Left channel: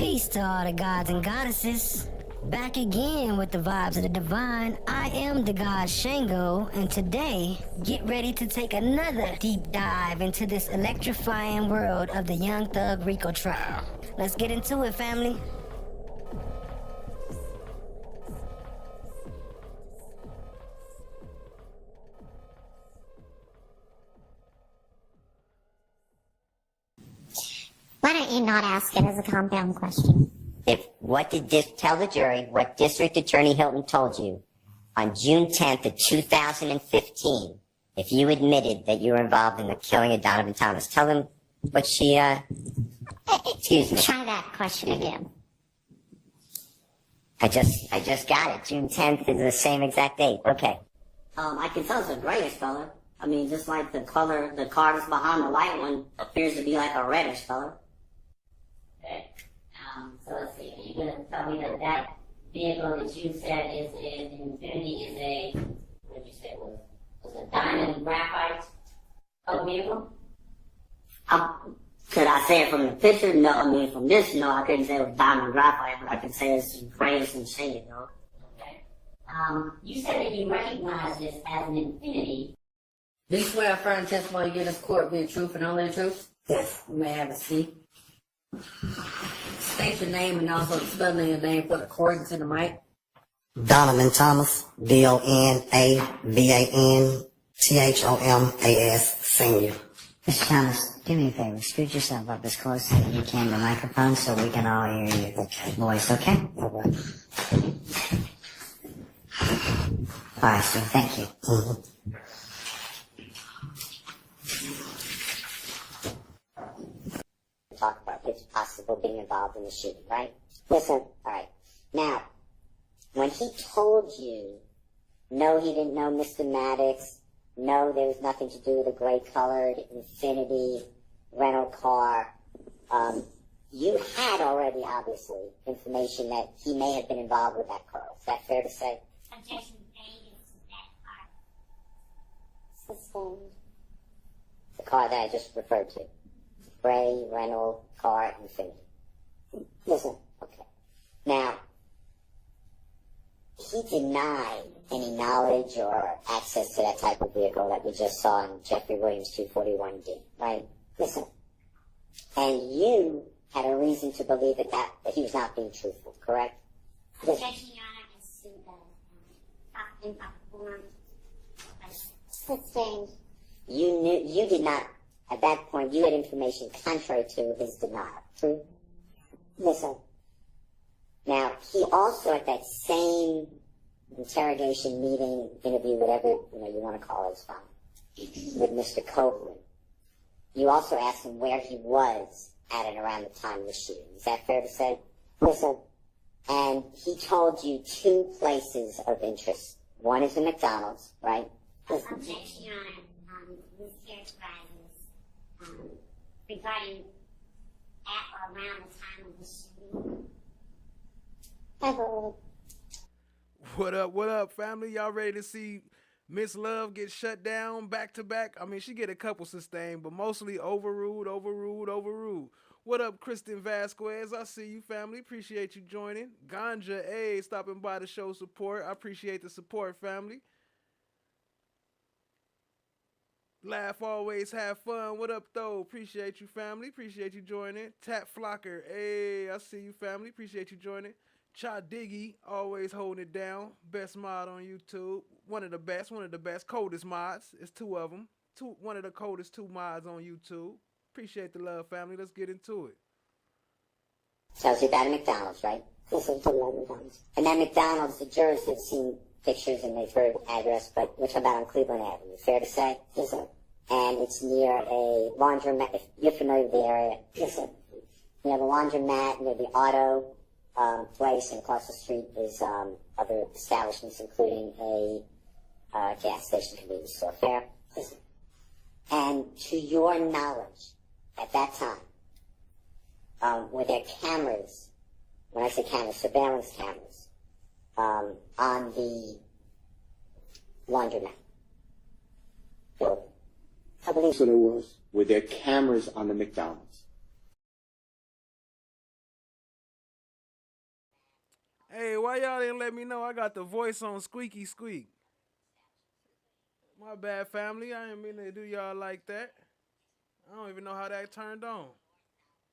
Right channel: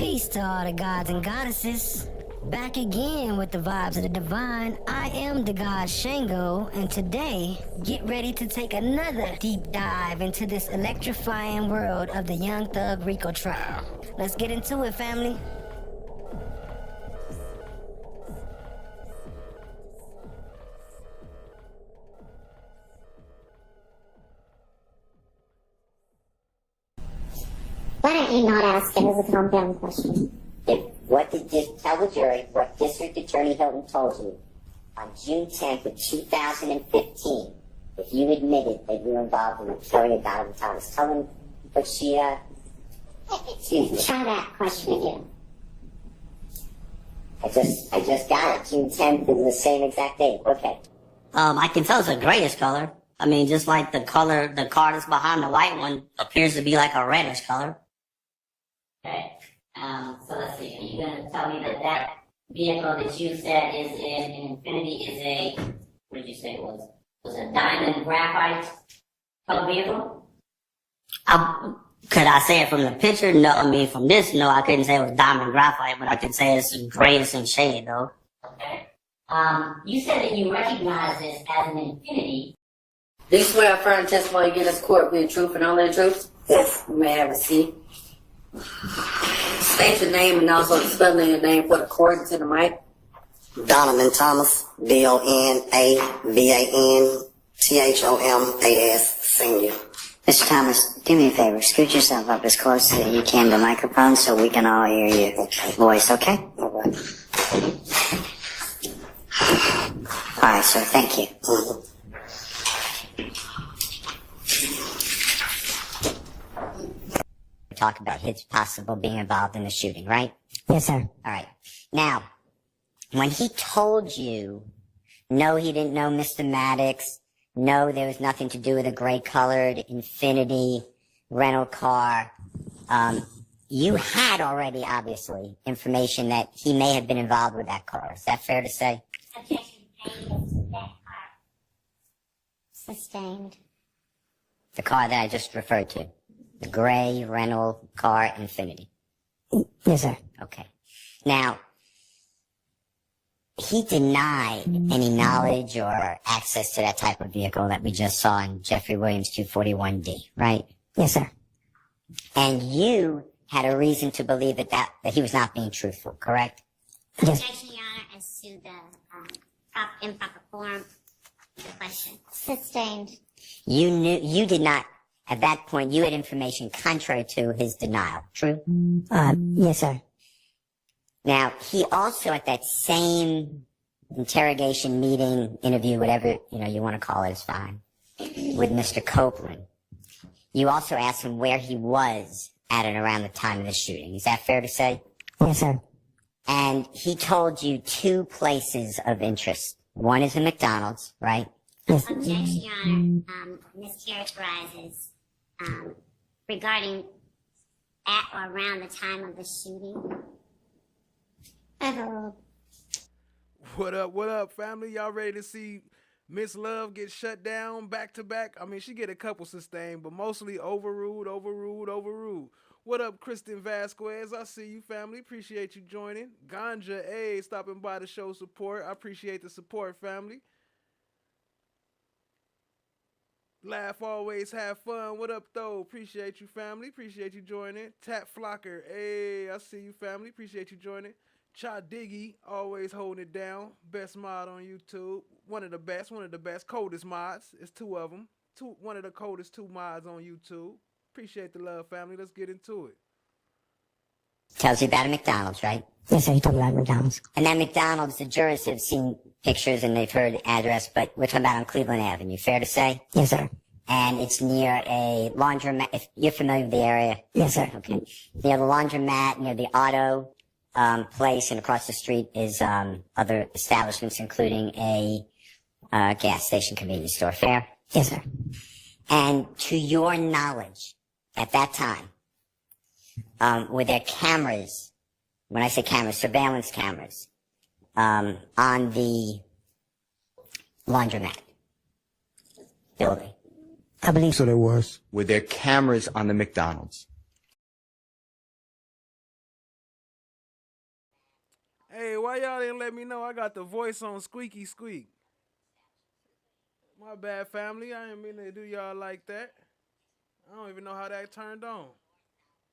Peace to all the gods and goddesses. Back again with the vibes of the divine. I am the god Shango, and today, get ready to take another deep dive into this electrifying world of the Young Thug Rico trial. Let's get into it, family. Why don't you not ask it as a compound question? Tell the jury what District Attorney Hilton told you on June 10th of 2015, if you admitted that you were involved in the killing of Donovan Thomas. Tell them what she, excuse me. Try that question again. I just got it. June 10th is the same exact date. Okay. I can tell it's a grayish color. I mean, just like the color, the car that's behind the white one appears to be like a reddish color. Okay. So let's see. Are you going to tell me that that vehicle that you said is in Infinity is a, what did you say it was? Was a diamond graphite color vehicle? Could I say it from the picture? No, I mean from this, no, I couldn't say it was diamond graphite, but I could say it's grayish in shade though. Okay. You said that you recognize this as an Infinity. Do you swear affirm testimony you give this court be the truth and only the truth? Yes. You may have a seat. State your name and also the spelling of your name for the court and to the mic. Donovan Thomas, DONAVANTHOMAS, Senior. Mr. Thomas, do me a favor. Scoot yourself up as close as you can to the microphone so we can all hear your voice, okay? All right. All right, sir. Thank you. Talk about his possible being involved in the shooting, right? Yes, sir. All right. Now, when he told you, no, he didn't know Mr. Maddox, no, there was nothing to do with a gray-colored Infinity rental car, you had already, obviously, information that he may have been involved with that car. Is that fair to say? Sustained. The car that I just referred to. The gray rental car Infinity. Yes, sir. Okay. Now, he denied any knowledge or access to that type of vehicle that we just saw in Jeffrey Williams 241D, right? Yes, sir. And you had a reason to believe that he was not being truthful, correct? Yes. Objection, Your Honor, as to the improper form of the question. Sustained. You did not, at that point, you had information contrary to his denial, true? Yes, sir. Now, he also, at that same interrogation, meeting, interview, whatever, you want to call it is fine, with Mr. Copeland, you also asked him where he was at and around the time of the shooting. Is that fair to say? Yes, sir. And he told you two places of interest. One is a McDonald's, right? Yes. Objection, Your Honor, mischaracterizes regarding at or around the time of the shooting. What up, family? Y'all ready to see Miss Love get shut down back to back? I mean, she get a couple sustained, but mostly overruled. What up, Kristen Vasquez? I see you, family. Appreciate you joining. Ganja A stopping by to show support. I appreciate the support, family. Laugh always, have fun. What up, though? Appreciate you, family. Appreciate you joining. Tap Flocker. Hey, I see you, family. Appreciate you joining. Cha Diggy, always holding it down. Best mod on YouTube. One of the best. Coldest mods. It's two of them. One of the coldest two mods on YouTube. Appreciate the love, family. Let's get into it. Tells you about a McDonald's, right? Yes, sir. He told me about McDonald's. And that McDonald's, the jurors have seen pictures and they've heard address, but we're talking about on Cleveland Avenue. Fair to say? Yes, sir. And it's near a laundromat. If you're familiar with the area. Yes, sir. Okay. Near the laundromat, near the auto place, and across the street is other establishments, including a gas station convenience store. Fair? Yes, sir. And to your knowledge, at that time, were there cameras, when I say cameras, surveillance cameras, on the laundromat building? I believe So there was. Were there cameras on the McDonald's? Hey, why y'all didn't let me know I got the voice on squeaky squeak? My bad, family. I didn't mean to do y'all like that. I don't even know how that turned on.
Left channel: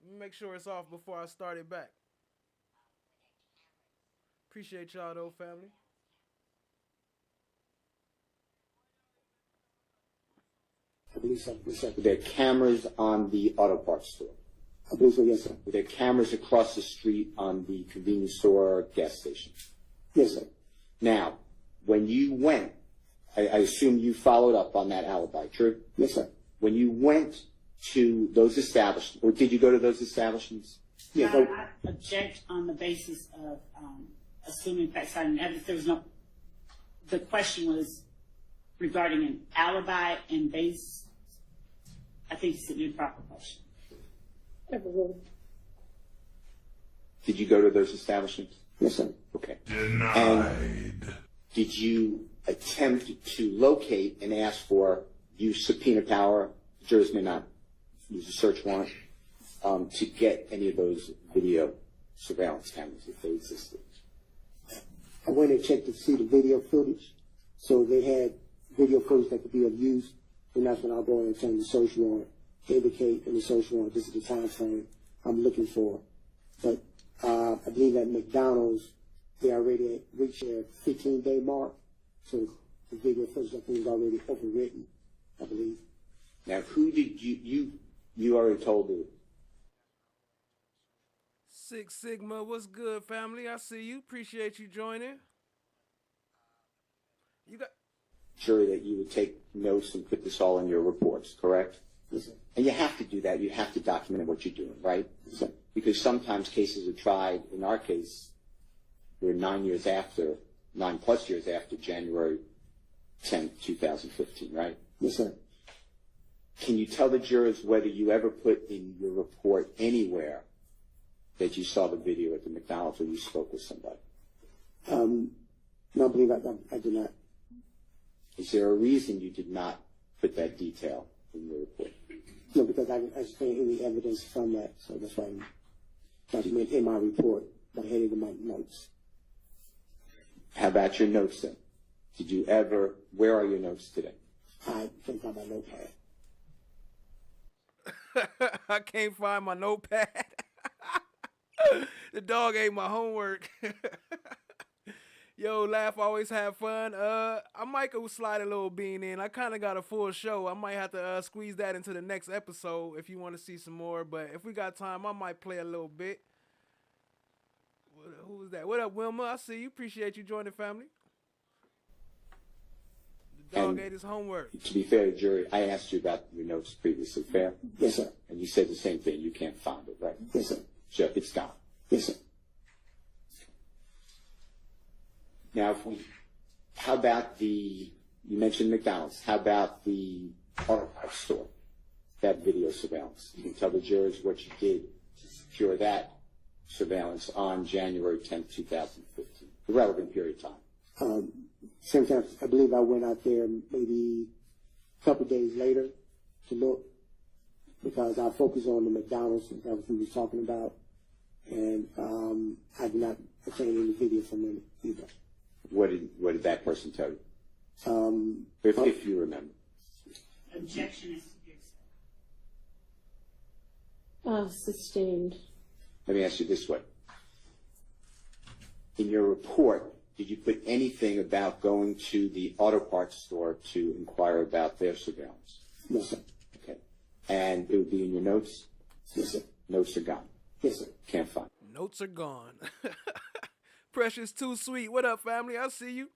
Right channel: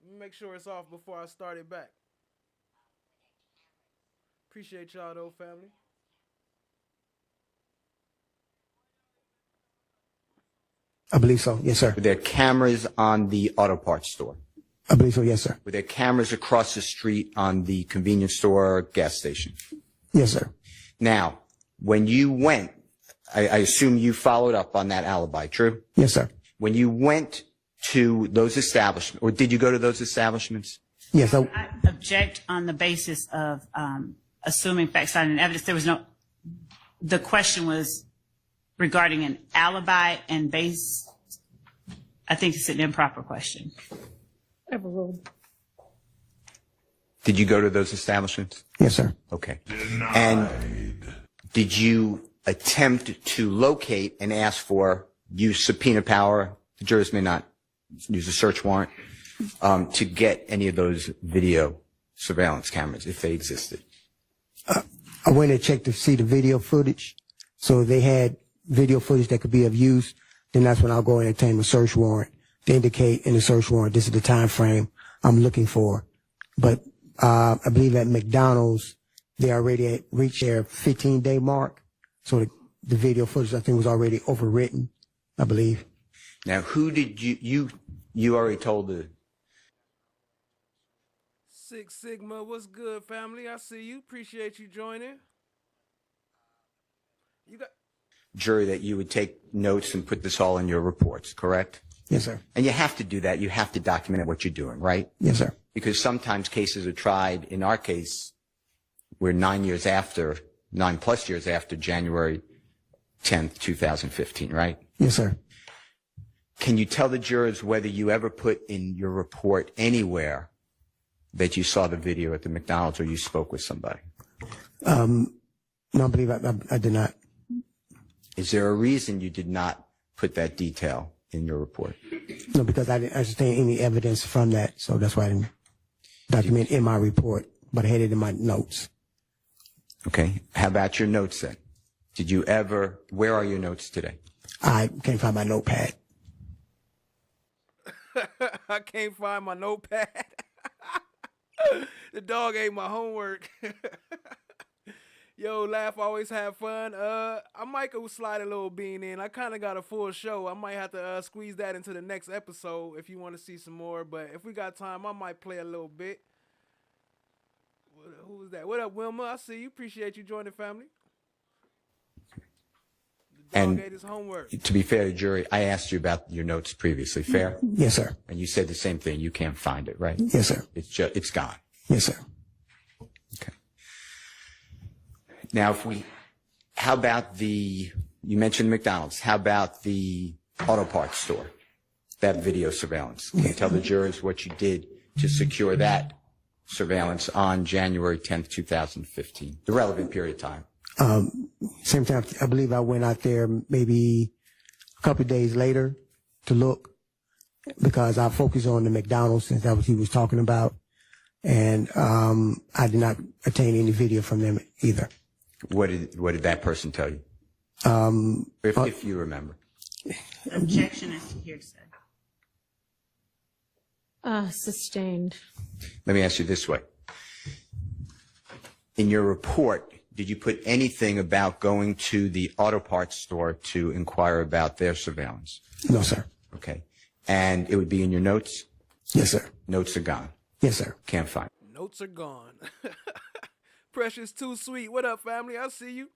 Let me make sure it's off before I start it back. Appreciate y'all though, family. I believe so. Yes, sir. Were there cameras on the auto parts store? I believe so. Yes, sir. Were there cameras across the street on the convenience store, gas station? Yes, sir. Now, when you went, I assume you followed up on that alibi, true? Yes, sir. When you went to those establishments, or did you go to those establishments? Yes. I object on the basis of assuming facts, citing and evidence. There was no. The question was regarding an alibi and base. I think it's an improper question. Did you go to those establishments? Yes, sir. Okay. And did you attempt to locate and ask for use subpoena power? The jurors may not use a search warrant to get any of those video surveillance cameras if they existed. I went and checked to see the video footage. So if they had video footage that could be of use, then that's when I'll go and obtain a search warrant to indicate in the search warrant this is the time frame I'm looking for. But I believe at McDonald's, they already reached their 15-day mark. So the video footage, I think, was already overwritten, I believe. Now, who did you already told the... Six Sigma, what's good, family? I see you. Appreciate you joining. You got... jury that you would take notes and put this all in your reports, correct? Yes, sir. And you have to do that. You have to document what you're doing, right? Yes, sir. Because sometimes cases are tried. In our case, we're 9 plus years after January 10th, 2015, right? Yes, sir. Can you tell the jurors whether you ever put in your report anywhere that you saw the video at the McDonald's or you spoke with somebody? No, I believe I did not. Is there a reason you did not put that detail in your report? No, because I didn't understand any evidence from that, so that's why I didn't document in my report, but I had it in my notes. Okay. How about your notes then? Did you ever, where are your notes today? I can't find my notepad. I can't find my notepad. The dog ate my homework. Yo, laugh, always have fun. I might go slide a little bean in. I kind of got a full show. I might have to squeeze that into the next episode if you want to see some more. But if we got time, I might play a little bit. Who was that? What up, Wilma? I see you. Appreciate you joining, family. The dog ate his homework. To be fair to the jury, I asked you about your notes previously. Fair? Yes, sir. And you said the same thing. You can't find it, right? Yes, sir. It's gone. Yes, sir. Okay. Now, how about you mentioned McDonald's. How about the auto parts store? That video surveillance. Can you tell the jurors what you did to secure that surveillance on January 10th, 2015, the relevant period of time? Same time, I believe I went out there maybe a couple of days later to look because I focused on the McDonald's since that was what he was talking about. And I did not obtain any video from them either. What did that person tell you? If you remember. Objection is hearsay. Sustained. Let me ask you this way. In your report, did you put anything about going to the auto parts store to inquire about their surveillance? No, sir. Okay. And it would be in your notes? Yes, sir. Notes are gone? Yes, sir. Can't find. Notes are gone. Precious Too Sweet. What up, family? I see you.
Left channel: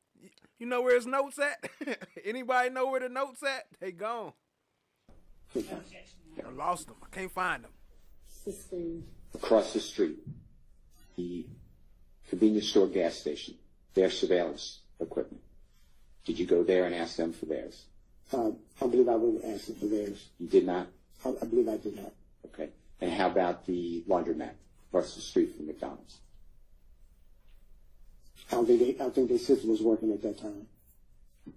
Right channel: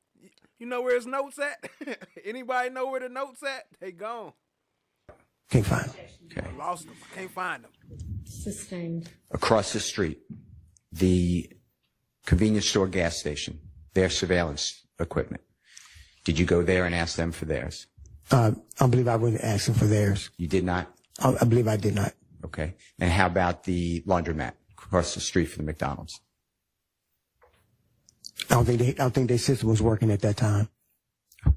You know where his notes at? Anybody know where the notes at? They gone. Can't find them. Okay. I lost them. I can't find them. Sustained. Across the street, the convenience store gas station, their surveillance equipment. Did you go there and ask them for theirs? I believe I was asking for theirs. You did not? I believe I did not. Okay. And how about the laundromat across the street from the McDonald's? I don't think their system was working at that time. Do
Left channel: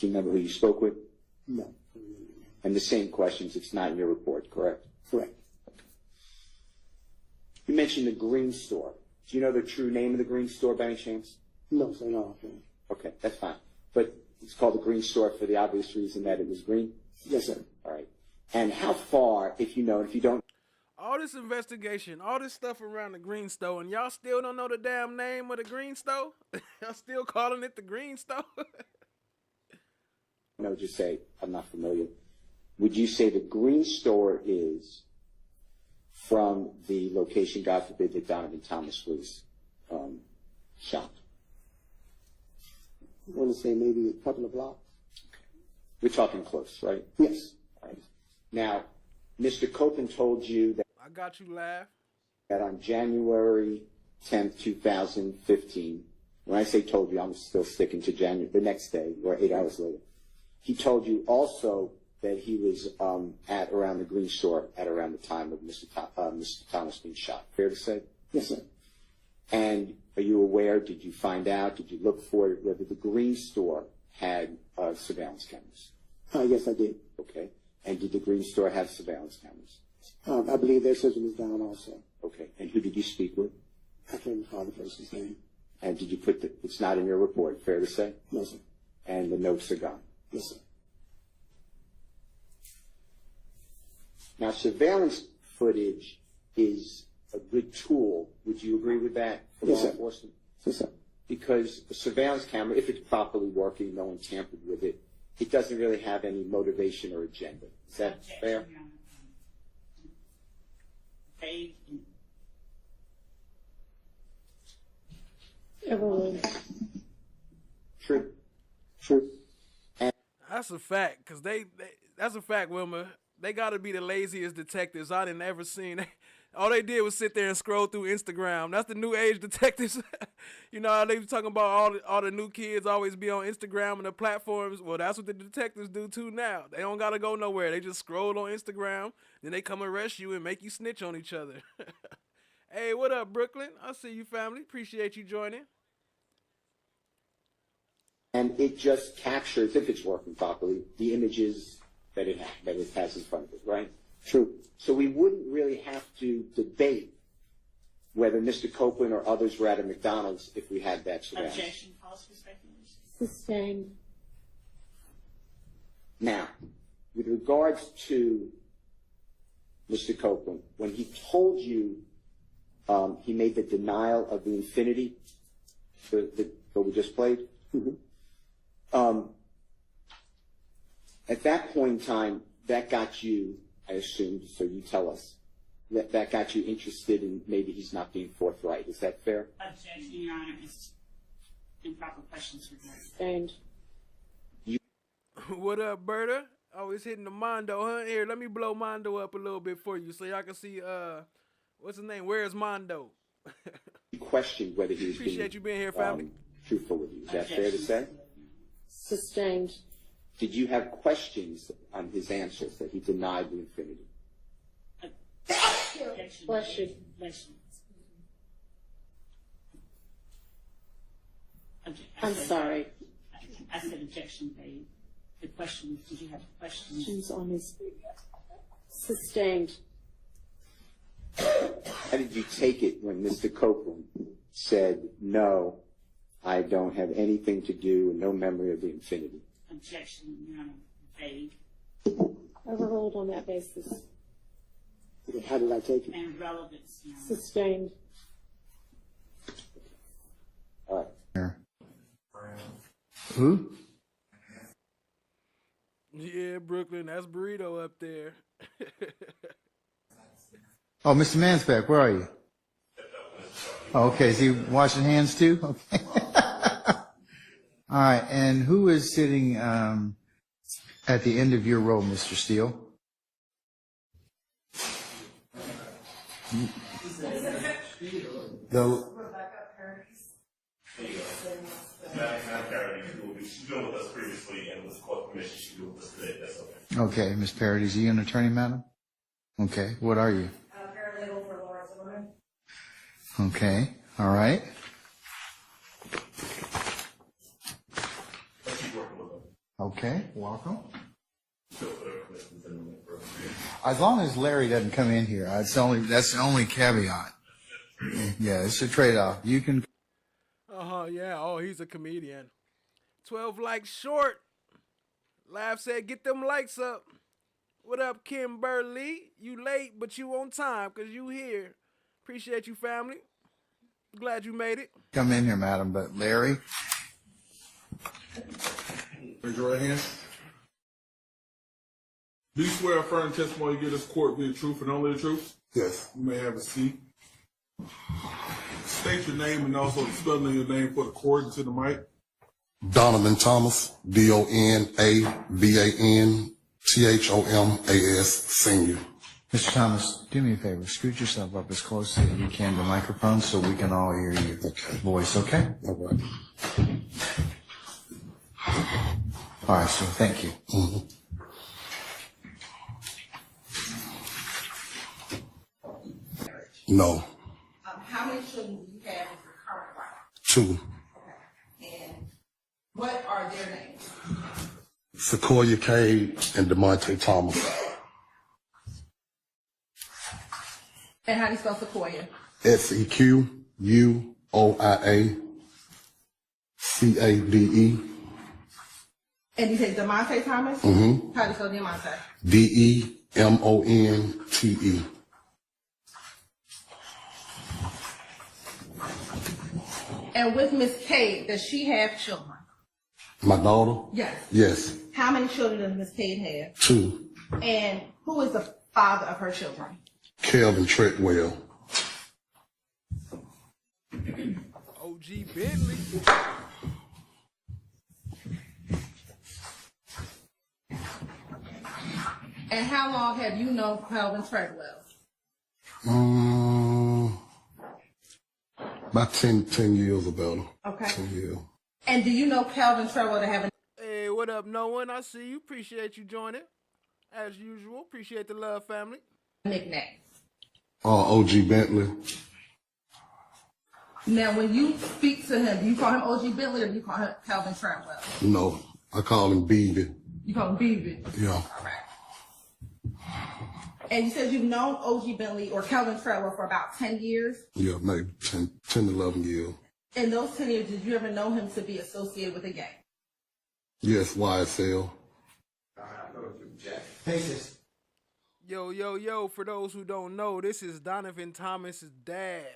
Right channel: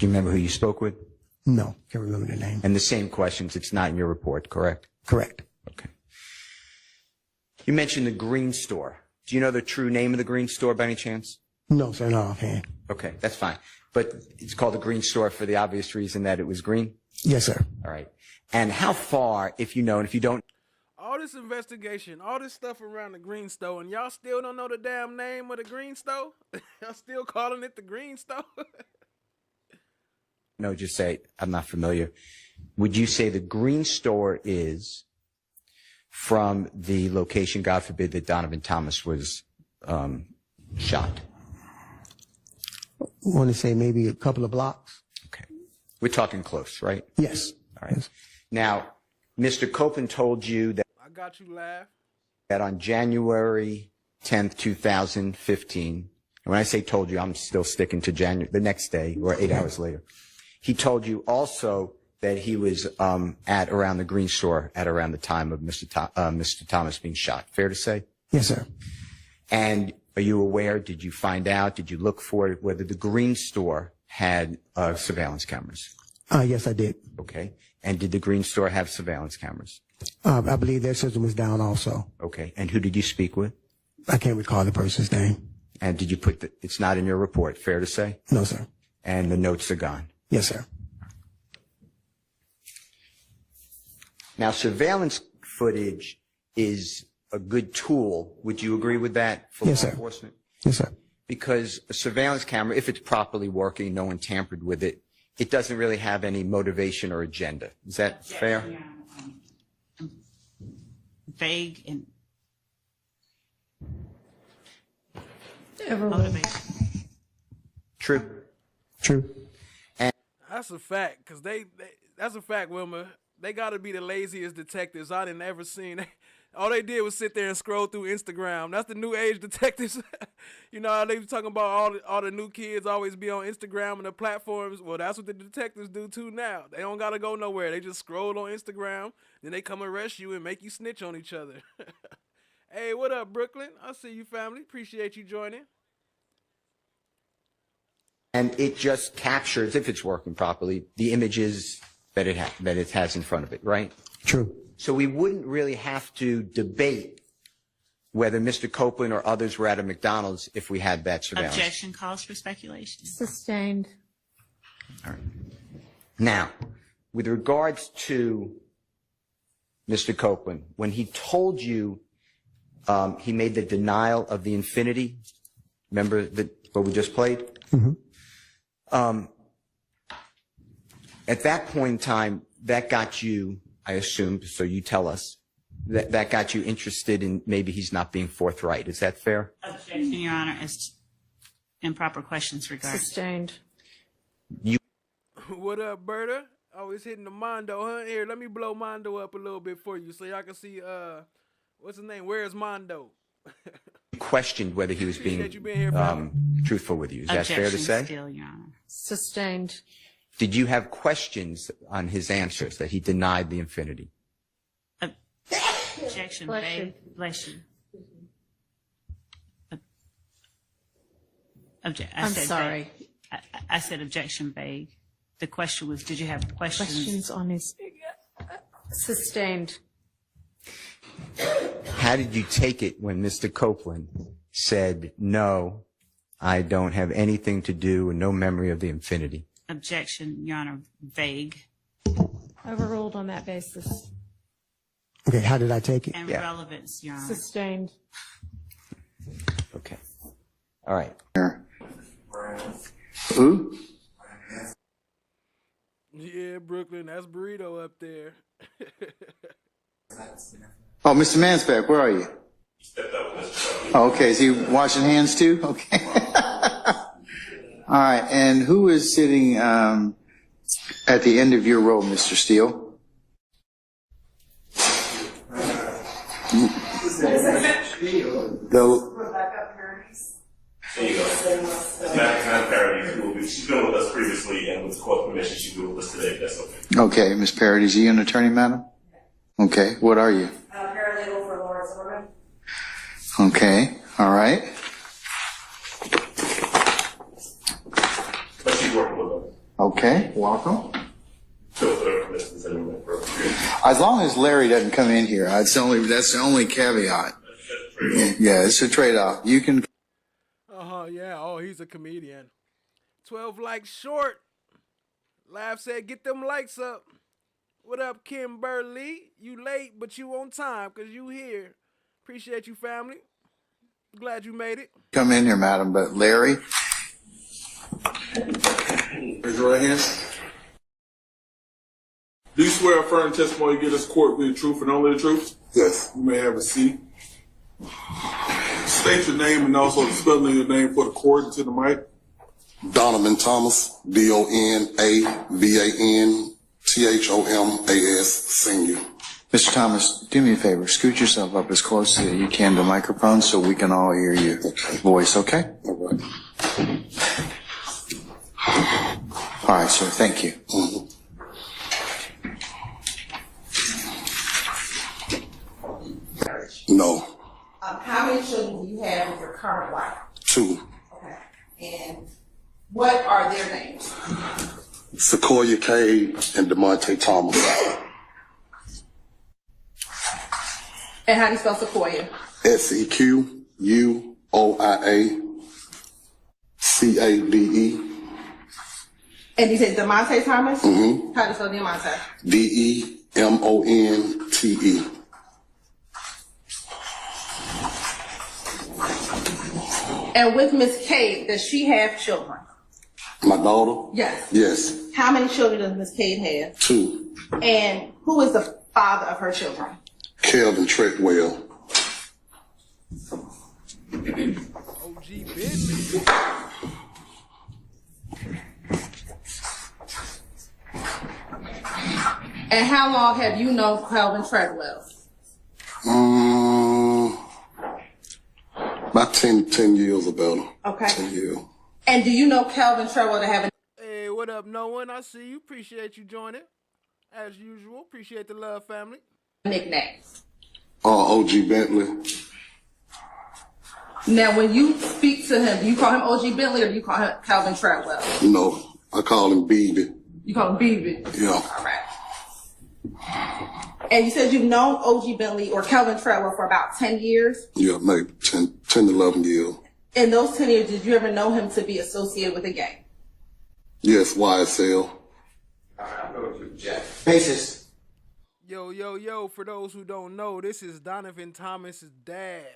you remember who you spoke with? No, can't remember the name. And the same questions, it's not in your report, correct? Correct. Okay. You mentioned the green store. Do you know the true name of the green store by any chance? No, sir, no offhand. Okay, that's fine. But it's called the green store for the obvious reason that it was green? Yes, sir. All right. And how far, if you know, and if you don't... All this investigation, all this stuff around the green store, and y'all still don't know the damn name of the green store? Y'all still calling it the green store? No, just say, I'm not familiar. Would you say the green store is from the location, God forbid, that Donovan Thomas was shot? I want to say maybe a couple of blocks. Okay. We're talking close, right? Yes. All right. Yes. Now, Mr. Copeland told you that... I got you, laugh. That on January 10th, 2015, and when I say told you, I'm still sticking to the next day or 8 hours later. He told you also that he was at around the green store at around the time of Mr. Thomas being shot. Fair to say? Yes, sir. And are you aware, did you find out, did you look for it, whether the green store had surveillance cameras? Yes, I did. Okay. And did the green store have surveillance cameras? I believe their system was down also. Okay. And who did you speak with? I can't recall the person's name. And did you put it's not in your report, fair to say? No, sir. And the notes are gone? Yes, sir. Now, surveillance footage is a good tool. Would you agree with that for Yes, law sir. enforcement? Yes, sir. Because a surveillance camera, if it's properly working, no one tampered with it, it doesn't really have any motivation or agenda. Is that fair? Vague and Everett. True. True. That's a fact, because that's a fact, Wilma. They got to be the laziest detectives I didn't ever seen. All they did was sit there and scroll through Instagram. That's the new age detectives. You know how they talking about all the new kids always be on Instagram and the platforms? Well, that's what the detectives do too now. They don't got to go nowhere. They just scroll on Instagram, then they come arrest you and make you snitch on each other. Hey, what up, Brooklyn? I see you, family. Appreciate you joining. And it just captures, if it's working properly, the images that it has in front of it, right? True. So we wouldn't really have to debate whether Mr. Copeland or others were at a McDonald's if we had that surveillance. objection calls for speculation. Sustained. All right. Now, with regards to Mr. Copeland, when he told you he made the denial of the infinity, remember what we just played? Mm-hmm. At that point in time, that got you, I assume, so you tell us, that got you interested in maybe he's not being forthright. Is that fair? Objection, Your Honor, as improper questions regarding. Sustained. What up, Berta? Always hitting the Mondo, huh? Here, let me blow Mondo up a little bit for you so y'all can see, what's his name? Where's Mondo? Questioned whether he was Appreciate you being here, family. Truthful with you. Is that fair to say? Still, Your Honor. Sustained. Did you have questions on his answers that he denied the infinity? Objection, Bless vague. you. Bless you. I'm sorry. I said objection vague. The question was, did you have questions? Questions on his. Sustained. How did you take it when Mr. Copeland said, no, I don't have anything to do and no memory of the infinity? Objection, Your Honor, vague. Overruled on that basis. Okay, how did I take it? And Yeah. relevance, Your Honor. Sustained. Okay. All right. Who? Yeah, Brooklyn, that's Burrito up there. Oh, Mr. Mansbeck, where are you? Oh, okay, is he washing hands too? Okay. All right, and who is sitting at the end of your row, Mr. Steele? Rebecca Paradis. There you go. It's not Paradis. She's been with us previously, and with court permission, she's been with us today. If that's okay. Okay, Ms. Paradis, are you an attorney, madam? Okay, what are you? Paralegal for Laura Zimmerman. Okay, all right. But she's working with us. Okay, welcome. So for her permission, Zimmerman for As long as Larry doesn't come in here, that's the only caveat. Yeah, it's a trade-off. You can. Yeah. Oh, he's a comedian. 12 likes short. Laugh said, get them likes up. What up, Kimberly? You late, but you on time, because you here. Appreciate you, family. Glad you made it. Come in here, madam, but Larry. Raise your right hand. Do you swear affirm testimony you give this court will be the truth and only the truth? Yes. You may have a seat. State your name and also the spelling of your name for the court and to the mic. Donovan Thomas, DONAVANTHOMAS, Senior. Mr. Thomas, do me a favor. Scoot yourself up as close as you can to the microphone so we can all hear your voice, okay? All right. All right, sir. Thank you. No. How many children do you have with your current wife? 2. Okay. And what are their names? Sequoia Cade and DeMonte Thomas. And how do you spell Sequoia? SEQUOIACADE. And you said DeMonte Thomas? Mm-hmm. How do you spell DeMonte? DEMONTE. And with Miss Cade, does she have children? My daughter? Yes. Yes. How many children does Miss Cade have? 2. And who is the father of her children? Kelvin Treadwell. OG Bentley. And how long have you known Calvin Treadwell? About 10 years about him. Okay. 10 years. And do you know Calvin Treadwell to have a Hey, what up, no one? I see you. Appreciate you joining. As usual, appreciate the love, family. nickname? OG Bentley. Now, when you speak to him, do you call him OG Bentley or do you call him Calvin Treadwell? No, I call him BB. You call him BB? Yeah. All right. And you said you've known OG Bentley or Calvin Treadwell for about 10 years? Yeah, maybe 10 to 11 years. In those 10 years, did you ever know him to be associated with a gang? Yes, YSL. Basis. Yo, for those who don't know, this is Donovan Thomas's dad.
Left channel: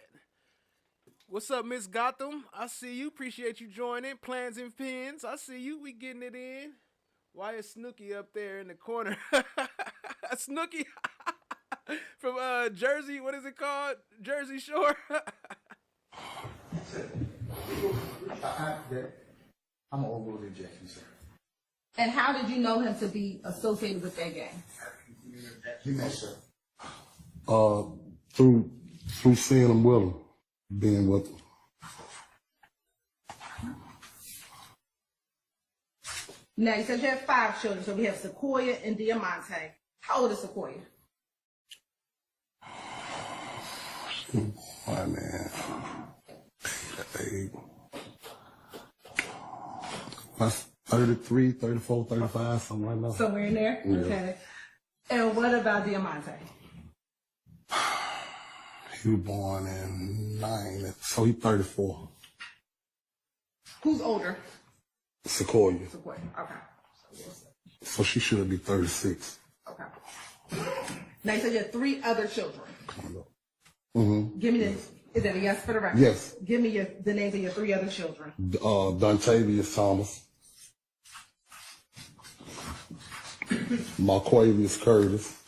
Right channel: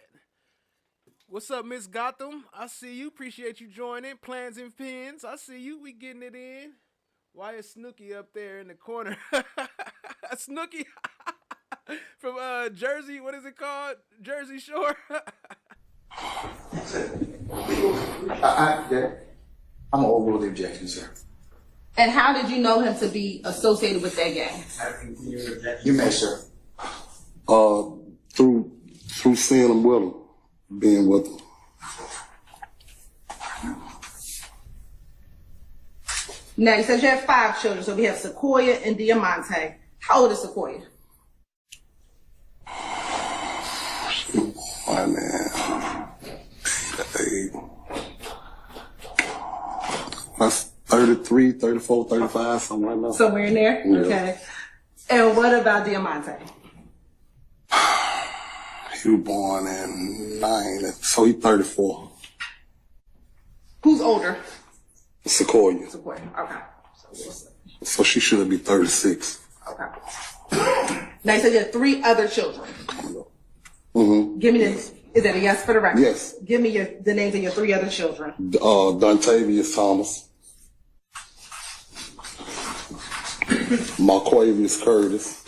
What's up, Miss Gotham? I see you. Appreciate you joining. Plans and Pins. I see you. We getting it in. Why is Snooki up there in the corner? Snooki from Jersey. What is it called? Jersey Shore. I'm gonna overrule the objection, sir. And how did you know him to be associated with that gang? You may, sir. Through seeing him with him, being with him. Now, you said you have 5 children, so we have Sequoia and Diamante. How old is Sequoia? My man. That's 33, 34, 35, something like that. Somewhere in there? Yeah. Okay. And what about Diamante? He was born in 90, so he's 34. Who's older? Sequoia. Sequoia. Okay. So she should be 36. Okay. Now, you said you have 3 other children. Mm-hmm. Give me this. Is that a yes for the record? Yes. Give me the names of your 3 other children. Dontavius Thomas. Marquavius Curtis.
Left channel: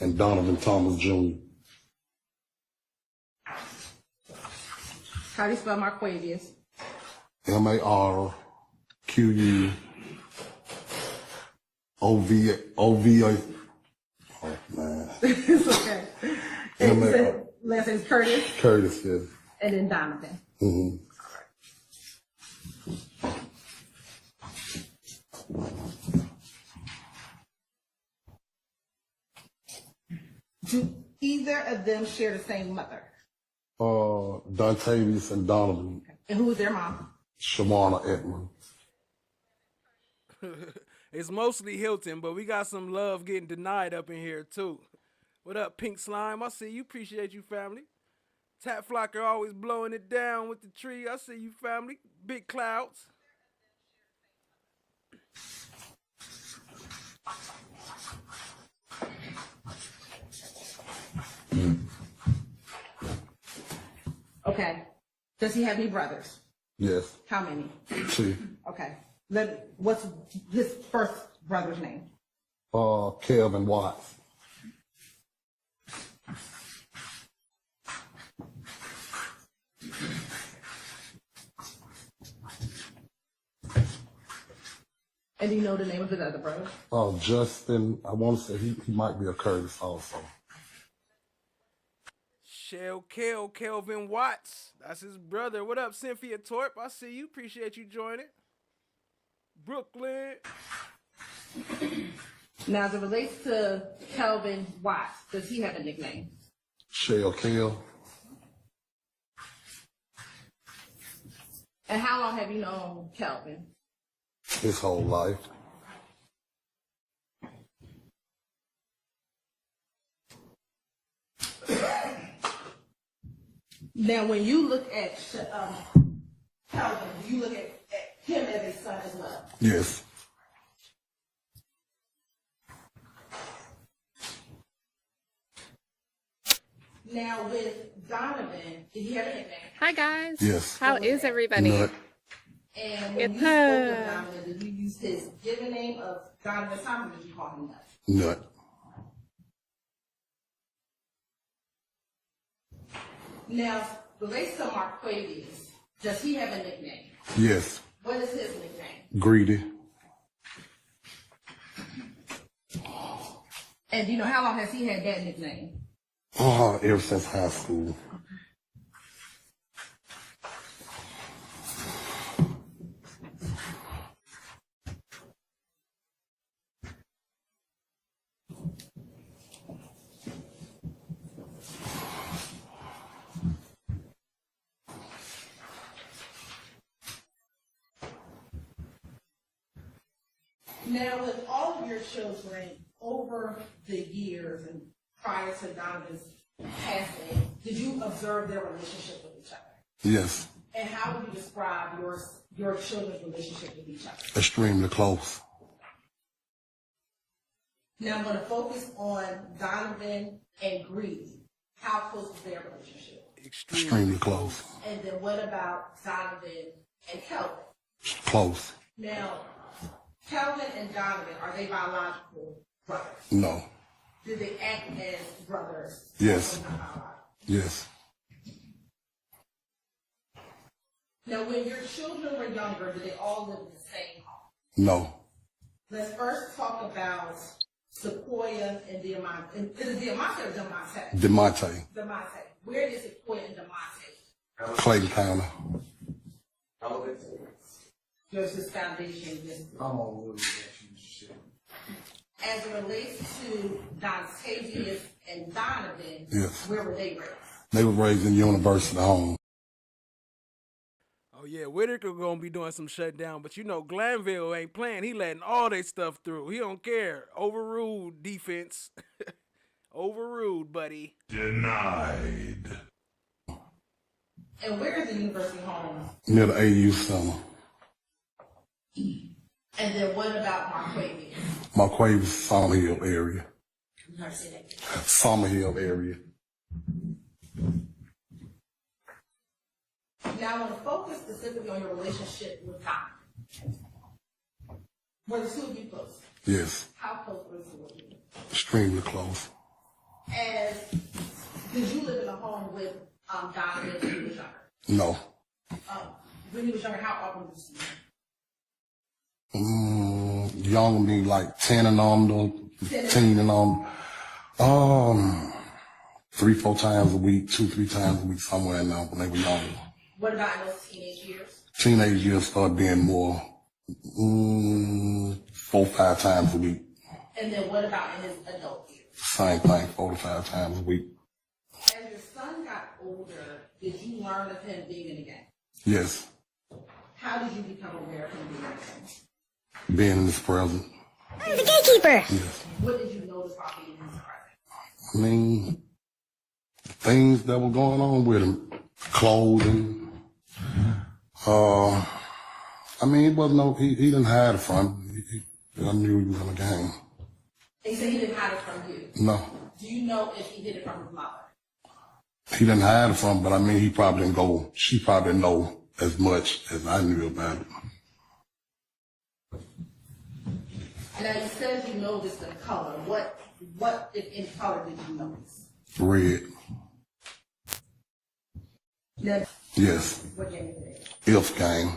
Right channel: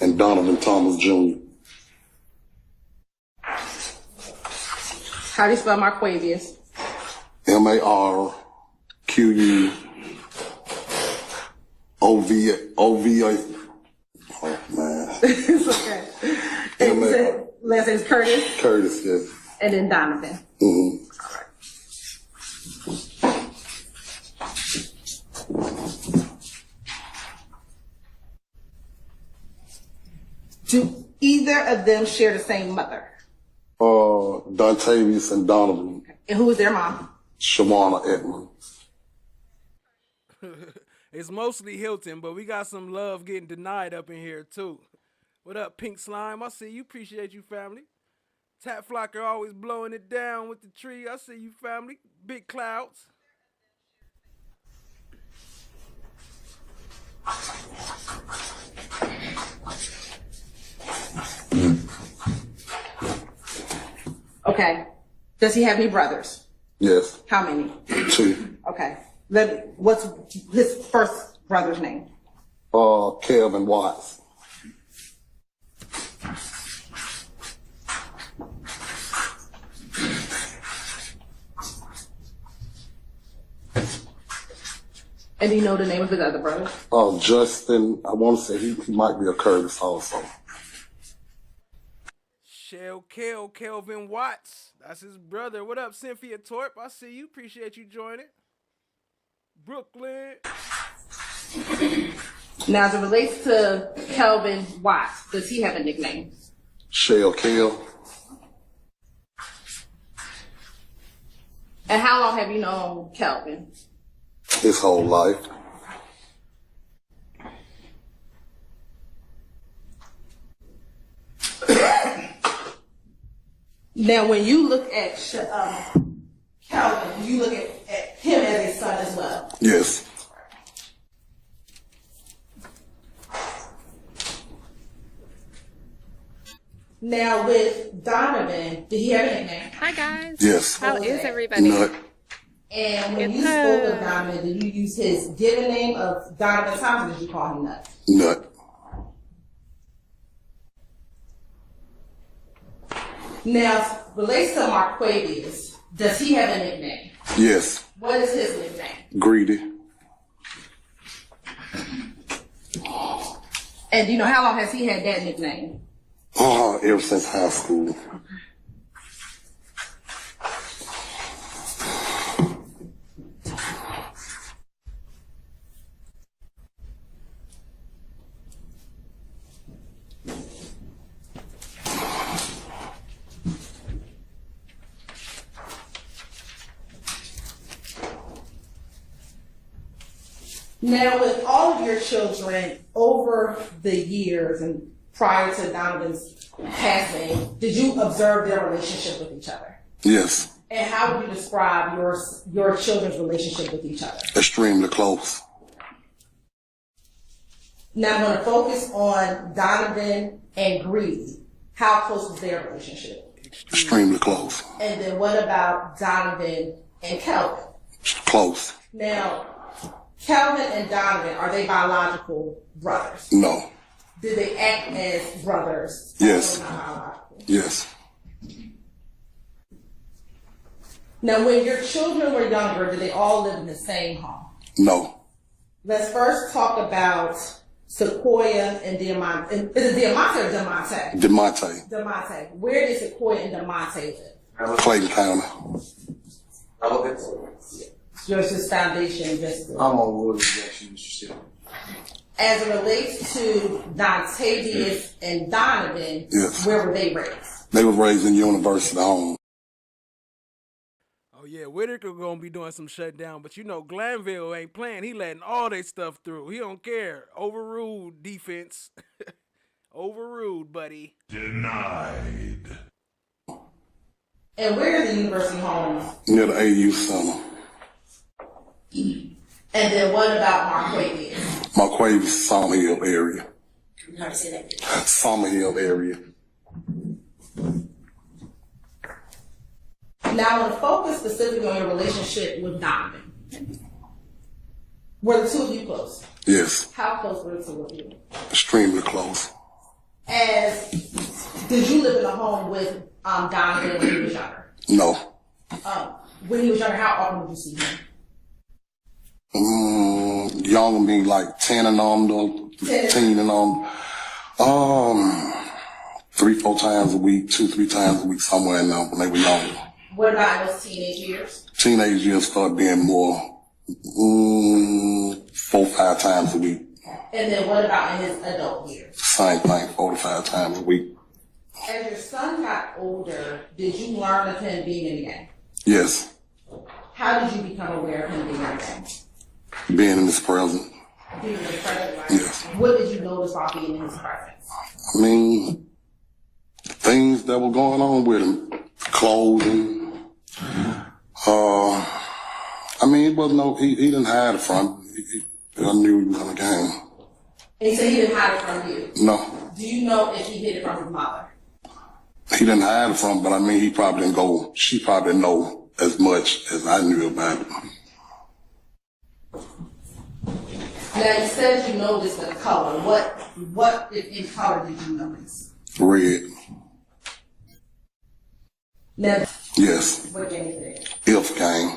And Donovan Thomas Jr. How do you spell Marquavius? MARQUOVA. Oh, man. It's okay. And you said last name is Curtis? Curtis, yes. And then Donovan. Mm-hmm. Do either of them share the same mother? Dontavius and Donovan. And who is their mom? Shawana Edmond. It's mostly Hilton, but we got some love getting denied up in here too. What up, Pink Slime? I see you. Appreciate you, family. Tap Flocker always blowing it down with the tree. I see you, family. Big clouds. Okay. Does he have any brothers? Yes. How many? 2. Okay. What's his first brother's name? Kelvin Watts. And do you know the name of his other brother? Justin, I want to say he might be a Curtis also. Kelvin Watts. That's his brother. What up, Cynthia Torp? I see you. Appreciate you joining. Brooklyn. Now, as it relates to Kelvin Watts, does he have a nickname? Shell Kel. And how long have you known Kelvin? His whole life. Now, when you look at Kelvin, you look at him as his son as well. Yes. Now, with Donovan, did he have a nickname? Hi, guys. Yes. How is everybody? Nut. And when you spoke of Donovan, did you use his given name of Donovan Thompson, or did you call him Nut? Nut. Now, relates to Marquavius, does he have a nickname? Yes. What is his nickname? Greedy. And do you know how long has he had that nickname? Ever since high school. Now, with all of your children over the years and prior to Donovan's passing, did you observe their relationship with each other? Yes. And how would you describe your children's relationship with each other? Extremely close. Now, I'm going to focus on Donovan and Greedy. How close was their relationship? Extremely close. And then what about Donovan and Kelvin? Close. Now, Kelvin and Donovan, are they biological brothers? No. Did they act as brothers? Yes. Yes. Now, when your children were younger, did they all live in the same home? No. Let's first talk about Sequoia and Diamante. Is it Diamante or Diamante? DeMonte. Diamante. Where did Sequoia and Diamante live? Clayton County. Yours foundation. I'm on Wood Jackson. As it relates to Dontavius and Donovan, Yes. where were they raised? They were raised in university home. Oh yeah, Whitaker gonna be doing some shutdown, but you know Glanville ain't playing. He letting all their stuff through. He don't care. Overruled defense. Overruled, buddy. Denied. And where are the university homes? Near the AU Center. And then what about Marquavius? Marquavius, Summerhill area. How to say that? Summerhill area. Now, I want to focus specifically on your relationship with Donovan. Were the two of you close? Yes. How close were the two of you? Extremely close. Did you live in a home with Donovan when he was younger? No. When he was younger, how often would you see him? Young me like 10 and on, 10 and on. 3-4 times a week, 2-3 times a week, somewhere in there when they were younger. What about in those teenage years? Teenage years started being more 4-5 times a week. And then what about in his adult years? Same thing, 4-5 times a week. As your son got older, did you learn of him being in the gang? Yes. How did you become aware of him being in the gang? Being in his presence. The gatekeeper. Yes. What did you notice while being in his presence? I mean, things that were going on with him, clothing. I mean, it wasn't no, he didn't hide it from me. I knew he was in the game. And he said he didn't hide it from you. No, Do you know if he hid it from his mother? he didn't hide it from me, but I mean, she probably didn't know as much as I knew about it. Now, you said you noticed the color. What in color did you notice? Red. Now, Yes. what game is it? If game.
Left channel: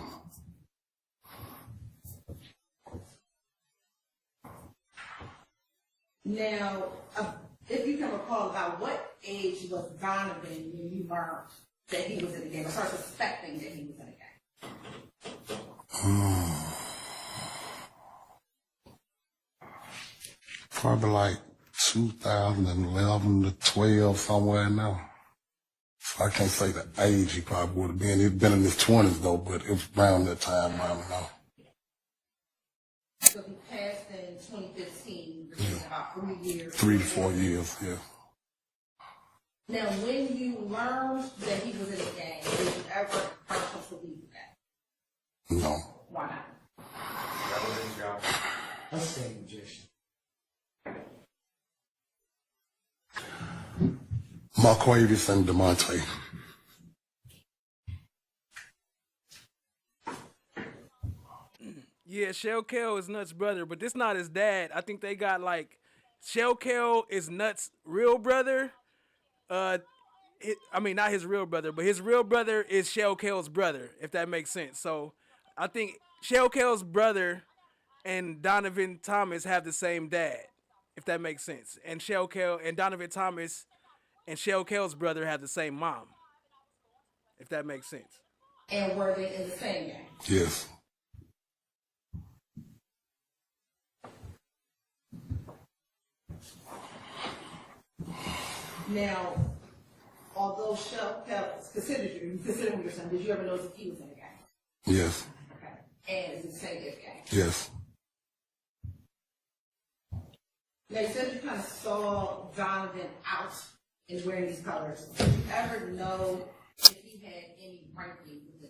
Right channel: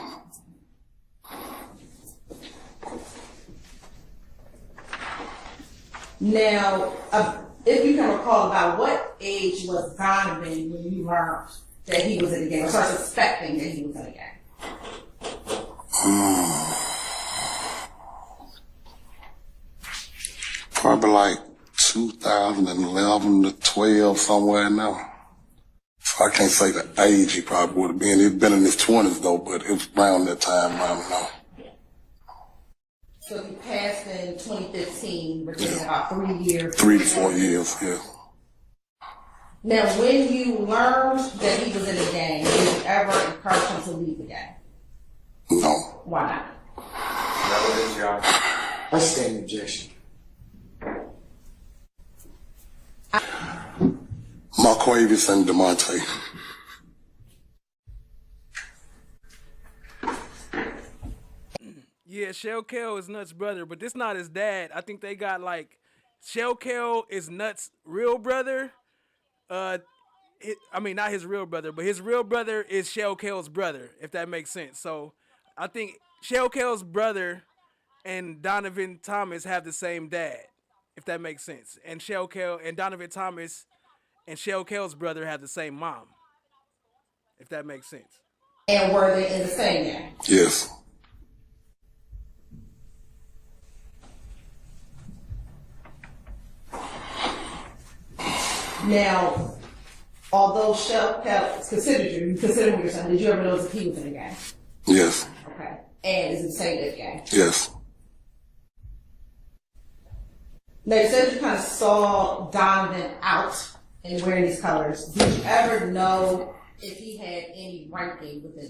Now, if you can recall, about what age was Donovan when you learned that he was in the game, or started suspecting that he was in the game? Probably like 2011 to 12, somewhere in there. So I can't say the age he probably would have been. He'd been in his 20s though, but it was around that time, I don't know. So he passed in 2015, which is about 3 years. 3 to 4 years, yeah. Now, when you learned that he was in the gang, did you ever encourage him to leave the gang? No. Why not? I stand objection. Marquavius and DeMonte. Yeah, Shell Kel is Nuts' brother, but this not his dad. I think they got like Shell Kel is Nuts' real brother. I mean, not his real brother, but his real brother is Shell Kel's brother, if that makes sense. So I think Shell Kel's brother and Donovan Thomas have the same dad, if that makes sense. And Shell Kel and Donovan Thomas and Shell Kel's brother have the same mom, if that makes sense. And were they in the same gang? Yes. Now, although Shell Kel considered you considered your son, did you ever notice if he was in the gang? Yes. Okay. And is it the same as gang? Yes. Now, you said you kind of saw Donovan out and wearing these colors. Did you ever know if he had any ranking within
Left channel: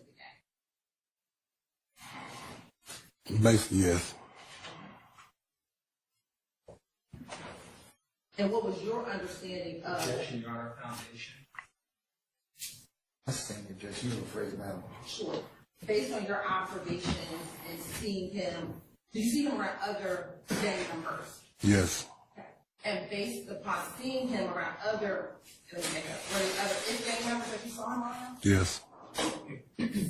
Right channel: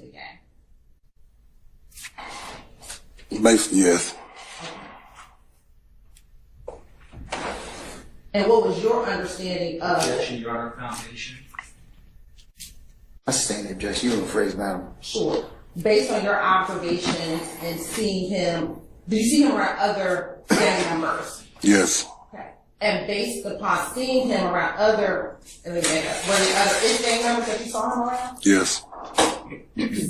the gang? Basically, yes. And what was your understanding of Objection, Your Honor, foundation. I stand objection. You rephrase, madam. Sure. Based on your observations and seeing him, did you see him around other gang members? Yes. Okay. And based upon seeing him around other, were there other IF gang members that you saw him around? Yes.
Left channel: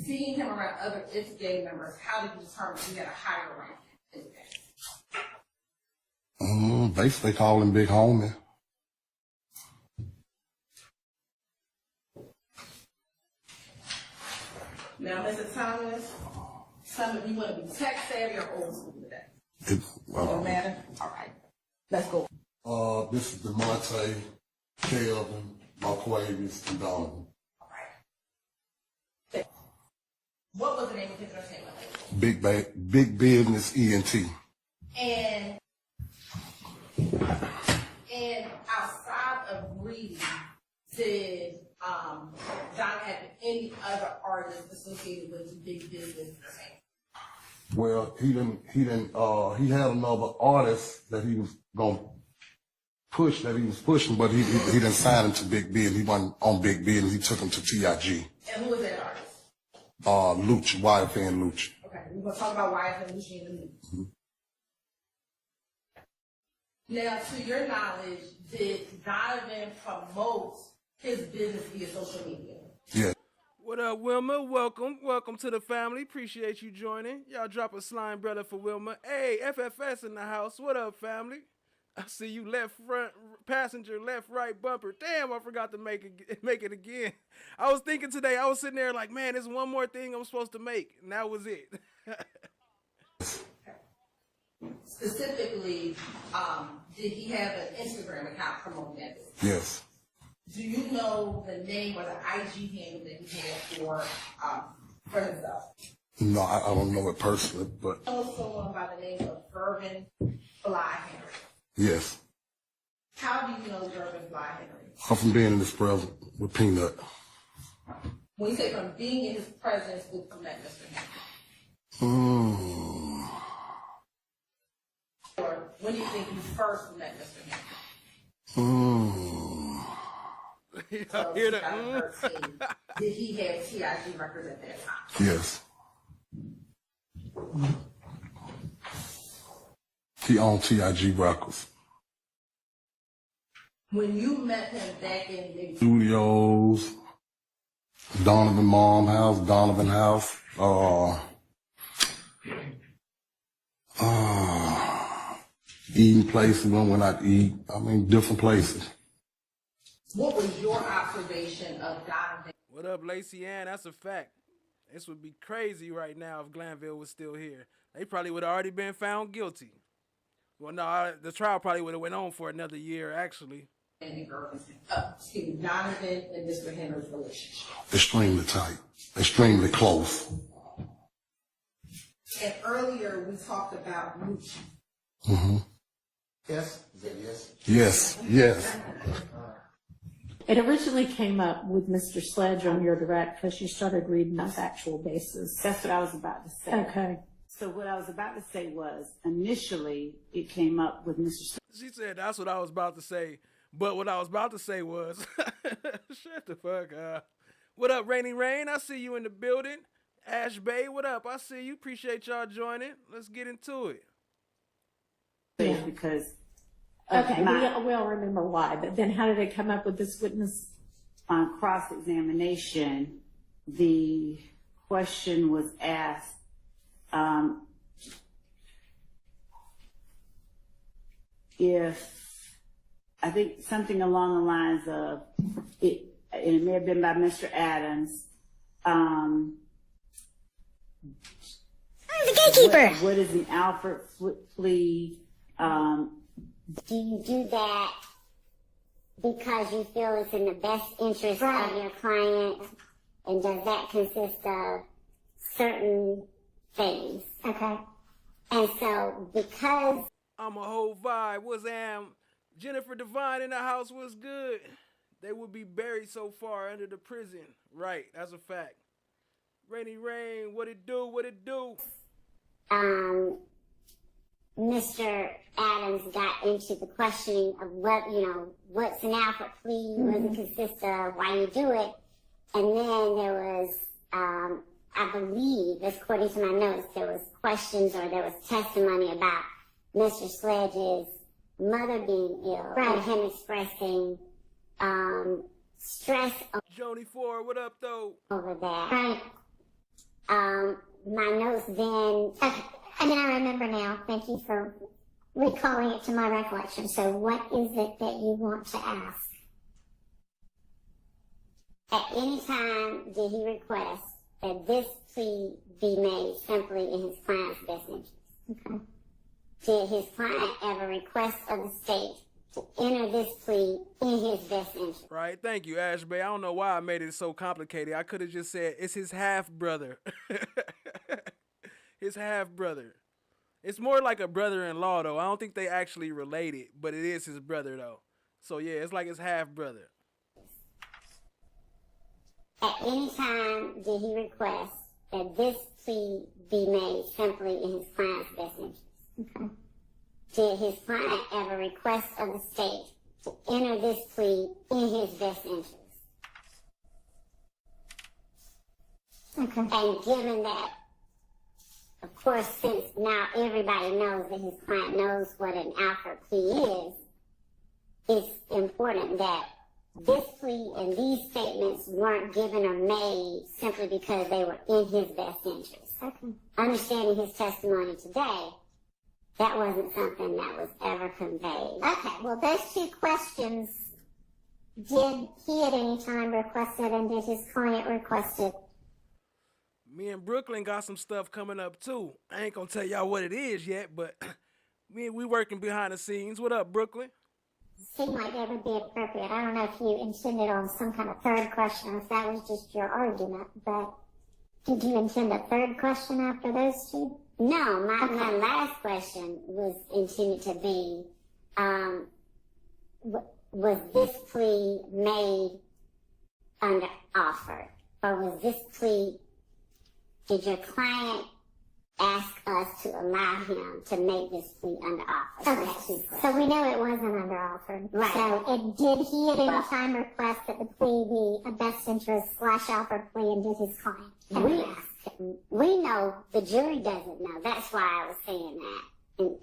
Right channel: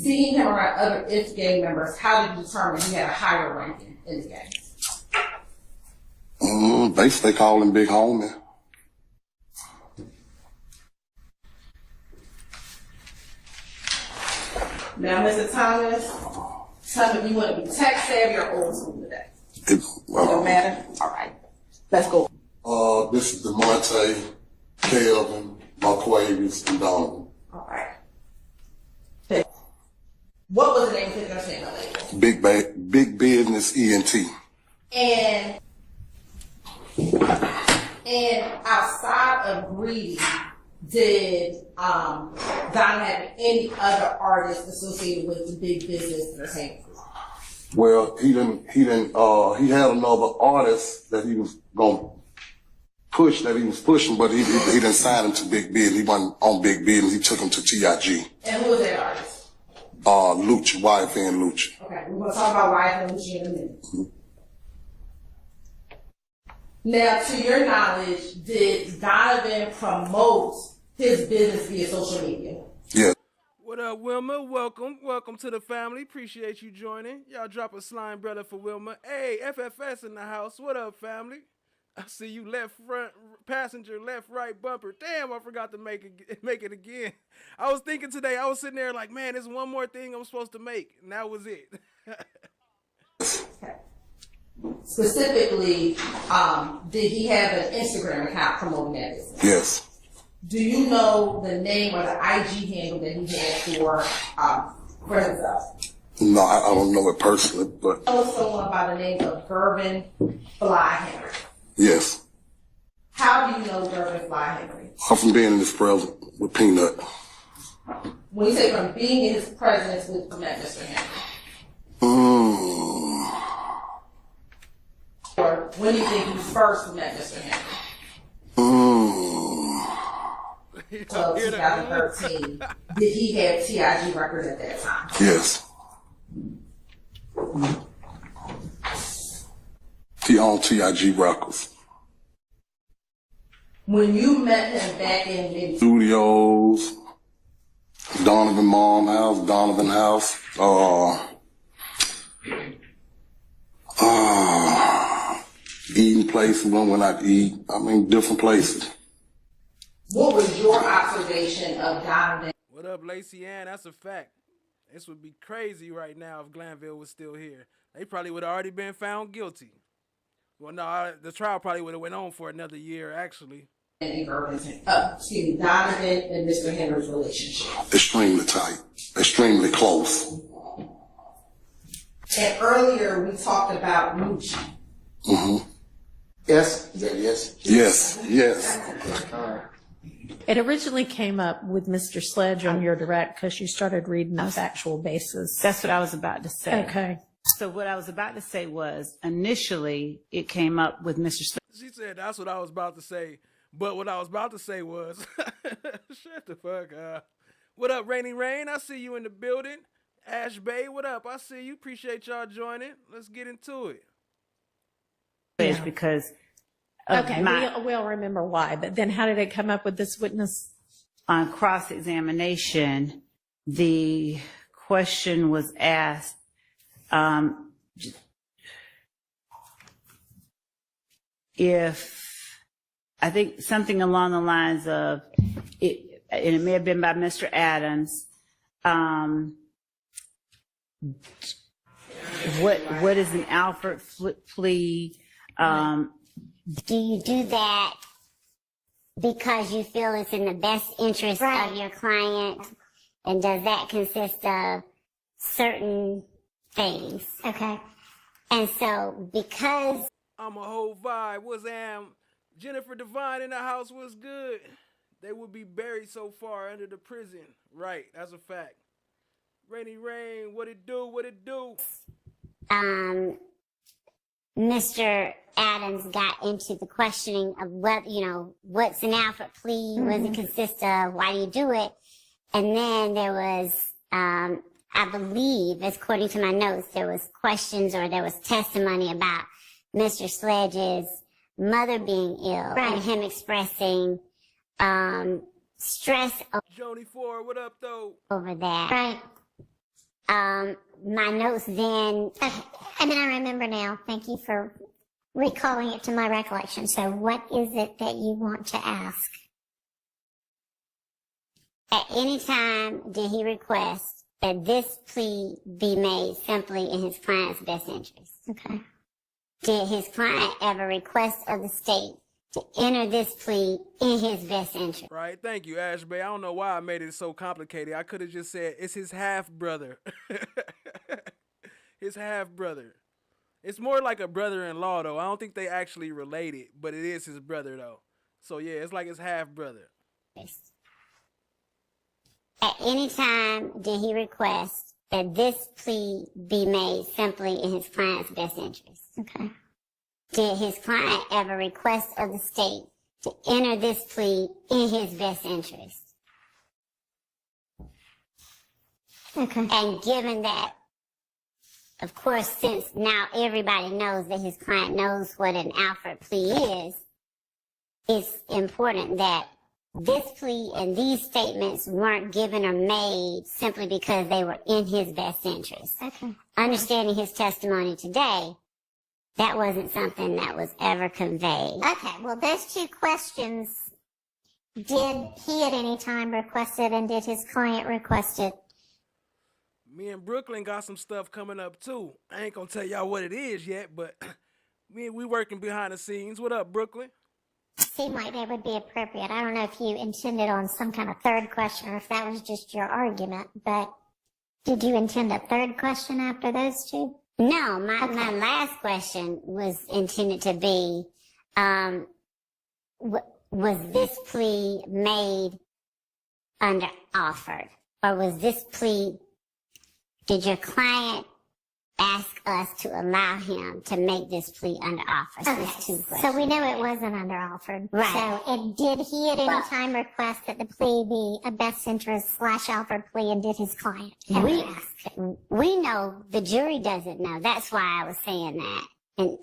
Seeing him around other IF gang members, how did you determine he had a higher ranking in the gang? Basically, they call him Big Homie. Now, Mr. Thomas, tell me, you want to be tech savvy or old school today? It don't matter? All right. Let's go. This is DeMonte, Kelvin, Marquavius, and Donovan. All right. What was the name of his understanding label? Big Business ENT. And outside of Greedy, did Don have any other artists associated with the Big Business Entertainment Group? Well, he had another artist that he was gonna push, that he was pushing, but he didn't sign him to Big Business. He wasn't on Big Business. He took him to TIG. And who was that artist? Lucha, YFN Lucha. Okay, we're gonna talk about YFN Lucha in a minute. Mm-hmm. Now, to your knowledge, did Donovan promote his business via social media? Yeah. What up, Wilma? Welcome to the family. Appreciate you joining. Y'all drop a slime brother for Wilma. Hey, FFS in the house. What up, family? I see you left front passenger, left right bumper. Damn, I forgot to make it again. I was thinking today, I was sitting there like, man, there's one more thing I'm supposed to make, and that was it. Okay. Specifically, did he have an Instagram account promoting that business? Yes. Do you know the name or the IG handle that he had for himself? No, I don't know it personally, but. Know someone by the name of Gervin Fly Henry. Yes. How do you know observed as why Henry? From being in his presence with Peanut. When you say from being in his presence with Mr. Henry? Or when do you think you first met Mr. Henry? 2013. Did he have TIG records at that time? Yes. He owned TIG records. When you met him back in Studios, Donovan Mom House, Donovan House, eating places when I'd eat. I mean, different places. what was your observation of Donovan? What up, Lacey Ann? That's a fact. This would be crazy right now if Glanville was still here. They probably would have already been found guilty. Well, no, the trial probably would have went on for another year, actually. Donovan and Mr. Henry's relationship. Extremely tight, extremely close. And earlier we talked about Moochie. Mm-hmm. Yes? Is that yes? Yes, yes. It originally came up with Mr. Sledge on your direct because you started reading the factual basis. That's what I was about to say. Okay. So what I was about to say was, initially, it came up with Mr. She said, that's what I was about to say. But what I was about to say was, shut the fuck up. What up, Rainy Rain? I see you in the building. Ash Bay, what up? I see you. Appreciate y'all joining. Let's get into it. Sledge because of Okay, we all remember why, but then how did they come up with this witness? On cross-examination, the question was asked, if, I think something along the lines of, it may have been by Mr. Adams, what is an Alfred plea? Do you do that because you feel it's in the best interest of your client? And does that consist of certain things? Okay. And so because I'm a whole vibe. What's Jennifer Devine in the house was good. They would be buried so far under the prison. Right, that's a fact. Rainy Rain, what it do, what it do? Mr. Adams got into the questioning of what, what's an Alfred plea, what does it consist of, why do you do it? And then there was, I believe, according to my notes, there was questions or there was testimony about Mr. Sledge's mother being ill and him expressing stress Joni Ford, what up though? Over that. Right. My notes then, and then I remember now, thank you for recalling it to my recollection. So what is it that you want to ask? At any time did he request that this plea be made simply in his client's best interest? Okay. Did his client ever request of the state to enter this plea in his best interest? Right, thank you, Ash Bay. I don't know why I made it so complicated. I could have just said it's his half-brother. His half-brother. It's more like a brother-in-law, though. I don't think they actually related, but it is his brother, though. So, yeah, it's like his half-brother. At any time did he request that this plea be made simply in his client's best interest? Okay. Did his client ever request of the state to enter this plea in his best interest? Okay. And given that, of course, since now everybody knows that his client knows what an Alfred plea is, it's important that this plea and these statements weren't given or made simply because they were in his best interest. Okay. Understanding his testimony today, that wasn't something that was ever conveyed. Okay, well, those two questions, did he at any time request it and did his client request it? Me and Brooklyn got some stuff coming up, too. I ain't gonna tell y'all what it is yet, but we working behind the scenes. What up, Brooklyn? Seemed like they would be appropriate. I don't know if you intended on some kind of third question or if that was just your argument, but did you intend a third question after those two? No, my last question was intended to be, was this plea made under offer? Or was this plea, did your client ask us to allow him to make this plea under offer? So we know it wasn't under offer. Right. So did he at any time request that the plea be a best interest / offer plea, and did his client we know the jury doesn't know. That's why I was saying that.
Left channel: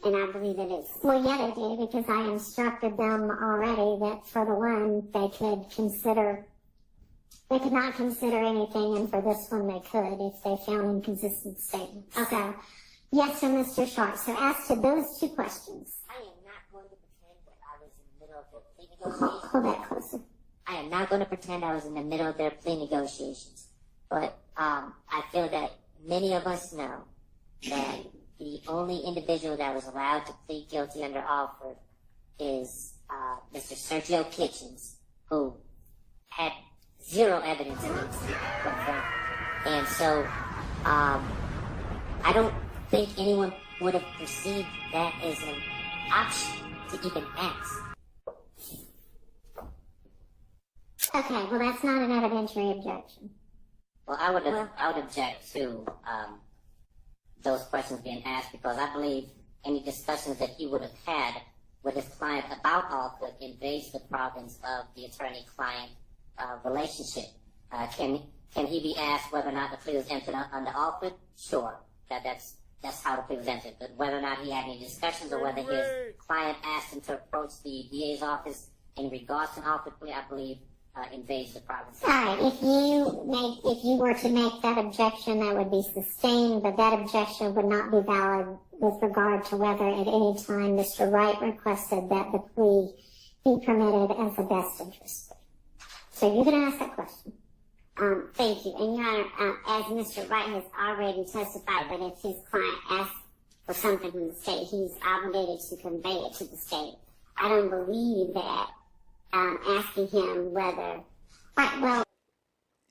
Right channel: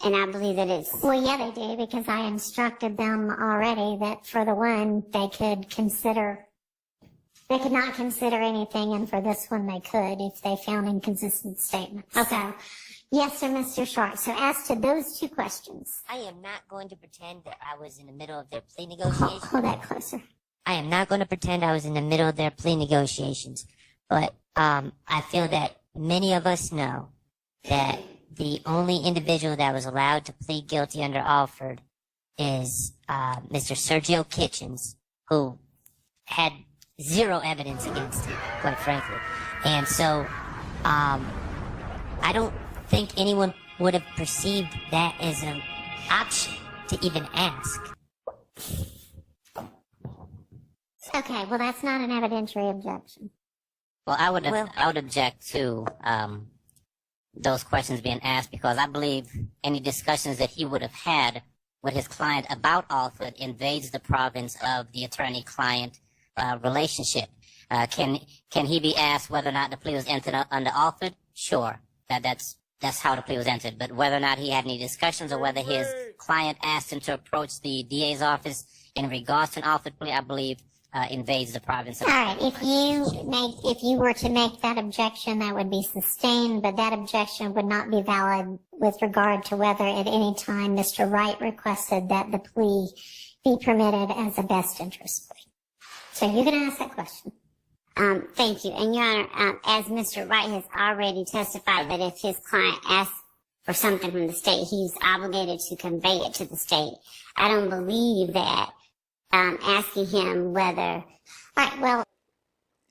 And I believe that it's... Well, yeah, they do, because I instructed them already that for the one, they could not consider anything, and for this one, they could if they found inconsistent statements. Okay. So, yes, sir, Mr. Short. So as to those two questions... I am not going to pretend that I was in the middle of their plea negotiations. Hold that closer. I am not going to pretend I was in the middle of their plea negotiations. But I feel that many of us know that the only individual that was allowed to plead guilty under Alford is Mr. Sergio Kitchens, who had zero evidence against him, quite frankly. And so I don't think anyone would have perceived that as an option to even ask. Okay, well, that's not an evidentiary objection. Well, I would object to those questions being asked, because I believe any discussions that he would have had with his client about Alford invades the province of the attorney-client relationship. Can he be asked whether or not the plea was entered under Alford? Sure, that's how the plea was entered. But whether or not he had any discussions, or whether his client asked him to approach the DA's office in regards to an Alford plea, I believe invades the province. All right, if you were to make that objection, that would be sustained, but that objection would not be valid with regard to whether at any time Mr. Wright requested that the plea be permitted as a best interest plea. So you can ask that question. Thank you. And Your Honor, as Mr. Wright has already testified that if his client asks for something from the state, he's obligated to convey it to the state. I don't believe that asking him whether,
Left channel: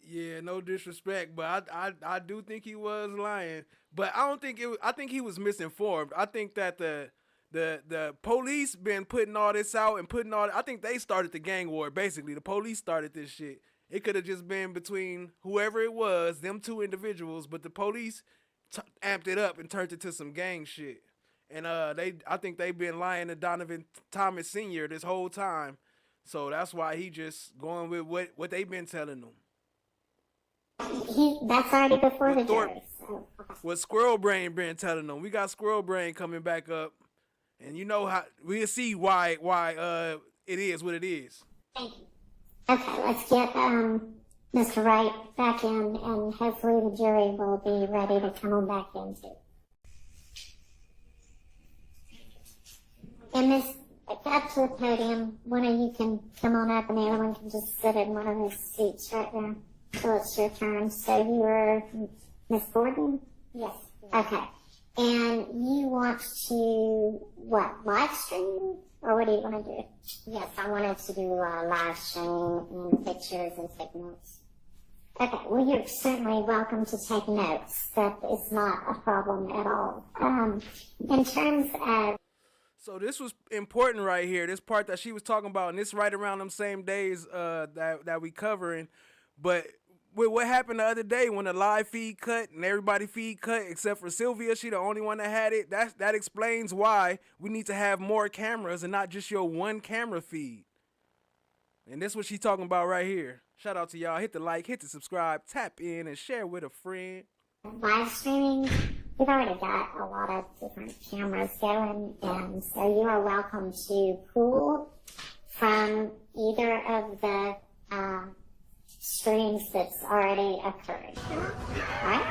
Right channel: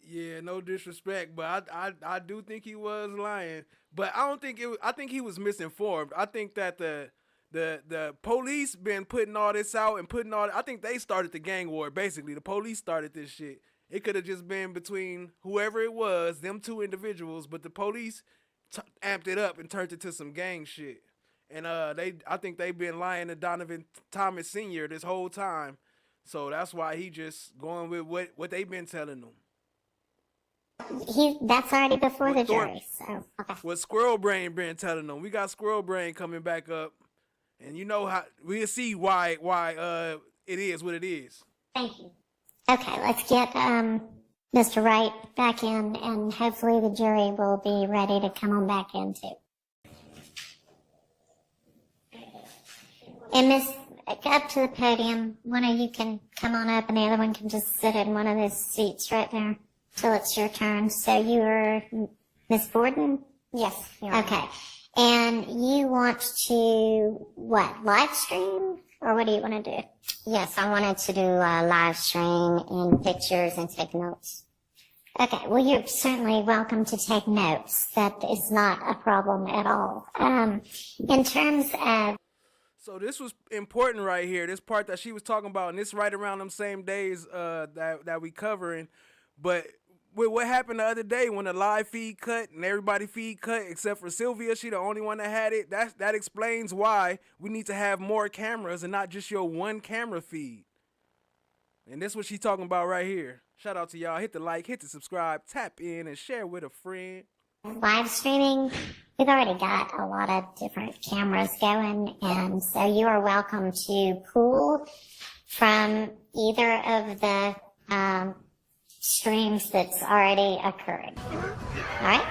yeah, no disrespect, but I do think he was lying. But I don't think I think he was misinformed. I think that the police been putting all this out and I think they started the gang war, basically. The police started this shit. It could have just been between whoever it was, them two individuals, but the police amped it up and turned it to some gang shit. And I think they've been lying to Donovan Thomas Sr. this whole time. So that's why he just going with what they've been telling him. That's already before the jury. So, okay. What Squirrel Brain been telling them. We got Squirrel Brain coming back up, and you know how we'll see why it is what it is. Thank you. Okay, let's get Mr. Wright back in, and hopefully the jury will be ready to come on back in too. And Miss, up to the podium. One of you can come on up, and the other one can just sit in one of those seats right there till it's your turn. So you are Miss Borden? Yes. Okay. And you want to, live stream? Or what do you want to do? Yes, I wanted to do a live stream in pictures and take notes. Okay, well, you're certainly welcome to take notes. That is not a problem at all. In terms of... So this was important right here, this part that she was talking about, and this right around them same days that we covering. But with what happened the other day when the live feed cut and everybody feed cut except for Sylvia, she the only one that had it, that explains why we need to have more cameras and not just your one camera feed. And that's what she's talking about right here. Shout out to y'all. Hit the like, hit the subscribe, tap in, and share with a friend. Live streaming, we've already got a lot of different cameras going, and so you are welcome to pull from either of the streams that's already occurred. All right?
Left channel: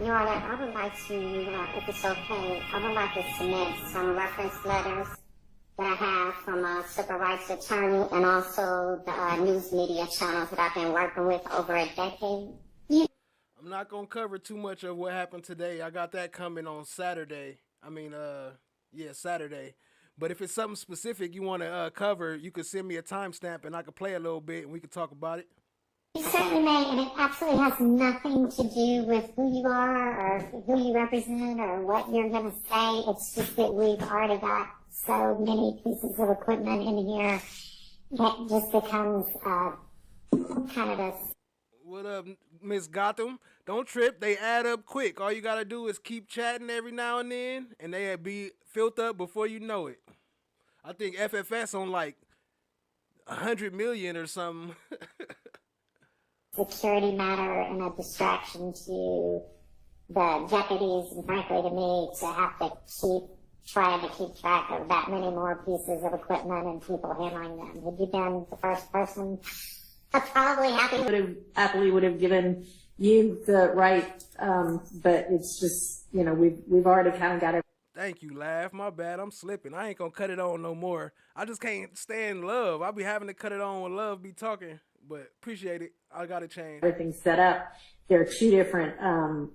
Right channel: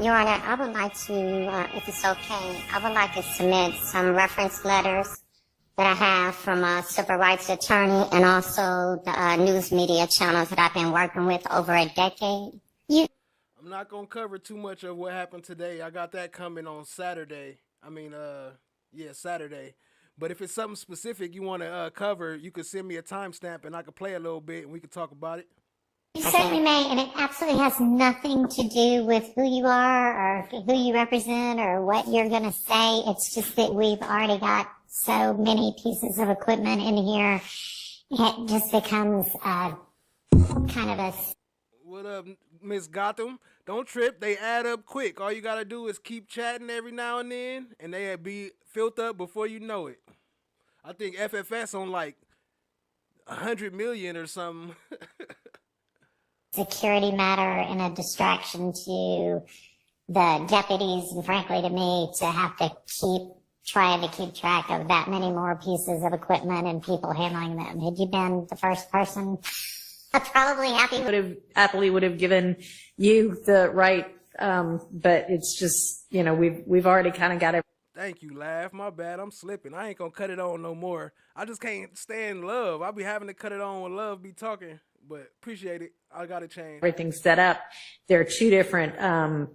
Your Honor, I would like to, if it's okay, I would like to submit some reference letters that I have from a civil rights attorney and also the news media channels that I've been working with over a decade. I'm not going to cover too much of what happened today. I got that coming on Saturday. Saturday. But if it's something specific you want to cover, you could send me a timestamp and I could play a little bit and we could talk about it. You certainly may, and it absolutely has nothing to do with who you are or who you represent or what you're going to say. It's just that we've already got so many pieces of equipment in here, it just becomes kind of a... What up, Miss Gotham? Don't trip. They add up quick. All you gotta do is keep chatting every now and then, and they'll be filled up before you know it. I think FFS on like 100 million or something. security matter and a distraction to the deputies and frankly to me to have to keep trying to keep track of that many more pieces of equipment and people handling them. Had you been the first person, probably happily would have given you the right, but it's just, you know, we've already kind of got it. Thank you, Laugh. My bad. I'm slipping. I ain't gonna cut it on no more. I just can't stand Love. I'll be having to cut it on when Love be talking, but appreciate it. I gotta change. Everything's set up. There are two different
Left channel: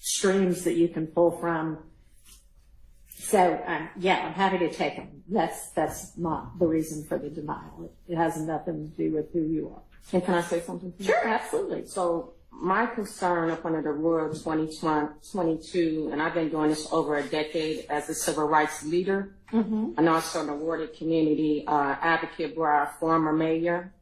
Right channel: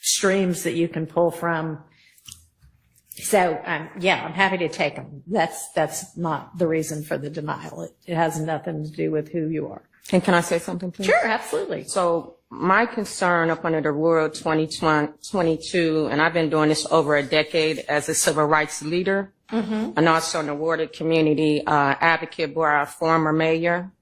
streams that you can pull from. So, yeah, I'm happy to take them. That's not the reason for the denial. It has nothing to do with who you are. And can I say something, please? Sure, absolutely. So my concern up under the Rule 2022, and I've been doing this over a decade as a civil rights leader, and also an awarded community advocate for our former mayor.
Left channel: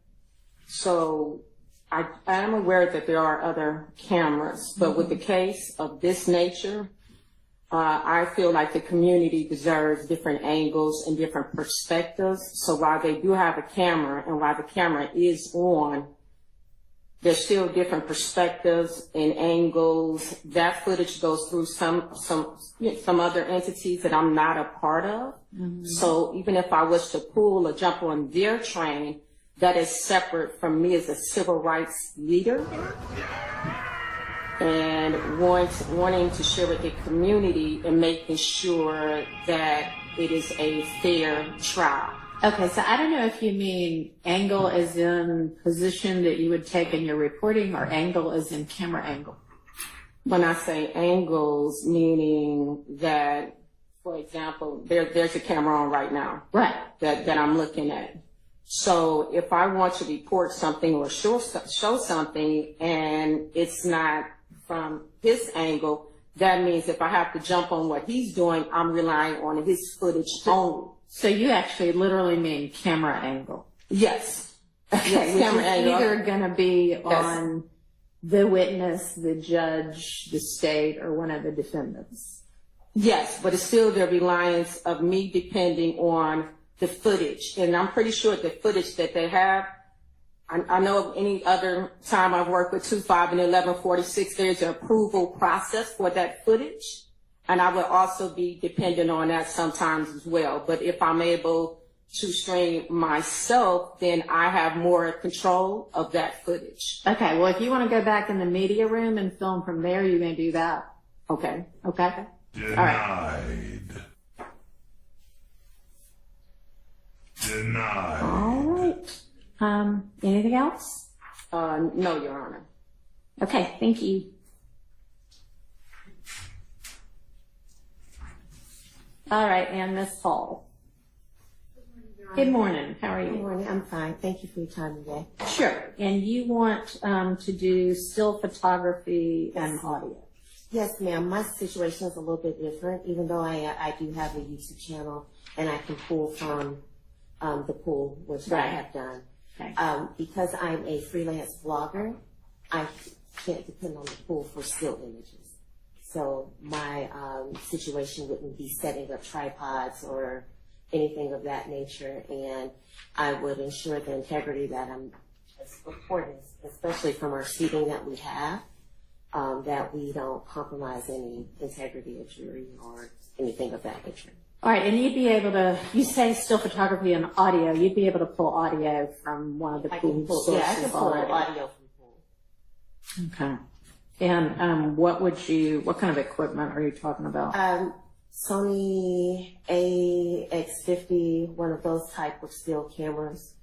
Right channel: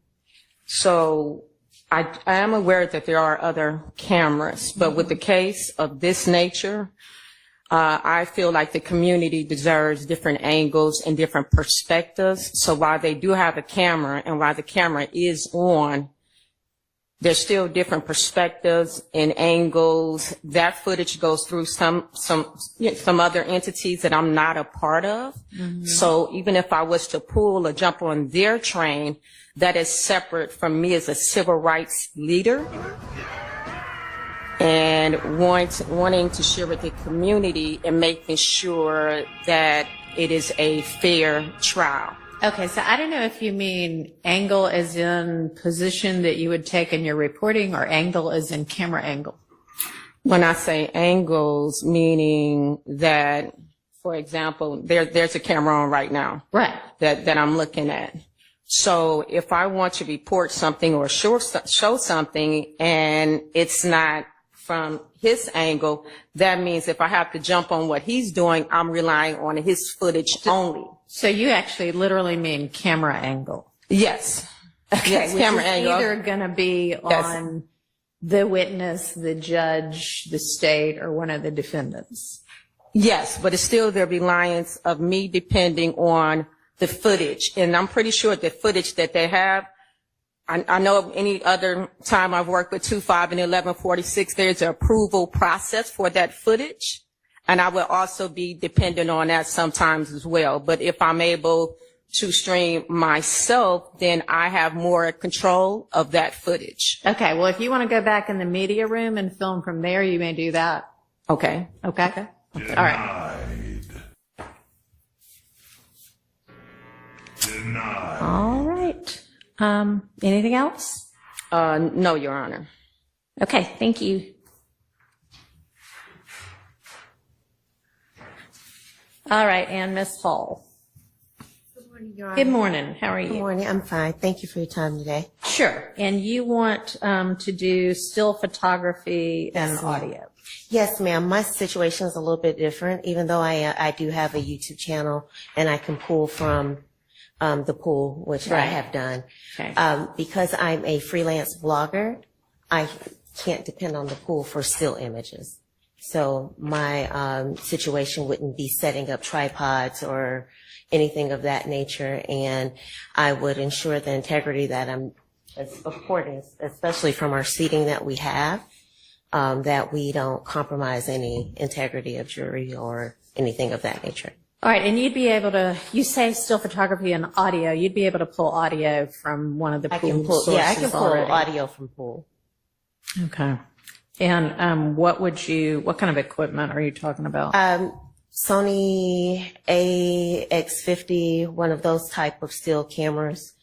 So I am aware that there are other cameras, but with the case of this nature, I feel like the community deserves different angles and different perspectives. So while they do have a camera and while the camera is on, there's still different perspectives and angles. That footage goes through some other entities that I'm not a part of. So even if I was to pull or jump on their train, that is separate from me as a civil rights leader. And wanting to share with the community and making sure that it is a fair trial. Okay, so I don't know if you mean angle as in position that you would take in your reporting or angle as in camera angle. When I say angles, meaning that, for example, there's a camera on right now. Right. That I'm looking at. So if I want to report something or show something and it's not from his angle, that means if I have to jump on what he's doing, I'm relying on his footage only. So you actually literally mean camera angle? Yes. Okay, yes, which camera is angle. Either going to be on the witness, the judge, the state, or one of the defendants. Yes, but it's still the reliance of me depending on the footage. And I'm pretty sure the footage that they have, I know any other time I've worked with 2.5 and 1146, there's an approval process for that footage. And I will also be dependent on that sometimes as well. But if I'm able to stream myself, then I have more control of that footage. Okay, well, if you want to go back in the media room and film from there, you may do that. Okay. Okay. Denied. All right. Denied. All right. Anything else? No, Your Honor. Okay, thank you. All right, and Ms. Hall. Good morning, Your Honor. Good morning. How are you? Good morning. I'm fine. Thank you for your time today. Sure. And you want to do still photography and audio? Yes, ma'am. My situation is a little bit different, even though I do have a YouTube channel and I can pull from the pool, which I have done. Okay. Because I'm a freelance blogger, I can't depend on the pool for still images. So my situation wouldn't be setting up tripods or anything of that nature, and I would ensure the integrity that I'm supporting, especially from our seating that we have, that we don't compromise any integrity of jury or anything of that nature. All right, and you'd be able to, you say still photography and audio, you'd be able to pull audio from one of the pool sources yeah, I can pull already. audio from pool. Okay. And what kind of equipment are you talking about? Sony AX50, one of those type of still cameras.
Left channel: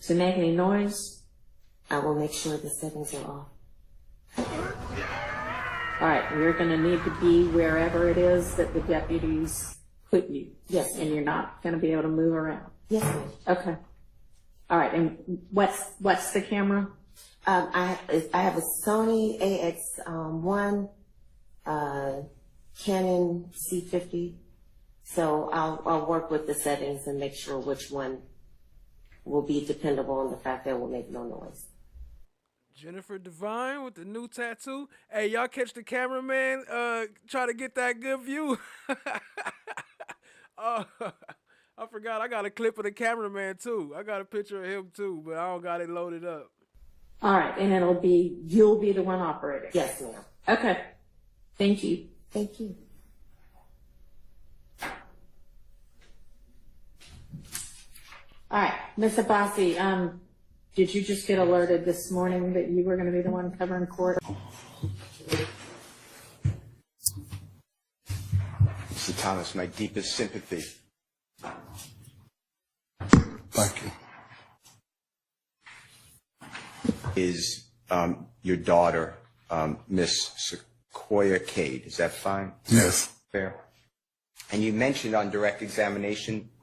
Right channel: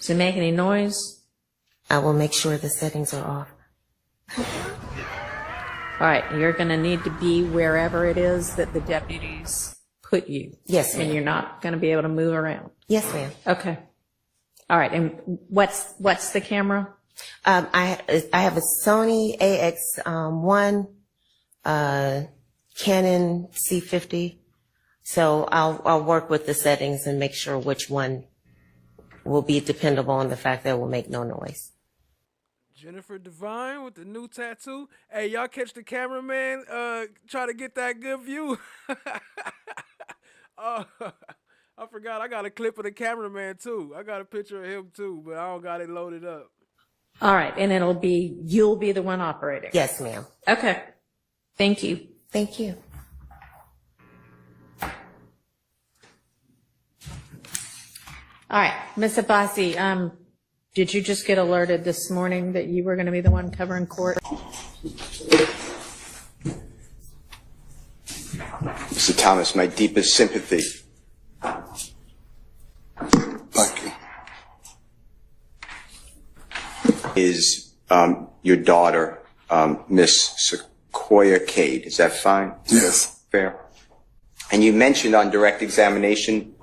Does it make any noise? I will make sure the settings are off. All right, you're going to need to be wherever it is that the deputies put you. Yes, ma'am. And you're not going to be able to move around. Yes, ma'am. Okay. All right, and what's the camera? I have a Sony AX1 Canon C50. So I'll work with the settings and make sure which one will be dependable on the fact that it will make no noise. Jennifer Devine with the new tattoo. Hey, y'all catch the cameraman try to get that good view. I forgot I got a clip of the cameraman too. I got a picture of him too, but I don't got it loaded up. All right, and you'll be the one operating. Yes, ma'am. Okay. Thank you. Thank you. All right, Ms. Abbasi, did you just get alerted this morning that you were going to be the one covering court? Mr. Thomas, my deepest sympathy. Thank you. Is your daughter, Miss Sequoia Cade. Is that fine? Yes. Fair. And you mentioned on direct examination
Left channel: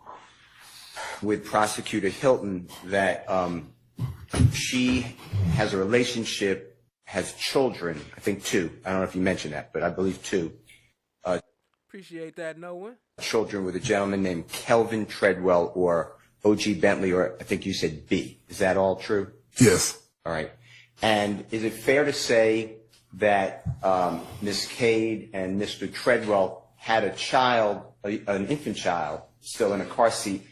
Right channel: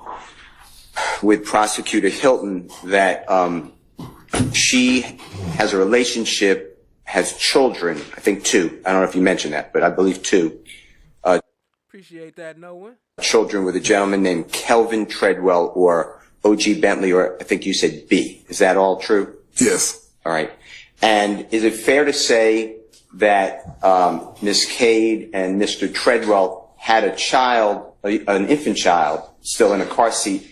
with Prosecutor Hilton that she has a relationship, has children, I think 2. I don't know if you mentioned that, but I believe 2. Appreciate that, Noah. Children with a gentleman named Kelvin Treadwell or O.G. Bentley, or I think you said B. Is that all true? Yes. All right. And is it fair to say that Ms. Cade and Mr. Treadwell had a child, an infant child, still in a car seat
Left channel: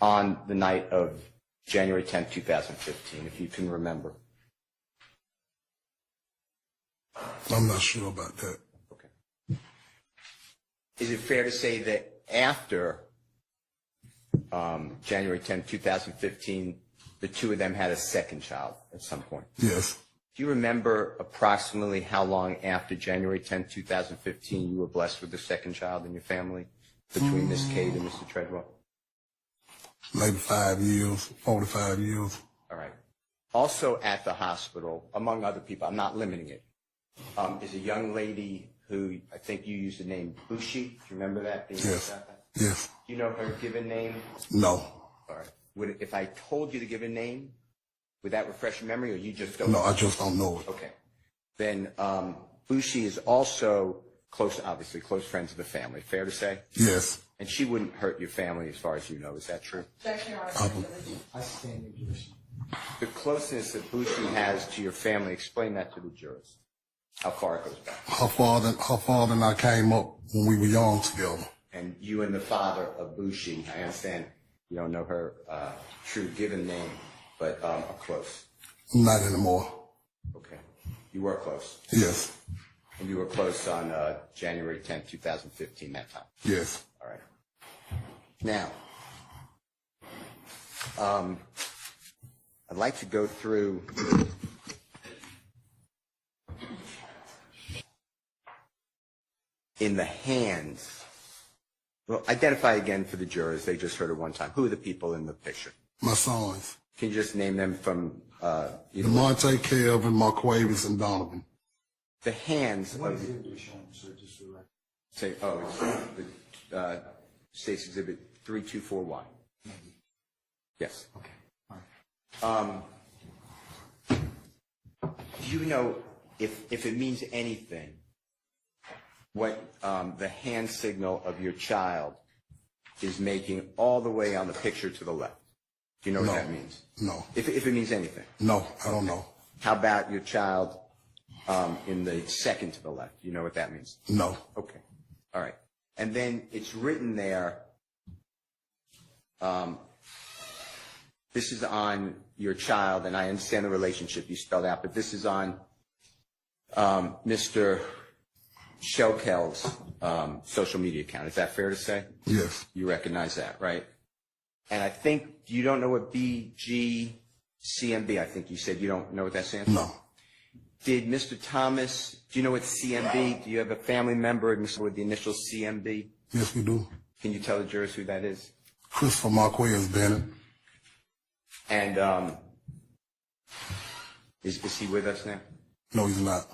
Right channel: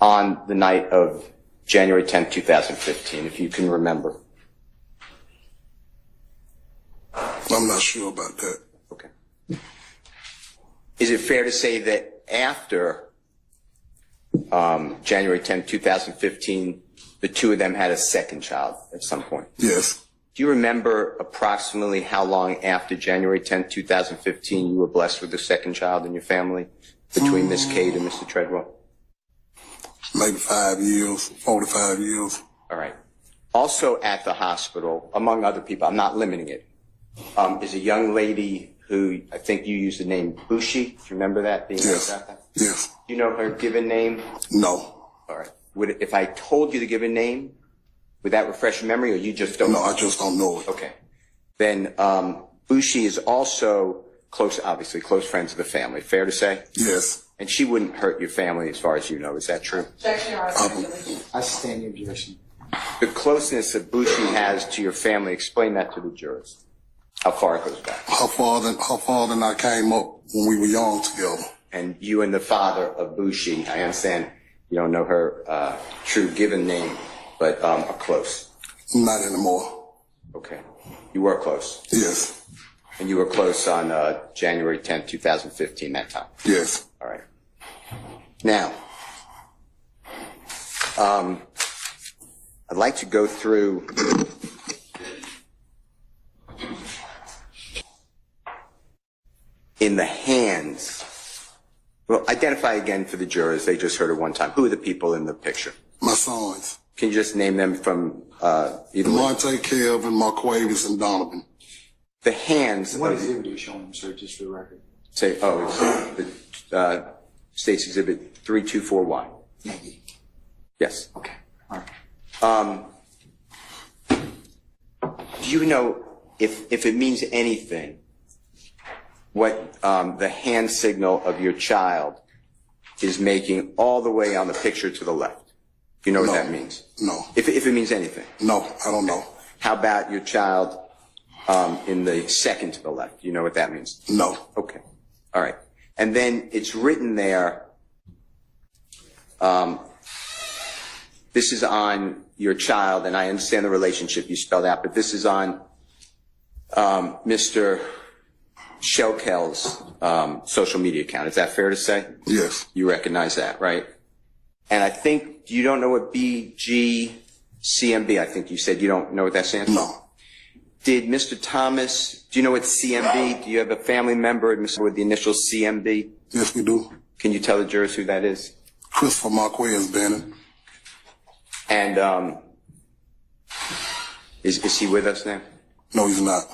on the night of January 10th, 2015, if you can remember? I'm not sure about that. Okay. Is it fair to say that after January 10th, 2015, the 2 of them had a second child at some point? Yes. Do you remember approximately how long after January 10th, 2015 you were blessed with the second child in your family between Miss Cade and Mr. Treadwell? Maybe 5 years, 4 to 5 years. All right. Also at the hospital, among other people, I'm not limiting it, is a young lady who I think you used the name Bushi. Do you remember that? Yes. Yes. Do you know her given name? No. All right. If I told you the given name, would that refresh your memory, or you just don't know? No, I just don't know it. Okay. Then Bushi is also obviously close friends of the family. Fair to say? Yes. And she wouldn't hurt your family as far as you know. Is that true? I stand your objection. The closeness that Bushi has to your family, explain that to the jurors. How far it goes back. Her father and I came up when we were young together. And you and the father of Bushi, I understand you don't know her true given name, but are close. Not anymore. Okay. You were close? Yes. And you were close on January 10th, 2015, that time? Yes. All right. Now, I'd like to go through in the hands. Well, identify again for the jurors. They just heard it one time. Who are the people in the picture? My sons. Can you just name them from either Monte, Kelvin, Marquavis, and Donovan. The hands. What exhibit are you showing them, sir, just for the record? Say, it's the State's Exhibit 324Y. Yes. Okay. All right. Do you know if it means anything, what the hand signal of your child is making all the way on the picture to the left? Do you know what that means? No. If it means anything? No, I don't know. How about your child in the second to the left? Do you know what that means? No. Okay. All right. And then it's written there, this is on your child, and I understand the relationship you spelled out, but this is on Mr. Shelkel's social media account. Is that fair to say? Yes. You recognize that, right? And I think you don't know what BGCMB, I think you said you don't know what that stands for? No. Did Mr. Thomas, do you know what CMB? Do you have a family member with the initial CMB? Yes, we do. Can you tell the jurors who that is? Christopher Marquez Bannon. And is he with us now? No, he's not.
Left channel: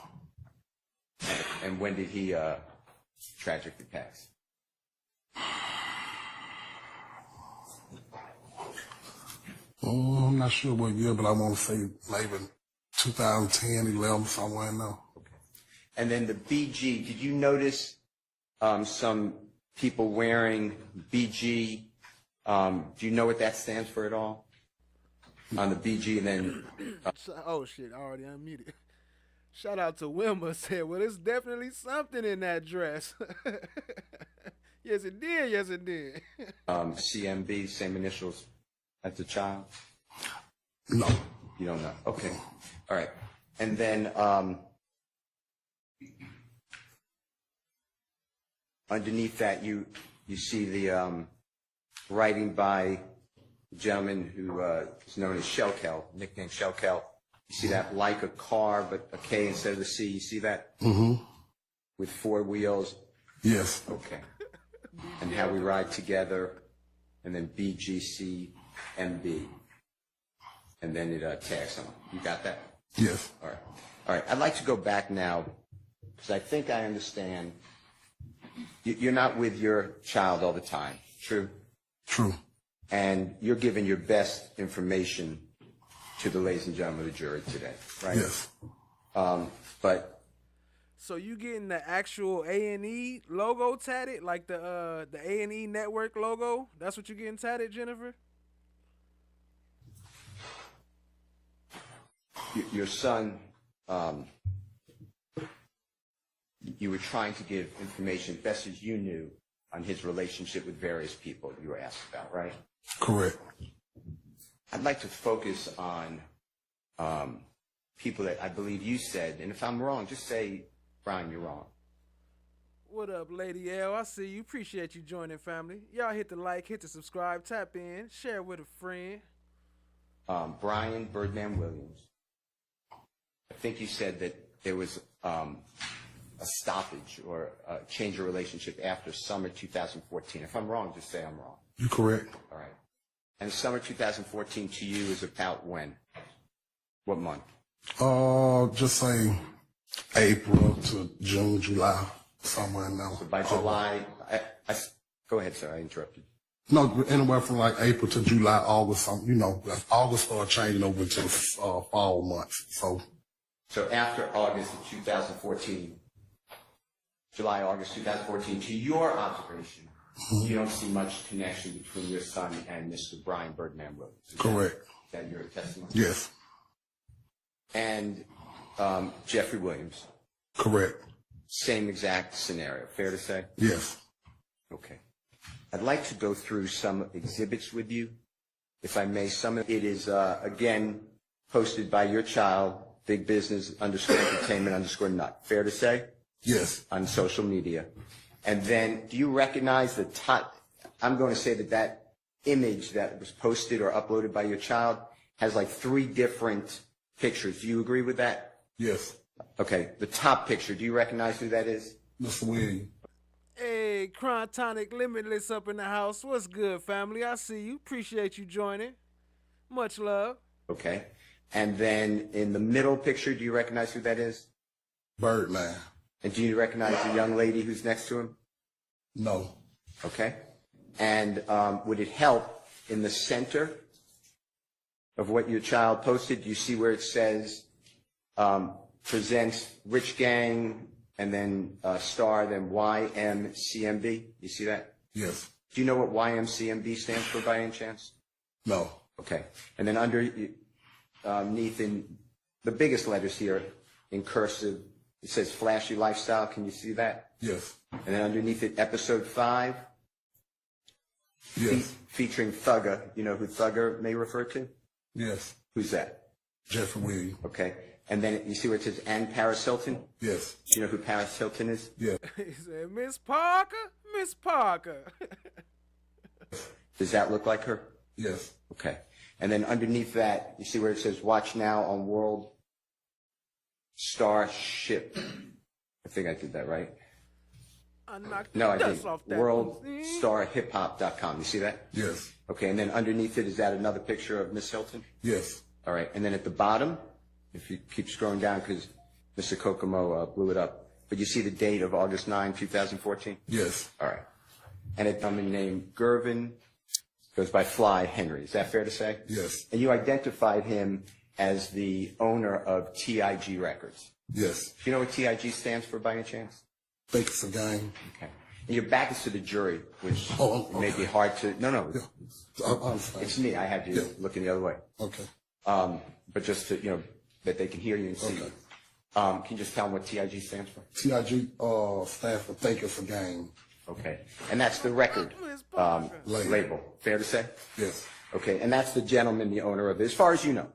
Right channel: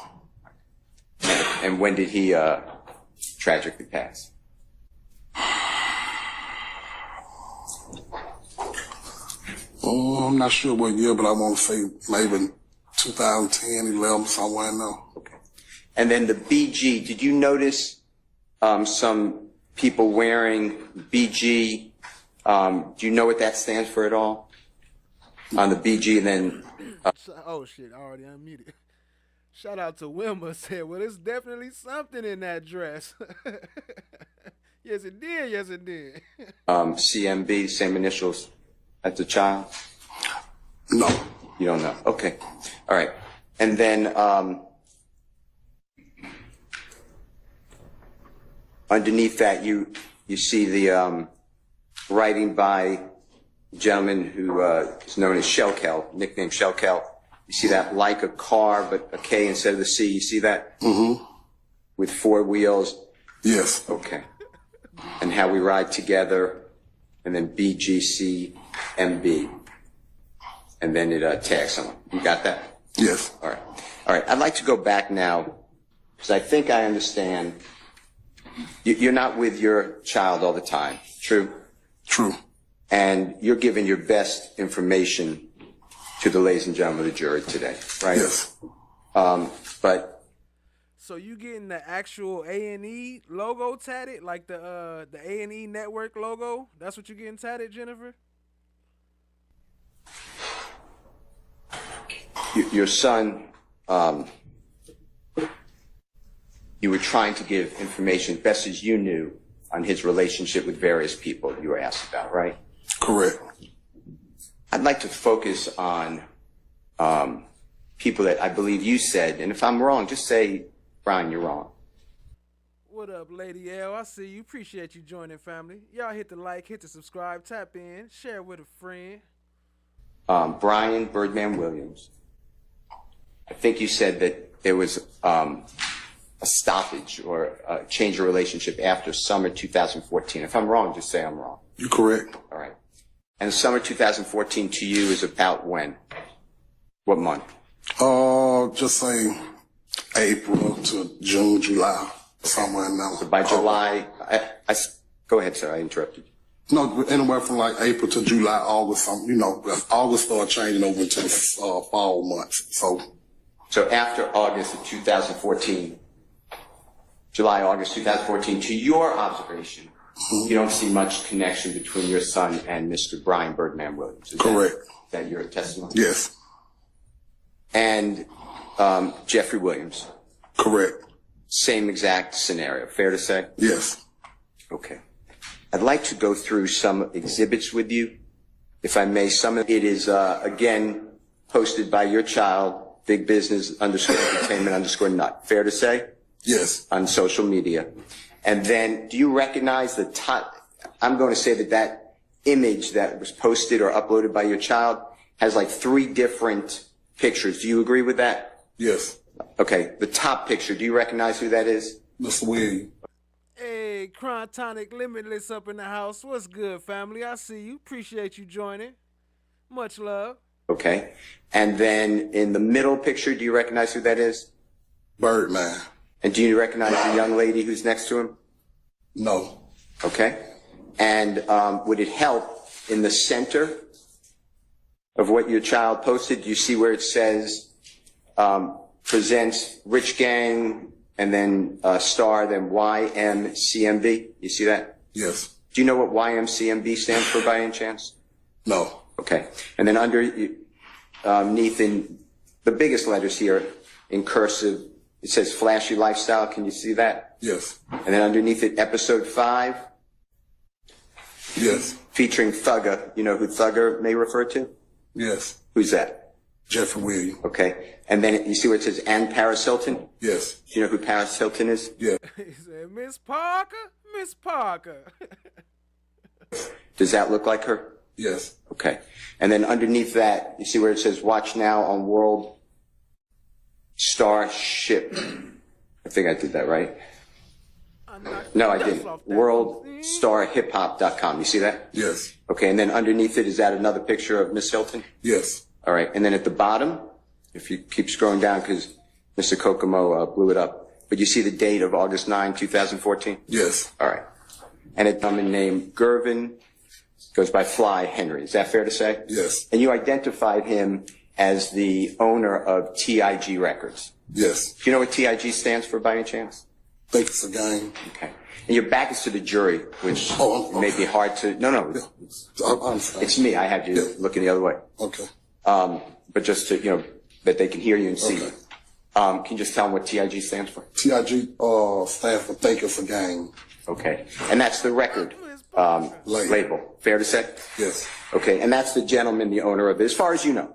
And when did he tragically pass? Oh, I'm not sure what year, but I want to say maybe 2010, 11, somewhere in there. Okay. And then the BG, did you notice some people wearing BG. Do you know what that stands for at all? On the BG, and then oh shit, I already unmuted. Shout out to Wilma, said, well, there's definitely something in that dress. Yes, it did. Yes, it did. CMB, same initials as the child? No. You don't know? Okay. All right. And then underneath that, you see the writing by a gentleman who is known as Shellkel, nicknamed Shellkel. You see that, like a car, but a K instead of the C. You see that? Mm-hmm. With 4 wheels? Yes. Okay. And how we ride together, and then BGCMB. And then it tags someone. You got that? Yes. All right. All right. I'd like to go back now, because I think I understand. You're not with your child all the time, true? True. And you're giving your best information to the ladies and gentlemen of the jury today, right? Yes. But so you getting the actual A&E logo tatted, like the A&E network logo? That's what you getting tatted, Jennifer? your son, you were trying to give information best as you knew on his relationship with various people you were asked about, right? Correct. I'd like to focus on people that I believe you said, and if I'm wrong, just say, Brian, you're wrong. What up, Lady L? I see you. Appreciate you joining, family. Y'all hit the like, hit the subscribe, tap in, share with a friend. Brian Birdman Williams. I think you said that there was a stoppage or a change of relationship after summer 2014. If I'm wrong, just say I'm wrong. You're correct. All right. And summer 2014 to you is about when? What month? Just say April to June, July, somewhere in there. So by July, go ahead, sir. I interrupted you. No, anywhere from like April to July, August. August started changing over into the fall months. So after August of 2014, July, August 2014, to your observation, you don't see much connection between your son and Mr. Brian Birdman Williams. Is correct. That your testimony? Yes. And Jeffrey Williams? Correct. Same exact scenario. Fair to say? Yes. Okay. I'd like to go through some exhibits with you, if I may. Some of it is, again, posted by your child, Big Business _entertainment _nut. Fair to say? Yes. On social media. And then, do you recognize the top? I'm going to say that image that was posted or uploaded by your child has like 3 different pictures. Do you agree with that? Yes. Okay. The top picture, do you recognize who that is? Mr. Williams. Hey, Chrontonic Limitless up in the house. What's good, family? I see you. Appreciate you joining. Much love. Okay. And then in the middle picture, do you recognize who that is? Birdman. And do you recognize the young lady who's next to him? No. Okay. And would it help in the center of what your child posted? Do you see where it says presents Rich Gang and then star, then YMCMB? You see that? Yes. Do you know what YMCMB stands for by any chance? No. Okay. And then underneath in the biggest letters here in cursive, it says Flashy Lifestyle. Can you see that? Yes. And then underneath it, episode 5. Yes. Featuring Thugger. You know who Thugger may refer to? Yes. Who's that? Jeffrey Williams. Okay. And then you see where it says and Paris Hilton? Yes. Do you know who Paris Hilton is? Yeah. He said, Miss Parker, Miss Parker. Does that look like her? Yes. Okay. And then underneath that, you see where it says watch now on World Starship. I think I did that right. No, I didn't. WorldStarHipHop.com. You see that? Yes. Okay, and then underneath it, is that another picture of Miss Hilton? Yes. All right, and then at the bottom, if you keep scrolling down, because Mr. Kokomo blew it up, but you see the date of August 9, 2014? Yes. All right. And a gentleman named Gervin, goes by Fly Henry. Is that fair to say? Yes. And you identified him as the owner of TIG Records. Yes. Do you know what TIG stands for by any chance? I think it's a gang. Okay. And your back is to the jury, which may be hard to, no. It's me. I had you looking the other way. Okay. But just to, that they can hear you and see you. Can you just tell them what TIG stands for? TIG stands for Thank You for Game. Okay. And that's the record label. Fair to say? Yes. Okay. And that's the gentleman, the owner of it, as far as you know?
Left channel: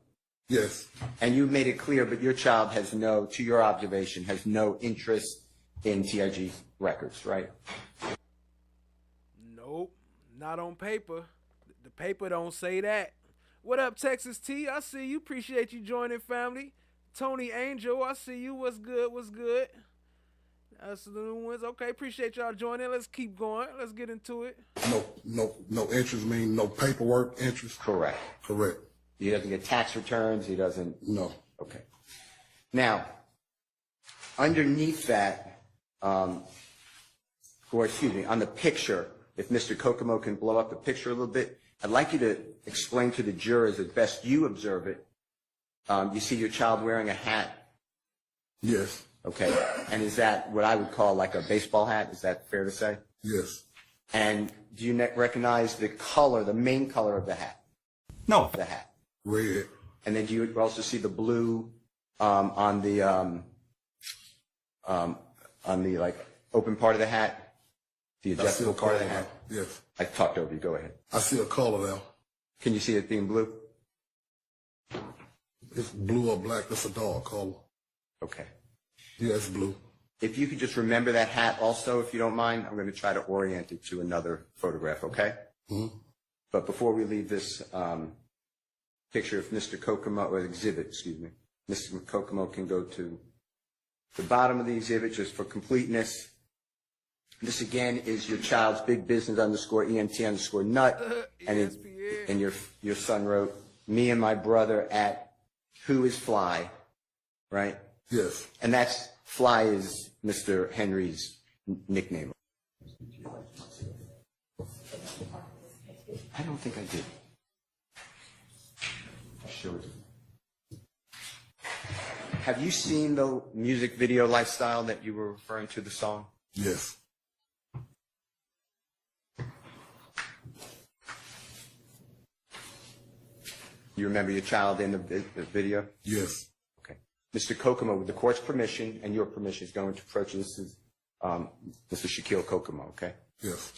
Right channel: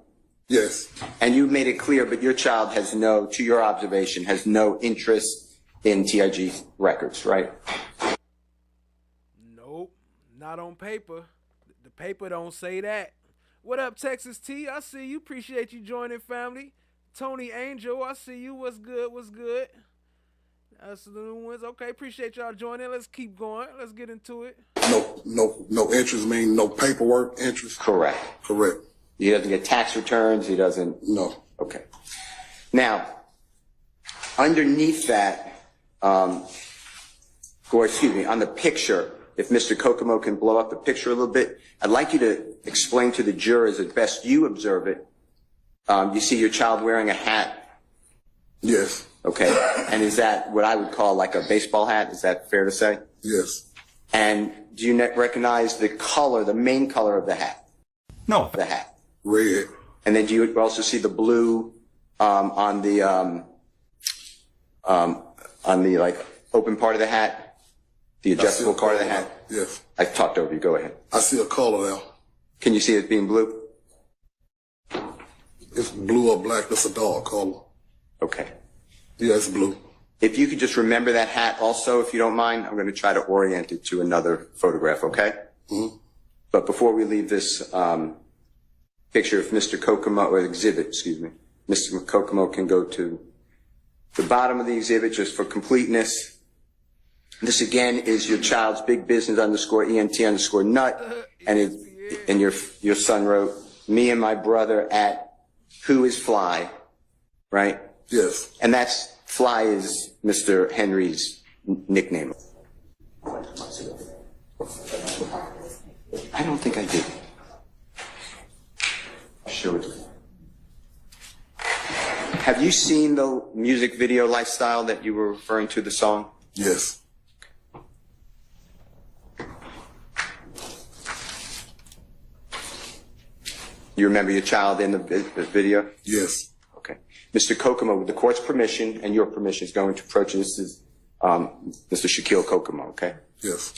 Yes. And you made it clear, but your child has to your observation, has no interest in TIG records, right? Nope. Not on paper. The paper don't say that. What up, Texas T? I see you. Appreciate you joining, family. Tony Angel, I see you. What's good? What's good? That's the new ones. Okay, appreciate y'all joining. Let's keep going. Let's get into it. No interest mean no paperwork interest? Correct. Correct. He doesn't get tax returns. He doesn't. No. Okay. Now, underneath that, on the picture, if Mr. Kokomo can blow up the picture a little bit, I'd like you to explain to the jurors as best you observe it. You see your child wearing a hat? Yes. Okay. And is that what I would call like a baseball hat? Is that fair to say? Yes. And do you recognize the color, the main color of the hat? No. The hat. Red. And then do you also see the blue on the like open part of the hat, the adjustable part of the hat? Yes. I talked over you. Go ahead. I see a color now. Can you see it being blue? It's blue or black. That's a dark color. Okay. Yeah, it's blue. If you could just remember that hat also, if you don't mind, I'm going to try to orient it to another photograph, okay? Mm-hmm. But before we leave this picture of Mr. Kokomo, or exhibit, excuse me, Mr. Kokomo can go to the bottom of the exhibit just for completeness. This again is your child's big business _ENT_nut, and your son wrote, me and my brother at Who is Fly, right? Yes. And that's Fly is Mr. Henry's nickname. I don't think I did. Show it. Have you seen the music video Lifestyle that you were referring to, the song? Yes. You remember your child in the video? Yes. Okay. Mr. Kokomo, with the court's permission and your permission, is going to approach you. This is Mr. Shaquille Kokomo, okay? Yes.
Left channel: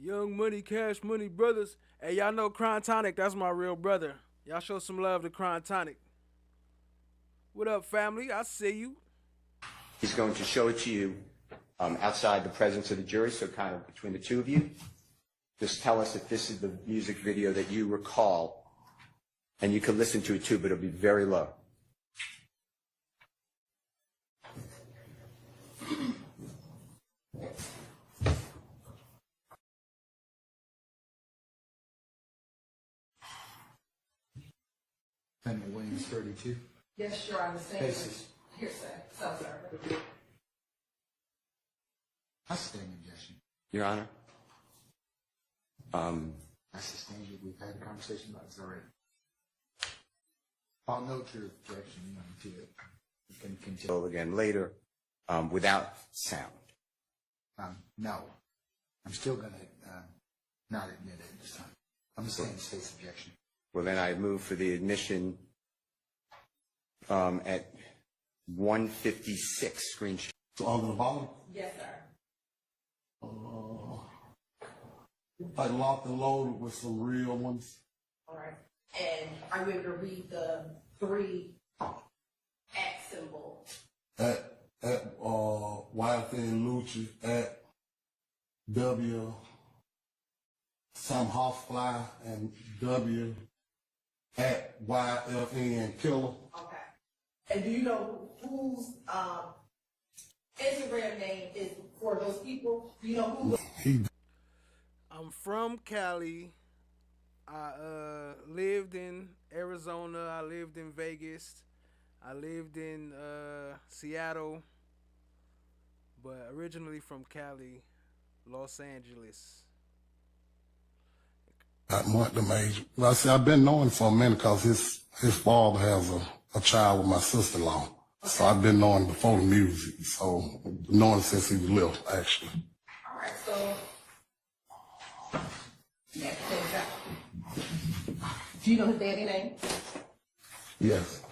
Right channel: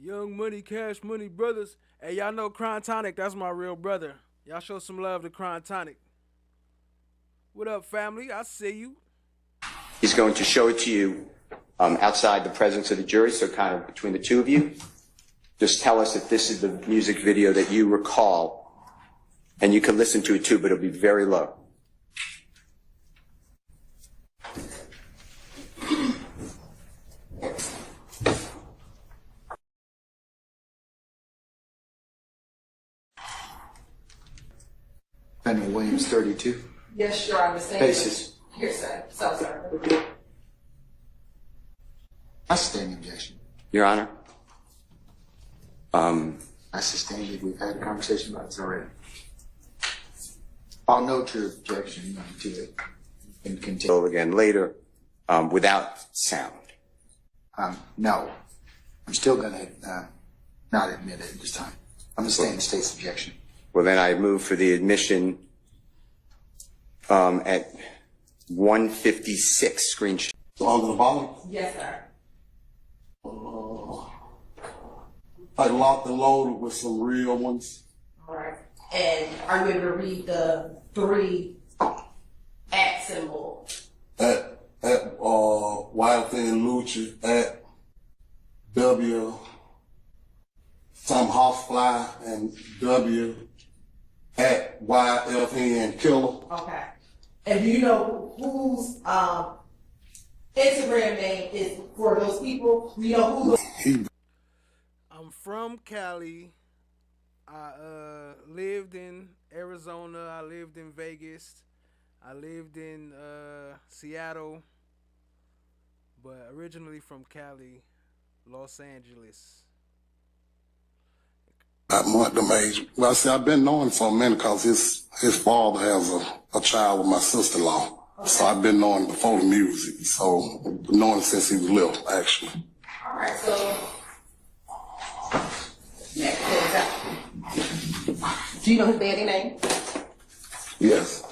Young Money, Cash Money brothers. Hey, y'all know Crime Tonic. That's my real brother. Y'all show some love to Crime Tonic. What up, family? I see you. He's going to show it to you outside the presence of the jury, so kind of between the two of you. Just tell us if this is the music video that you recall, and you can listen to it too, but it'll be very low. Daniel Williams, 32. Yes, sure, I understand. Basis. Here, sir. So, sir. I sustain the objection. Your Honor. I sustain it. We've had a conversation about this already. I'll note your objection to it and continue. Again later, without sound. No. I'm still going to not admit it at this time. I'm going to stay in the state's objection. Well, then I move for the admission at 156 screen share. So on the bottom? Yes, sir. Like locked and loaded with some real ones. All right. And are you able to read the 3 at symbol? At YFN Lucha, at W, some housefly, and W, at YFN Killer. Okay. And do you know whose Instagram name is for those people? Do you know who? I'm from Cali. I lived in Arizona. I lived in Vegas. I lived in Seattle. But originally from Cali, Los Angeles. At them age. Well, I say I've been knowing for a minute because his father has a child with my sister-in-law. So I've been knowing before the music. So knowing since he was little, actually. All right, so next thing up. Do you know his daddy name? Yes.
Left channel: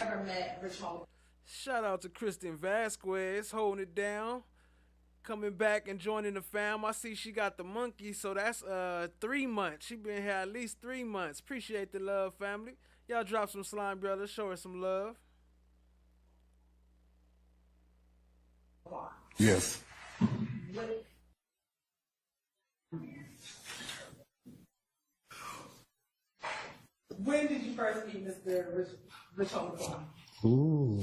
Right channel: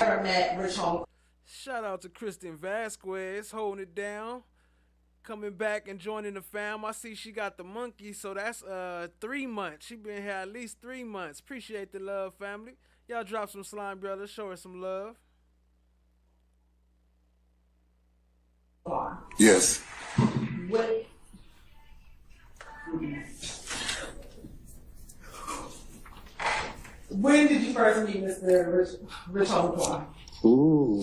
Ever met Rich Homie? Shout out to Kristen Vasquez holding it down. Coming back and joining the fam. I see she got the monkey, so that's 3 months. She been here at least 3 months. Appreciate the love, family. Y'all drop some slime, brothers. Show her some love. Yes. What? When did you first meet Mr. Rich Homie Quan? Ooh.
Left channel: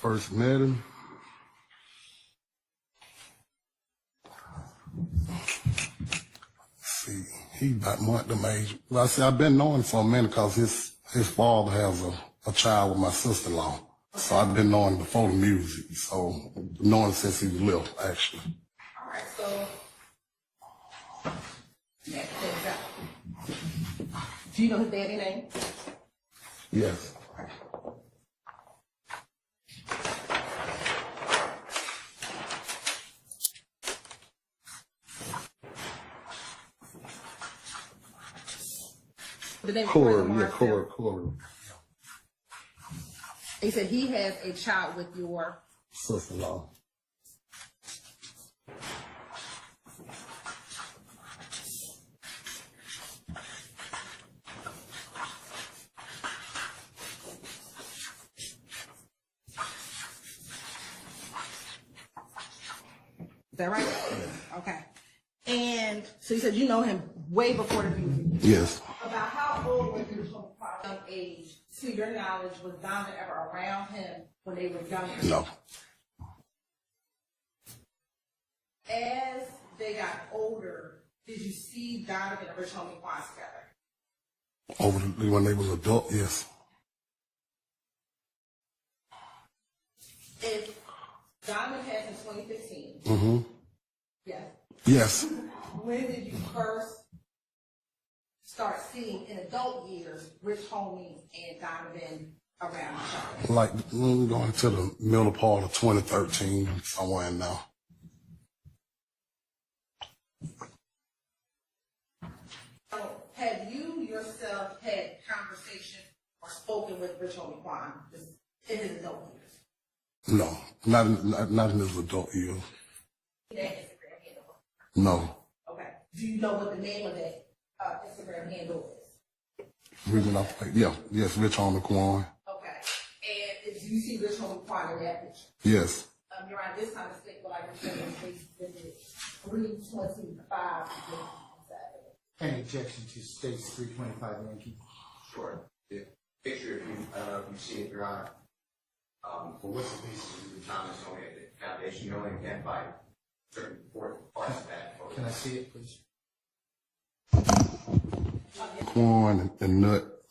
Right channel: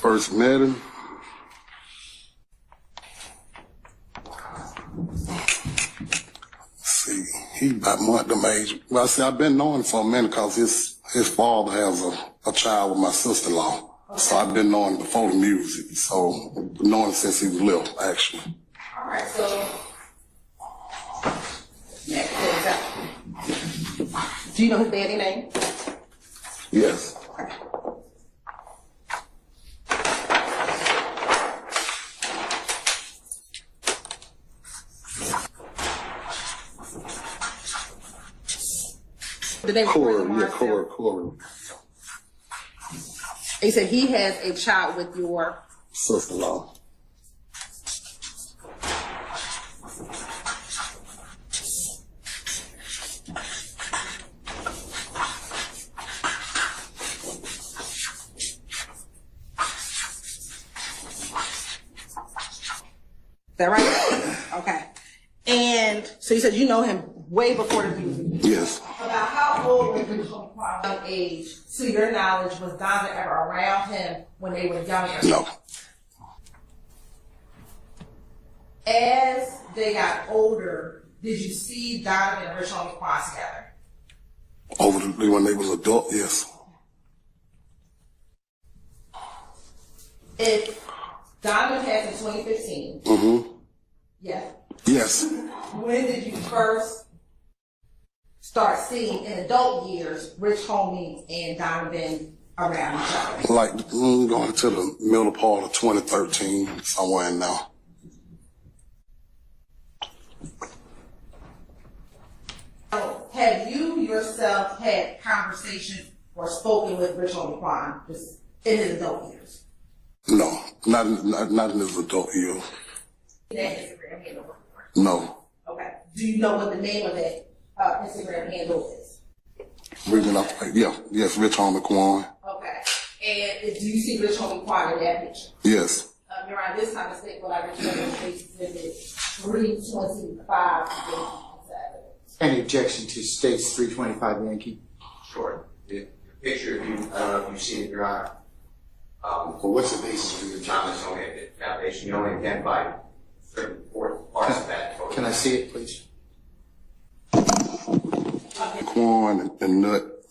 First met him. See, he about them age. Well, I say I've been knowing him for a minute because his father has a child with my sister-in-law. Okay. So I've been knowing him before the music. So knowing him since he was little, actually. All right, so next thing up. Do you know his daddy name? Yes. Corey. He said he has a child with your sister-in-law. Is that right? Okay. And so you said you know him way before the music. Yes. About how old was Rich Homie Quan at young age? To your knowledge, was Donovan ever around him when they were younger? No. As they got older, did you see Donovan and Rich Homie Quan together? When they was adult, yes. If Donovan passed in 2015. Mm-hmm. Yes. Yes. When did you first start seeing in adult years Rich Homie and Donovan around each other? Like going to the middle part of 2013, somewhere in now. Have you yourself had conversations or spoken with Rich Homie Quan just in his adult years? No, not in his adult years. That Instagram handle? No. Okay. Do you know what the name of that Instagram handle is? Yes, Rich Homie Quan. Okay. And do you see Rich Homie Quan in that picture? Yes. Around this time of state, well, I remember Exhibit 325. Any objection to States 325 Yankee? Sure. The picture, if you've seen it, Your Honor. Well, what's the basis for your Thomas Foundation, you only identified certain parts of that photo. Can I see it, please? Quan and Nut.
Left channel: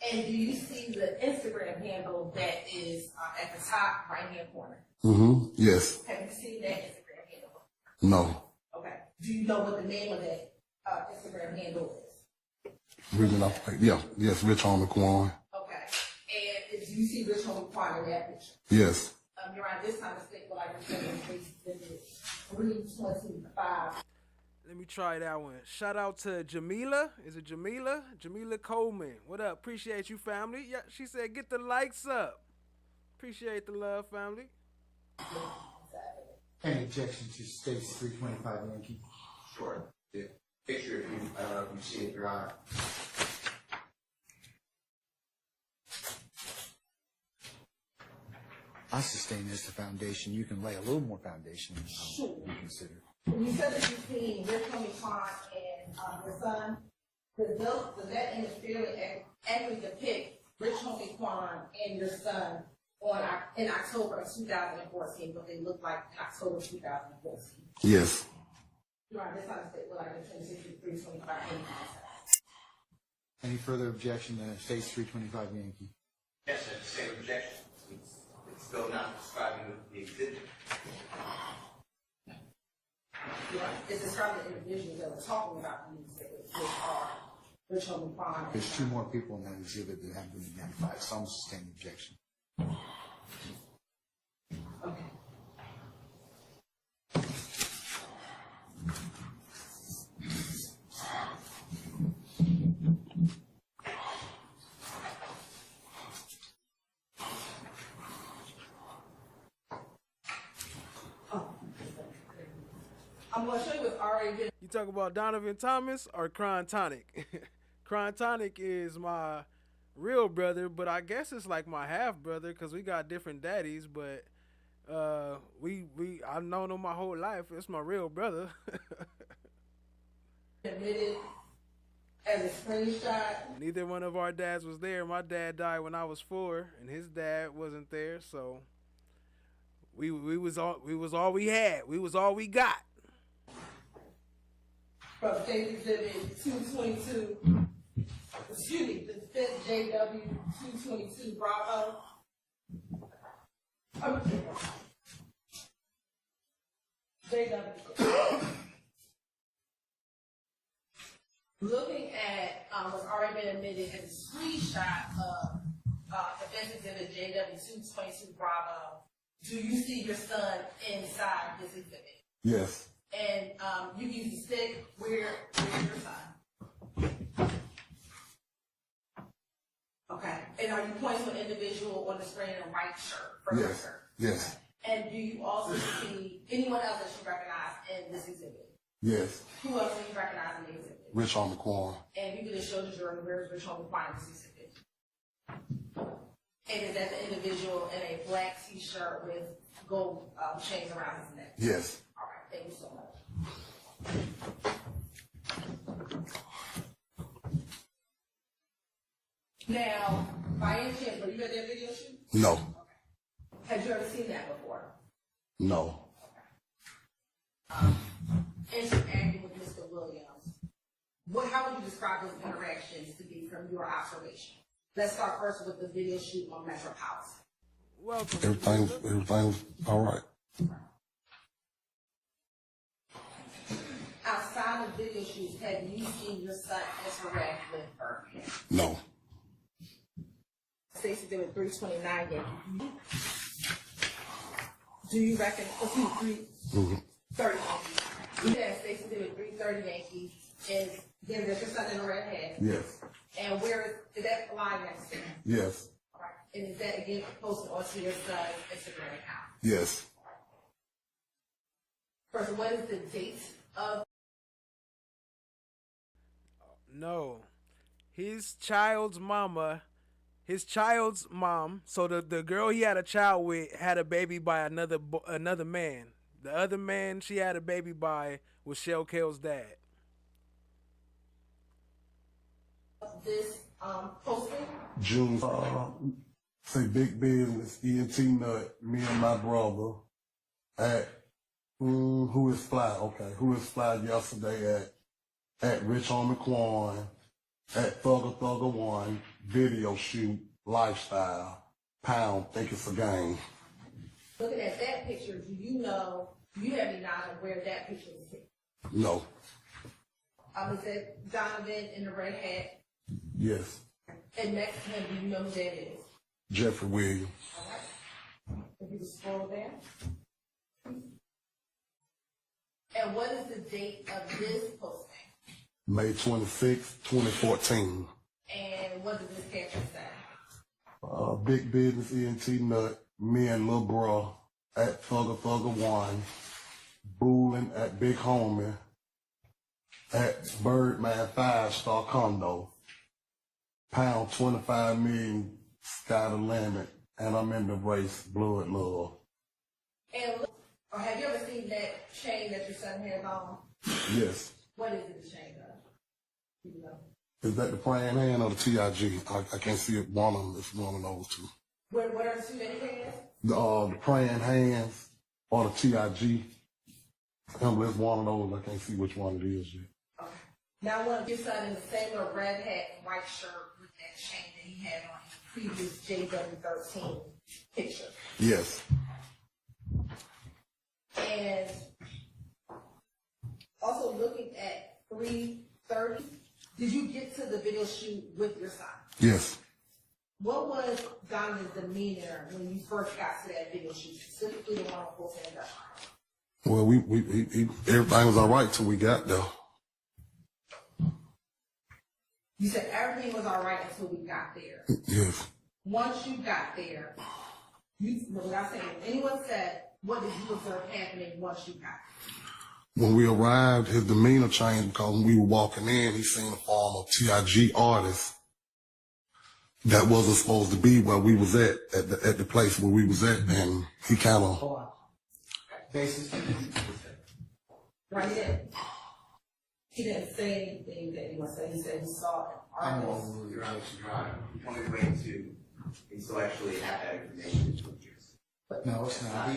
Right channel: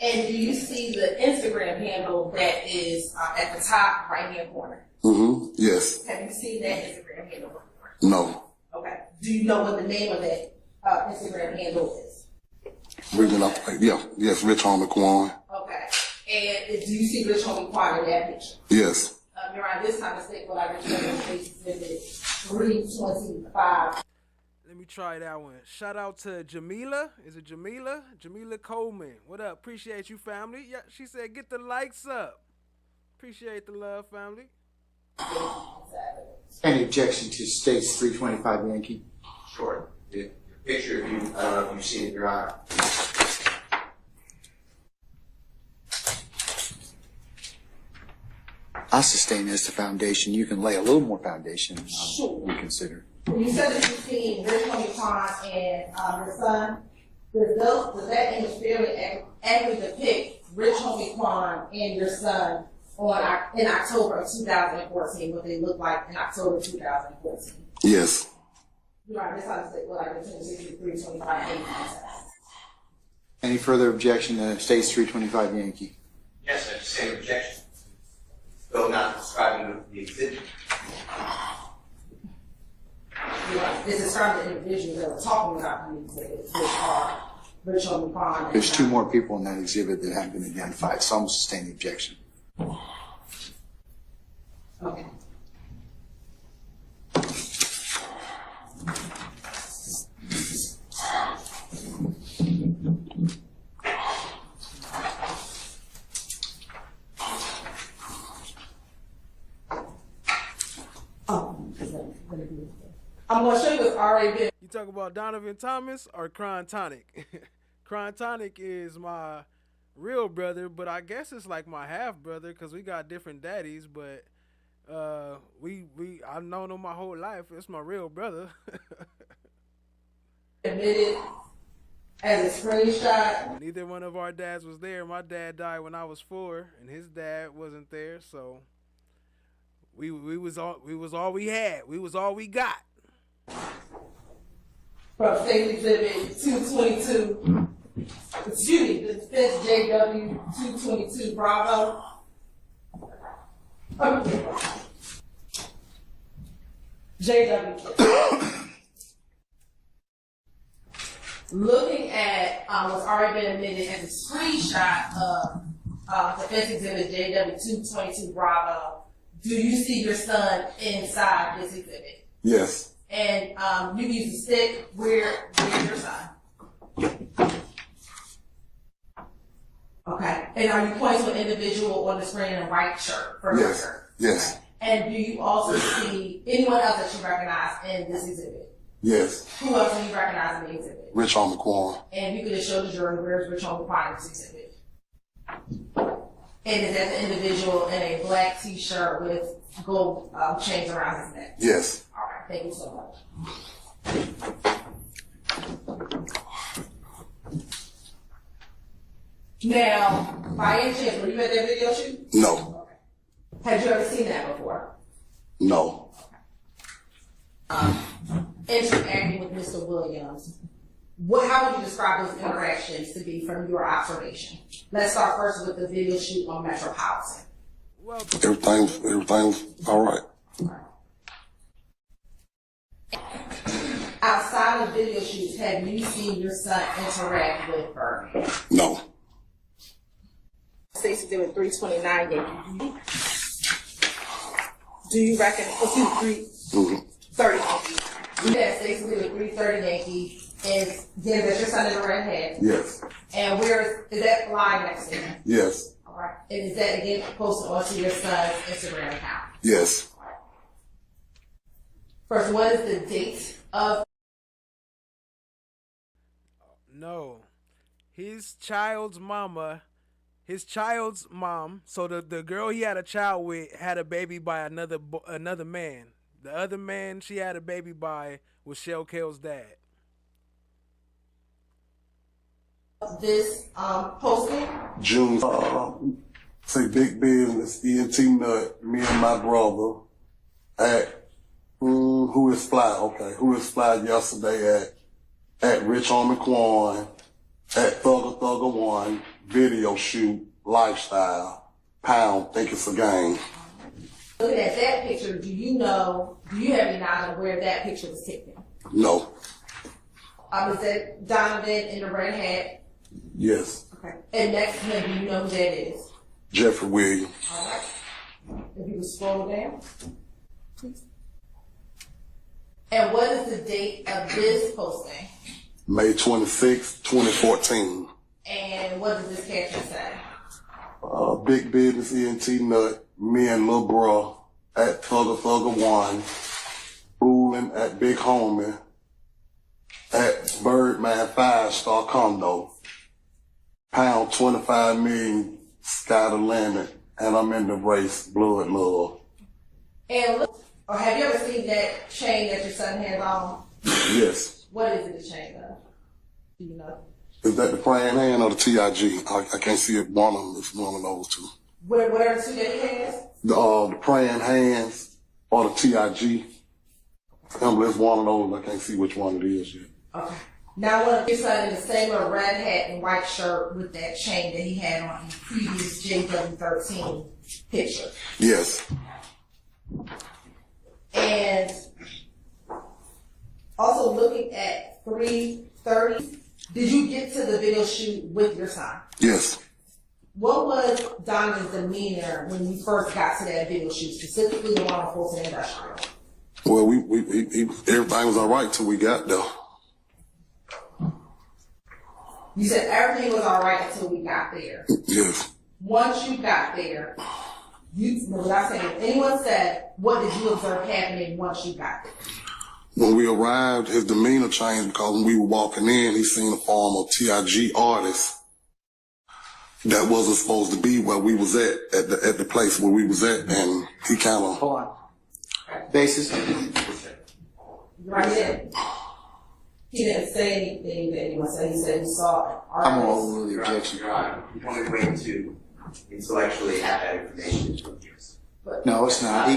And do you see the Instagram handle that is at the top right-hand corner? Mm-hmm. Yes. Have you seen that Instagram handle before? No. Okay. Do you know what the name of that Instagram handle is? Yes, Rich Homie Quan. Okay. And do you see Rich Homie Quan in that picture? Yes. Around this time of state, well, I remember Exhibit 325. Let me try that one. Shout out to Jamila. Is it Jamila? Jamila Coleman. What up? Appreciate you, family. Yeah, she said get the likes up. Appreciate the love, family. Any objection to States 325 Yankee? Sure. The picture, if you've seen it, Your Honor. I sustain as the foundation. You can lay a little more foundation. Sure. Reconsider. You said that you've seen Rich Homie Quan and your son. Does that image fairly accurately depict Rich Homie Quan and your son in October of 2014, what they look like in October 2014? Yes. You're right, that's how to say, what I mentioned, 63, 25, 85. Any further objection to States 325 Yankee? Yes, I just say objection. It's still not describing the exhibit. You're right. This is from the individual that was talking about the exhibits, which are Rich Homie Quan. There's two more people in that exhibit that haven't been identified, so I'm sustaining the objection. Okay. I'm gonna show you what's already been. You talk about Donovan Thomas or Cron Tonic? Cron Tonic is my real brother, but I guess it's like my half brother because we got different daddies. But I've known him my whole life. It's my real brother. Admitted as a screenshot. Neither one of our dads was there. My dad died when I was 4, and his dad wasn't there. So we was all we had. We was all we got. From State Exhibit 222. Excuse me, the defense JW 222 Bravo. JW. Looking at what's already been admitted as a screenshot of defense exhibit JW 222 Bravo, do you see your son inside this exhibit? Yes. And you use the stick. Where's your son? Okay. And are you pointing to an individual on the screen in a white shirt? Yes. Yes. Okay. And do you also see anyone else that you recognize in this exhibit? Yes. Who else do you recognize in the exhibit? Rich Homie Quan. And you could just show the jury where's Rich Homie Quan in this exhibit. And is that the individual in a black T-shirt with gold chains around his neck? Yes. All right. Thank you so much. Now, by any chance, were you at that video shoot? No. Okay. Had you ever seen that before? No. Interacting with Mr. Williams. How would you describe those interactions to be from your observation? Let's start first with the video shoot on Metropolitan. Well, everything's all right. Outside of video shoots, have you seen your son interact with Bernie? No. Stacey did with 329 Yankee. Do you reckon? 330 Yankee. You had Stacey did with 330 Yankee. Is that your son in the red hat? Yes. And where is that live next to him? Yes. All right. And is that again posted onto your son's Instagram account? Yes. First, what is the date of? No, his child's mom, so the girl he had a child with had a baby by another man. The other man she had a baby by was Shell Kale's dad. This posting? June. Say big business, ENT Nut, me and my brother at Who Is Fly? Okay, Who Is Fly yesterday at Rich Homie Quan, at Thugger 1, video shoot, lifestyle, pound, think it's a game. Looking at that picture, do you have any knowledge of where that picture was taken? No. Is that Donovan in the red hat? Yes. Okay. And next to him, do you know who that is? Jeffrey Williams. All right. If you would scroll down, please. And what is the date of this posting? May 26, 2014. And what does this caption say? Big business, ENT Nut, me and Lil Bruh at Thugger 1, Boolin at Big Homie, at Birdman 5-star condo, pound 25 million, sky the limit, and I'm in the race, blood love. And look, or have you ever seen that chain that your son has on? Yes. What is it the chain of? Do you know? Is that the praying hand or the TIG? I can't see it. One of them. It's one of those two. Whatever the two that he has? The praying hands or the TIG. It's one of those. I can't see which one it is yet. Okay. Now, one of your son in the same little red hat and white shirt with that chain that he had on in the previous JW13 picture. Yes. And also looking at at 3:30. Did you get to the video shoot with your son? Yes. What was Donovan's demeanor when you first got to that video shoot, specifically the one on Fulton Industrial? Well, everything was all right till we got there. You said everything was all right until we got there. Yes. Once you got there, without saying, if anyone said, what did you observe happening once you got there? When we arrived, his demeanor changed because when we were walking in, he seen a form of TIG artist that wasn't supposed to be where we was at the place where we was at, and he kind of... Hold on. Basis? Right there. He didn't say anything that anyone said. He said he saw an artist. I'm gonna overrule the objection. You want to wait to intellectually have that information. No, it's not.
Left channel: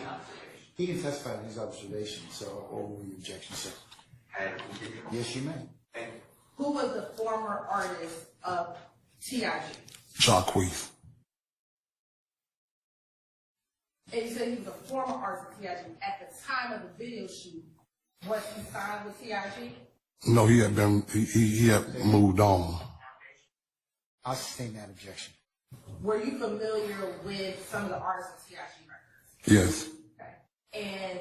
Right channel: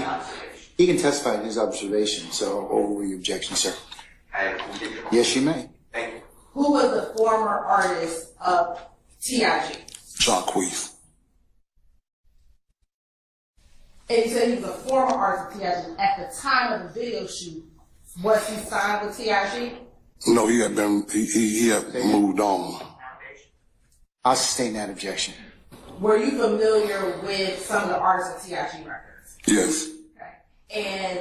He can testify to his observation, so overrule the objection, sir. Yes, you may. Thank you. Who was the former artist of TIG? Jacquees. And you said he was a former artist of TIG. At the time of the video shoot, was he signed with TIG? No, he had moved on. I'll sustain that objection. Were you familiar with some of the artists of TIG records? Yes. Okay. And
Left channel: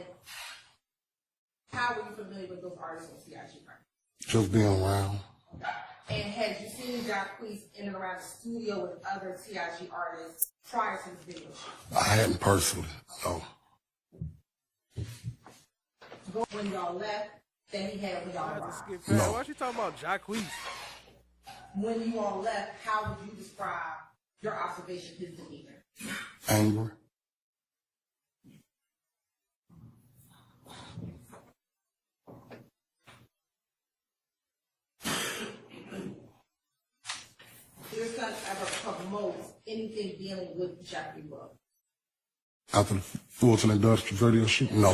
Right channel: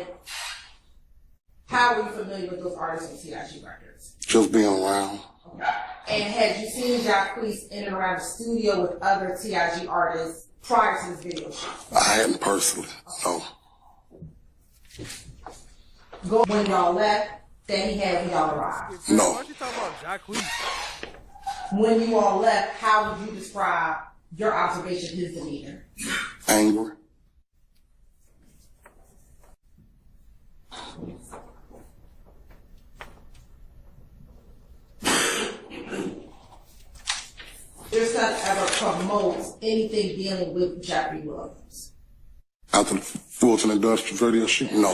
how were you familiar with those artists of TIG records? Just being around. Okay. And had you seen Jacquees in and around the studio with other TIG artists prior to this video shoot? I hadn't personally, no. When y'all left, that he had when y'all arrived? No. Why you talking about Jacquees? When you all left, how would you describe your observation of his demeanor? Angry. Your son ever promotes anything dealing with Jeffrey Williams? After the Fulton Industrial video shoot? No.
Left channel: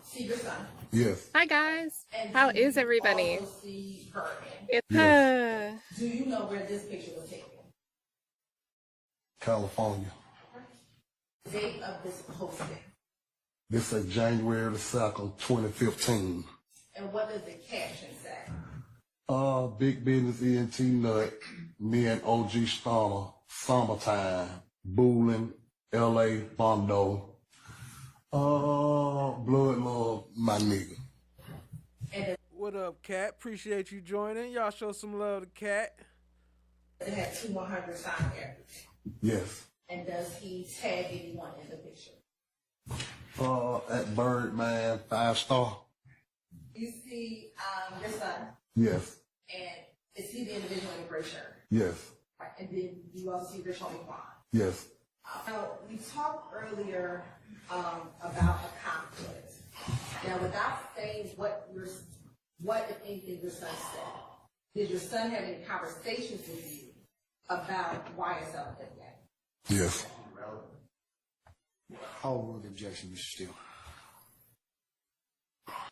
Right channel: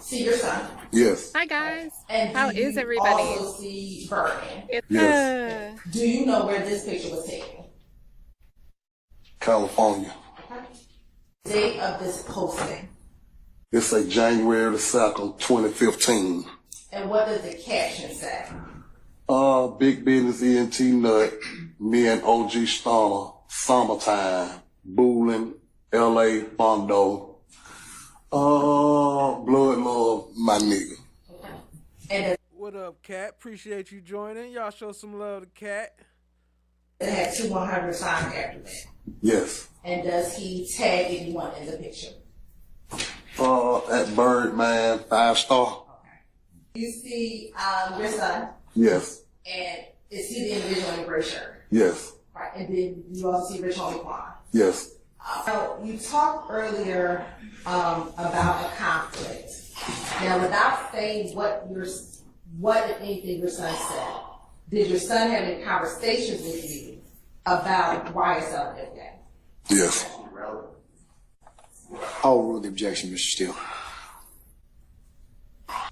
See your son? Yes. Hi guys. And How do you is everybody? Also see Bergen? Yes. Do you know where this picture was taken? California. Date of this posting. This say January the 2nd, 2015. And what does the caption say? Big Business ENT Nut, me and OG Stoner, Summertime, Boolin, LA, Bondo, Blood Love, my nigga. What up, Cat? Appreciate you joining. Y'all show some love to Cat. It had 2-100 signs after that. Yes. And does he tag anyone in the picture? At Birdman, 5-star. You see your son? Yes. And is he the individual in the gray shirt? Yes. Right. And then you also see Rich Homie Quan. Yes. You talked earlier about a conflict. Now, without saying what if anything your son said, did your son have any conversations with you about YSL and that? Yes. I'll rule the objection, Mr. Steele.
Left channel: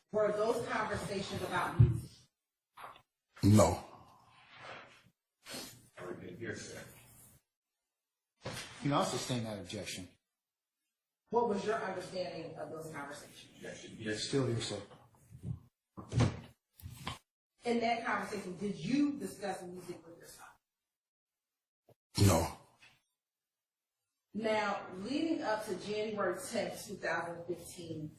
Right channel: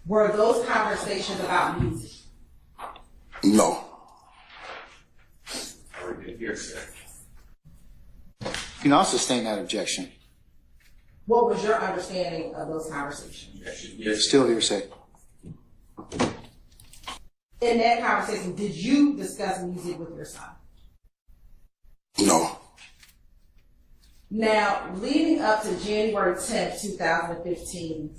Were those conversations about music? No. You can also sustain that objection. What was your understanding of those conversations? Still hearsay. In that conversation, did you discuss music with your son? No. Now, leading up to January 10th, 2015,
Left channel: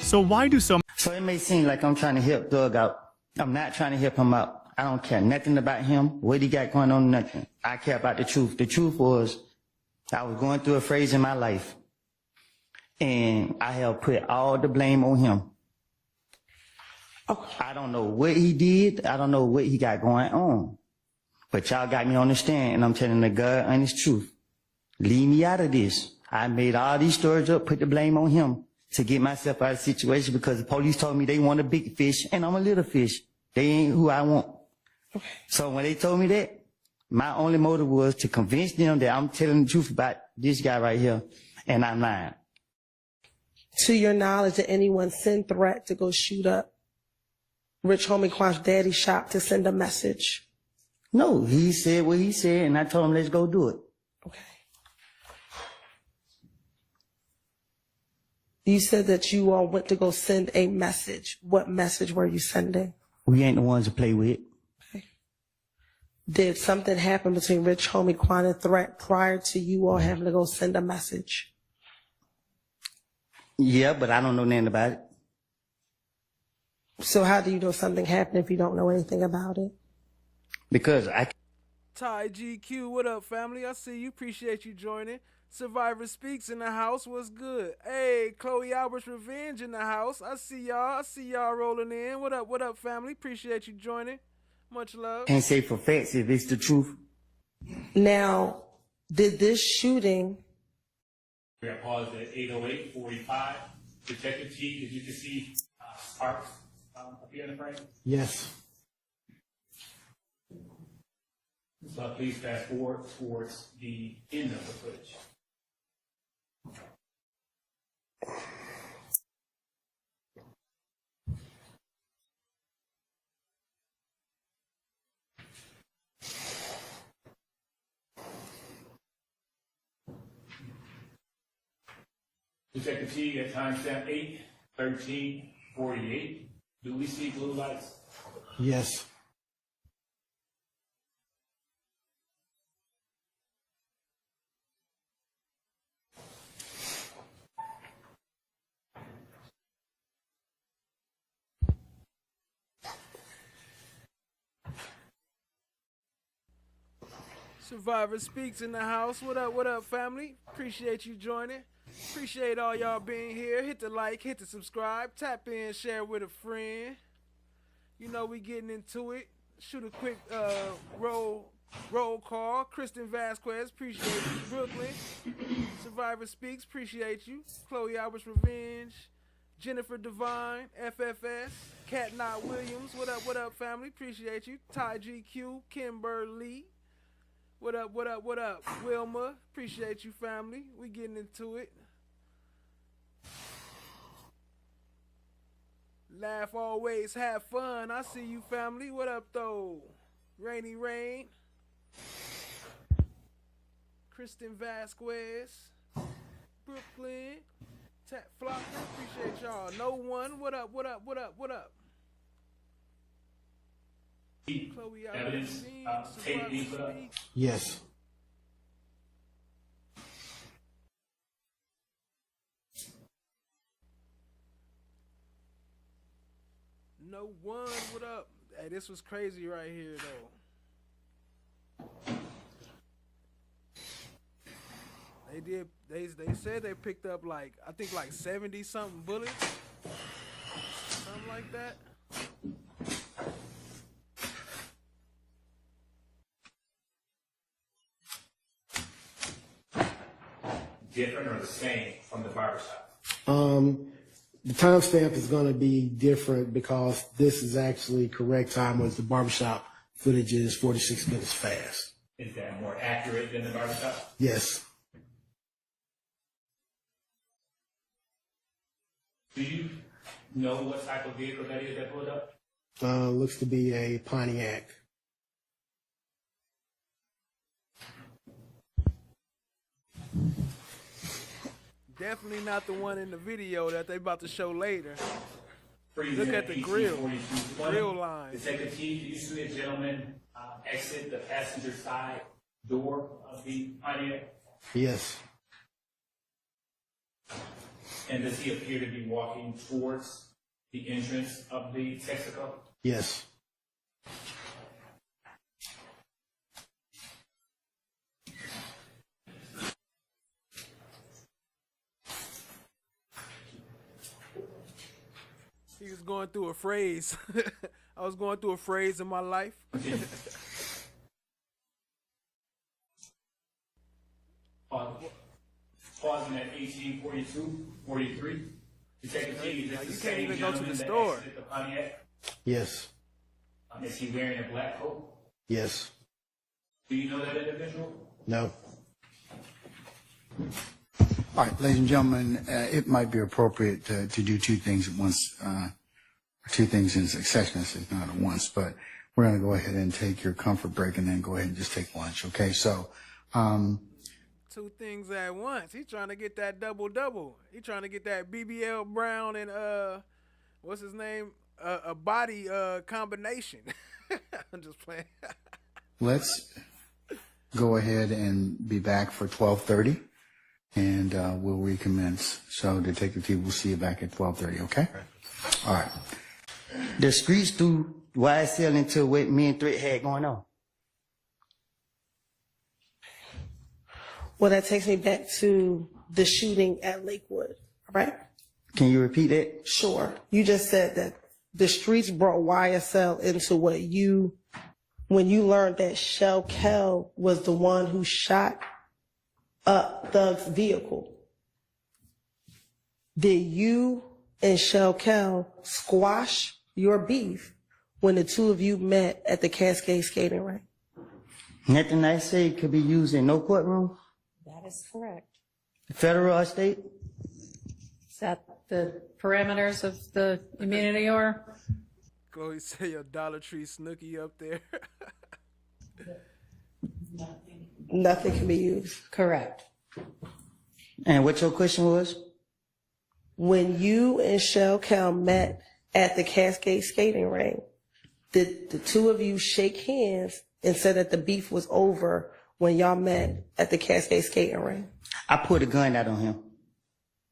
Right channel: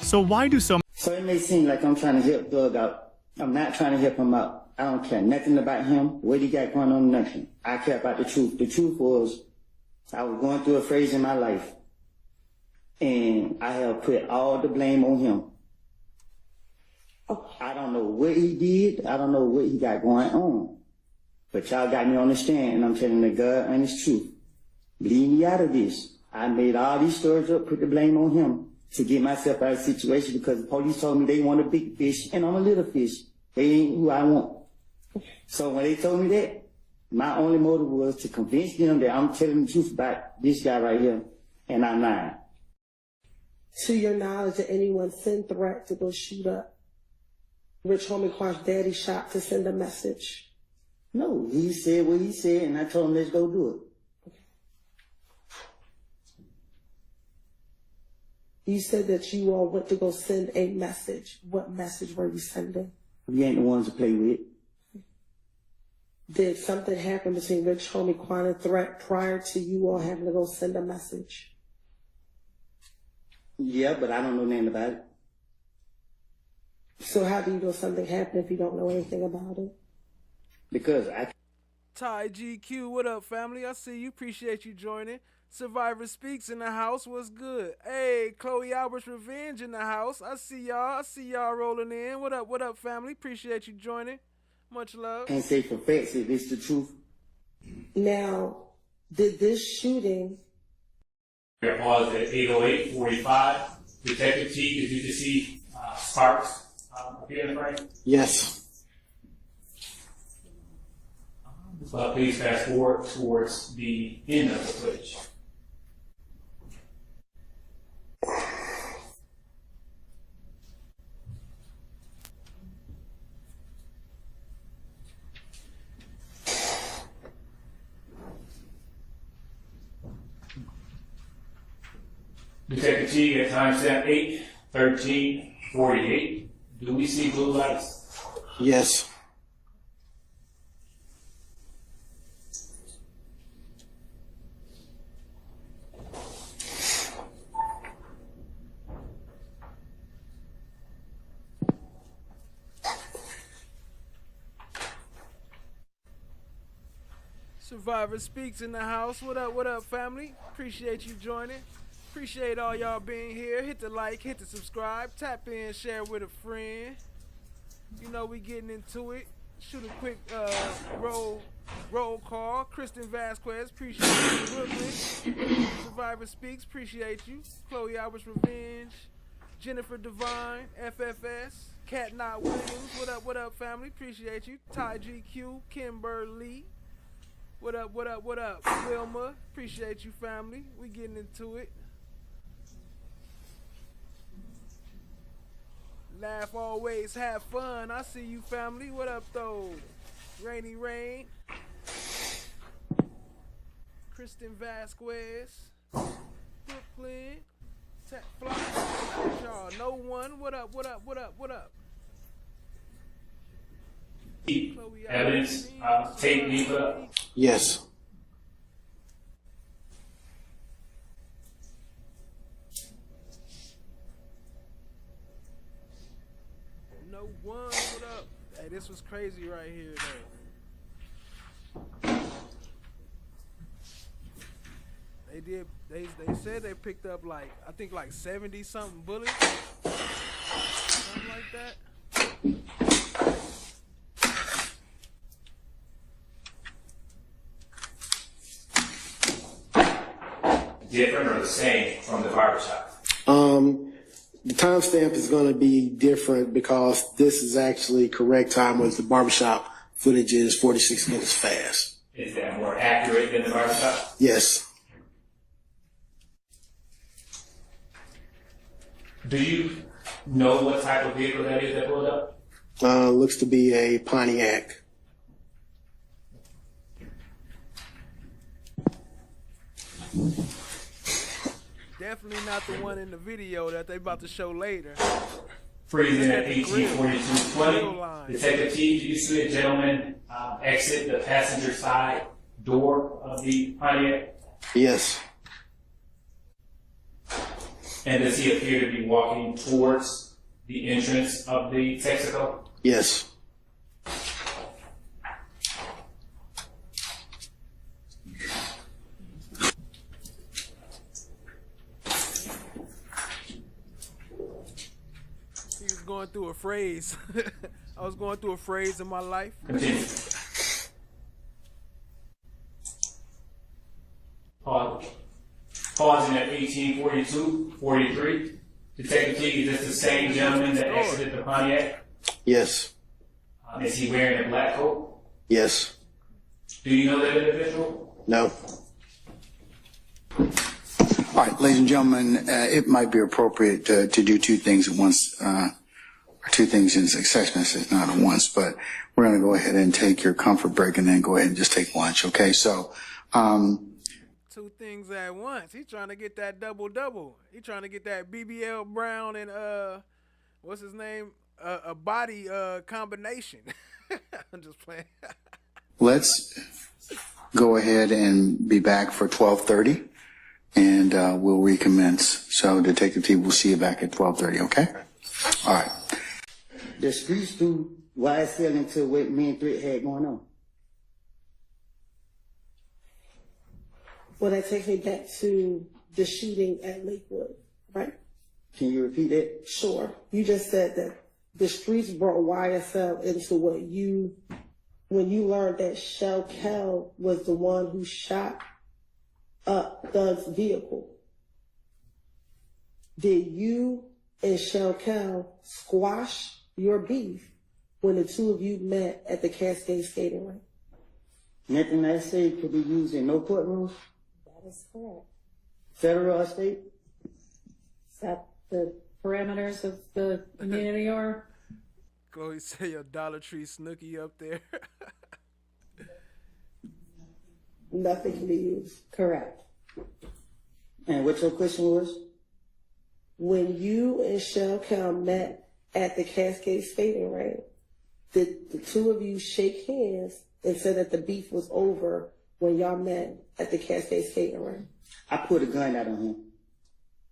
So why do so So it may seem like I'm trying to help Doug out. I'm not trying to help him out. I don't care nothing about him, what he got going on, nothing. I care about the truth. The truth was, I was going through a phase in my life, and I have put all the blame on him. I don't know what he did. I don't know what he got going on. But y'all got me on the stand, and I'm telling the God honest truth. Leave me out of this. I made all these stories up, put the blame on him to get myself out of the situation because the police told me they want a big fish, and I'm a little fish. They ain't who I want. So when they told me that, my only motive was to convince them that I'm telling the truth about this guy right here, and I'm lying. To your knowledge, did anyone send threat to go shoot up Rich Homie Quan's daddy shop to send a message? No, he said what he said, and I told him, let's go do it. You said that you all went to go send a message. What message were you sending? We ain't the ones to play with. Did something happen between Rich Homie Quan and Threat prior to you all having to go send a message? Yeah, but I don't know nothing about it. So how do you know something happened if you don't know anything about it? Because I... Ty GQ, what up, family? I see you. Appreciate you joining. Survivor Speaks in the house. What's good? Hey, Chloe Albert's Revenge in the house. I see y'all. I see y'all rolling in. What up, family? Appreciate you joining. Much love. Can't say for facts if it's the truth. Now, did this shooting... It was at 8:08:45. Detective T, did you just see Sparks appear in the frame? Yes. So please fast forward towards the end of the footage. Detective T at timestamp 8:13:48. Do we see blue lights? Yes. Survivor Speaks in the house. What up, family? Appreciate you joining. Appreciate all y'all being here. Hit the like, hit the subscribe, tap in, share with a friend. You know we getting into it. Shoot a quick roll call. Kristen Vasquez, appreciate you. Brooklyn. Survivor Speaks, appreciate you. Chloe Albert's Revenge. Jennifer Devine, FFS. Cat Knot Williams, what up, family? Appreciate you. Ty GQ, Kimberly. What up? Wilma, appreciate you, family. We getting into it. Laugh always, have fun. I see you, family. What up, though? Rainy Rain. Kristen Vasquez. Brooklyn. Tech Flock. Appreciate y'all. No one. What up? Chloe Evidence, tape being put up? Yes. No one. What up? Hey, this was crazy right here, though. They said they picked up like, I think like 70 something bullets. Something like that. Different or the same from the barbershop? The timestamp is going to be different because this is actually correct time, whereas the barbershop footage is 46 minutes fast. Is that more accurate than the barbershop? Yes. Do you know what type of vehicle that is that pulled up? Looks to be a Pontiac. Definitely not the one in the video that they about to show later. Freezing Look at at the grill. 18:42:20. Grill line. Detective T, did you see a gentleman exit the passenger side door of the Pontiac? Yes. And does he appear to be walking towards the entrance of the Texaco? Yes. He was going through a phrase. I was going through a phrase in my life. Pausing at 18:42:43. Detective T, is this the same gentleman that exited the Pontiac? Yes. Is he wearing a black coat? Yes. Do you know that individual? No. All right, ladies and gentlemen, it might be appropriate to do two things at once. two things in succession. It's not at once, but we're going to go ahead and take your comfort break and then go ahead and just take lunch. Okay. So, two things at once. He's trying to get that double. He's trying to get that BBL Brown and what's his name? A body combination. I'm just playing. let's go ahead and be back for 12:30 and we'll recommence. So Detective T, we'll see you back at 12:30. Okay. All right. The streets threw YSL into what me and Threat had going on. Well, that takes me back to the shooting at Lakewood, right? Can you repeat that? Sure. You just said that the streets brought YSL into what when you learned that Shell Kell was the one who shot up Thug's vehicle. Did you and Shell Kell squash your beef when the two of you met at the Cascade skating rink? Nothing I say could be used in no courtroom. That is correct. Federal or state? Is that the parameters of the immunity or? Chloe say your Dollar Tree Snooki up there. Nothing can be used. Correct. And what your question was? When you and Shell Kell met at the Cascade skating rink, did the two of you shake hands and said that the beef was over when y'all met at the Cascade skating rink? I pulled a gun out on him.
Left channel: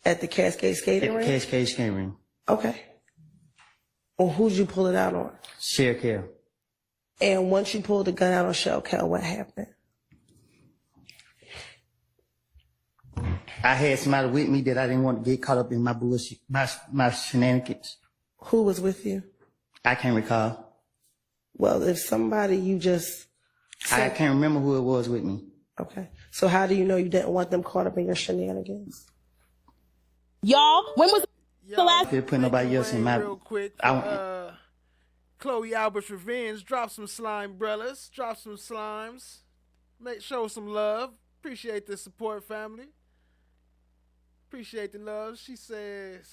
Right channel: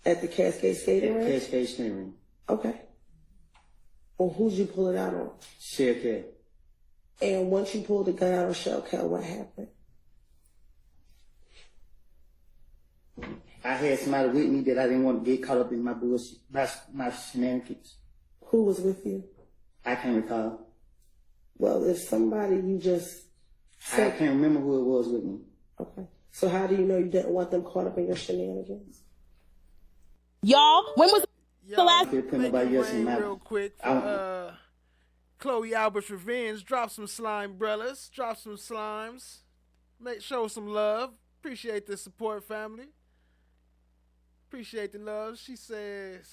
At the Cascade skating rink? At the Cascade skating rink. Okay. Well, who'd you pull it out on? Shell Kell. And once you pulled the gun out on Shell Kell, what happened? I had somebody with me that I didn't want to get caught up in my bullshit, my shenanigans. Who was with you? I can't recall. Well, if somebody you just I can't remember who it was with me. Okay. So how do you know you didn't want them caught up in your shenanigans? Y'all, when was the last? Could put nobody else in my. Real quick, Chloe Albert's Revenge. Drop some slime brothers. Drop some slimes. Show some love. Appreciate the support, family. Appreciate the love. She says,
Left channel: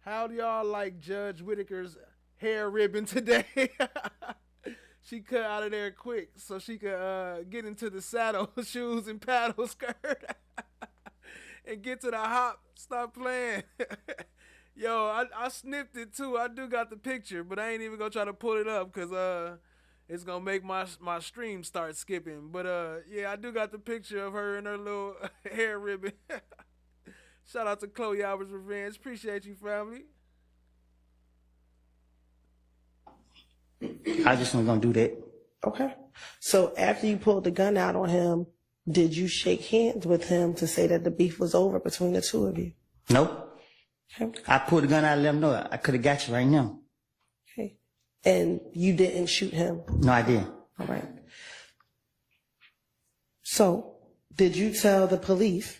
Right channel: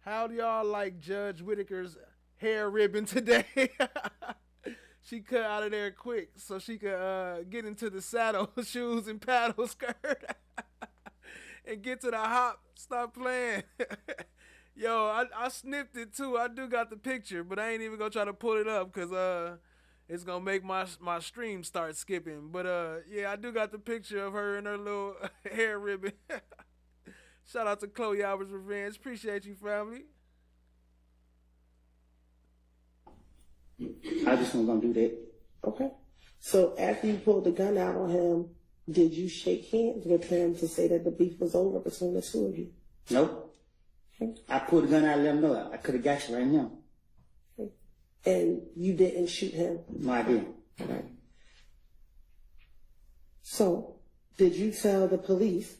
how do y'all like Judge Whitaker's hair ribbon today? She cut out of there quick so she could get into the saddle, shoes, and paddle skirt and get to the hop. Stop playing. Yo, I snipped it too. I do got the picture, but I ain't even gonna try to pull it up because it's gonna make my stream start skipping. But yeah, I do got the picture of her and her little hair ribbon. Shout out to Chloe Albert's Revenge. Appreciate you, family. I just wasn't gonna do that. Okay. So after you pulled the gun out on him, did you shake hands with him to say that the beef was over between the two of you? Nope. Okay. I pulled the gun out and let him know I could have got you right now. Okay. And you didn't shoot him? No, I didn't. All right. So did you tell the police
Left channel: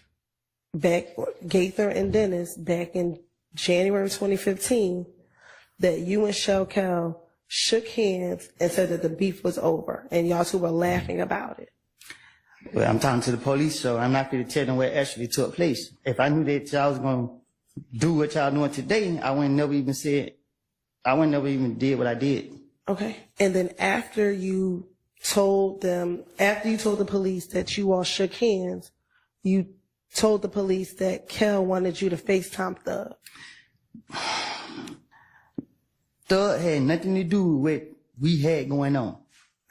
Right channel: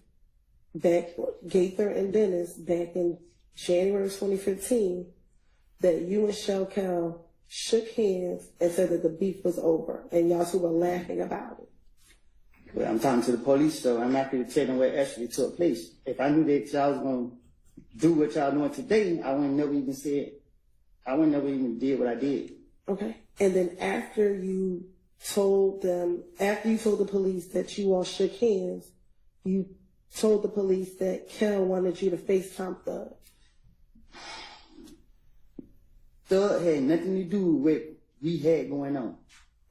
Gaither and Dennis back in January 2015 that you and Shell Kell shook hands and said that the beef was over and y'all two were laughing about it? Well, I'm talking to the police, so I'm not going to tell them what actually took place. If I knew that y'all was going to do what y'all doing today, I wouldn't never even did what I did. Okay. And then after you told the police that you all shook hands, you told the police that Kell wanted you to FaceTime Thug. Thug had nothing to do with what we had going on.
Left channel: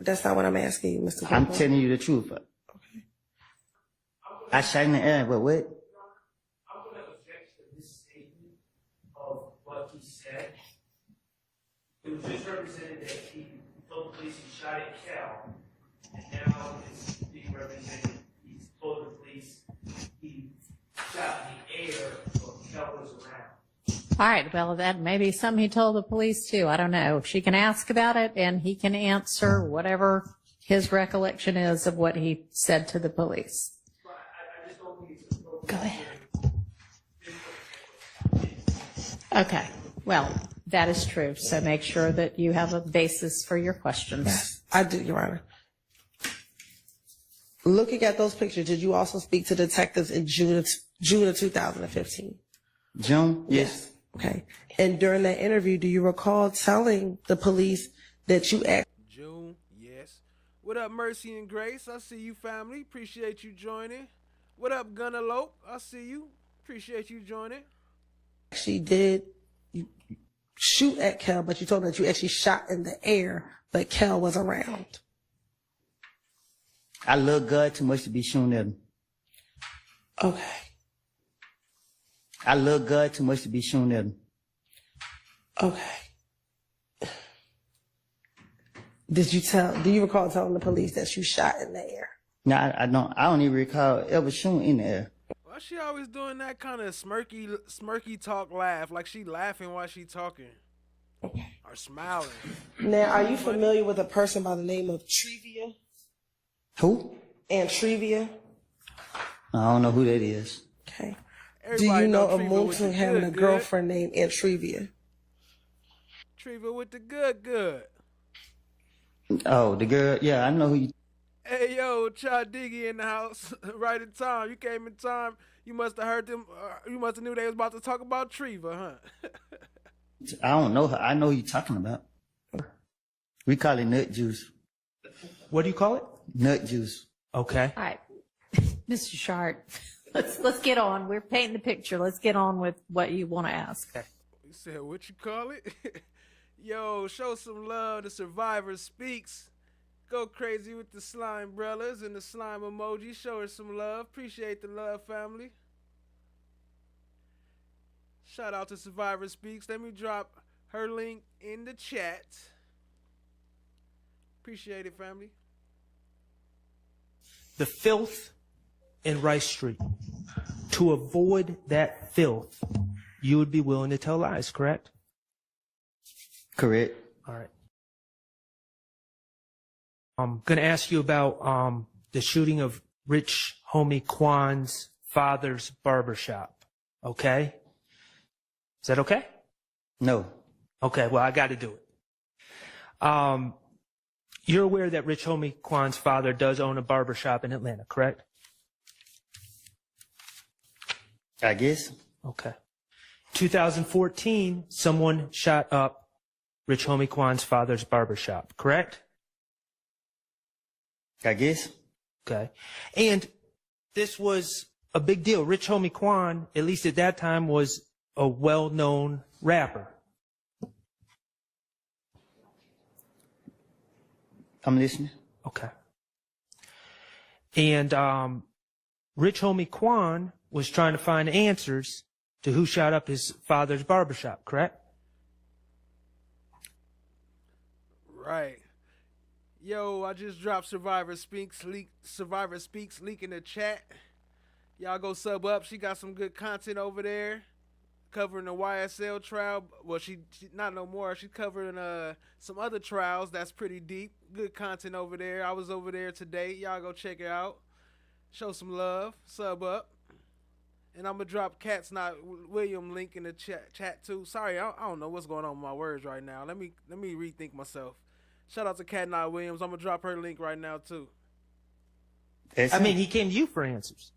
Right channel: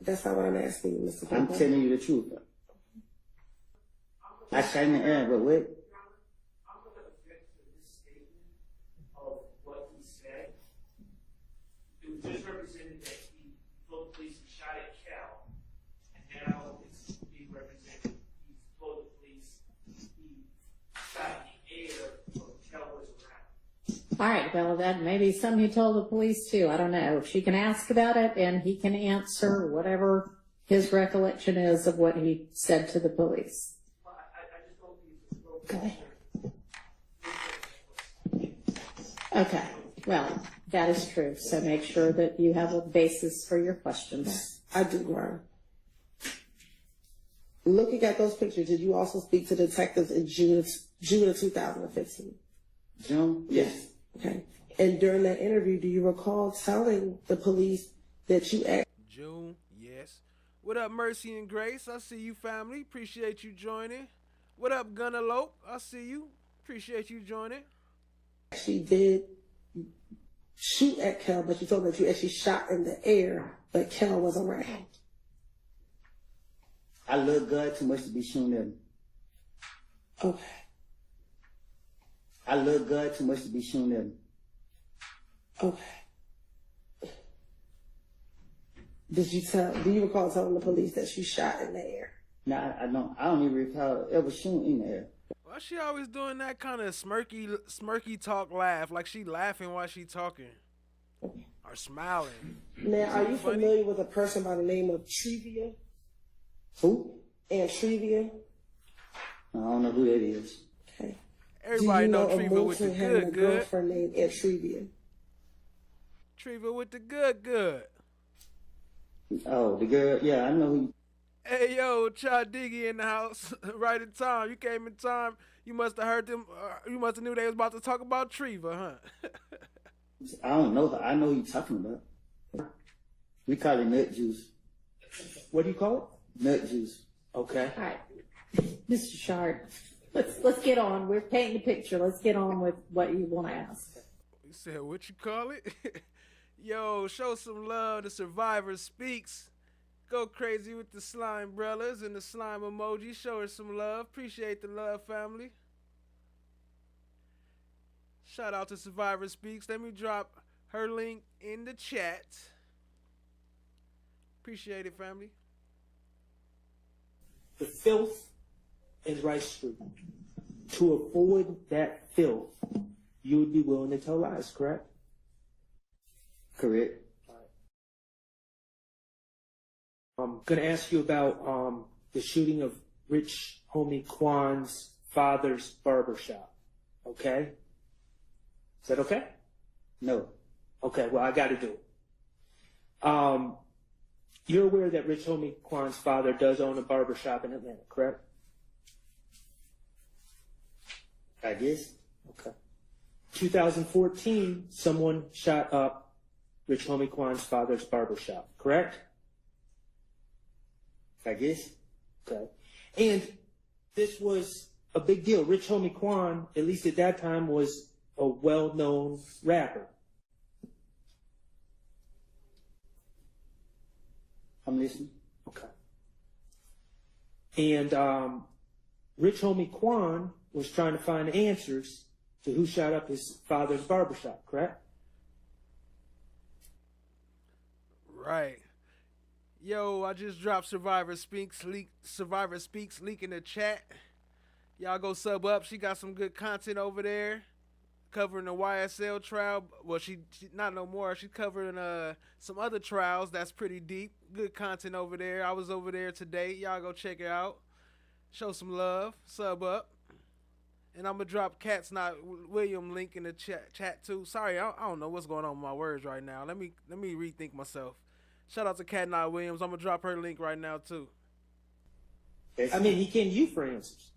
That's not what I'm asking you, Mr. I'm Cooper. telling you the truth. Okay. I shot in the air, but what? I'm going to object to this statement of what he said. It was just represented that he told the police he shot at Cal, and now it's being represented he told the police he shot in the air while Cal was around. All right, well, then maybe something he told the police too. I don't know. She can ask about it and he can answer whatever his recollection is of what he said to the police. Go ahead. Okay, well, that is true. So make sure that you have a basis for your questions. Yes, I do, Your Honor. Looking at those pictures, did you also speak to detectives in June of 2015? June? Yes. Okay. And during that interview, do you recall telling the police that you asked? June, yes. What up, Mercy and Grace? I see you, family. Appreciate you joining. What up, Gunnerlope? I see you. Appreciate you joining. Actually did you shoot at Kel, but you told them that you actually shot in the air, but Kel was around. I love God too much to be shooting at him. Okay. I love God too much to be shooting at him. Okay. Do you recall telling the police that you shot in the air? No, I don't even recall ever shooting in the air. Why she always doing that kind of smirky talk laugh, like she laughing while she talking? Or smiling. Now, are you familiar with a person by the name of Trevia? Who? Trevia? I don't know who that is. Okay. Everybody Do you know Treva with the having a good. girlfriend named Trevia? Treva with the good. Oh, the girl. Yeah, I know who you. Hey, yo, Chad Diggy in the house. Right in time. You came in time. You must have heard them. You must have knew they was about to talk about Treva, huh? I don't know her. I know who you're talking about. We call it nut juice. What do you call it? Nut juice. Okay. All right, Mr. Shard, let's get on. We're painting the picture. Let's get on with what you want to ask. You said what you call it? Yo, show some love to Survivor Speaks. Go crazy with the slime brothers and the slime emoji. Show her some love. Appreciate the love, family. Shout out to Survivor Speaks. Let me drop her link in the chat. Appreciate it, family. The filth in Rice Street. To avoid that filth, you would be willing to tell lies, correct? Correct. All right. I'm going to ask you about the shooting of Rich Homie Kwan's father's barbershop. Okay? Is that okay? No. Okay, well, I got to do it. You're aware that Rich Homie Kwan's father does own a barbershop in Atlanta, correct? I guess. Okay. 2014, someone shot up Rich Homie Kwan's father's barbershop, correct? I guess. Okay. And this was a big deal. Rich Homie Kwan, at least at that time, was a well-known rapper. I'm listening. Okay. And Rich Homie Kwan was trying to find answers to who shot up his father's barbershop, correct? Right. Yo, I just dropped Survivor Speaks link in the chat. Y'all go sub up. She got some good content over there covering the YSL trial. Well, she not no more. She's covering some other trials that's pretty deep. Good content over there. I was over there today. Y'all go check it out. Show some love. Sub up. And I'm going to drop Cat's Not William link in the chat too. Sorry, I don't know what's going on with my words right now. Let me rethink myself. Shout out to Cat Not Williams. I'm going to drop her link right now too. I mean, he came to you for answers.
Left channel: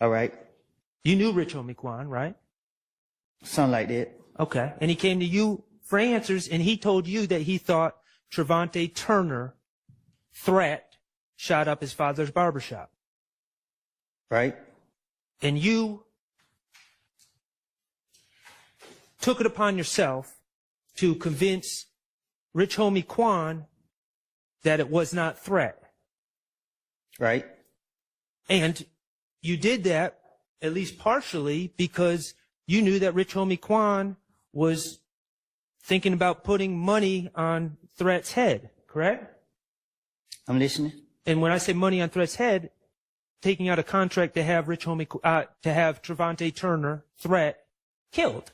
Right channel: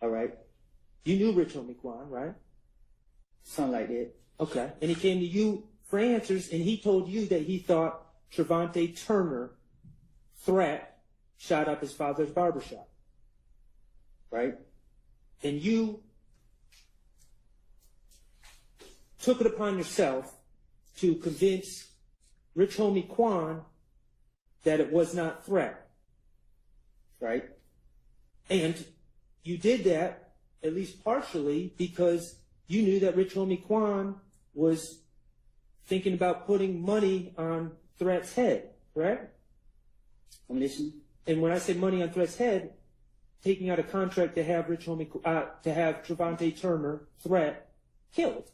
All right. You knew Rich Homie Kwan, right? Something like that. Okay. And he came to you for answers, and he told you that he thought Trevante Turner threat shot up his father's barbershop. Right. And you took it upon yourself to convince Rich Homie Kwan that it was not threat. Right. And you did that, at least partially, because you knew that Rich Homie Kwan was thinking about putting money on Threat's head, correct? I'm listening. And when I say money on Threat's head, taking out a contract to have to have Trevante Turner, Threat, killed.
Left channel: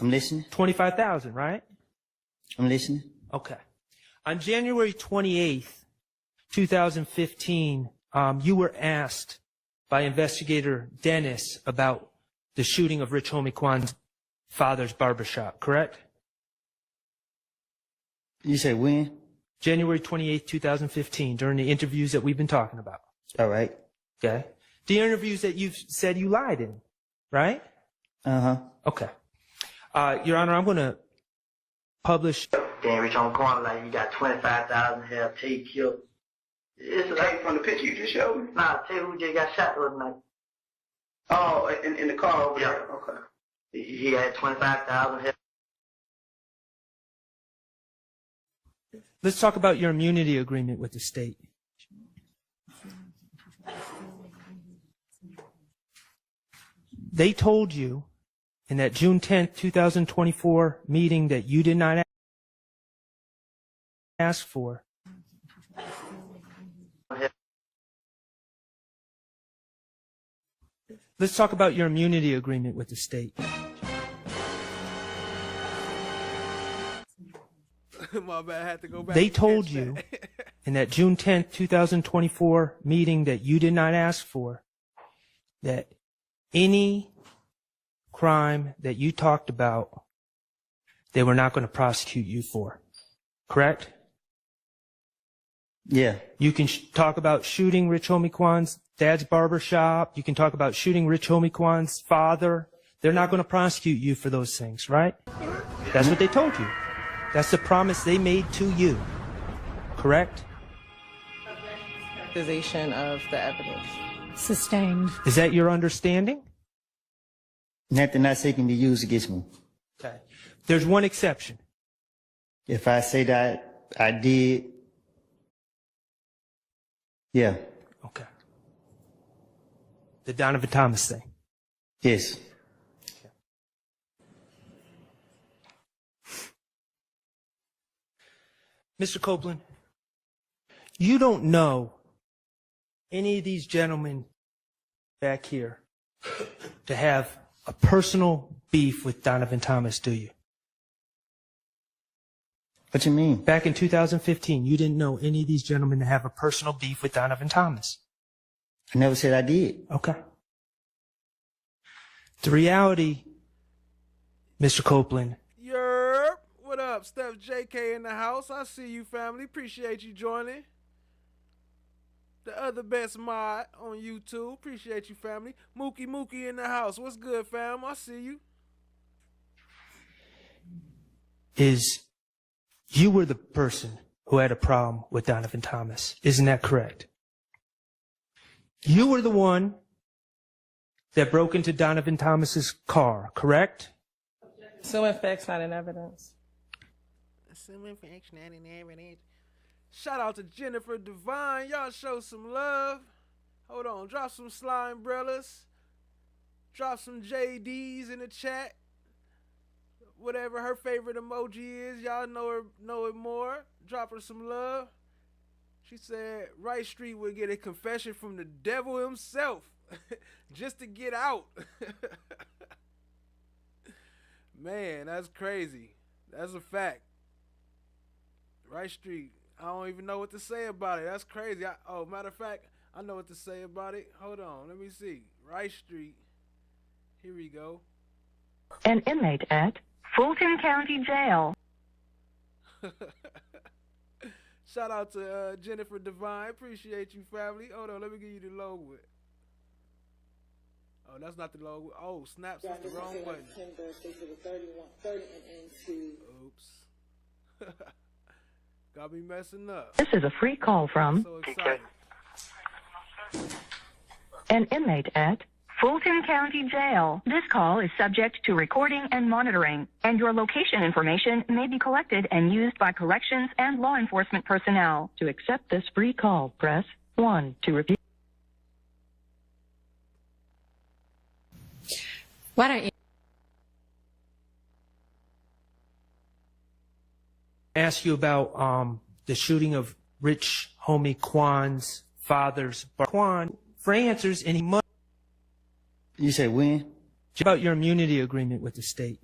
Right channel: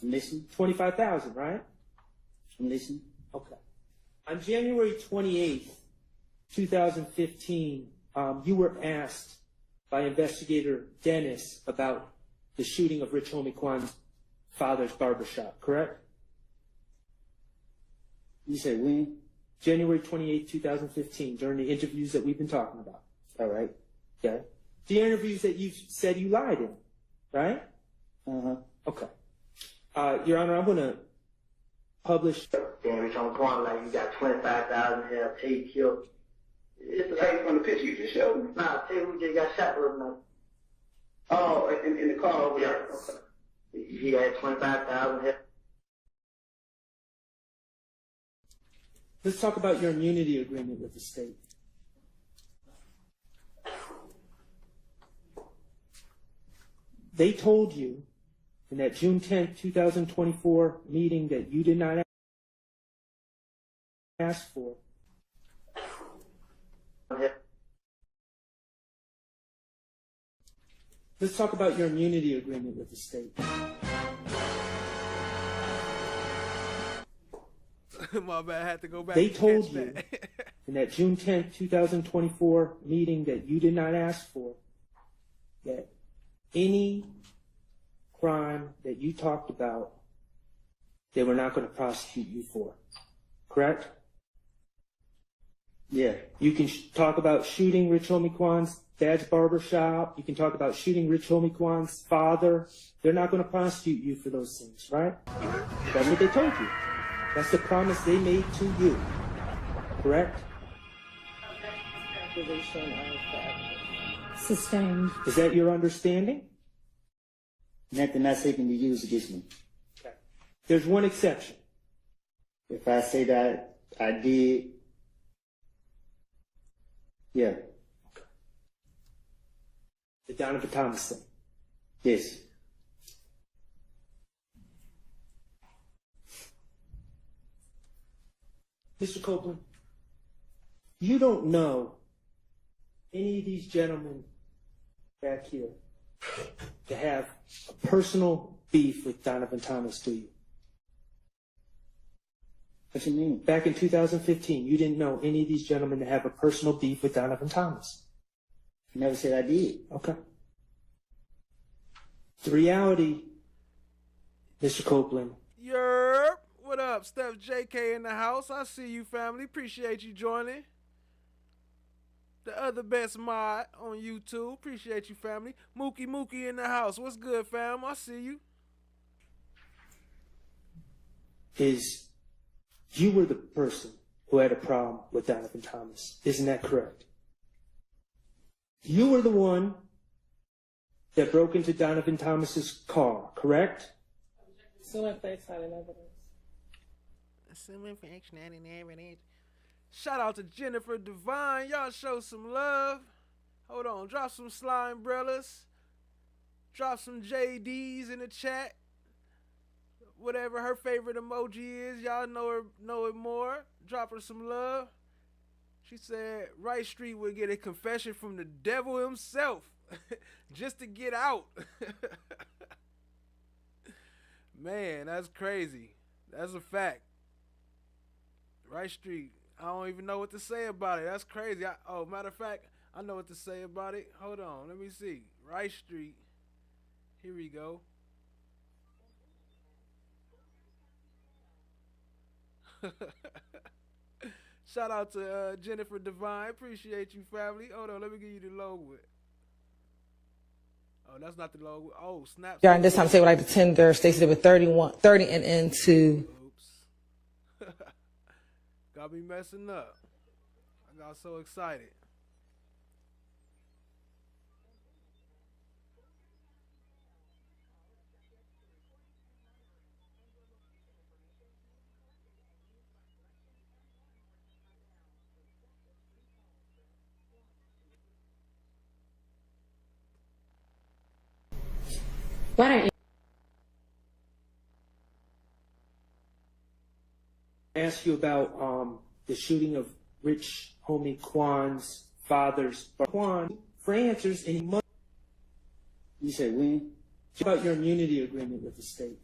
I'm listening. $25,000, right? I'm listening. Okay. On January 28th, 2015, you were asked by investigator Dennis about the shooting of Rich Homie Kwan's father's barbershop, correct? You said when? January 28th, 2015, during the interviews that we've been talking about. All right. Okay. The interviews that you've said you lied in, right? Okay. Your Honor, I'm going to publish. Damn, Rich on the corner, like you got 25,000 have tape killed. It's like from the picture you just showed me. Nah, tell you who just got shot the other night. Oh, in the car over there. Okay. He had 25,000 have. Let's talk about your immunity agreement with the state. They told you in that June 10th, 2024 meeting that you did not ask for. Let's talk about your immunity agreement with the state. My bad, I had to go back. They and told catch you that. in that June 10th, 2024 meeting that you did not ask for that any crime that you talked about, they were not going to prosecute you for. Correct? Yeah. You can talk about shooting Rich Homie Kwan's dad's barber shop. You can talk about shooting Rich Homie Kwan's father. They're not going to prosecute you for those things, right? That's what they told you. That's the promise they made to you. Correct? Accusation of the evidence. Sustained. Is that your understanding? Nothing I say can be used against me. Okay. There's one exception. If I say that I did, yeah. Okay. The Donovan Thomas thing. Yes. Mr. Copeland, you don't know any of these gentlemen back here to have a personal beef with Donovan Thomas, do you? What you mean? Back in 2015, you didn't know any of these gentlemen to have a personal beef with Donovan Thomas. I never said I did. Okay. The reality, Mr. Copeland. Yerp. What up? Steph JK in the house. I see you, family. Appreciate you joining. The other best mod on YouTube. Appreciate you, family. Mookie in the house. What's good, fam? I see you. Is you were the person who had a problem with Donovan Thomas. Isn't that correct? You were the one that broke into Donovan Thomas's car, correct? Assuming facts, not in evidence. Assuming facts, not in evidence. Shout out to Jennifer Devine. Y'all show some love. Hold on. Drop some slime umbrellas. Drop some JDs in the chat. Whatever her favorite emoji is, y'all know it more. Drop her some love. She said Rice Street would get a confession from the devil himself just to get out. Man, that's crazy. That's a fact. Rice Street. I don't even know what to say about it. That's crazy. Matter of fact, I know what to say about it. Hold on. Let me see. Rice Street. Here we go. An inmate at Fulton County Jail. Shout out to Jennifer Devine. Appreciate you, family. Hold on. Let me give you the logo. Oh, that's not the logo. Oh, snap. Y'all, this time say what like the tender. Stacey did with 30 and into. Oops. Got me messing up. This is a free call from I'm so excited. an inmate at Fulton County Jail. This call is subject to recording and monitoring, and your location information may be collected and used by corrections and law enforcement personnel. To accept this free call, press 1. To repeat. Why don't you Ask you about the shooting of Rich Homie Kwan's father's bar. Kwan for answers, and he must. You said when? About your immunity agreement with the state.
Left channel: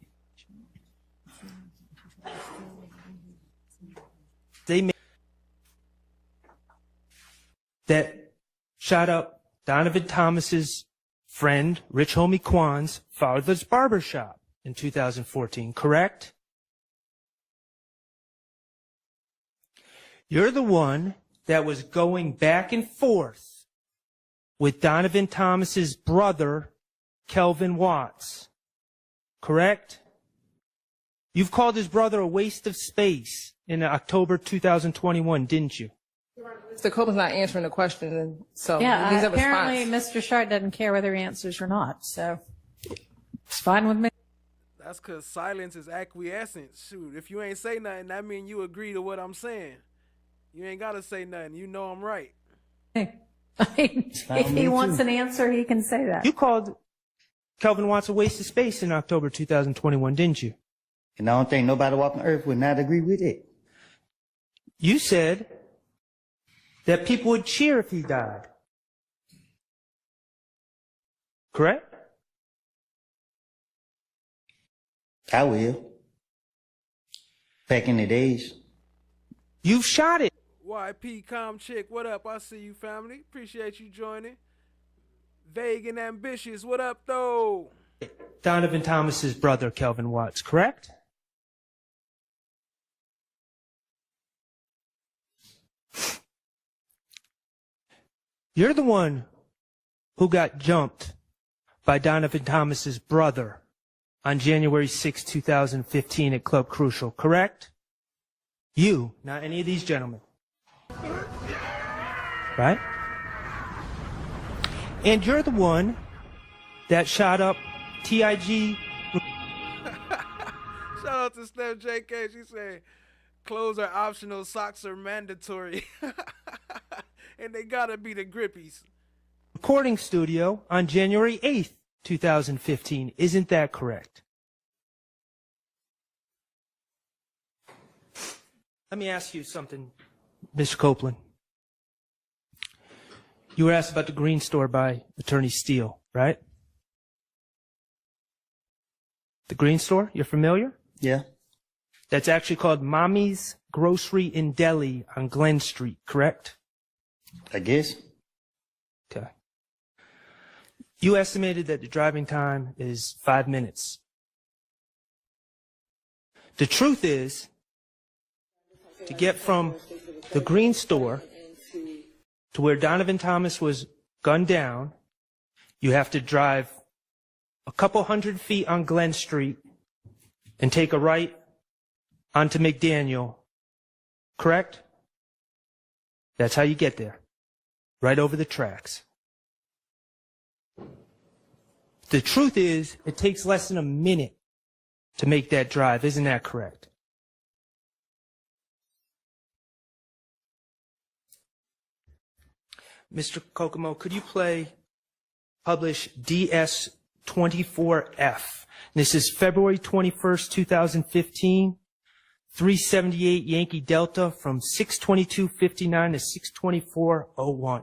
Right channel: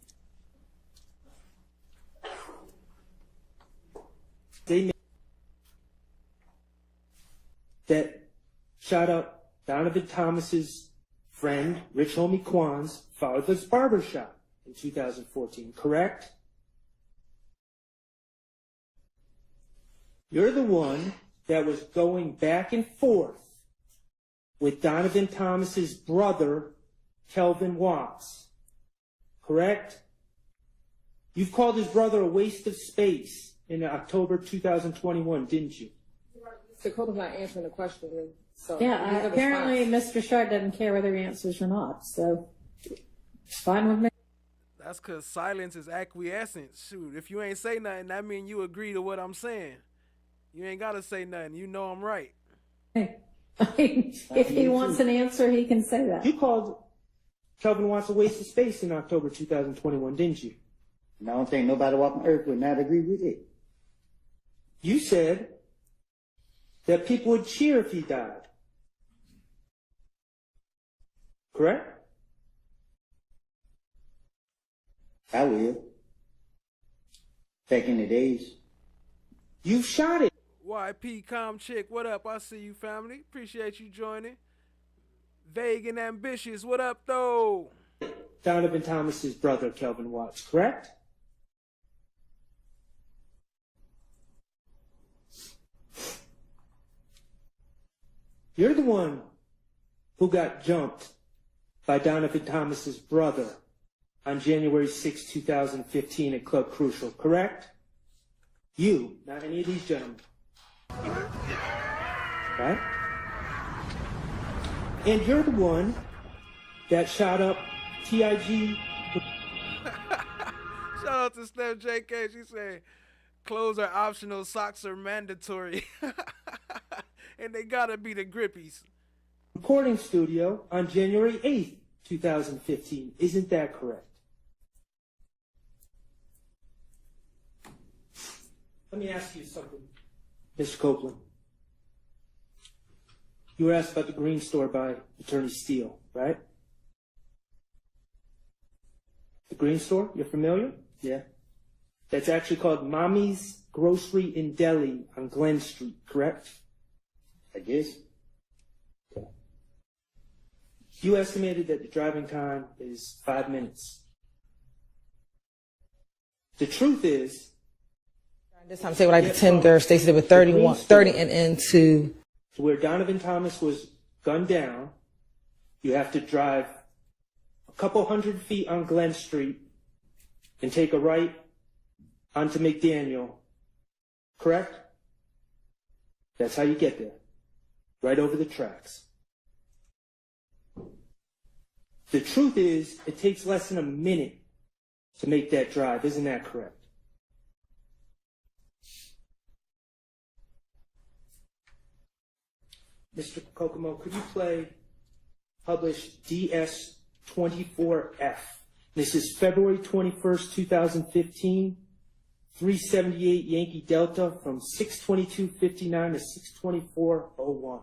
They made that shot up Donovan Thomas's friend, Rich Homie Kwan's father's barbershop in 2014, correct? You're the one that was going back and forth with Donovan Thomas's brother, Kelvin Watts, correct? You've called his brother a waste of space in October 2021, didn't you? Mr. Copeland's not answering the question, and so Yeah, he needs a apparently response. Mr. Shard doesn't care whether he answers or not, so it's fine with me. That's because silence is acquiescence. Shoot, if you ain't say nothing, that mean you agree to what I'm saying. You ain't got to say nothing. You know I'm right. If he wants an answer, he can say that. You called Kelvin Watts a waste of space in October 2021, didn't you? And I don't think nobody walking earth would not agree with it. You said that people would cheer if he died. Correct? I will. Back in the days. You've shot it. YP Com Chick, what up? I see you, family. Appreciate you joining. Vague and ambitious, what up, though? Donovan Thomas's brother, Kelvin Watts, correct? You're the one who got jumped by Donovan Thomas's brother on January 6, 2015 at Club Crucial, correct? You, not any of these gentlemen. Right? And you're the one that shot up TIG. Shout out to Steph JK. She said, clothes are optional, socks are mandatory. And they gotta be the grippies. Recording studio on January 8th, 2015. Isn't that correct? Let me ask you something, Mr. Copeland. You were asked about the Green Store by Attorney Steele, right? The Green Store, you're familiar? Yeah. That's actually called Mommy's Grocery in Delhi on Glen Street, correct? I guess. Okay. You estimated that the driving time is 5 minutes. The truth is, This time, say what I get did, from Stacey did with the Green 30 Store and into to where Donovan Thomas was gunned down, you have to drive a couple hundred feet on Glen Street and take a right onto McDaniel, correct? That's how you get there, right over the tracks. The truth is, it takes less than a minute to make that drive, isn't that correct? Mr. Kokomo, could you publish DS24F? This is February 21st, 2015, 378 Yankee Delta from 622.59 to 624.01.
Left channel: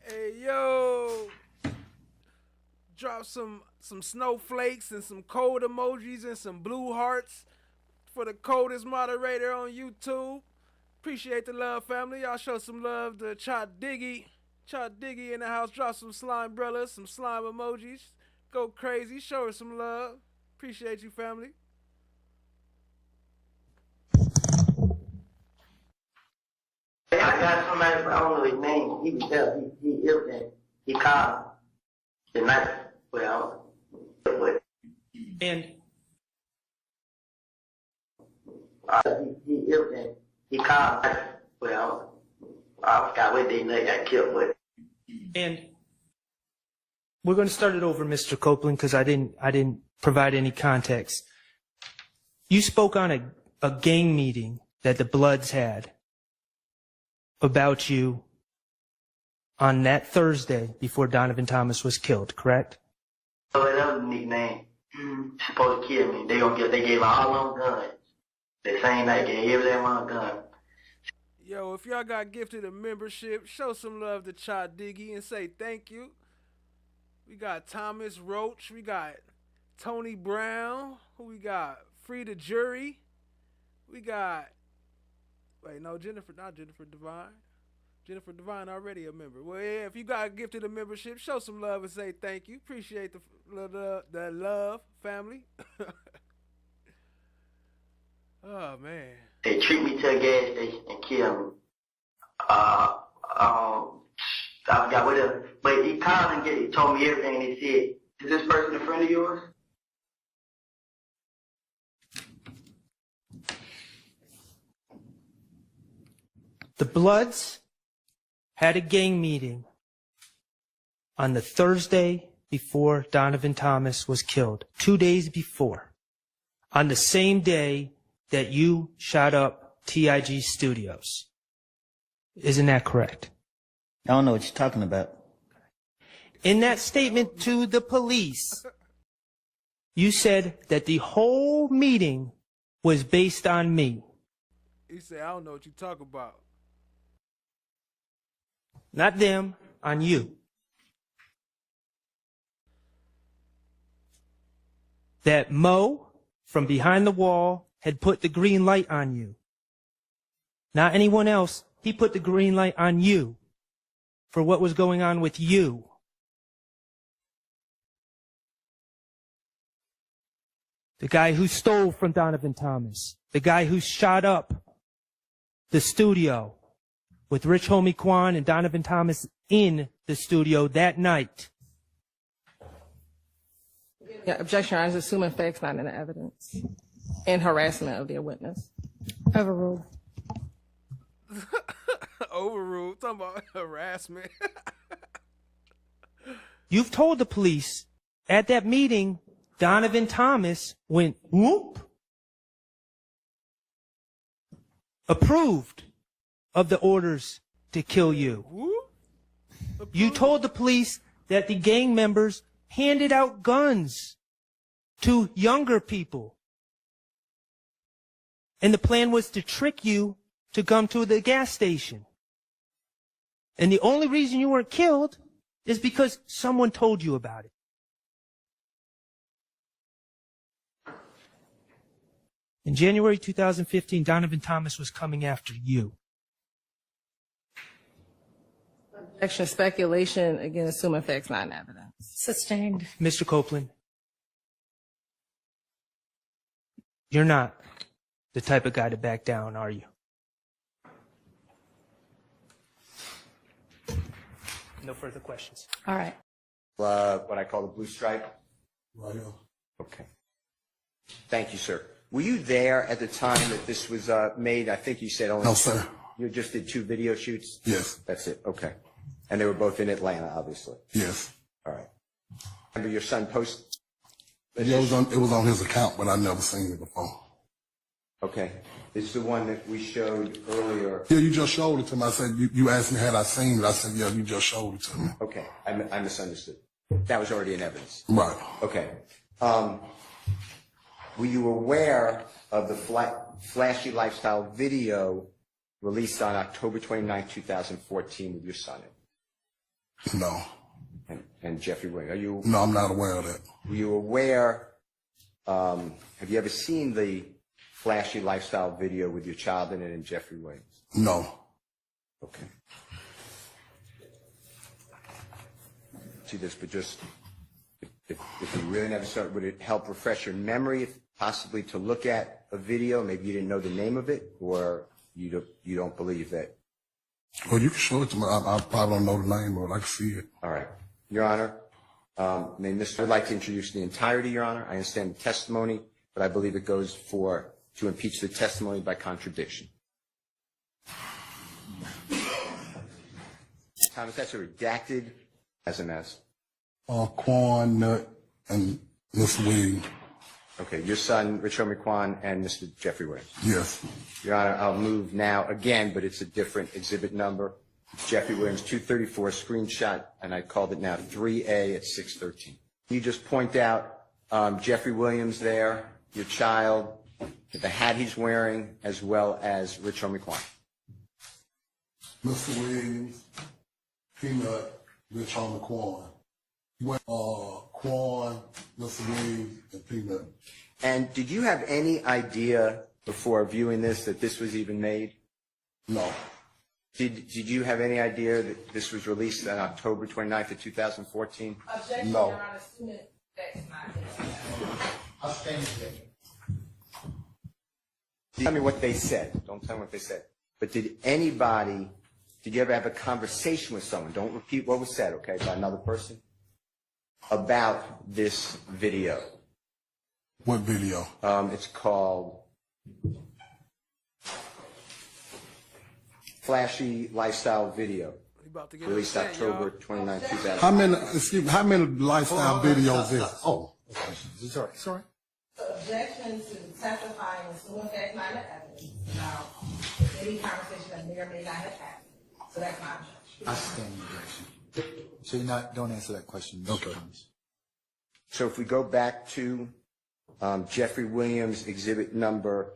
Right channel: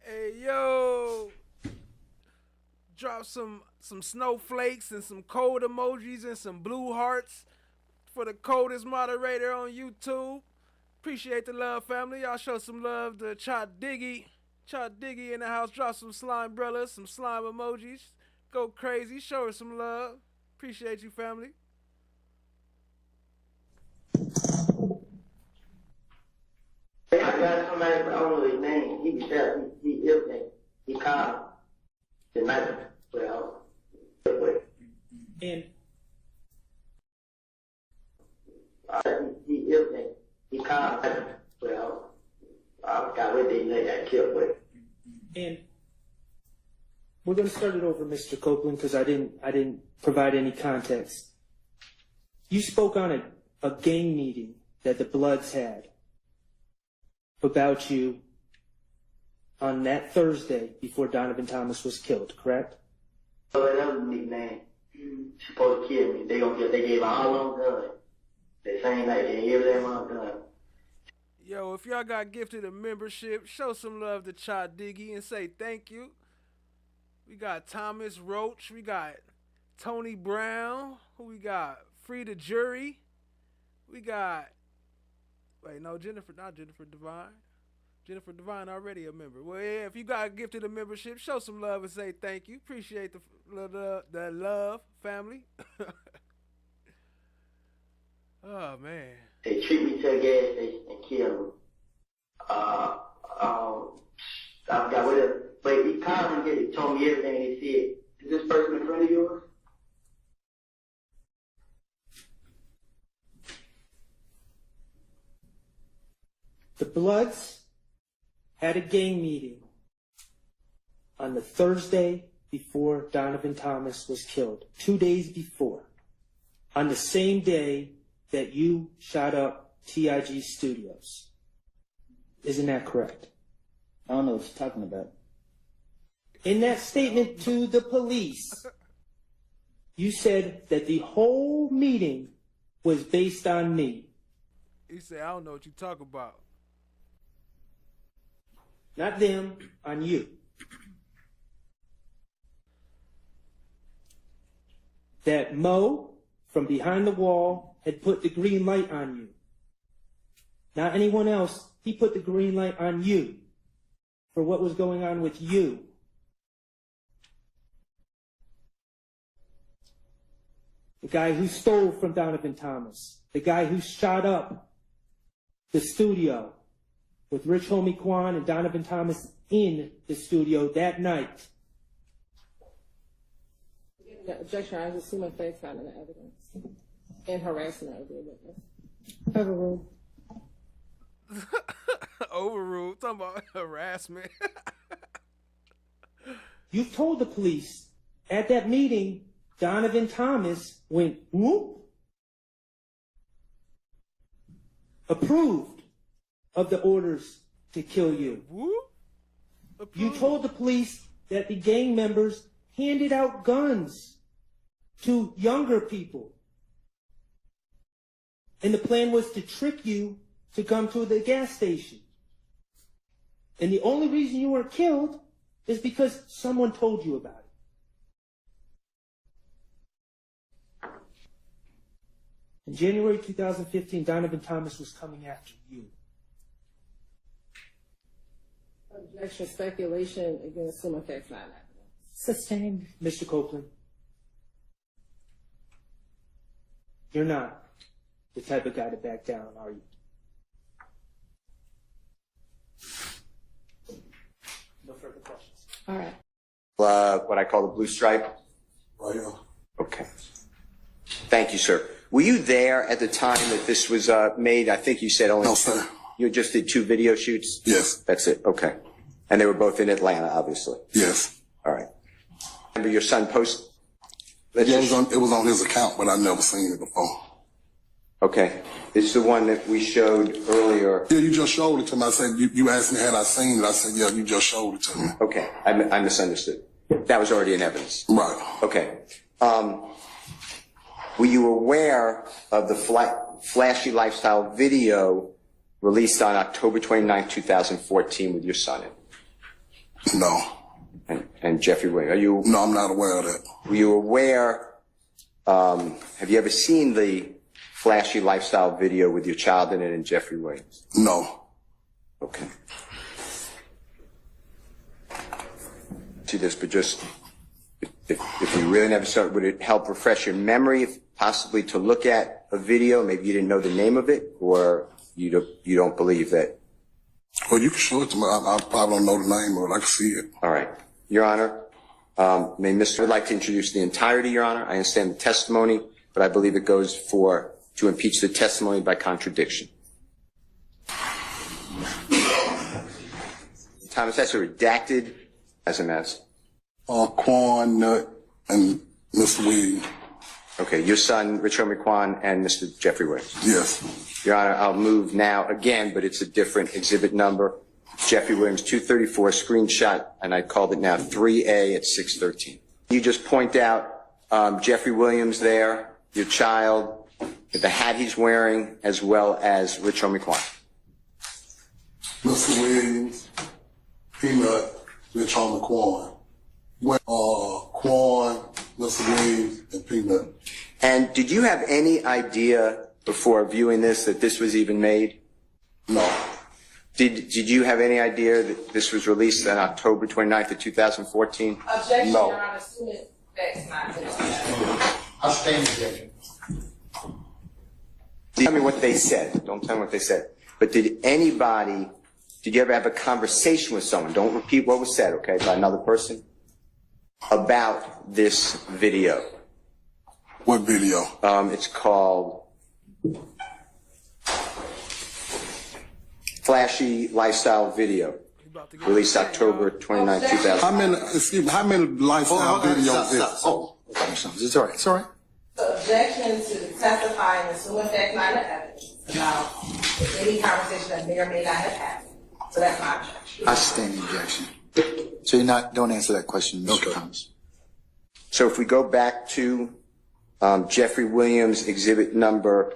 Hey, yo. Drop some snowflakes and some cold emojis and some blue hearts for the coldest moderator on YouTube. Appreciate the love, family. Y'all show some love to Cha Diggy. Cha Diggy in the house. Drop some slime brellas, some slime emojis. Go crazy. Show her some love. Appreciate you, family. I got somebody, I don't know his name. He can tell. He ill that. He called tonight. Well, And he ill that. He called. Well, I forgot what they got killed with. And we're going to start it over, Mr. Copeland, because I didn't provide any context. You spoke on a gang meeting that the Bloods had about you on that Thursday before Donovan Thomas was killed, correct? So that was a nickname. Supposed to kill me. They gave all them guns. The same night they gave them all guns. Yo, if y'all got gifted a membership, show some love to Cha Diggy and say thank you. We got Thomas Roach. We got Tony Brown. Who we got? Frida Jury. We got... Wait, no, not Jennifer Devine. Jennifer Devine already a member. Well, yeah, if you got gifted a membership, show some love and say thank you. Appreciate the love, family. Oh, man. They treat me to a gas station and kill me. I forgot what else. But he called told me everything he said. Is this person a friend of yours? The Bloods had a gang meeting on the Thursday before Donovan Thomas was killed, 2 days before, on the same day that you shot up TIG Studios. Isn't that correct? I don't know what you're talking about. In that statement to the police, you said that the whole meeting was based on me. He said, I don't know what you talk about. Not them, on you. That Mo, from behind the wall, had put the green light on you. Not anyone else. He put the green light on you for what was going on with you. The guy who stole from Donovan Thomas. The guy who shot up the studio with Rich Homie Quan and Donovan Thomas in the studio that night. Yeah, objection, Your Honor, is assuming facts not in the evidence and harassment of their witness. Overruled. Overruled. Talking about harassment. You've told the police at that meeting, Donovan Thomas went whoop, approved of the orders to kill you. You told the police that the gang members handed out guns to younger people. And the plan was to trick you to come to the gas station. And the only reason you weren't killed is because someone told you about it. In January 2015, Donovan Thomas was coming after you. Objection, speculation, again, assuming facts not in evidence. Sustained. Mr. Copeland, you're not the type of guy to back down, are you? No further questions. All right. What I call the blue stripe? Right here. Okay. Thank you, sir. Were you there at the time that this was made? I think you said only. No, sir. You just did 2 video shoots? Yes. That's it. Okay. And they were both in Atlanta, obviously. Yes. All right. Remember your son post? It was on his account, but I never seen it before. Okay. This is the one that we showed earlier. Yeah, you just showed it to me. I said, you asked me had I seen it. I said, yeah, you just showed it to me. Okay. I misunderstood. That was already in evidence. Right. Okay. Were you aware of the flashy lifestyle video released on October 29, 2014 with your son in? No. And Jeffrey Williams? Are you? No, I'm not aware of that. Were you aware, have you ever seen the flashy lifestyle video with your child in it and Jeffrey Williams? No. Okay. See this, but just, if you really never saw it, would it help refresh your memory, possibly to look at a video? Maybe you didn't know the name of it, or you don't believe that? Well, you can show it to me. I probably don't know the name of it. I can see it. All right. Your Honor, I'd like to introduce the entirety, Your Honor. I understand the testimony, but I believe it goes to impeach the testimony by contradiction. Thomas, that's a redacted as a mess. Quan, Nut, and Mr. Williams. Okay, your son, Rich Homie Quan, and Mr. Jeffrey Williams. Yes. Your Honor, I'll move now again, but it's a different exhibit number. Jeffrey Williams, 234, screenshot, and I called it now 3A at 613. You just point out Jeffrey Williams there, your child, the hat he's wearing, as well as Rich Homie Quan. Mr. Williams, Peanut, Rich Homie Quan. Quan, Mr. Williams, and Peanut. And did you have any idea before viewing this that this was even made? No. Did you have any idea that this was released on October 29th of 2014? Objection, No. Your Honor, assuming facts not in evidence. I stand objection. Tell me what they said. Don't tell me what they said. But did you ever have a conversation with someone? Don't repeat what was said, okay, by another person? about this video. What video? It's called Flashy Lifestyle Video. Released October 29, 2000. How many lifestyle videos is it? Oh, okay, it's all right. It's all right. The objection to testifying and assuming facts not in evidence about any conversation that may or may not have happened. So that's my objection. I stand the objection. So don't answer that question, Mr. Thomas. So if we go back to Jeffrey Williams exhibit number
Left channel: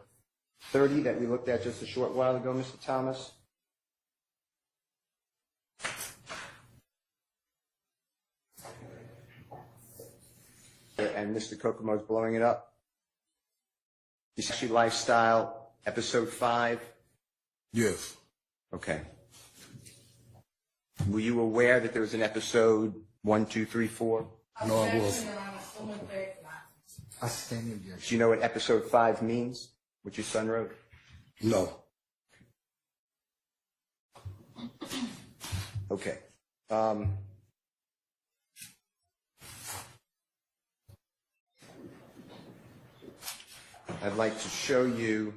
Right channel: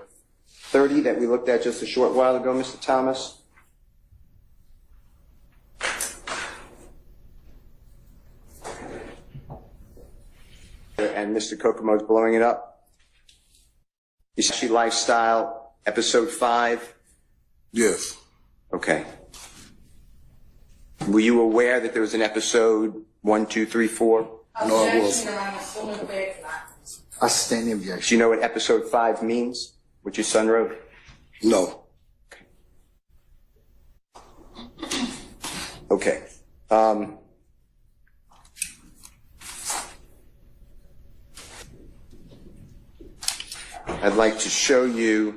30 that we looked at just a short while ago, Mr. Thomas. And Mr. Kokomo's blowing it up. Flashy Lifestyle, episode 5? Yes. Okay. Were you aware that there was an episode 1, 2, 3, 4? No, I wasn't. I stand the objection. Do you know what episode 5 means? What your son wrote? No. Okay. I'd like to show you.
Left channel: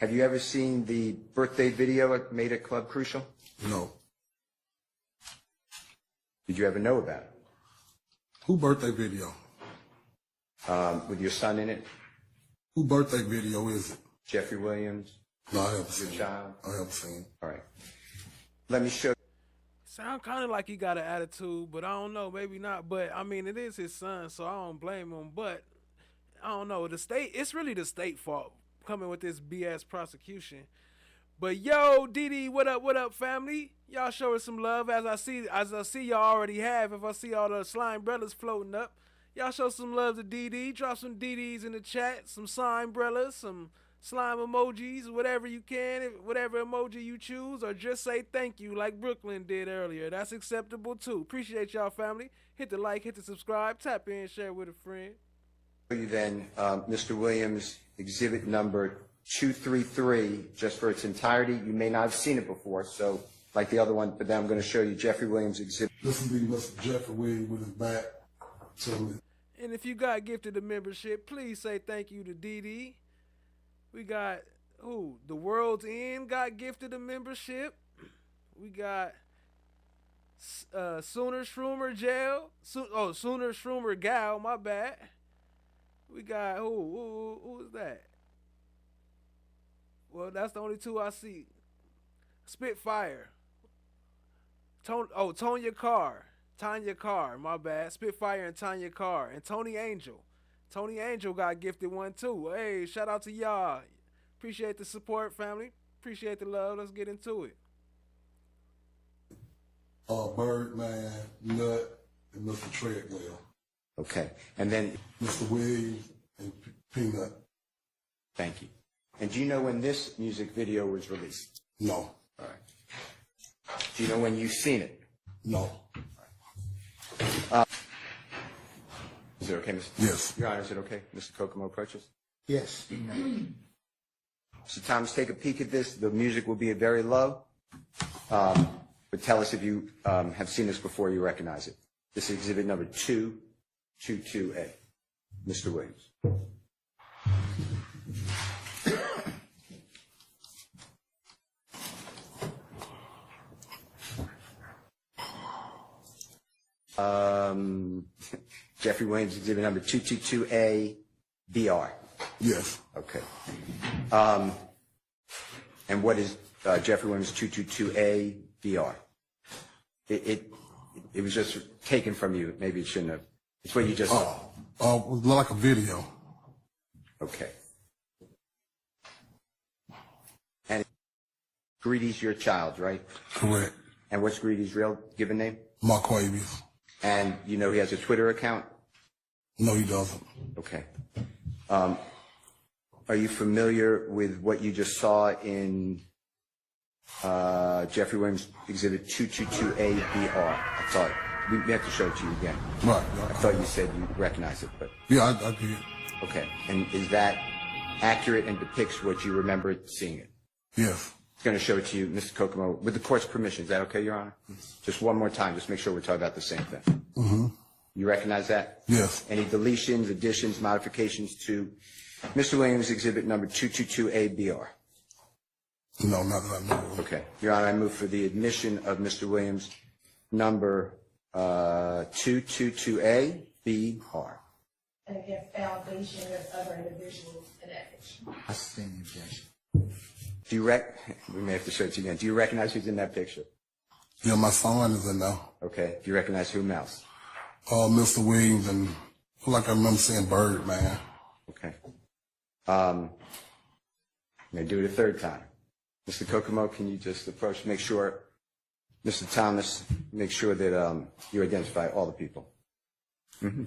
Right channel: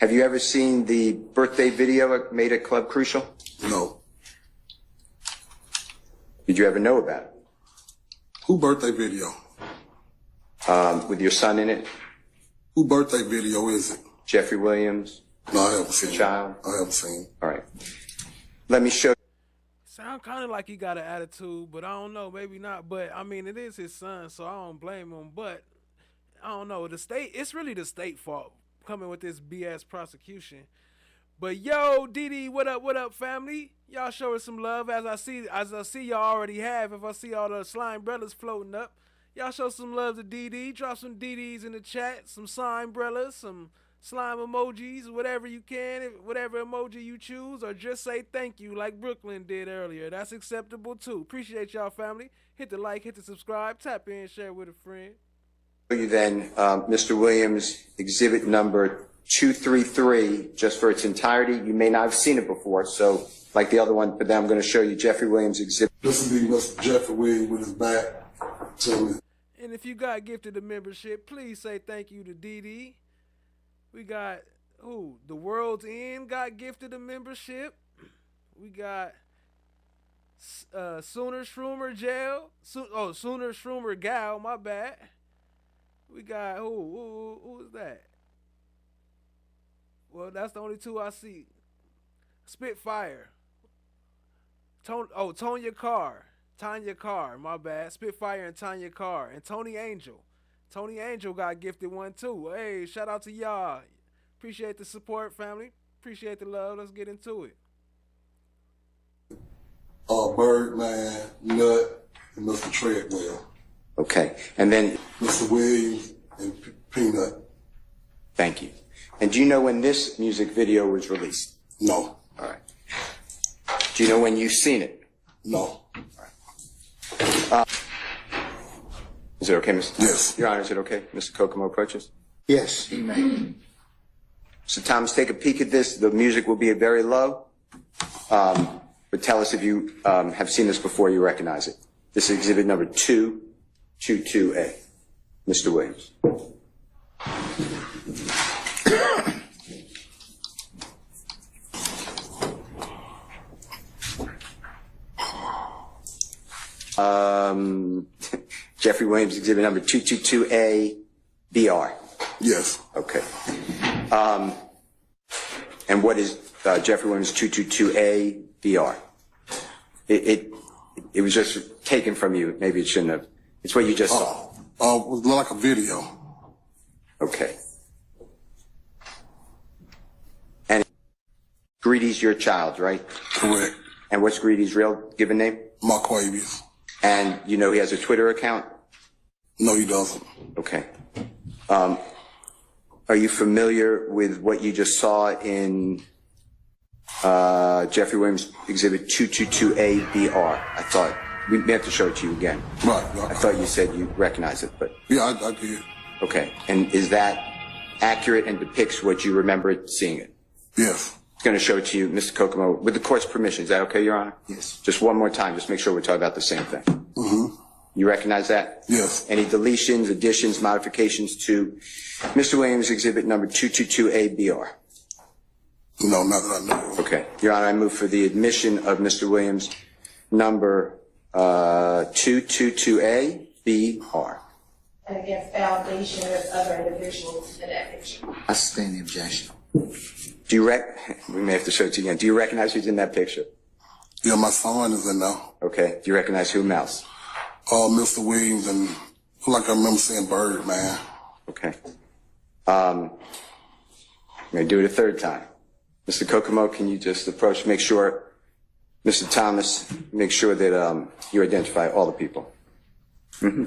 Have you ever seen the birthday video made at Club Crucial? No. Did you ever know about it? Who birthday video? With your son in it? Who birthday video is it? Jeffrey Williams? No, I haven't seen Your child? it. I haven't seen it. All right. Let me show you. Sound kind of like he got an attitude, but I don't know, maybe not. But I mean, it is his son, so I don't blame him. But I don't know. The state, it's really the state fault coming with this BS prosecution. But yo, Didi, what up, family? Y'all show us some love as I see y'all already have. If I see all the slime brothers floating up, y'all show some love to Didi. Drop some DDs in the chat, some slime brothers, some slime emojis, whatever you can, whatever emoji you choose, or just say thank you like Brooklyn did earlier. That's acceptable too. Appreciate y'all, family. Hit the like, hit the subscribe, tap in, share with a friend. You then, Mr. Williams, exhibit number 233, just for its entirety. You may not have seen it before, so like the other one, but then I'm going to show you Jeffrey Williams exhibit. This will be Mr. Jeffrey Williams with his back to me. And if you got gifted a membership, please say thank you to DD. We got, The World's End got gifted a membership. We got Sooner Shroomer Jail. Sooner Shroomer Gal, my bad. We got, who is that? Well, that's the only two I see. Spitfire. Tonya Carr. Tanya Carr, my bad. Spitfire and Tanya Carr. And Tony Angel. Tony Angel got gifted one too. Hey, shout out to y'all. Appreciate the support, family. Appreciate the love. Let's get into it. Birdman, Nut, and Mr. Treadwell. Okay, and then Mr. Williams and Peanut. Thank you. And do you know when this music video was released? No. All right. Do you know when you've seen it? No. All right. Is it okay, Mr. Yes. Your Honor, is it okay, Mr. Kokomo approaches? Yes, he may. So Thomas, take a peek at this. The music will be very low, but tell us if you have seen this before, you recognize it. This is exhibit number 222A. Mr. Williams. Jeffrey Williams, exhibit number 222A, BR. Yes. Okay. And what is Jeffrey Williams 222A, BR? It was just taken from you. Maybe it shouldn't have. It's what you just saw. It was like a video. Okay. And Greedy's your child, right? Correct. And what's Greedy's real given name? Marquavius. And you know he has a Twitter account? No, he doesn't. Okay. Are you familiar with what you just saw in Jeffrey Williams exhibit 222A BR? I thought we have to show it to you again. Right. I thought you said you recognize it, but yeah, I did. Okay. And is that accurate and depicts what you remember seeing it? Yes. going to show it to you, Mr. Kokomo, with the court's permission. Is that okay, Your Honor? Yes. Just one more time, just make sure we're talking about the same thing. Mm-hmm. You recognize that? Yes. Any deletions, additions, modifications to Mr. Williams' exhibit number 222A-BR? No, not that I know of. Okay. Your Honor, I move for the admission of Mr. Williams' number 222A-BR. And against allegation of other individuals in that picture. I sustain the objection. Do you we may have to show it to you again. Do you recognize who's in that picture? Yeah, my son is in there. Okay. Do you recognize whom else? Mr. Williams and like I remember saying Bird, man. Okay. I'm going to do it a third time. Mr. Kokomo, can you just approach, make sure, Mr. Thomas, make sure that you identify all the people. Mm-hmm.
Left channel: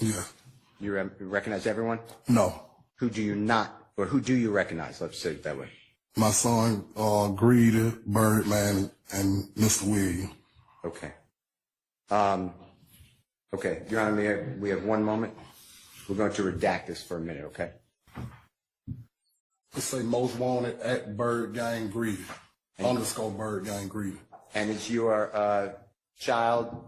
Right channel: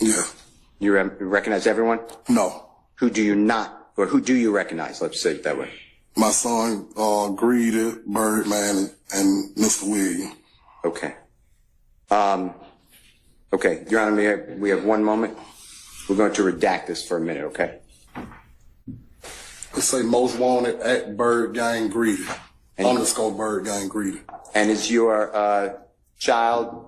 Yeah. You recognize everyone? No. Who do you not, or who do you recognize? Let's say it that way. My son, Greedy, Birdman, and Mr. Williams. Okay. Okay, Your Honor, we have one moment. We're going to redact this for a minute, okay? Let's say most wanted at Bird Gang Greedy. _ Bird Gang Greedy. And is your child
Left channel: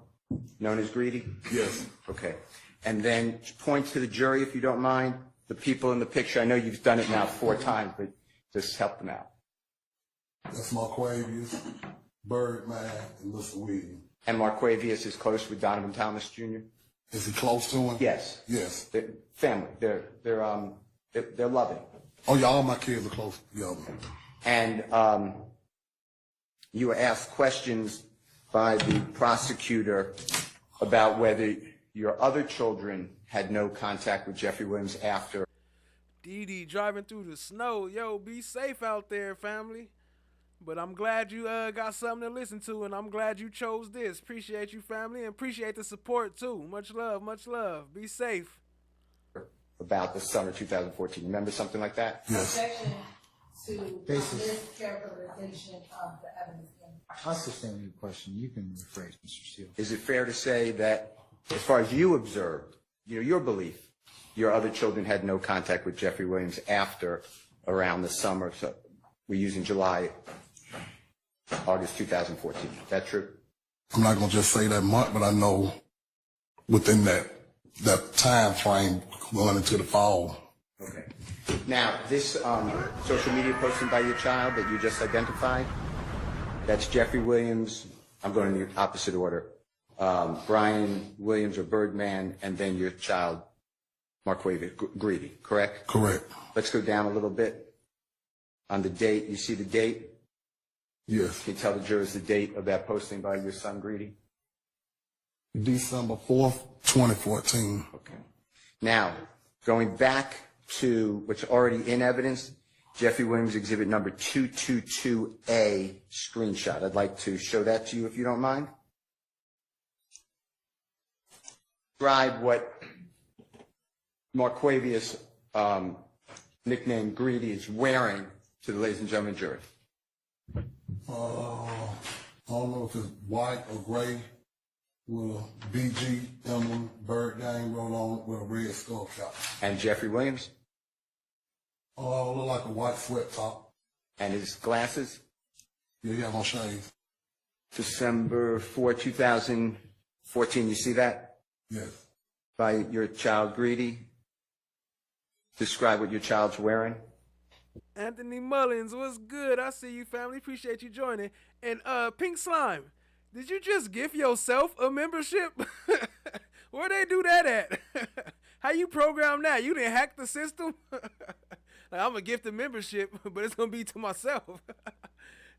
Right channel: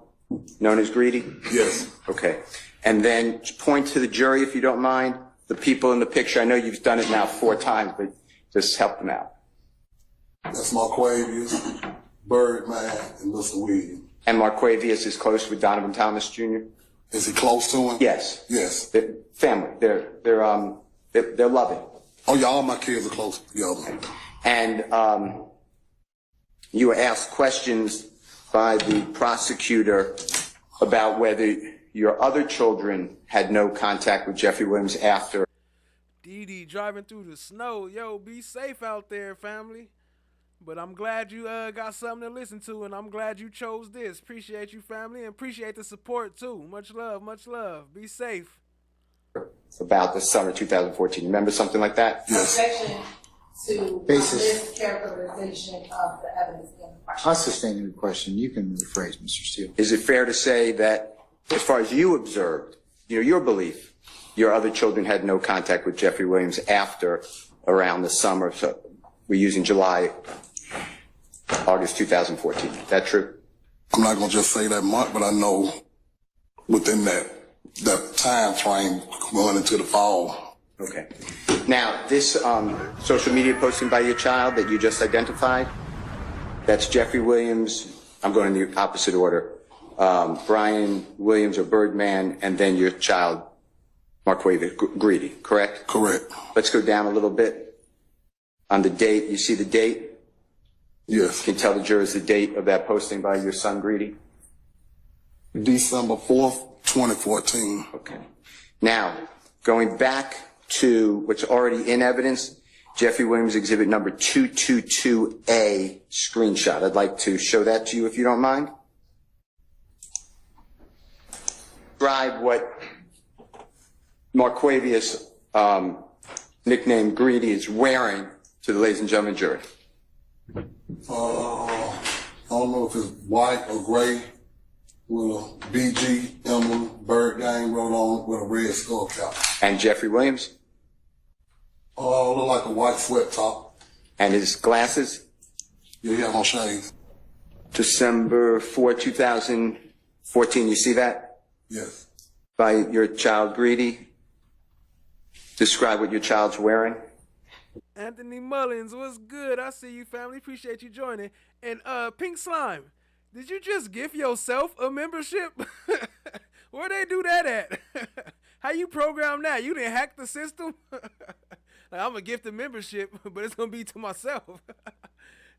known as Greedy? Yes. Okay. And then point to the jury, if you don't mind, the people in the picture. I know you've done it now 4 times, but just help them out. That's Marquavius, Birdman, and Mr. Williams. And Marquavius is close with Donovan Thomas Jr.? Is he close to him? Yes. Yes. They're family. They're loving. Oh, yeah, all my kids are close together. And you were asked questions by the prosecutor about whether your other children had no contact with Jeffrey Williams after. Dee Dee driving through the snow. Yo, be safe out there, family. But I'm glad you got something to listen to, and I'm glad you chose this. Appreciate you, family, and appreciate the support, too. Much love, much love. Be safe. About the summer 2014. Remember something like that? Yes. Objection to Basis. mischaracterization of the evidence in the question. I sustain the question. You can rephrase, Mr. Steele. Is it fair to say that, as far as you observed, your belief, your other children had no contact with Jeffrey Williams after around the summer? So we're using July, August 2014. Is that true? I'm not going to just say that month, but I know within that time frame going into the fall. Okay. Now, this social media posting by your child that you just identified, that's Jeffrey Williams. I'm going in the opposite order. Brian Williams or Birdman, and then your child, Marquavius Greedy, correct? Correct. Let's go down a little bit. On the date, you see the date? Yes. Can you tell the jurors the date of that posting by your son, Greedy? December 4th, 2014. Okay. Now, going back to what's already in evidence, Jeffrey Williams exhibit number 222A screenshot. I'd like to show that to you if you don't mind. Describe what Marquavius, nicknamed Greedy, is wearing to the ladies and gentlemen jury. I don't know if it's white or gray with a BG emblem, Bird Gang wrote on with a red skull cap. And Jeffrey Williams? Look like a white sweat top. And his glasses? Yeah, he had on shades. December 4, 2014, you see that? Yes. By your child, Greedy. Describe what your child's wearing. Anthony Mullins, what's good? I see you, family. Appreciate you joining. And Pink Slime, did you just gift yourself a membership? Where they do that at? How you program that? You didn't hack the system? Like, I'm gonna gift a membership, but it's gonna be to myself.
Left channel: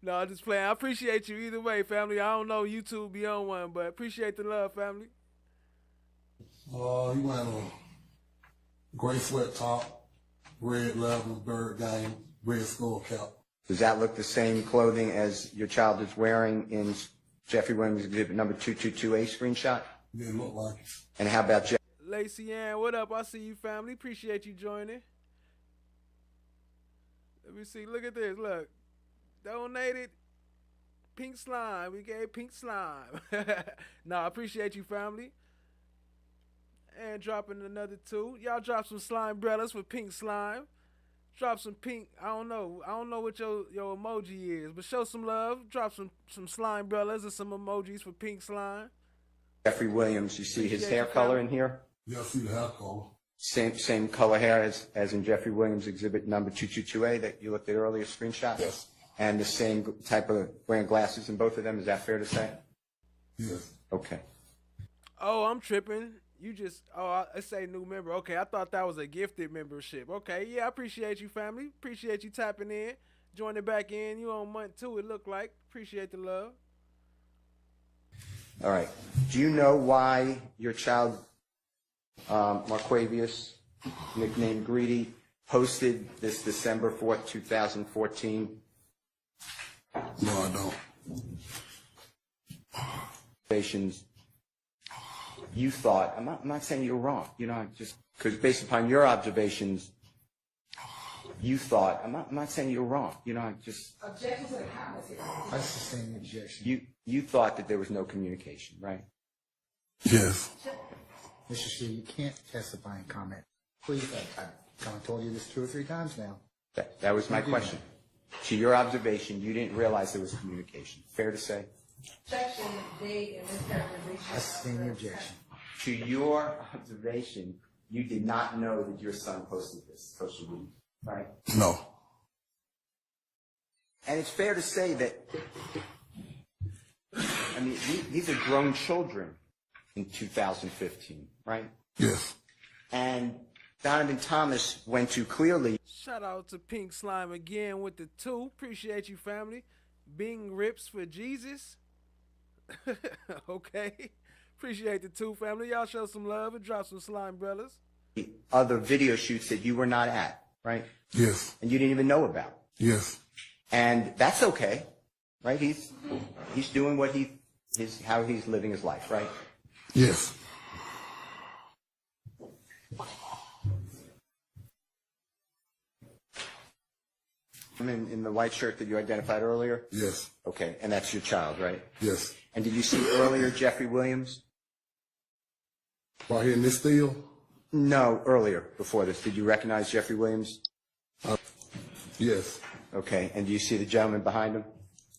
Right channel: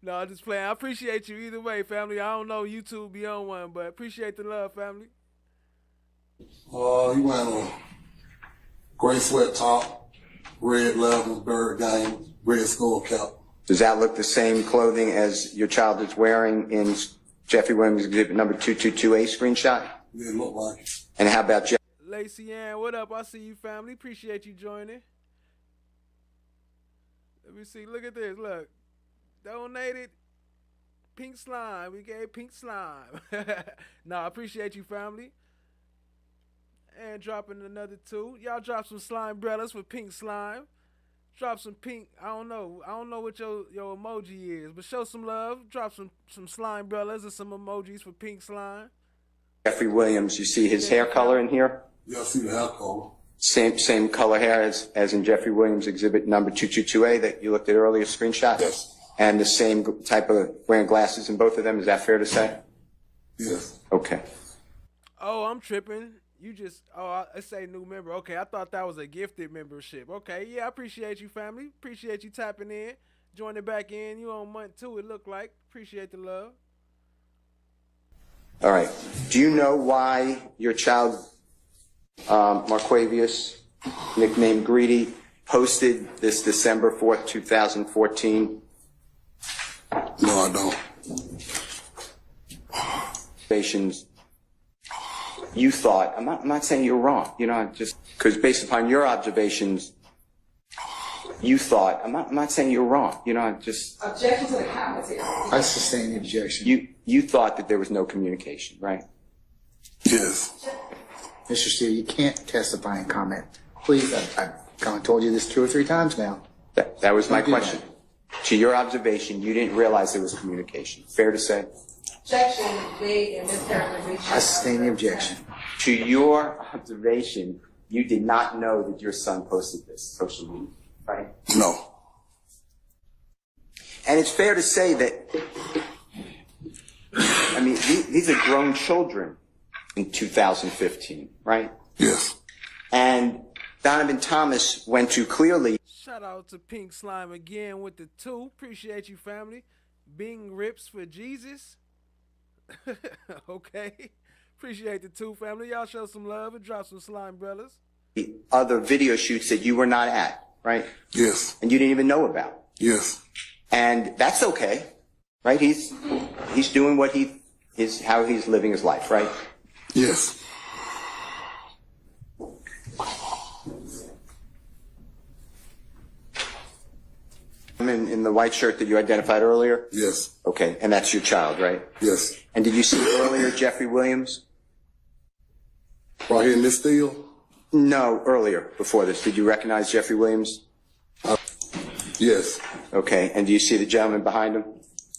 No, I'm just playing. I appreciate you either way, family. I don't know YouTube be on one, but appreciate the love, family. He wearing a gray sweat top, red leather, Bird Gang, red skull cap. Does that look the same clothing as your child is wearing in Jeffrey Williams exhibit number 222A screenshot? Yeah, it look like it. And how about Jeff? Lacey Ann, what up? I see you, family. Appreciate you joining. Let me see. Look at this. Look. Donated Pink slime. We gave pink slime. Nah, I appreciate you, family. And dropping another 2. Y'all drop some slime umbrellas for pink slime. Drop some pink. I don't know what your emoji is, but show some love. Drop some slime umbrellas and some emojis for pink slime. Jeffrey Williams, you see his hair color in here? Yeah, I see the hair color. Same color hair as in Jeffrey Williams exhibit number 222A that you looked at earlier, screenshot? Yes. And the same type of wearing glasses in both of them, is that fair to say? Yes. Okay. Oh, I'm tripping. You just, I say new member. Okay, I thought that was a gifted membership. Okay, yeah, I appreciate you, family. Appreciate you tapping in. Joining back in. You on month 2, it looked like. Appreciate the love. All right. Do you know why your child, Marquavius, nicknamed Greedy, posted this December 4th, 2014? No, I don't. Observations. You thought, I'm not saying you're wrong, just because based upon your observations, you thought, I'm not saying you're wrong, just. Objection to the commentary. I sustain the objection. You thought that there was no communication, right? Yes. Mr. Steele, you can't testify and comment. Please, I've kind of told you this 2 or 3 times now. That was my Don't do question. To your observation, you didn't realize there was communication. Fair to say? Objection made and mischaracterization. I sustain the objection. To your observation, you did not know that your son posted this social media, right? No. And it's fair to say that, I mean, these are grown children in 2015, right? Yes. And Donovan Thomas went to clearly. Shout out to Pink Slime again with the 2. Appreciate you, family. Bing rips for Jesus. Okay. Appreciate the 2, family. Y'all show some love and drop some slime brothers. Other video shoots that you were not at, right? Yes. And you didn't even know about. Yes. And that's okay, right? He's doing what how he's living his life, right? Yes. In the white shirt that you identified earlier? Yes. Okay, and that's your child, right? Yes. And did you see earlier Jeffrey Williams? Right here in this field? No, earlier, before this. Did you recognize Jeffrey Williams? Yes. Okay, and do you see the gentleman behind him?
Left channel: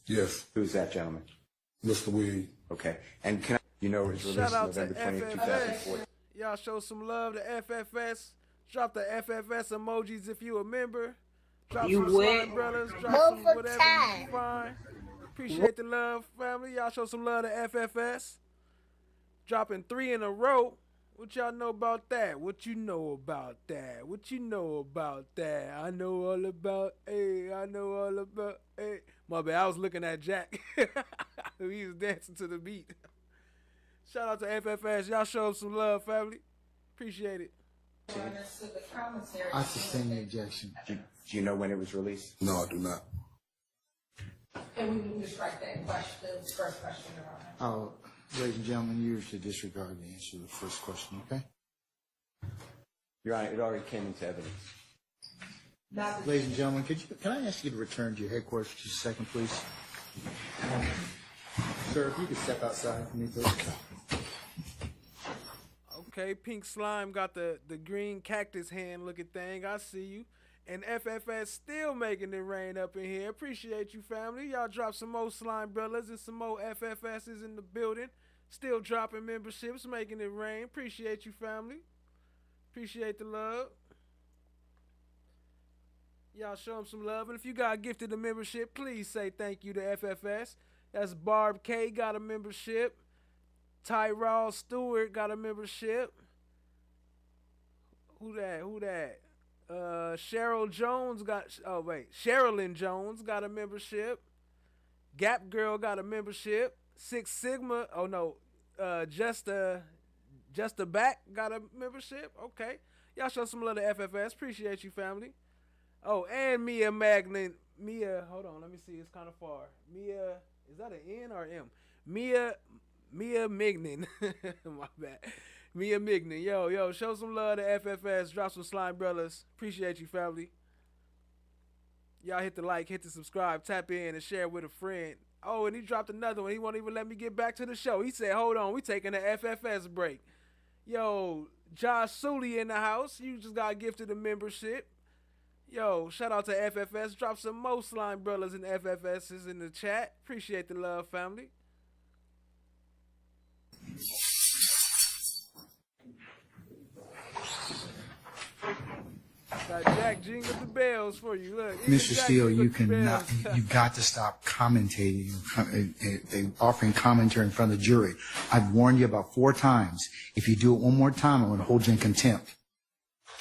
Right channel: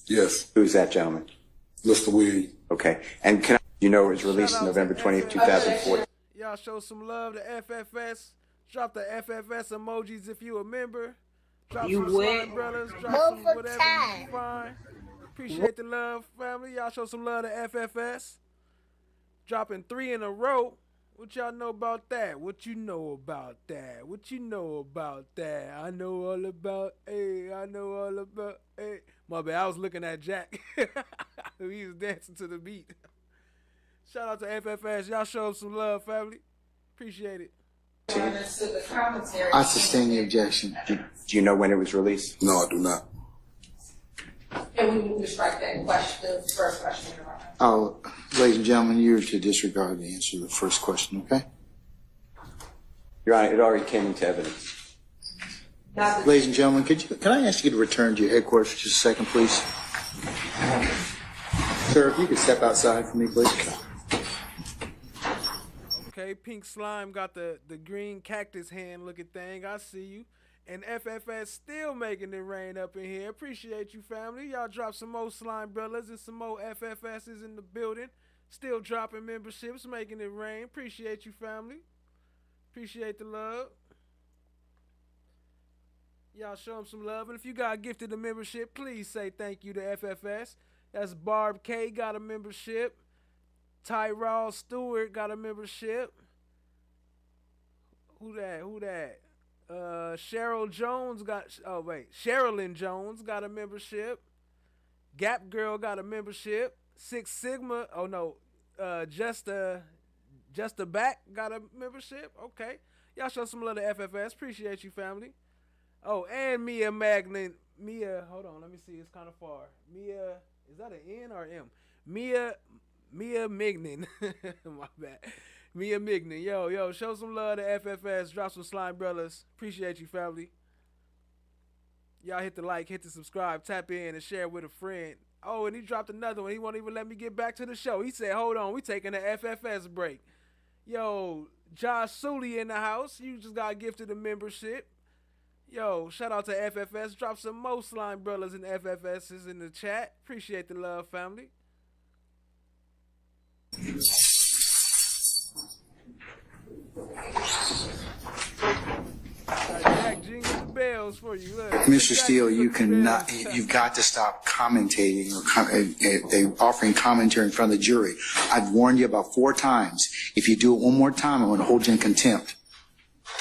Yes. Who's that gentleman? Mr. Williams. Okay, and it was released November 20th, 2014. Y'all show some love to FFS. Drop the FFS emojis if you a member. Drop You some win. slime brothers. Drop Move some for whatever time. you find. Appreciate the love, family. Y'all show some love to FFS. Dropping 3 in a row. What y'all know about that? What you know about that? What you know about that? I know all about, I know all about, My bad, I was looking at Jack. He was dancing to the beat. Shout out to FFS. Y'all show up some love, family. Appreciate it. To the commentary. I sustain the objection. Do you know when it was released? No, I do not. And we need to strike that question, the first question. Oh, ladies and gentlemen, you're to disregard the answer to the first question, okay? Your Honor, it already came into evidence. Ladies and gentlemen, can I ask you to return to your headquarters for just a second, please? Sir, if you could step outside for me, please. Okay, Pink Slime got the green cactus hand looking thing. I see you. And FFS still making it rain up in here. Appreciate you, family. Y'all drop some more slime brothers and some more FFSs in the building. Still dropping memberships, making it rain. Appreciate you, family. Appreciate the love. Y'all show them some love. And if you got gifted a membership, please say thank you to FFS. That's Barb K got a membership. Tyrell Stewart got a membership. Who that? Cheryl Jones Sherilyn Jones got a membership. Gap Girl got a membership. Six Sigma, Just a Back got a membership. Okay. Y'all show some love to FFS. Appreciate you, family. Oh, and Mia Magnin. Hold on, let me see. It's kind of far. Mia, is that an N or M? Mia Mignon. My bad. Mia Mignon. Yo, show some love to FFS. Drop some slime brothers. Appreciate you, family. Y'all hit the like, hit the subscribe, tap in, and share with a friend. Oh, and he dropped another one. He won't even let me get back to the show. He said, hold on, we taking an FFS break. Yo, Josh Sully in the house. You just got gifted a membership. Yo, shout out to FFS. Drop some more Slime Brothers and FFSs in the chat. Appreciate the love, family. Jack jingle the bells for you. Look, Mr. Steele, you cannot. You've got to stop commentating or offering commentary in front of the jury. I've warned you about 4 times. If you do it one more time, I'm going to hold you in contempt.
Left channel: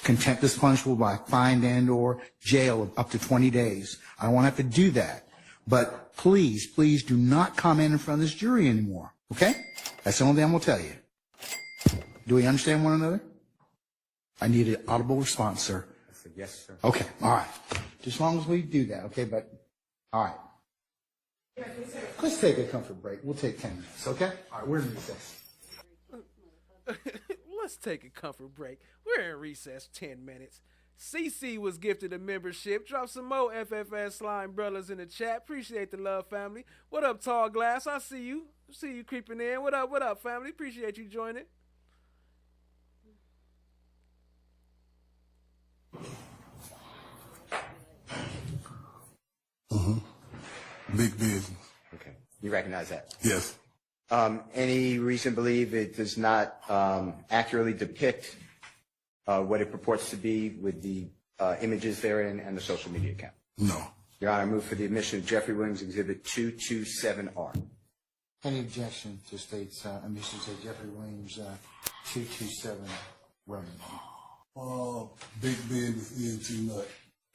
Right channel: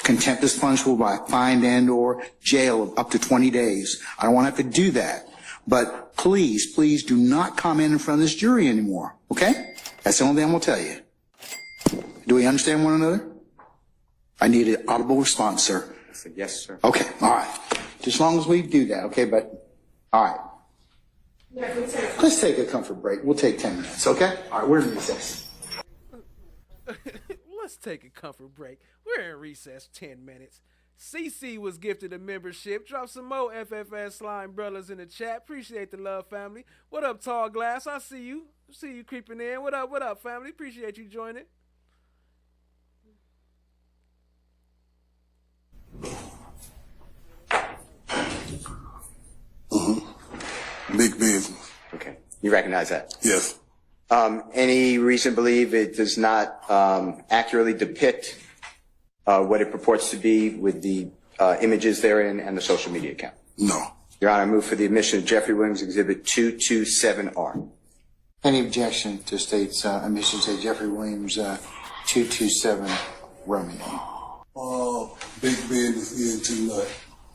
Contempt is punishable by fine and/or jail of up to 20 days. I don't want to have to do that. But please, please do not comment in front of this jury anymore. Okay? That's the only thing I'm going to tell you. Do we understand one another? I need an audible response, sir. I said, yes, sir. Okay, all right. Just as long as we do that, okay? But, all right. Let's take a comfort break. We'll take 10 minutes, okay? All right, we're in recess. Let's take a comfort break. We're in recess 10 minutes. CC was gifted a membership. Drop some more FFS Slime Brothers in the chat. Appreciate the love, family. What up, Tall Glass? I see you. See you creeping in. What up, family? Appreciate you joining. Big business. Okay. You recognize that? Yes. Any reason to believe it does not accurately depict what it purports to be with the images therein and the social media account? No. Your Honor, I move for the admission of Jeffrey Williams, Exhibit 227R. Any objection to state's admission to Jeffrey Williams 227 Romeo? Big business eating too much.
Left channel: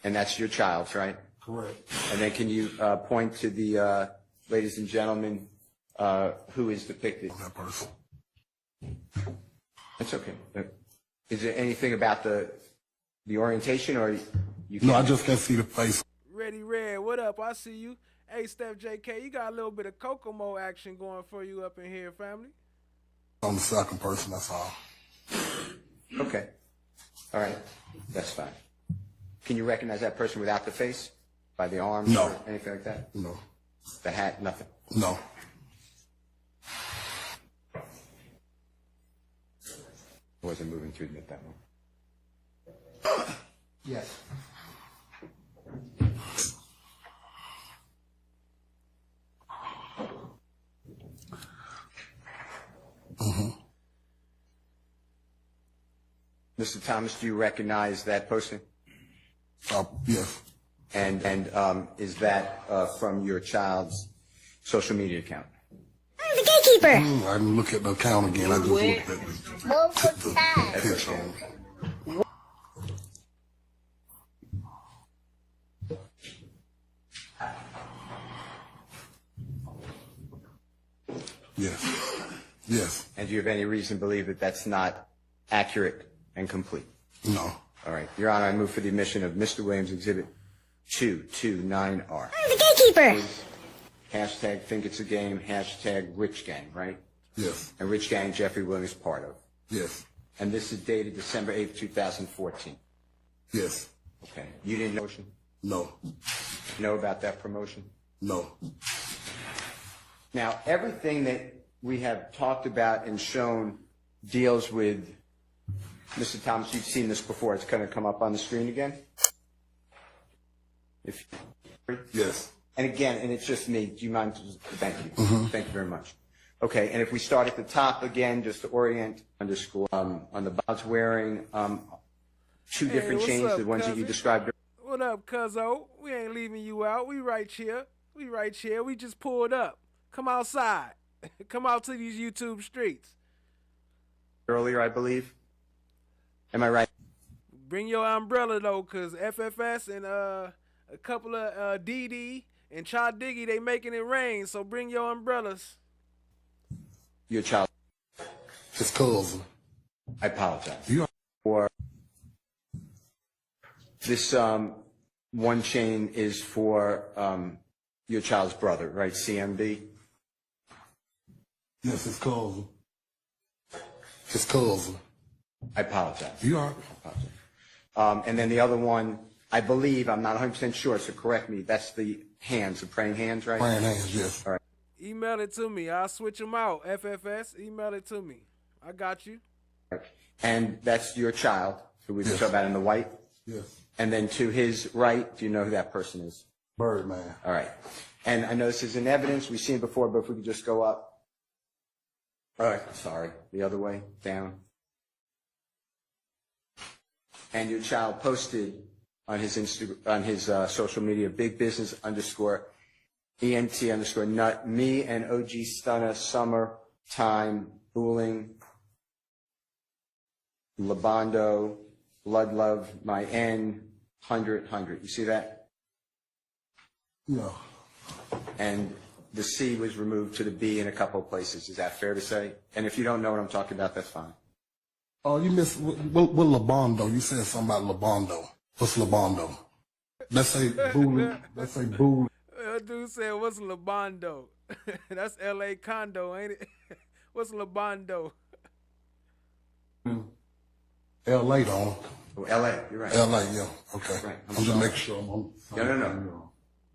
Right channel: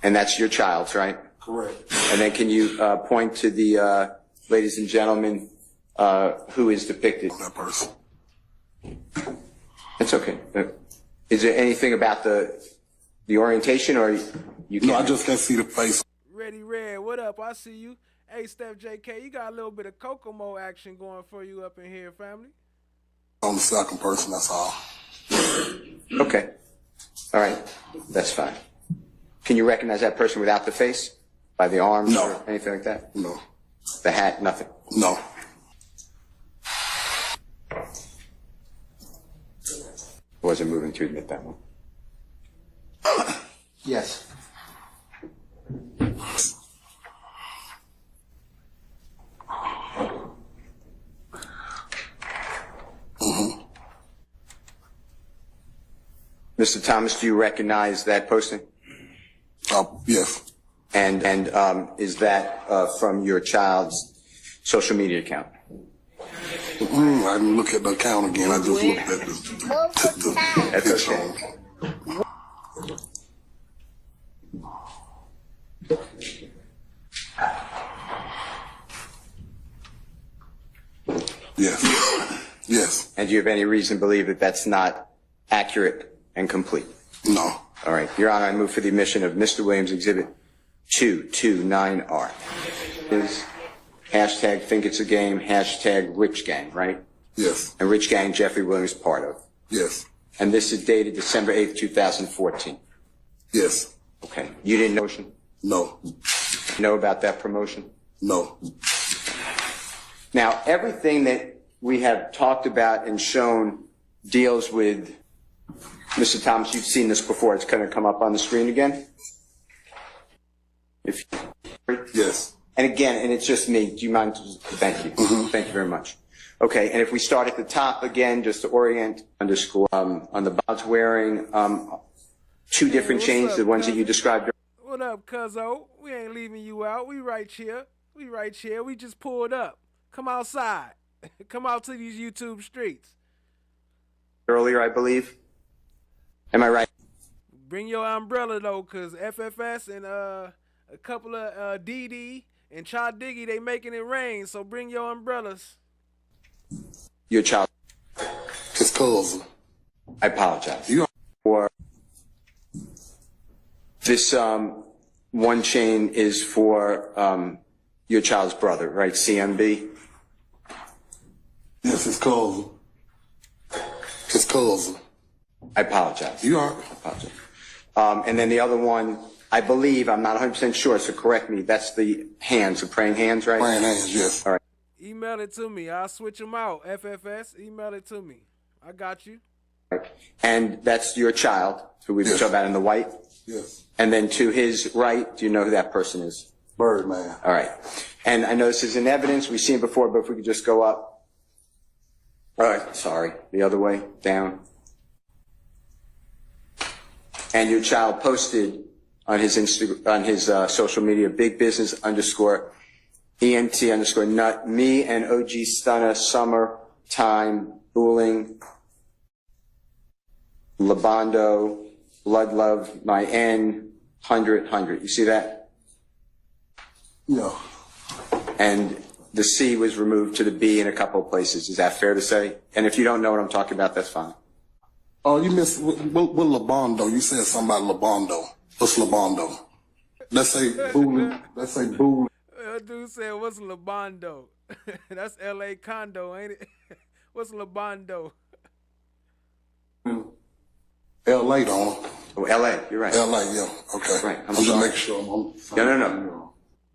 And that's your child's, right? Correct. And then can you point to the ladies and gentlemen who is depicted? That person. It's okay. Is there anything about the orientation, or you can't? No, I just can't see the face. Ready Red, what up? I see you. Hey, Steph JK, you got a little bit of Kokomo action going for you up in here, family. On the second person, that's all. Okay. All right. That's fine. Can you recognize that person without the face? By the arms No. or anything like that? No. The hat, nothing? No. Wasn't moving to admit that one. Yes. Mr. Thomas, do you recognize that posting? Yes. And is that from your child's social media account? The gatekeeper. I didn't look at the account again. I just looked at the picture on it. Yes. Yes. And do you have any reason to believe that that's not accurate and complete? No. All right. Your Honor, I move for the admission of Mr. Williams, Exhibit 229R. The gatekeeper. Hashtag think it's a game, hashtag rich gang, right? Yes. And rich gang Jeffrey Williams part of. Yes. And this is dated December 8th, 2014. Yes. Okay. You didn't know motion? No. Know about that promotion? No. Now, everything that we have talked about and shown deals with, Mr. Thomas, you've seen this before. It's going to come up on the screen again. Yes. And again, and it's just me. Do you mind? Thank you. Thank you very much. Okay, and if we start at the top again, just to orient underscore, on the box wearing two different chains, up, the ones cousin? that you described. What up, cuzzo? We ain't leaving you out. We right here. We just pulled up. Come outside. Come out to these YouTube streets. Earlier, I believe. Am I right? Bring your umbrella, though, because FFS and a couple of DD and Cha Diggy, they making it rain, so bring your umbrellas. Your child. His cousin. I apologize. You are. For this one chain is for your child's brother, right? CMB? Yes, his cousin. His cousin. I apologize. You are. I apologize. And then the other one I believe, I'm not 100% sure, so correct me, that's the hands, the praying hands, right? Praying hands, yes. All right. Email it to me. I'll switch them out. FFS, email it to me. I got you. And that's your child, who we were talking about in the white? Yes. And then to his right, do you know who that person is? Birdman. All right. And I know this is in evidence. We've seen it before, but if we could just go up. All right. Sorry. The other way. Down. And your child posted on his social media, big business _ ENT _ nut, me and OG Stunna, summer time, booling, Labondo, blood love, my N, 100. You see that? No. And the C was removed to the B in a couple of places. Is that fair to say? And if you don't know what I'm talking about, that's fine. Oh, you missed what Labondo. You said something about Labondo. What's Labondo? Let's say booling. Let's say booling. Dude said, what's Labondo? That's L.A. condo, ain't it? What's Labondo? L.A. don't. Oh, L.A. You're right. L.A. Yeah. Okay. Right. I'm just making sure. No.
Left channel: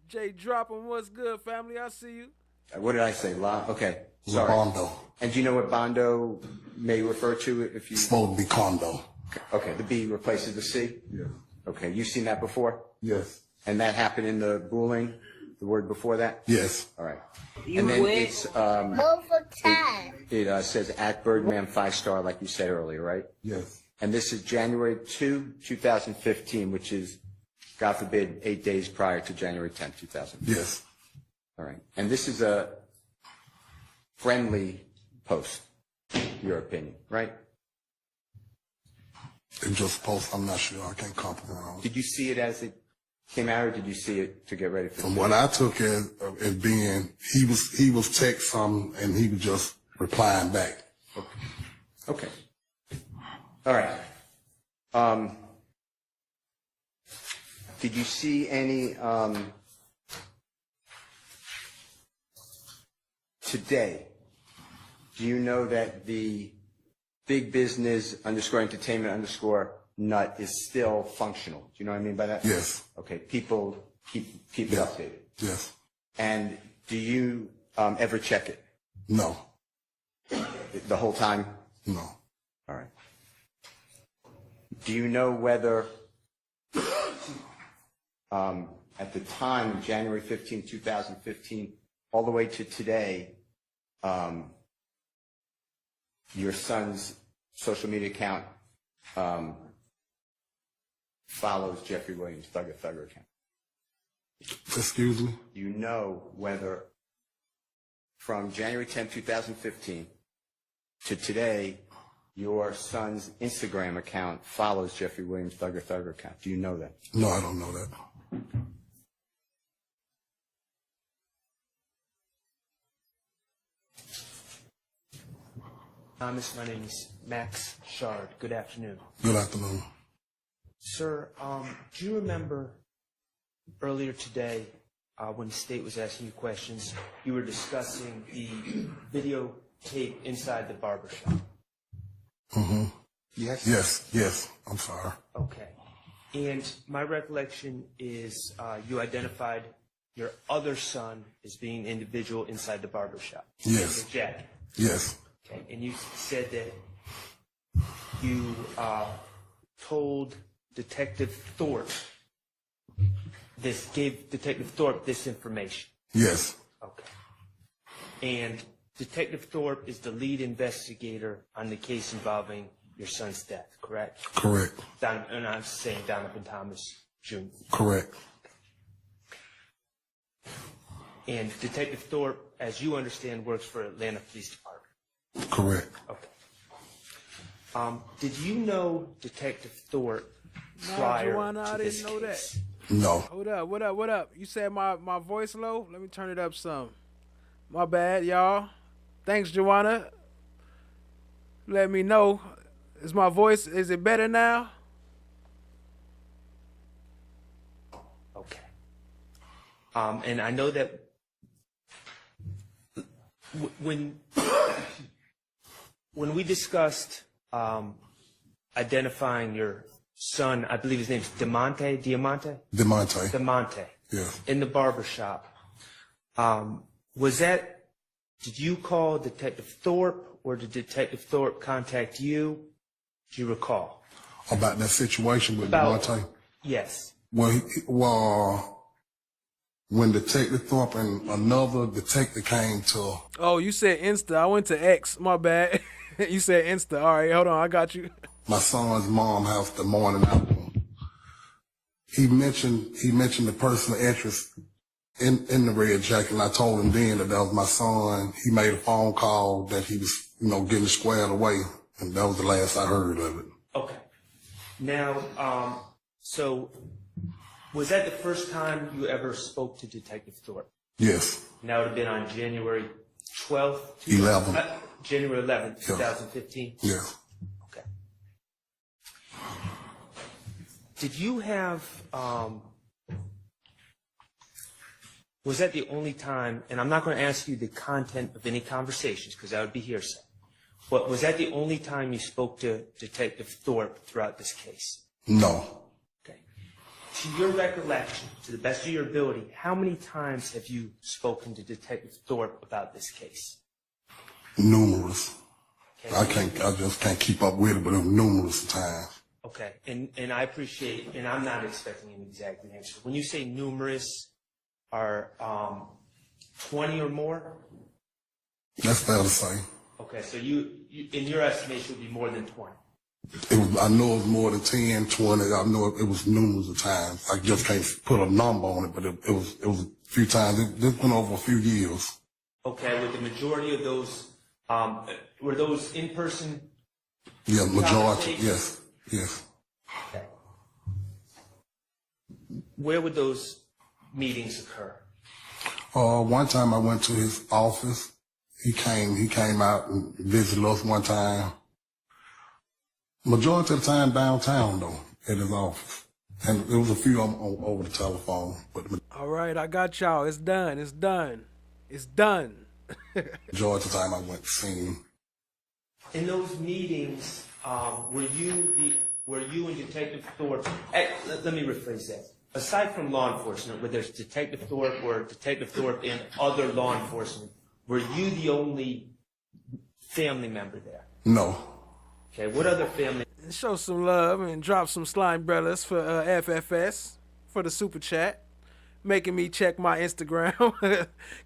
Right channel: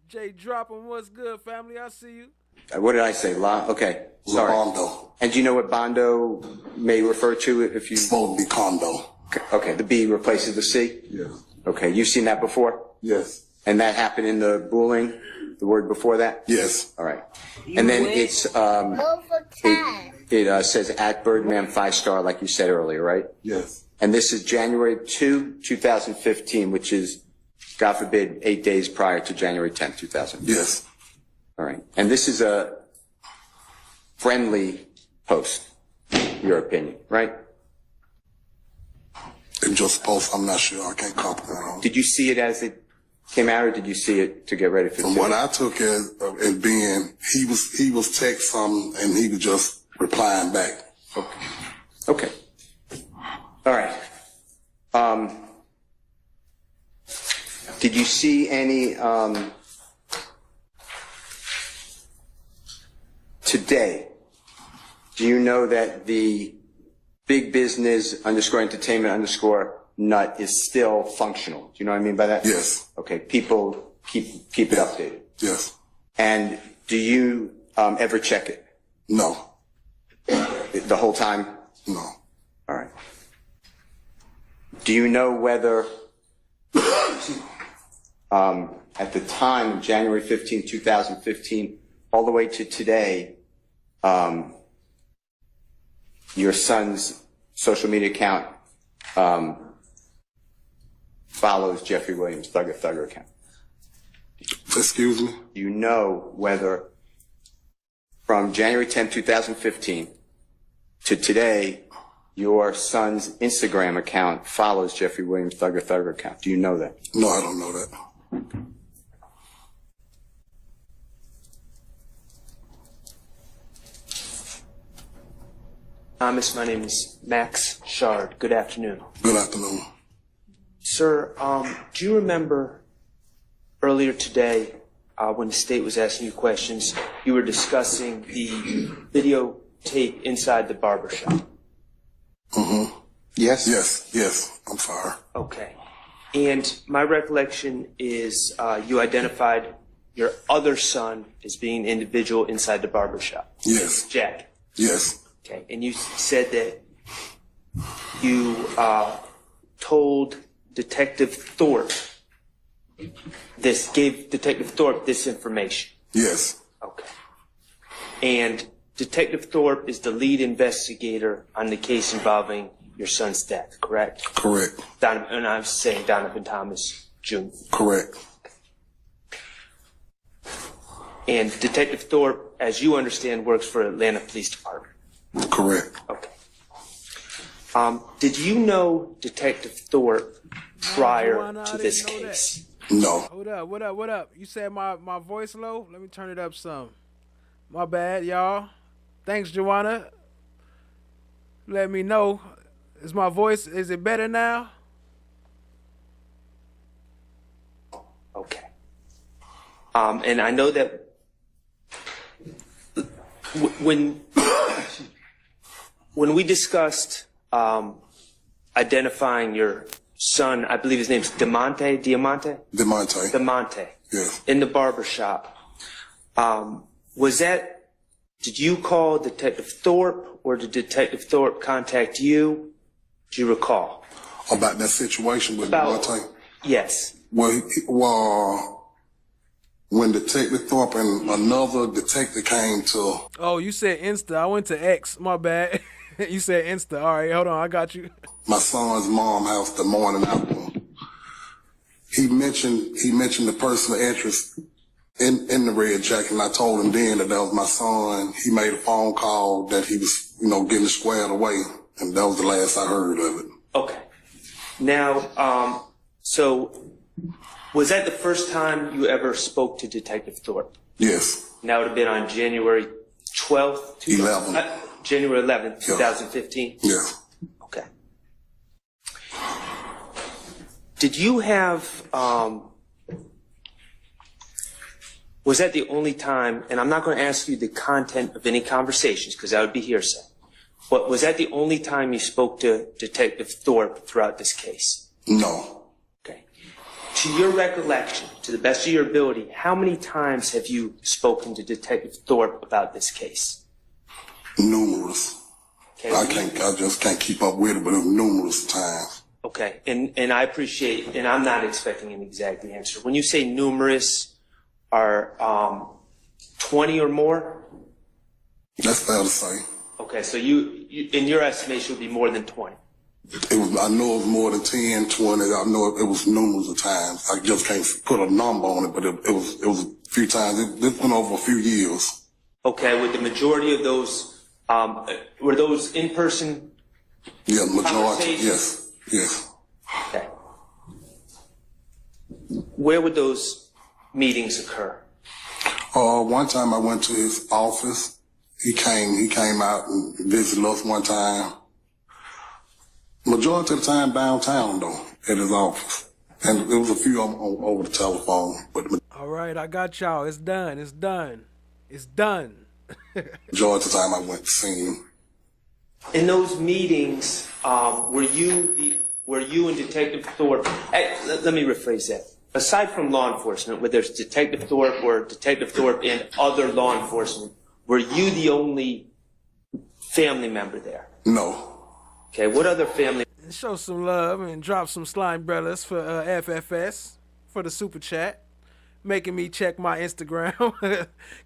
Jay dropping, what's good, family? I see you. What did I say? Okay. Sorry. Labondo. And do you know what Bondo may refer to if you? It's supposed to be condo. Okay. The B replaces the C? Yes. Okay. You've seen that before? Yes. And that happened in the booling? The word before that? Yes. All right. And then it's, it says at Birdman 5-star, like you said earlier, right? Yes. And this is January 2, 2015, which is, God forbid, 8 days prior to January 10th, 2015. Yes. All right. And this is a friendly post, your opinion, right? It just post, I'm not sure. I can't compliment on it. Did you see it as it came out, or did you see it to get ready for? From what I took as being, he was text something and he was just replying back. Okay. All right. Did you see any today? Do you know that the big business _ entertainment _ nut is still functional? Do you know what I mean by that? Yes. Okay. People keep it updated. Yes. And do you ever check it? No. The whole time? No. All right. Do you know whether at the time of January 15, 2015, all the way to today, your son's social media account follows Jeffrey Williams' Thugger account? Excuse me? Do you know whether from January 10, 2015 to today, your son's Instagram account follows Jeffrey Williams' Thugger account? Do you know that? No, I don't know that. Thomas, my name is Max Shard. Good afternoon. Good afternoon. Sir, do you remember earlier today when the state was asking you questions, you were discussing the videotape inside the barbershop? Mm-hmm. Yes? Yes. I'm sorry. Okay. And my recollection is you identified your other son as being an individual inside the barbershop. Yes. Jack. Yes. Okay. And you said that you told Detective Thorpe gave Detective Thorpe this information. Yes. Okay. And Detective Thorpe is the lead investigator on the case involving your son's death, correct? Correct. And I'm saying Donovan Thomas Jr. Correct. And Detective Thorpe, as you understand, works for Atlanta Police Department. Correct. Okay. Did you know Detective Thorpe prior to this case? No. Hold up, what up? You said my voice low? Let me turn it up some. My bad, y'all. Thanks, Joanna. Let me know. Is my voice, is it better now? Okay. And I know that when we discussed identifying your son, I believe his name's Diamante, Yeah. in the barber shop. Did you call Detective Thorpe, or did Detective Thorpe contact you? Do you recall? About that situation with Devontae? Yes. Well, when Detective Thorpe and another detective came to... Oh, you said Insta. I went to X. My bad. You said Insta. All right, hold on. I got you. my son's mom house the morning after. He mentioned the person of interest in the red jacket, and I told him then that was my son. He made a phone call that he was, getting squared away, and that was the last I heard of it. Okay. Now, so was that the first time you ever spoke to Detective Thorpe? Yes. And that would have been on January 12th? 11th. January 11th, 2015? Yeah. Okay. Did you have, was that the only time, and I'm not going to ask you the content of any conversations because that would be hearsay, but was that the only time you spoke to Detective Thorpe throughout this case? No. Okay. To your recollection, to the best of your ability, how many times have you spoken to Detective Thorpe about this case? Numerous. Okay. I just can't keep up with it, but it was numerous times. Okay, and I appreciate, and I'm not expecting an exact answer. When you say numerous, are 20 or more? That's fair to say. Okay, so you in your estimation, would be more than 20. I know it was more than 10, 20. I know it was numerous of times. I just can't put a number on it, but it was a few times. This went over a few years. Okay, with the majority of those, were those in person? Yeah, majority. Yes. Yes. Okay. Where would those meetings occur? One time I went to his office. He came out and visited us one time. Majority of the time downtown though, at his office. And there was a few of them over the telephone. But all right, I got y'all. It's done. It's done. It's done. Majority of the time I went to see him. In those meetings, were you and Detective Thorpe? Let me rephrase that. Aside from law enforcement, where there's Detective Thorpe or Detective Thorpe and other law enforcement, were you the only family member there? No. Okay, what other family? Show some love and drop some slime brothers for FFS for the super chat, making me check my Instagram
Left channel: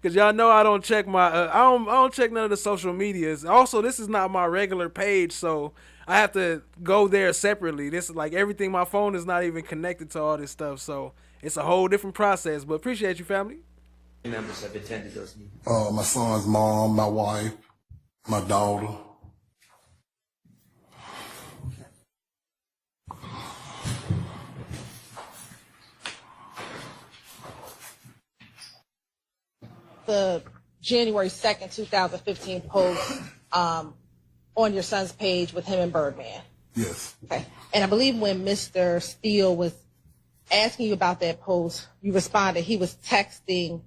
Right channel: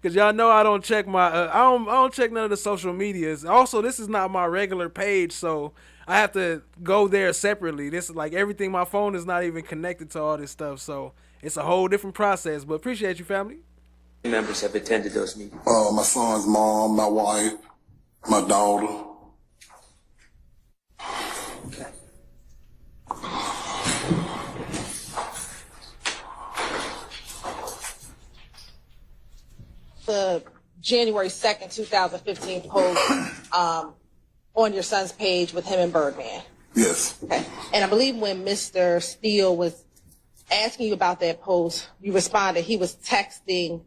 because y'all know I don't check my I don't check none of the social medias. Also, this is not my regular page, so I have to go there separately. This is like everything. My phone is not even connected to all this stuff, so it's a whole different process. But appreciate you, family. Members have attended those meetings. My son's mom, my wife, my daughter. Okay. The January 2nd, 2015 post on your son's page with him and Birdman. Yes. Okay. And I believe when Mr. Steele was asking you about that post, you responded. He was texting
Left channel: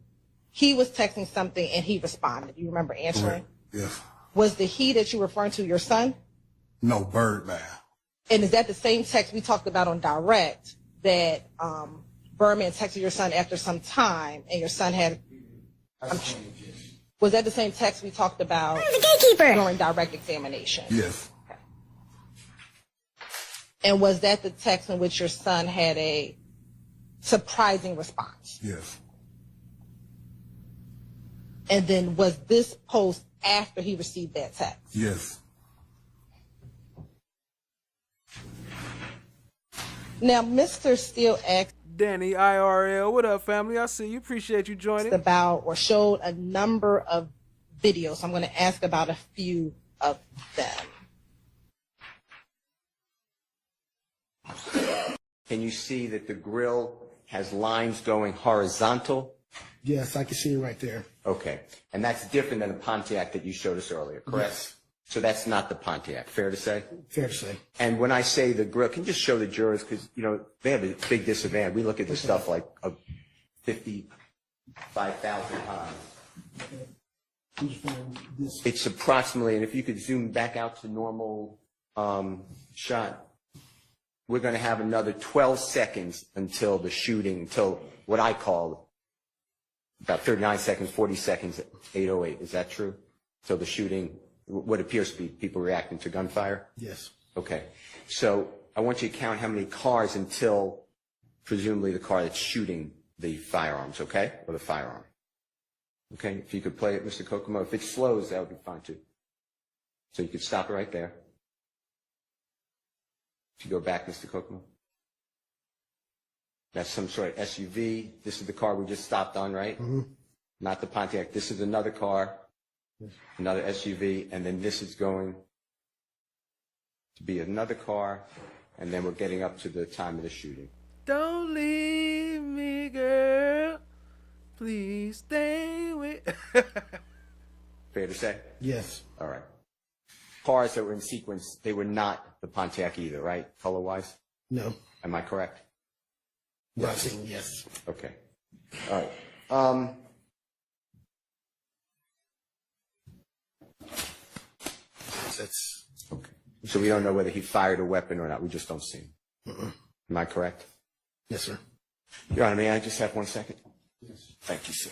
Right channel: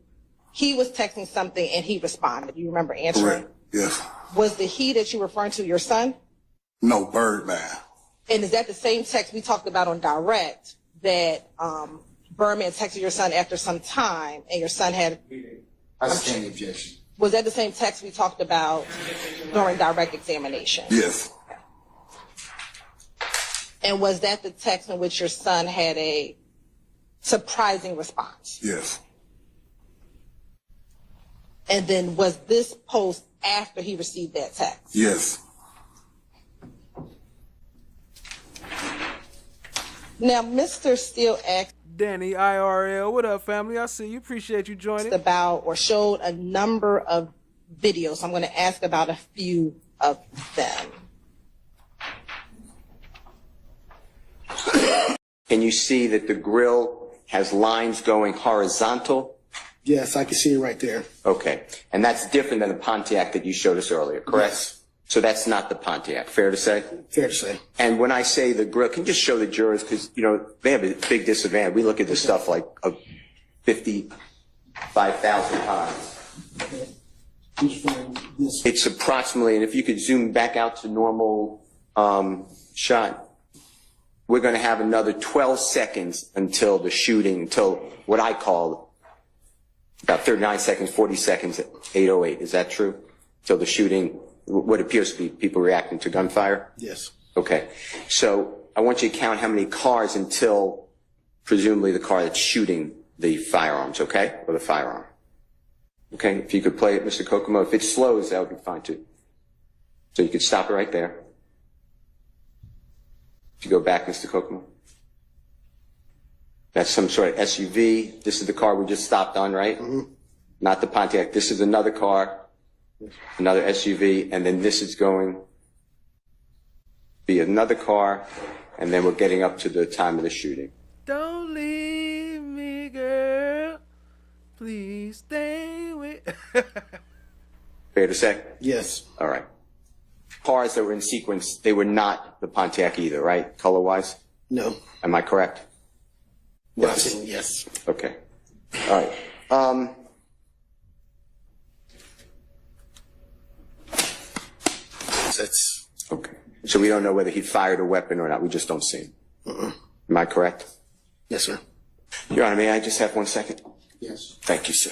something and he responded. You remember answering? Correct. Yes. Was the he that you're referring to your son? No, Birdman. And is that the same text we talked about on direct that Birdman texted your son after some time and your son had... I stand the objection. Was that the same text we talked about during direct examination? Yes. And was that the text in which your son had a surprising response? Yes. And then was this post after he received that text? Yes. Now, Mr. Steele asked Danny IRL, what up, family? I see you. Appreciate you joining. About or showed a number of videos. I'm going to ask about a few of them. Can you see that the grill has lines going horizontal? Yes, I can see it right there. Okay. And that's different than the Pontiac that you showed us earlier, correct? Yes. So that's not the Pontiac, fair to say? Fair to say. And when I say the grill, can you just show the jurors, because, they have a big disadvantage. We look at this stuff like 55,000 times. It's approximately, and if you could zoom back out to normal shot, we're going to have another 12 seconds until the shooting, until what I call about 39 seconds, 40 seconds at 8:08. Is that true? Till the shooting, what appears to be people reacting to gunfire? Yes. Okay. So I want you to count how many cars until presumably the car that's shooting the firearms, okay? Or the firearm. Okay? If you could play it, Mr. Kokomo. If it slows, that would be fine too. So you could stop it right there. If you go back, Mr. Kokomo. That's some sort of SUV. This is the car we just stopped on, right? Mm-hmm. Not the Pontiac. This is another car, another SUV, and then this is going to be another car, and then we're getting up to the time of the shooting. Don't leave me, girl. Please stay with. Fair to say? Yes. All right. Cars that were in sequence, they were not the Pontiac either, right? Color-wise? No. Am I correct? Yes. Yes. Okay. All right. That's okay. So we don't know whether he fired a weapon or not. We just don't see him. Am I correct? Yes, sir. Your Honor, may I just have 1 second? Yes. Thank you, sir.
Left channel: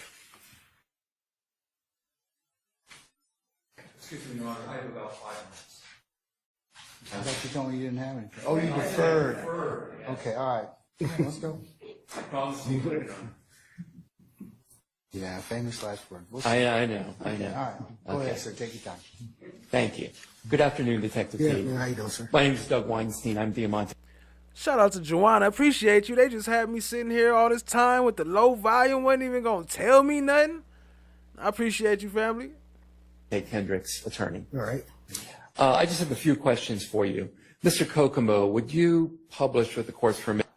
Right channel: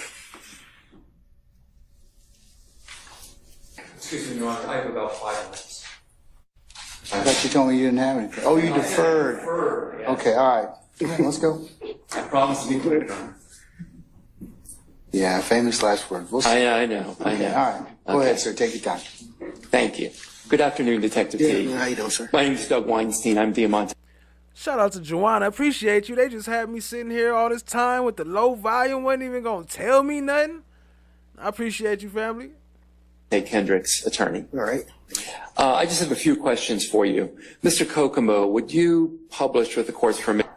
Excuse me, Your Honor, I have about 5 minutes. I thought you told me you didn't have anything. Oh, you deferred. Yeah. Okay, all right. Let's go. I promise to be clear, Your Honor. Yeah, famous last word. We'll see. I know. Okay, all right. Go ahead, sir. Take your time. Thank you. Good afternoon, Detective T. How you doing, sir? My name is Doug Weinstein. I'm Diamante. Shout out to Joanna. Appreciate you. They just had me sitting here all this time with the low volume. Wasn't even going to tell me nothing. I appreciate you, family. Kendrick's attorney. All right. I just have a few questions for you. Mr. Kokomo, would you publish with the court's permission?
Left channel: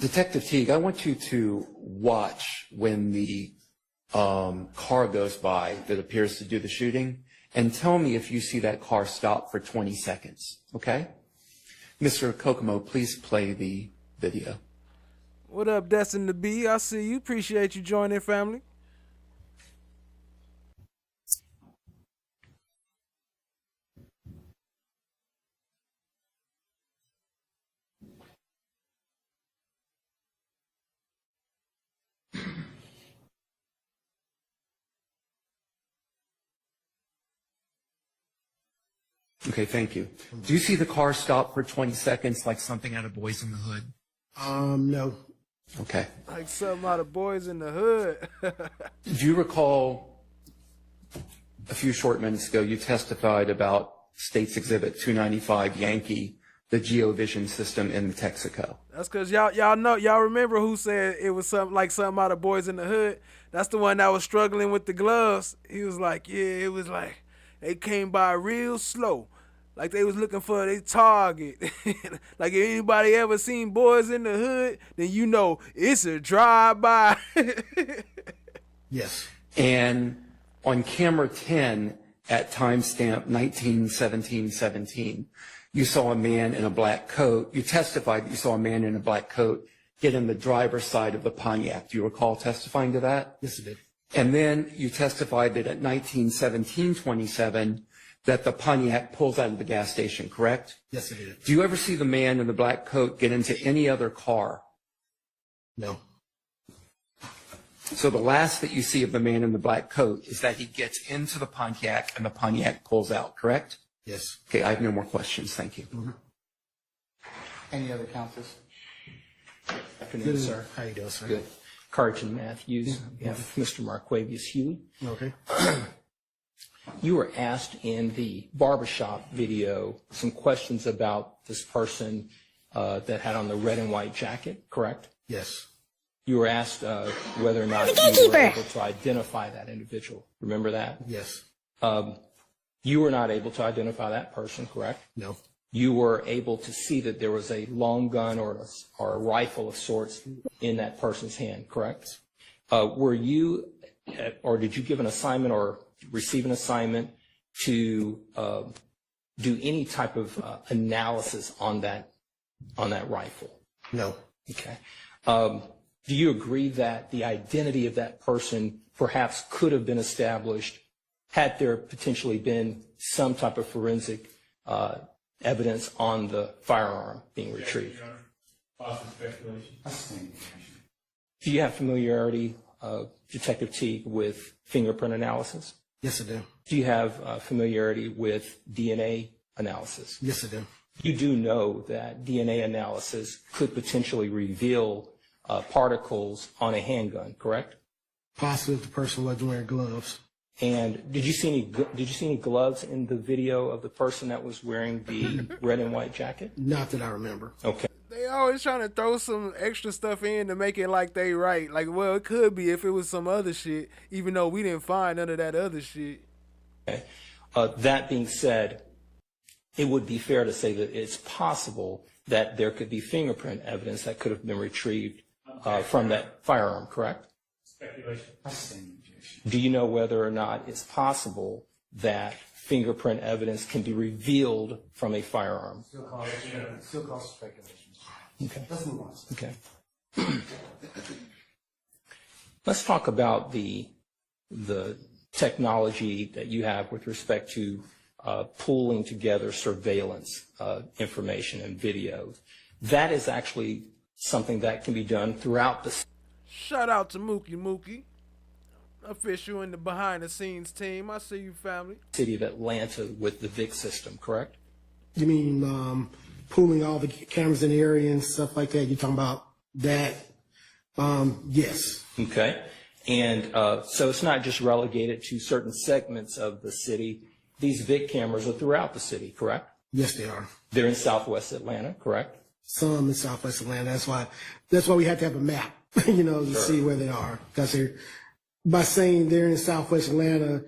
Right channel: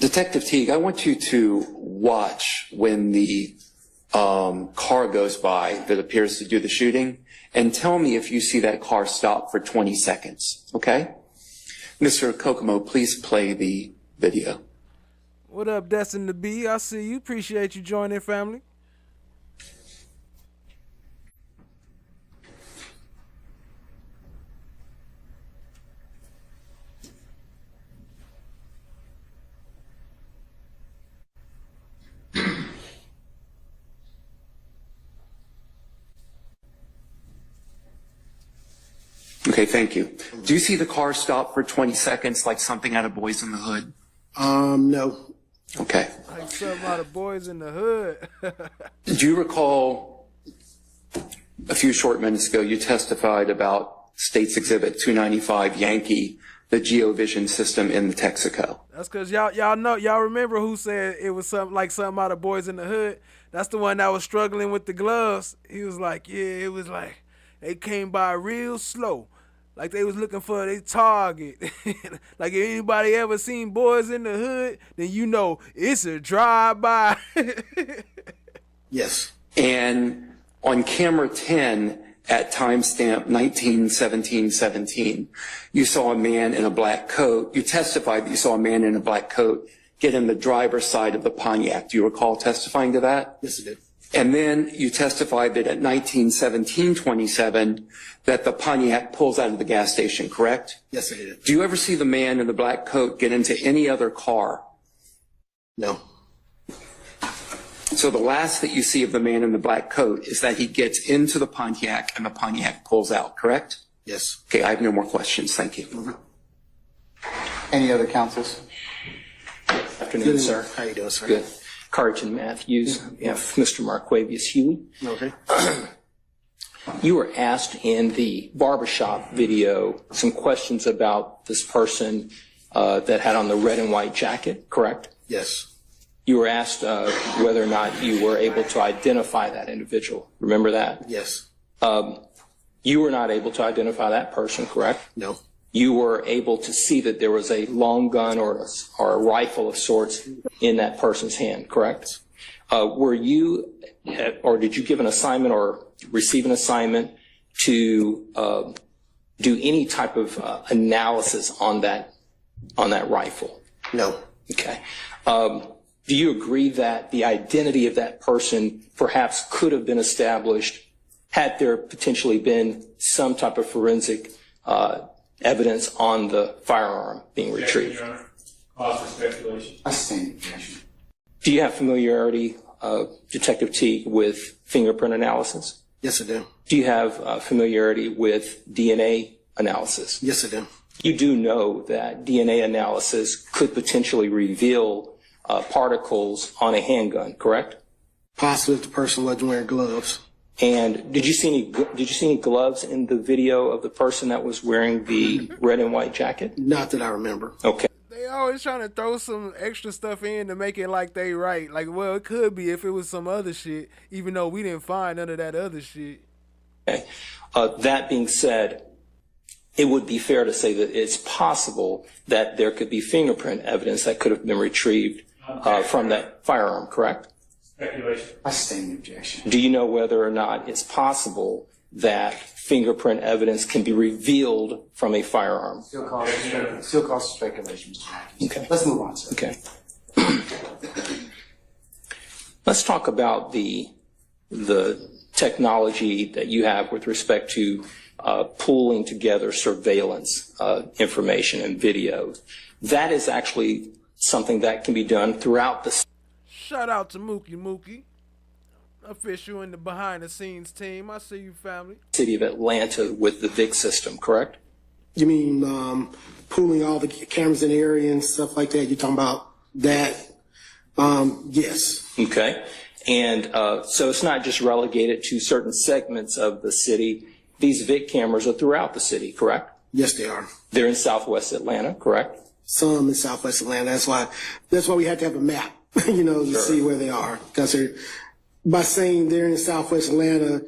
Detective Teague, I want you to watch when the car goes by that appears to do the shooting and tell me if you see that car stop for 20 seconds, okay? Mr. Kokomo, please play the video. What up, Destin to Be? I see you. Appreciate you joining, family. Okay, thank you. Do you see the car stop for 20 seconds like something out of Boys in the Hood? No. Okay. Like something out of Boys in the Hood. Do you recall a few short minutes ago you testified about State's Exhibit 295 Yankee, the GeoVision system in Texaco? That's because y'all remember who said it was something out of Boys in the Hood? That's the one that was struggling with the gloves. He was like, yeah, it was like they came by real slow. Like they was looking for their target. Like if anybody ever seen Boys in the Hood, then you know it's a drive-by. Yes. And on camera 10 at timestamp 19:17:17, you saw a man in a black coat. You testified that you saw a man in a black coat get in the driver's side of the Pontiac. Do you recall testifying to that? Yes, I did. And then you testified that at 19:17:27 that the Pontiac pulls out of the gas station, correct? Yes, I did. Do you ever see the man in the black coat get into any other car? No. So the last that you see of the man in the black coat is that he gets into the Pontiac and the Pontiac pulls out, correct? Yes. Okay, I have no more questions. Thank you. Any other counsels? Afternoon, sir. How you doing, sir? Good. Carlton Matthews, on behalf of Mr. Marquavius Huey. Okay. You were asked in the barbershop video some questions about this person that had on the red and white jacket, correct? Yes. You were asked whether or not you were able to identify that individual. Remember that? Yes. You were not able to identify that person, correct? No. You were able to see that there was a long gun or a rifle of sorts in that person's hand, correct? Were you, or did you give an assignment or receive an assignment to do any type of analysis on that rifle? No. Okay. Do you agree that the identity of that person perhaps could have been established had there potentially been some type of forensic evidence on the firearm being retrieved. Your Honor. Cause for speculation. I stand objection. Do you have familiarity, Detective Teague, with fingerprint analysis? Yes, I do. Do you have familiarity with DNA analysis? Yes, I do. You do know that DNA analysis could potentially reveal particles on a handgun, correct? Possibly if the person wasn't wearing gloves. And did you see any gloves in the video of the person that was wearing the red and white jacket? Not that I remember. Okay. They always trying to throw some extra stuff in to make it like they right. Like, well, it could be if it was some other shit, even though we didn't find none of that other shit. Okay. That being said, it would be fair to say that it's possible that there could be fingerprint evidence that could have been retrieved from that firearm, correct? Speculation. I stand objection. Do you know whether or not it's possible that fingerprint evidence can be revealed from a firearm? Still cause for speculation, Mr. Matthews. Okay. Let's move on, sir. Okay. Let's talk about the technology that you have with respect to pooling together surveillance information and videos. That is actually something that can be done throughout the Shout out to Mookie, official in the behind the scenes team. I see you, family. city of Atlanta with the VIC system, correct? You mean pooling all the cameras in the area and stuff like that? You're talking about that? Yes. Okay. And so it's not just relegated to certain segments of the city. These VIC cameras are throughout the city, correct? Yes, they are. They're in Southwest Atlanta, correct? Some in Southwest Atlanta. That's why we have to have a map, to see where they are. Because by saying they're in Southwest Atlanta,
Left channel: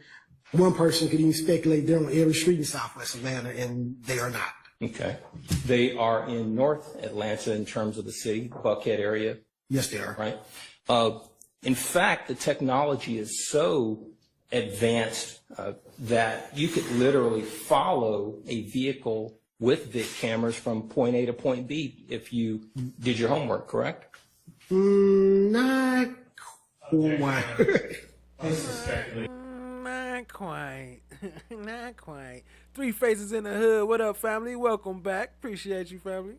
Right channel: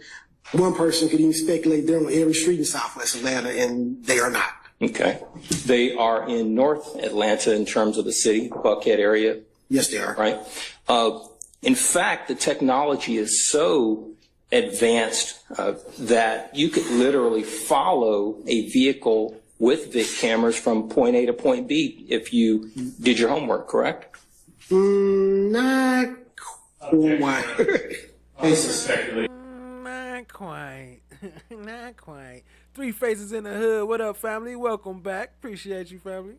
one person could even speculate they're on every street in Southwest Atlanta, and they are not. Okay. They are in North Atlanta in terms of the city, Buckhead area. Yes, they are. Right. In fact, the technology is so advanced that you could literally follow a vehicle with VIC cameras from point A to point B if you did your homework, correct? Not quite. Not quite. Not quite. Three Faces in the Hood. What up, family? Welcome back. Appreciate you, family.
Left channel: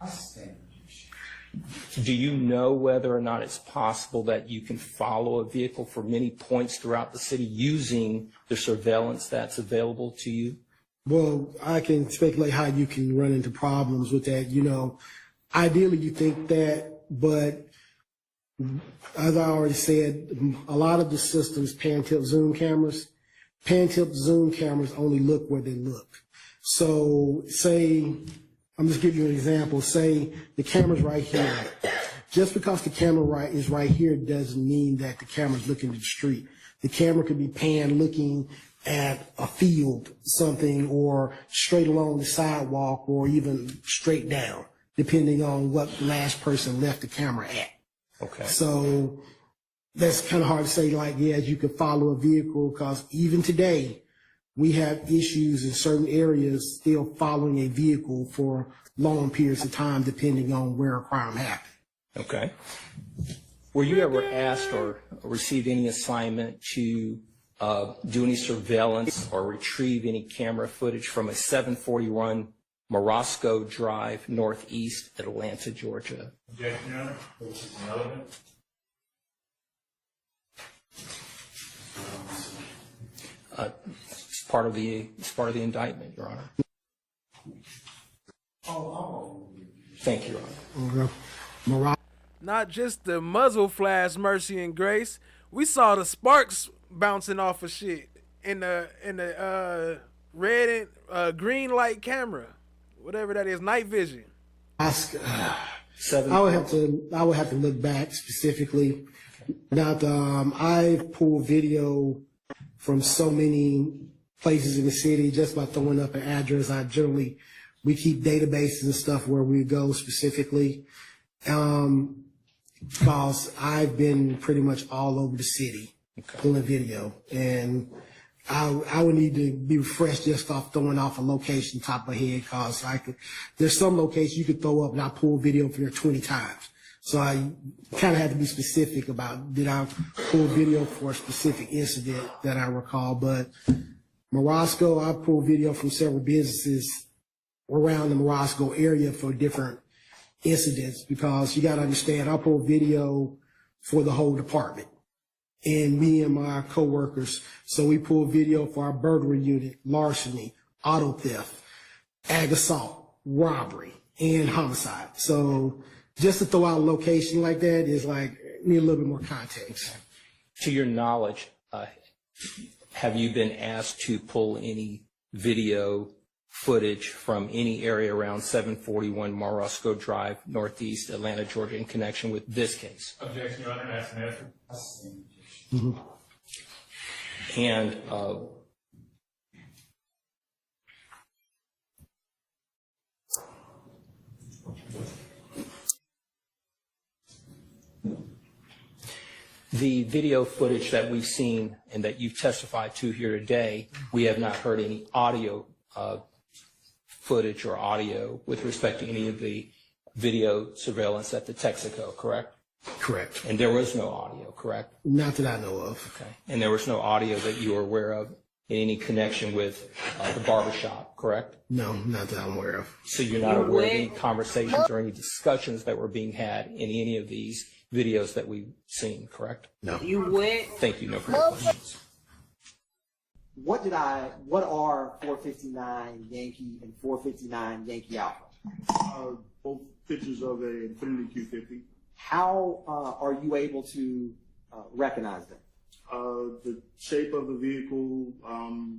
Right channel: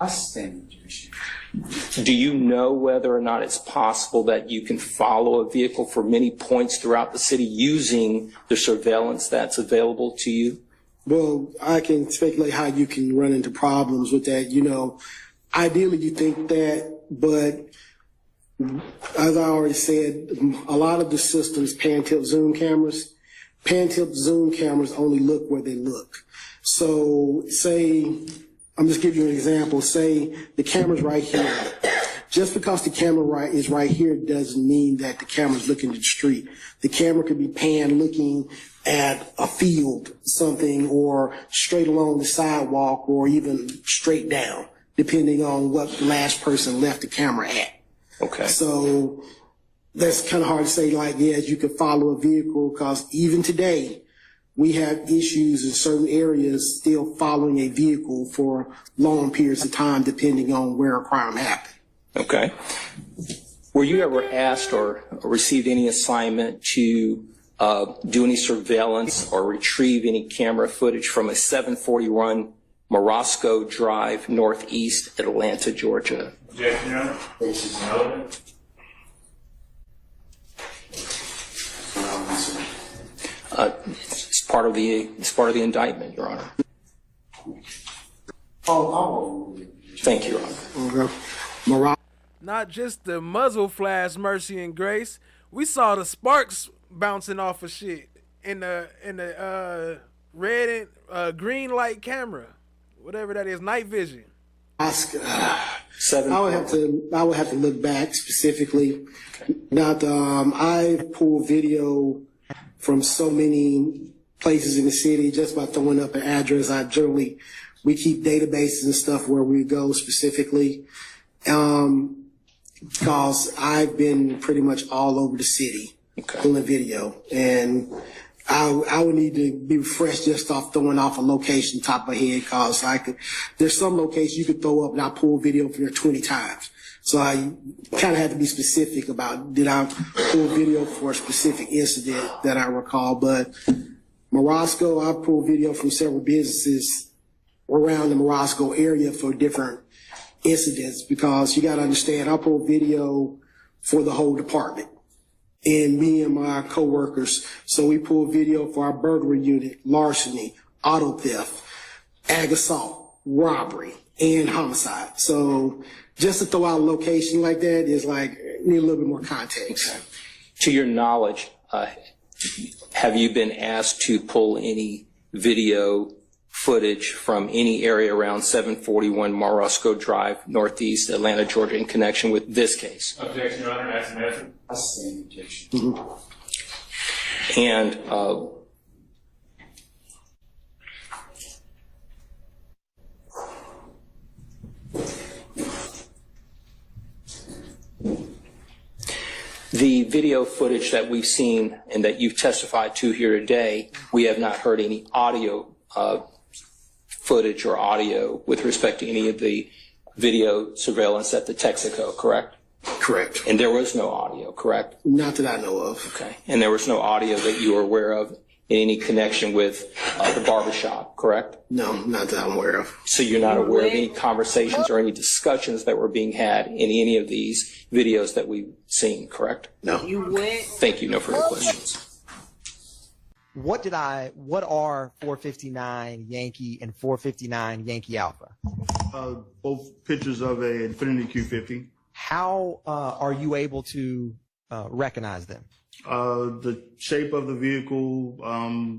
I stand objection. Do you know whether or not it's possible that you can follow a vehicle for many points throughout the city using the surveillance that's available to you? Well, I can speculate how you can run into problems with that. Ideally you think that, but as I already said, a lot of the systems, pan-tilt zoom cameras only look where they look. So I'm just giving you an example. Say the camera's right here. Just because the camera is right here doesn't mean that the camera's looking at the street. The camera could be panned looking at a field, something, or straight along the sidewalk, or even straight down, depending on what the last person left the camera at. Okay. So that's kind of hard to say, you could follow a vehicle, because even today, we have issues in certain areas still following a vehicle for long periods of time, depending on where a crime happened. Okay. Were you ever asked or received any assignment to do any surveillance or retrieve any camera footage from a 741 Morosco Drive, Northeast Atlanta, Georgia? Objection, Your Honor. This is irrelevant. It's part of the indictment, Your Honor. Thank you, Your Honor. Not just the muzzle flash, mercy and grace. We saw the sparks bouncing off of shit in the red and green light camera, whatever that is, night vision. I would have to look back specifically. Okay. I've pulled video from so many places in the city just by throwing up an address. We keep databases and stuff where we go specifically. Because I've been pretty much all over the city pulling video, and I would need to be refreshed just off throwing off a location top of my head, because there's some locations you could throw up and I pull video from there 20 times. So I kind of had to be specific about, did I pull video for a specific incident that I recall, but Morosco, I pulled video from several businesses around the Morosco area for different incidents, because you got to understand, I pulled video for the whole department and me and my coworkers. So we pulled video for our burglary unit, larceny, auto theft, ag assault, robbery, and homicide. So just to throw out a location like that is like, need a little bit more context. Okay. To your knowledge, have you been asked to pull any video footage from any area around 741 Morosco Drive, Northeast Atlanta, Georgia, in connection with this case? Objection, Your Honor. That's an answer. That's the same objection. And the video footage that we've seen and that you've testified to here today, we have not heard any audio footage or audio with respect to any of the video surveillance at the Texaco, correct? Correct. And there was no audio, correct? Not that I know of. Okay. And there was no audio that you were aware of in any connection with the barbershop, correct? No, not that I'm aware of. So you're not aware of any conversations or any discussions that were being had in any of these videos that we've seen, correct? No. You went. Thank you. No further questions. What are 459 Yankee and 459 Yankee Alpha? Both pictures of a Infiniti Q50. How are you able to recognize them? The shape of the vehicle,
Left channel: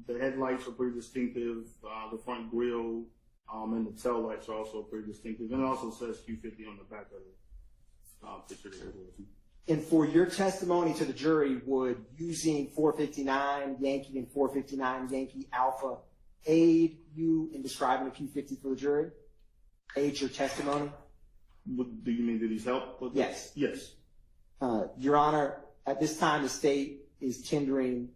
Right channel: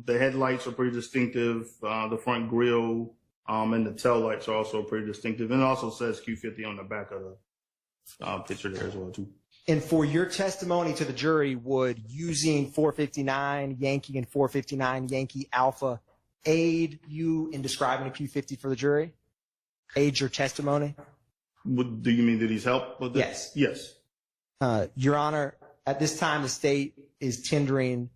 the headlights are pretty distinctive. The front grille and the tail lights are also pretty distinctive. And it also says Q50 on the back of the picture there as well too. And for your testimony to the jury, would using 459 Yankee and 459 Yankee Alpha aid you in describing a Q50 for the jury? Aid your testimony? Do you mean that he's helped with this? Yes. Yes. Your Honor, at this time, the state is tendering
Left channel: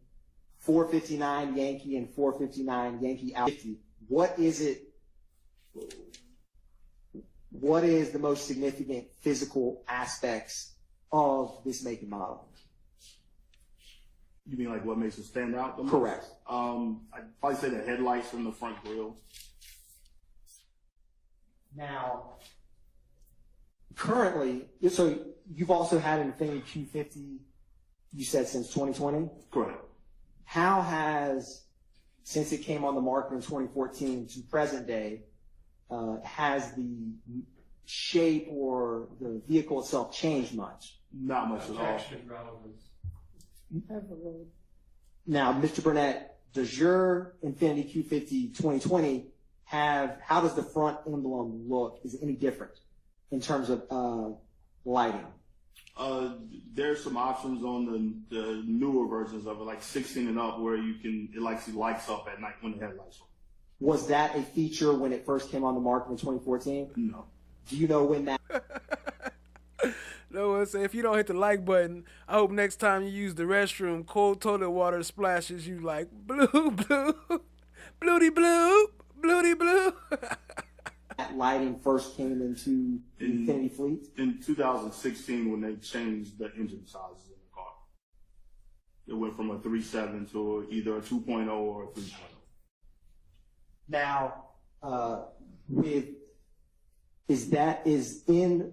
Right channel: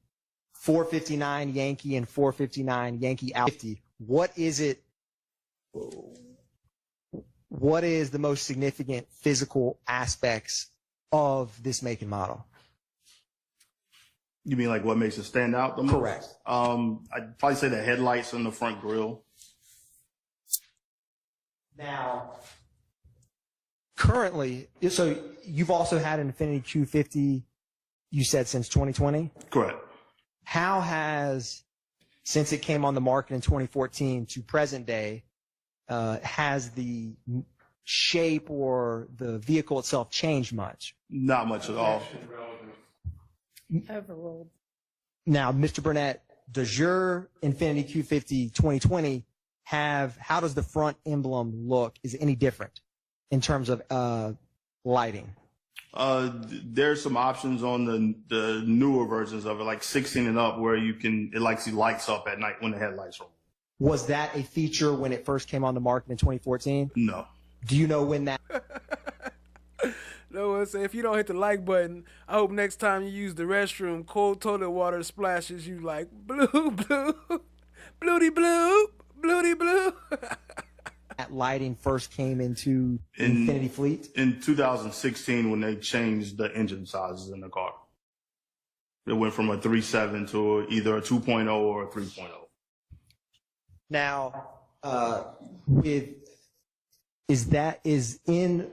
459 Yankee and 459 Yankee Alpha. What is the most significant physical aspects of this make and model? You mean like what makes it stand out the most? Correct. I'd probably say the headlights and the front grille. Now, currently, so you've also had an Infiniti Q50, you said, since 2020? Correct. How has, since it came on the market in 2014 to present day, has the shape or the vehicle itself changed much? Not much at all. Now, Mr. Burnett, does your Infiniti Q50 2020 how does the front emblem look? Is it any different in terms of lighting? There's some options on the newer versions of it, like 16 and up, where it lights up at night when the headlights are on. Was that a feature when it first came on the market in 2014? No. Do you know when that? No one say, if you don't hit the like button, I hope next time you use the restroom, cold toilet water splashes you like blue, blue, bluey blue, bluey blue. That lighting first came into Infiniti fleet? In 2016, when they changed the engine sizes in the car. It went from a 3.7 to either a 2.0 or a 3.0. Now, is in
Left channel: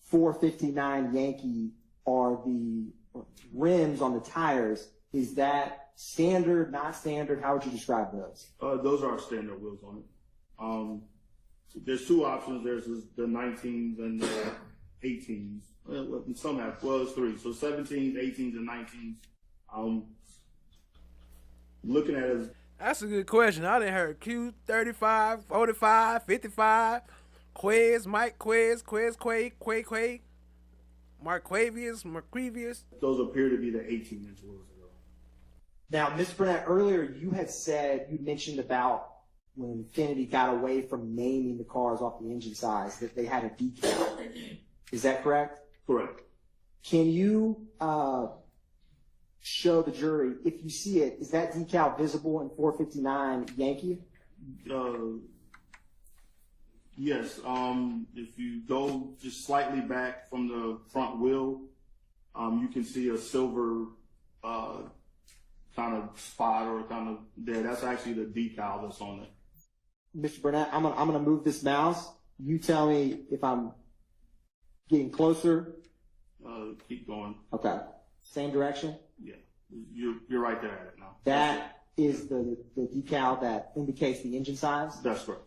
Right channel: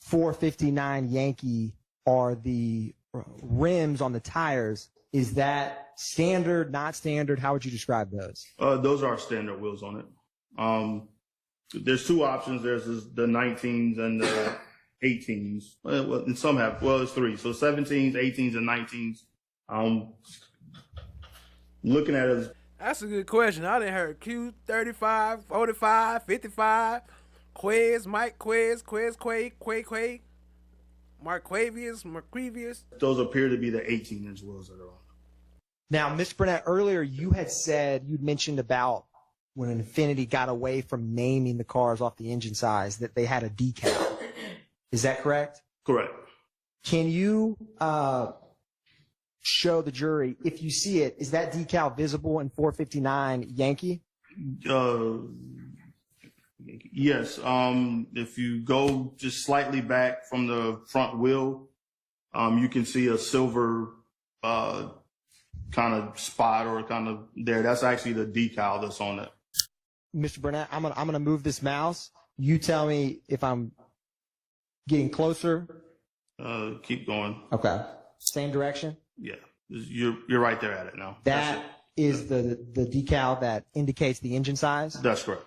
459 Yankee, are the rims on the tires, is that standard, not standard? How would you describe those? Those are standard wheels on it. There's two options. There's the 19s and the 18s. And some have, it's three. So 17s, 18s, and 19s. Looking at it. That's a good question. I didn't heard Q35, 45, 55, Quez, Mike Quez, Quay, Marquavius. Those appear to be the 18-inch wheels that are on. Now, Mr. Burnett, earlier you'd mentioned about when Infiniti got away from naming the cars off the engine size, that they had a decal. Is that correct? Correct. Can you show the jury, if you see it, is that decal visible in 459 Yankee? Yes. If you go just slightly back from the front wheel, you can see a silver kind of spot or kind of there. That's actually the decal that's on it. Mr. Burnett, I'm gonna move this mouse. You tell me if I'm getting closer. Keep going. Okay. Same direction? Yeah. You're right there at it now. That is the decal that indicates the engine size? That's correct.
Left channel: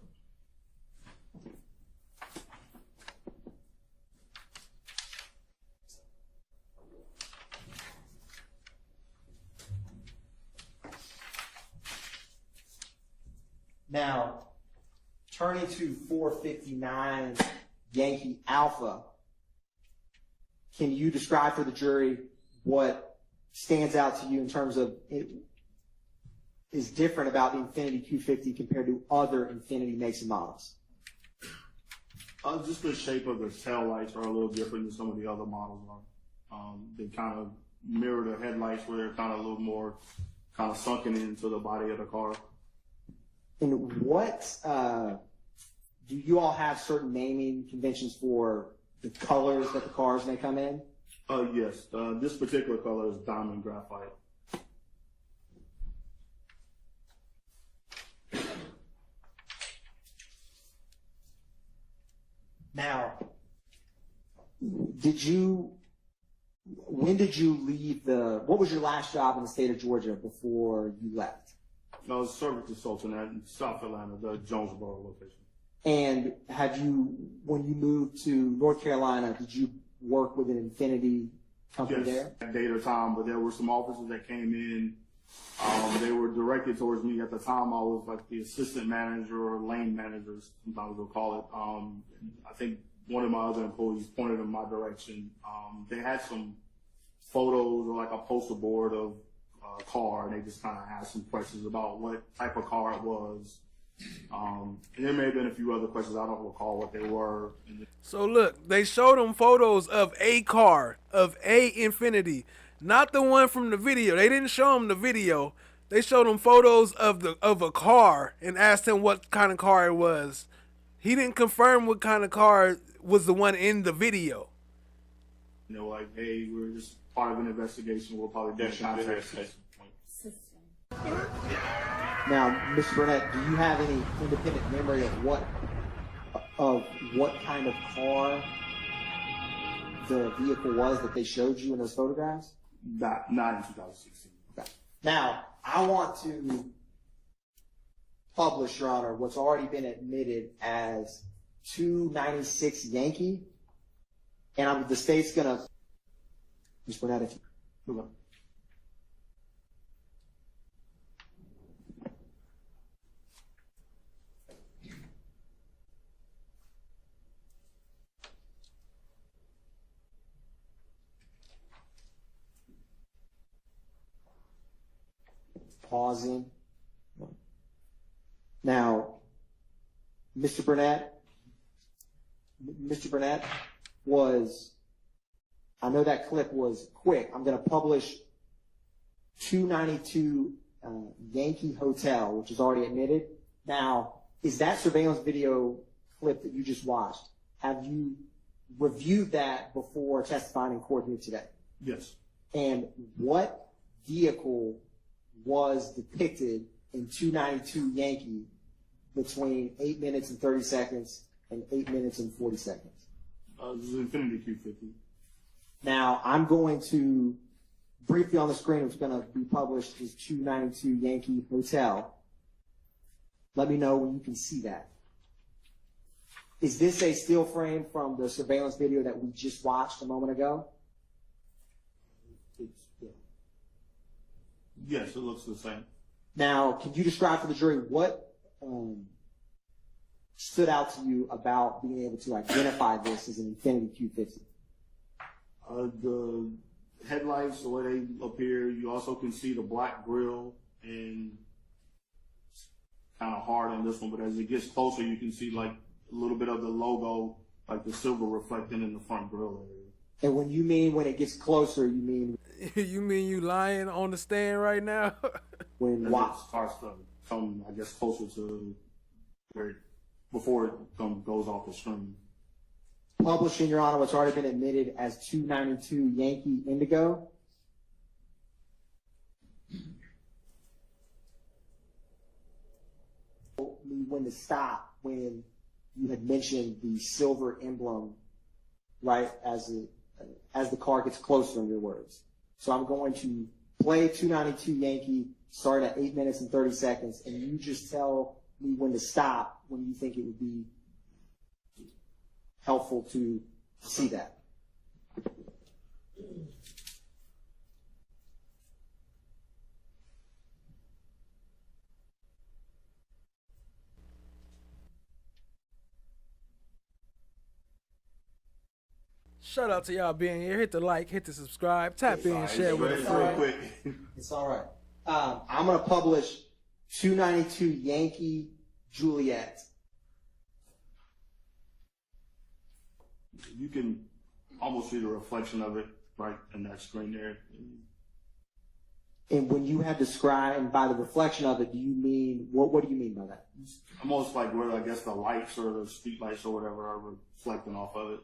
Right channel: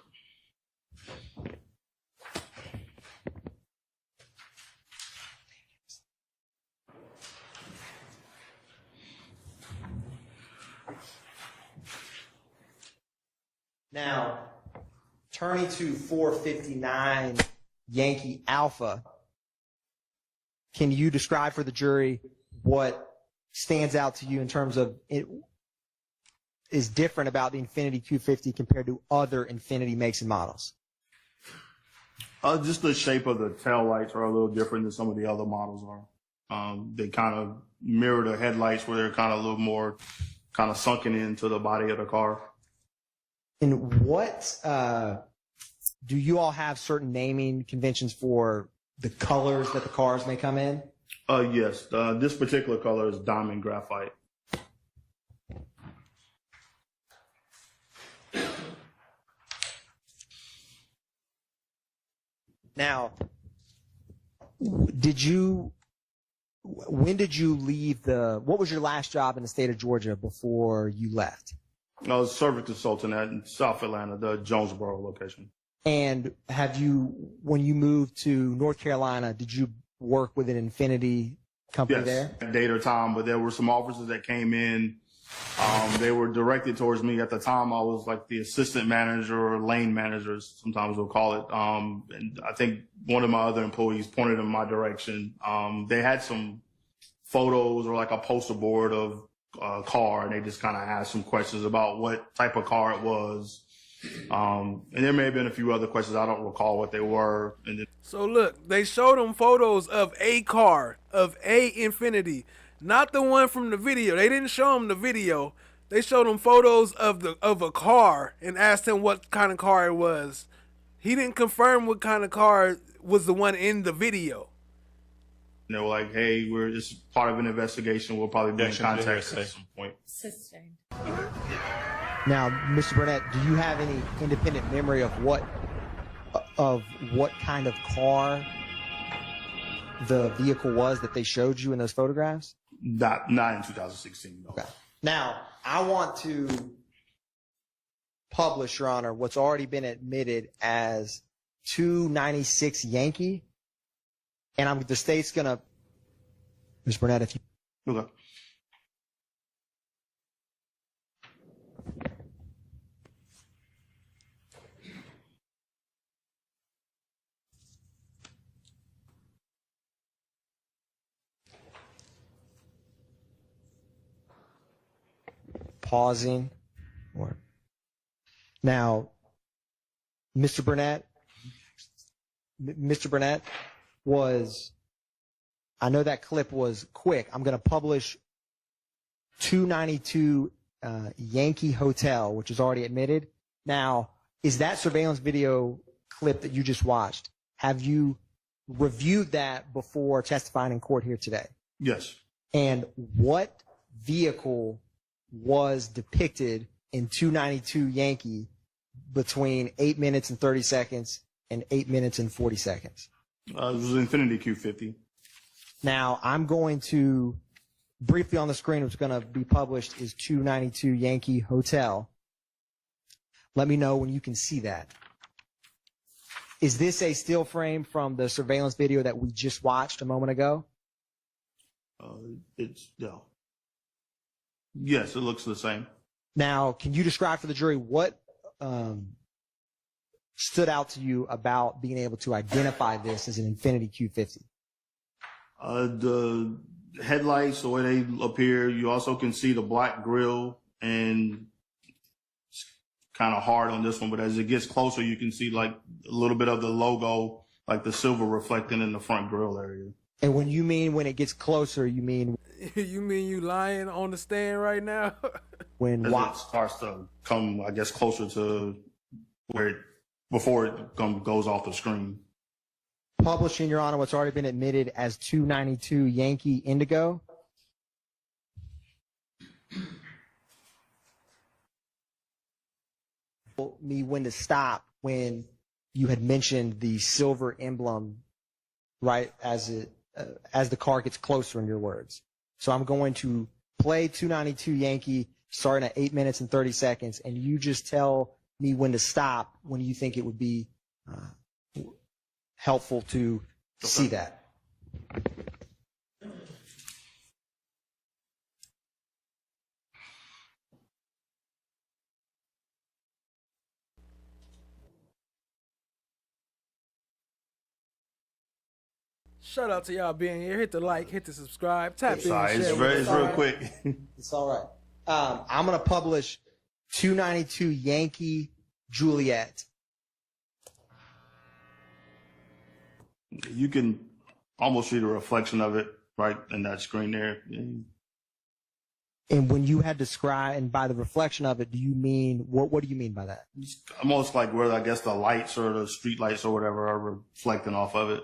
Now, turning to 459 Yankee Alpha, can you describe for the jury what stands out to you in terms of it is different about the Infiniti Q50 compared to other Infiniti makes and models? Just the shape of the tail lights are a little different than some of the other models are. They kind of mirror the headlights where they're kind of a little more kind of sunken into the body of the car. And what do you all have certain naming conventions for the colors that the cars may come in? Yes. This particular color is diamond graphite. Now, when did you leave what was your last job in the state of Georgia before you left? I was service consultant at South Atlanta, the Jonesboro location. And when you moved to North Carolina, did you work with an Infiniti company there? Yes, date or time, but there were some officers that came in. They were directed towards me. At the time, I was like the assistant manager or lane manager, sometimes we'll call it. And I think one of my other employees pointed in my direction. They had some photos or like a poster board of a car, and they just kind of asked some questions about what type of car it was. And there may have been a few other questions. I don't recall what they were. And then, so look, they showed them photos of a car, of a Infiniti, not the one from the video. They didn't show him the video. They showed him photos of a car and asked him what kind of car it was. He didn't confirm what kind of car was the one in the video. they were like, "Hey, we're just part of an investigation. We'll probably be in contact at some point." Now, Mr. Burnett, do you have any independent memory of what kind of car the vehicle was that they showed you in those photographs? Not in 2016. No. Okay. Now, I want to publish, Your Honor, what's already been admitted as 296 Yankee, and the state's gonna, Ms. Burnett, if you. Okay. Pausing. Now, Mr. Burnett was, I know that clip was quick. I'm going to publish 292 Yankee Hotel, which is already admitted. Now, is that surveillance video clip that you just watched, have you reviewed that before testifying in court here today? Yes. And what vehicle was depicted in 292 Yankee between 8 minutes and 30 seconds and 8 minutes and 40 seconds? It was an Infiniti Q50. Now, I'm going to, briefly on the screen, what's going to be published is 292 Yankee Hotel. Let me know when you can see that. Is this a still frame from the surveillance video that we just watched a moment ago? No. Yes, it looks the same. Now, can you describe for the jury what stood out to you about being able to identify this as an Infiniti Q50? The headlights, the way they appear, you also can see the black grille, and it's kind of hard on this one, but as it gets closer, you can see like a little bit of the logo, like the silver reflecting in the front grille area. And when you mean when it gets closer, you mean? You mean you lying on the stand right now? When it starts to come, I guess, closer to where before it goes off the screen. Publishing, Your Honor, what's already been admitted as 292 Yankee Indigo. me when to stop when you had mentioned the silver emblem, right, as the car gets closer, in your words. So I'm going to play 292 Yankee starting at 8 minutes and 30 seconds, and you just tell me when to stop when you think it would be helpful to see that. Shout out to y'all being here. Hit the like, hit the subscribe, tap in, share with It's a real friend. quick. It's all right. I'm going to publish 292 Yankee Juliet. You can almost see the reflection of it right in that screen there. And when you had described, and by the reflection of it, do you mean, what do you mean by that? Almost like where I guess the lights or the street lights or whatever are reflecting off of it.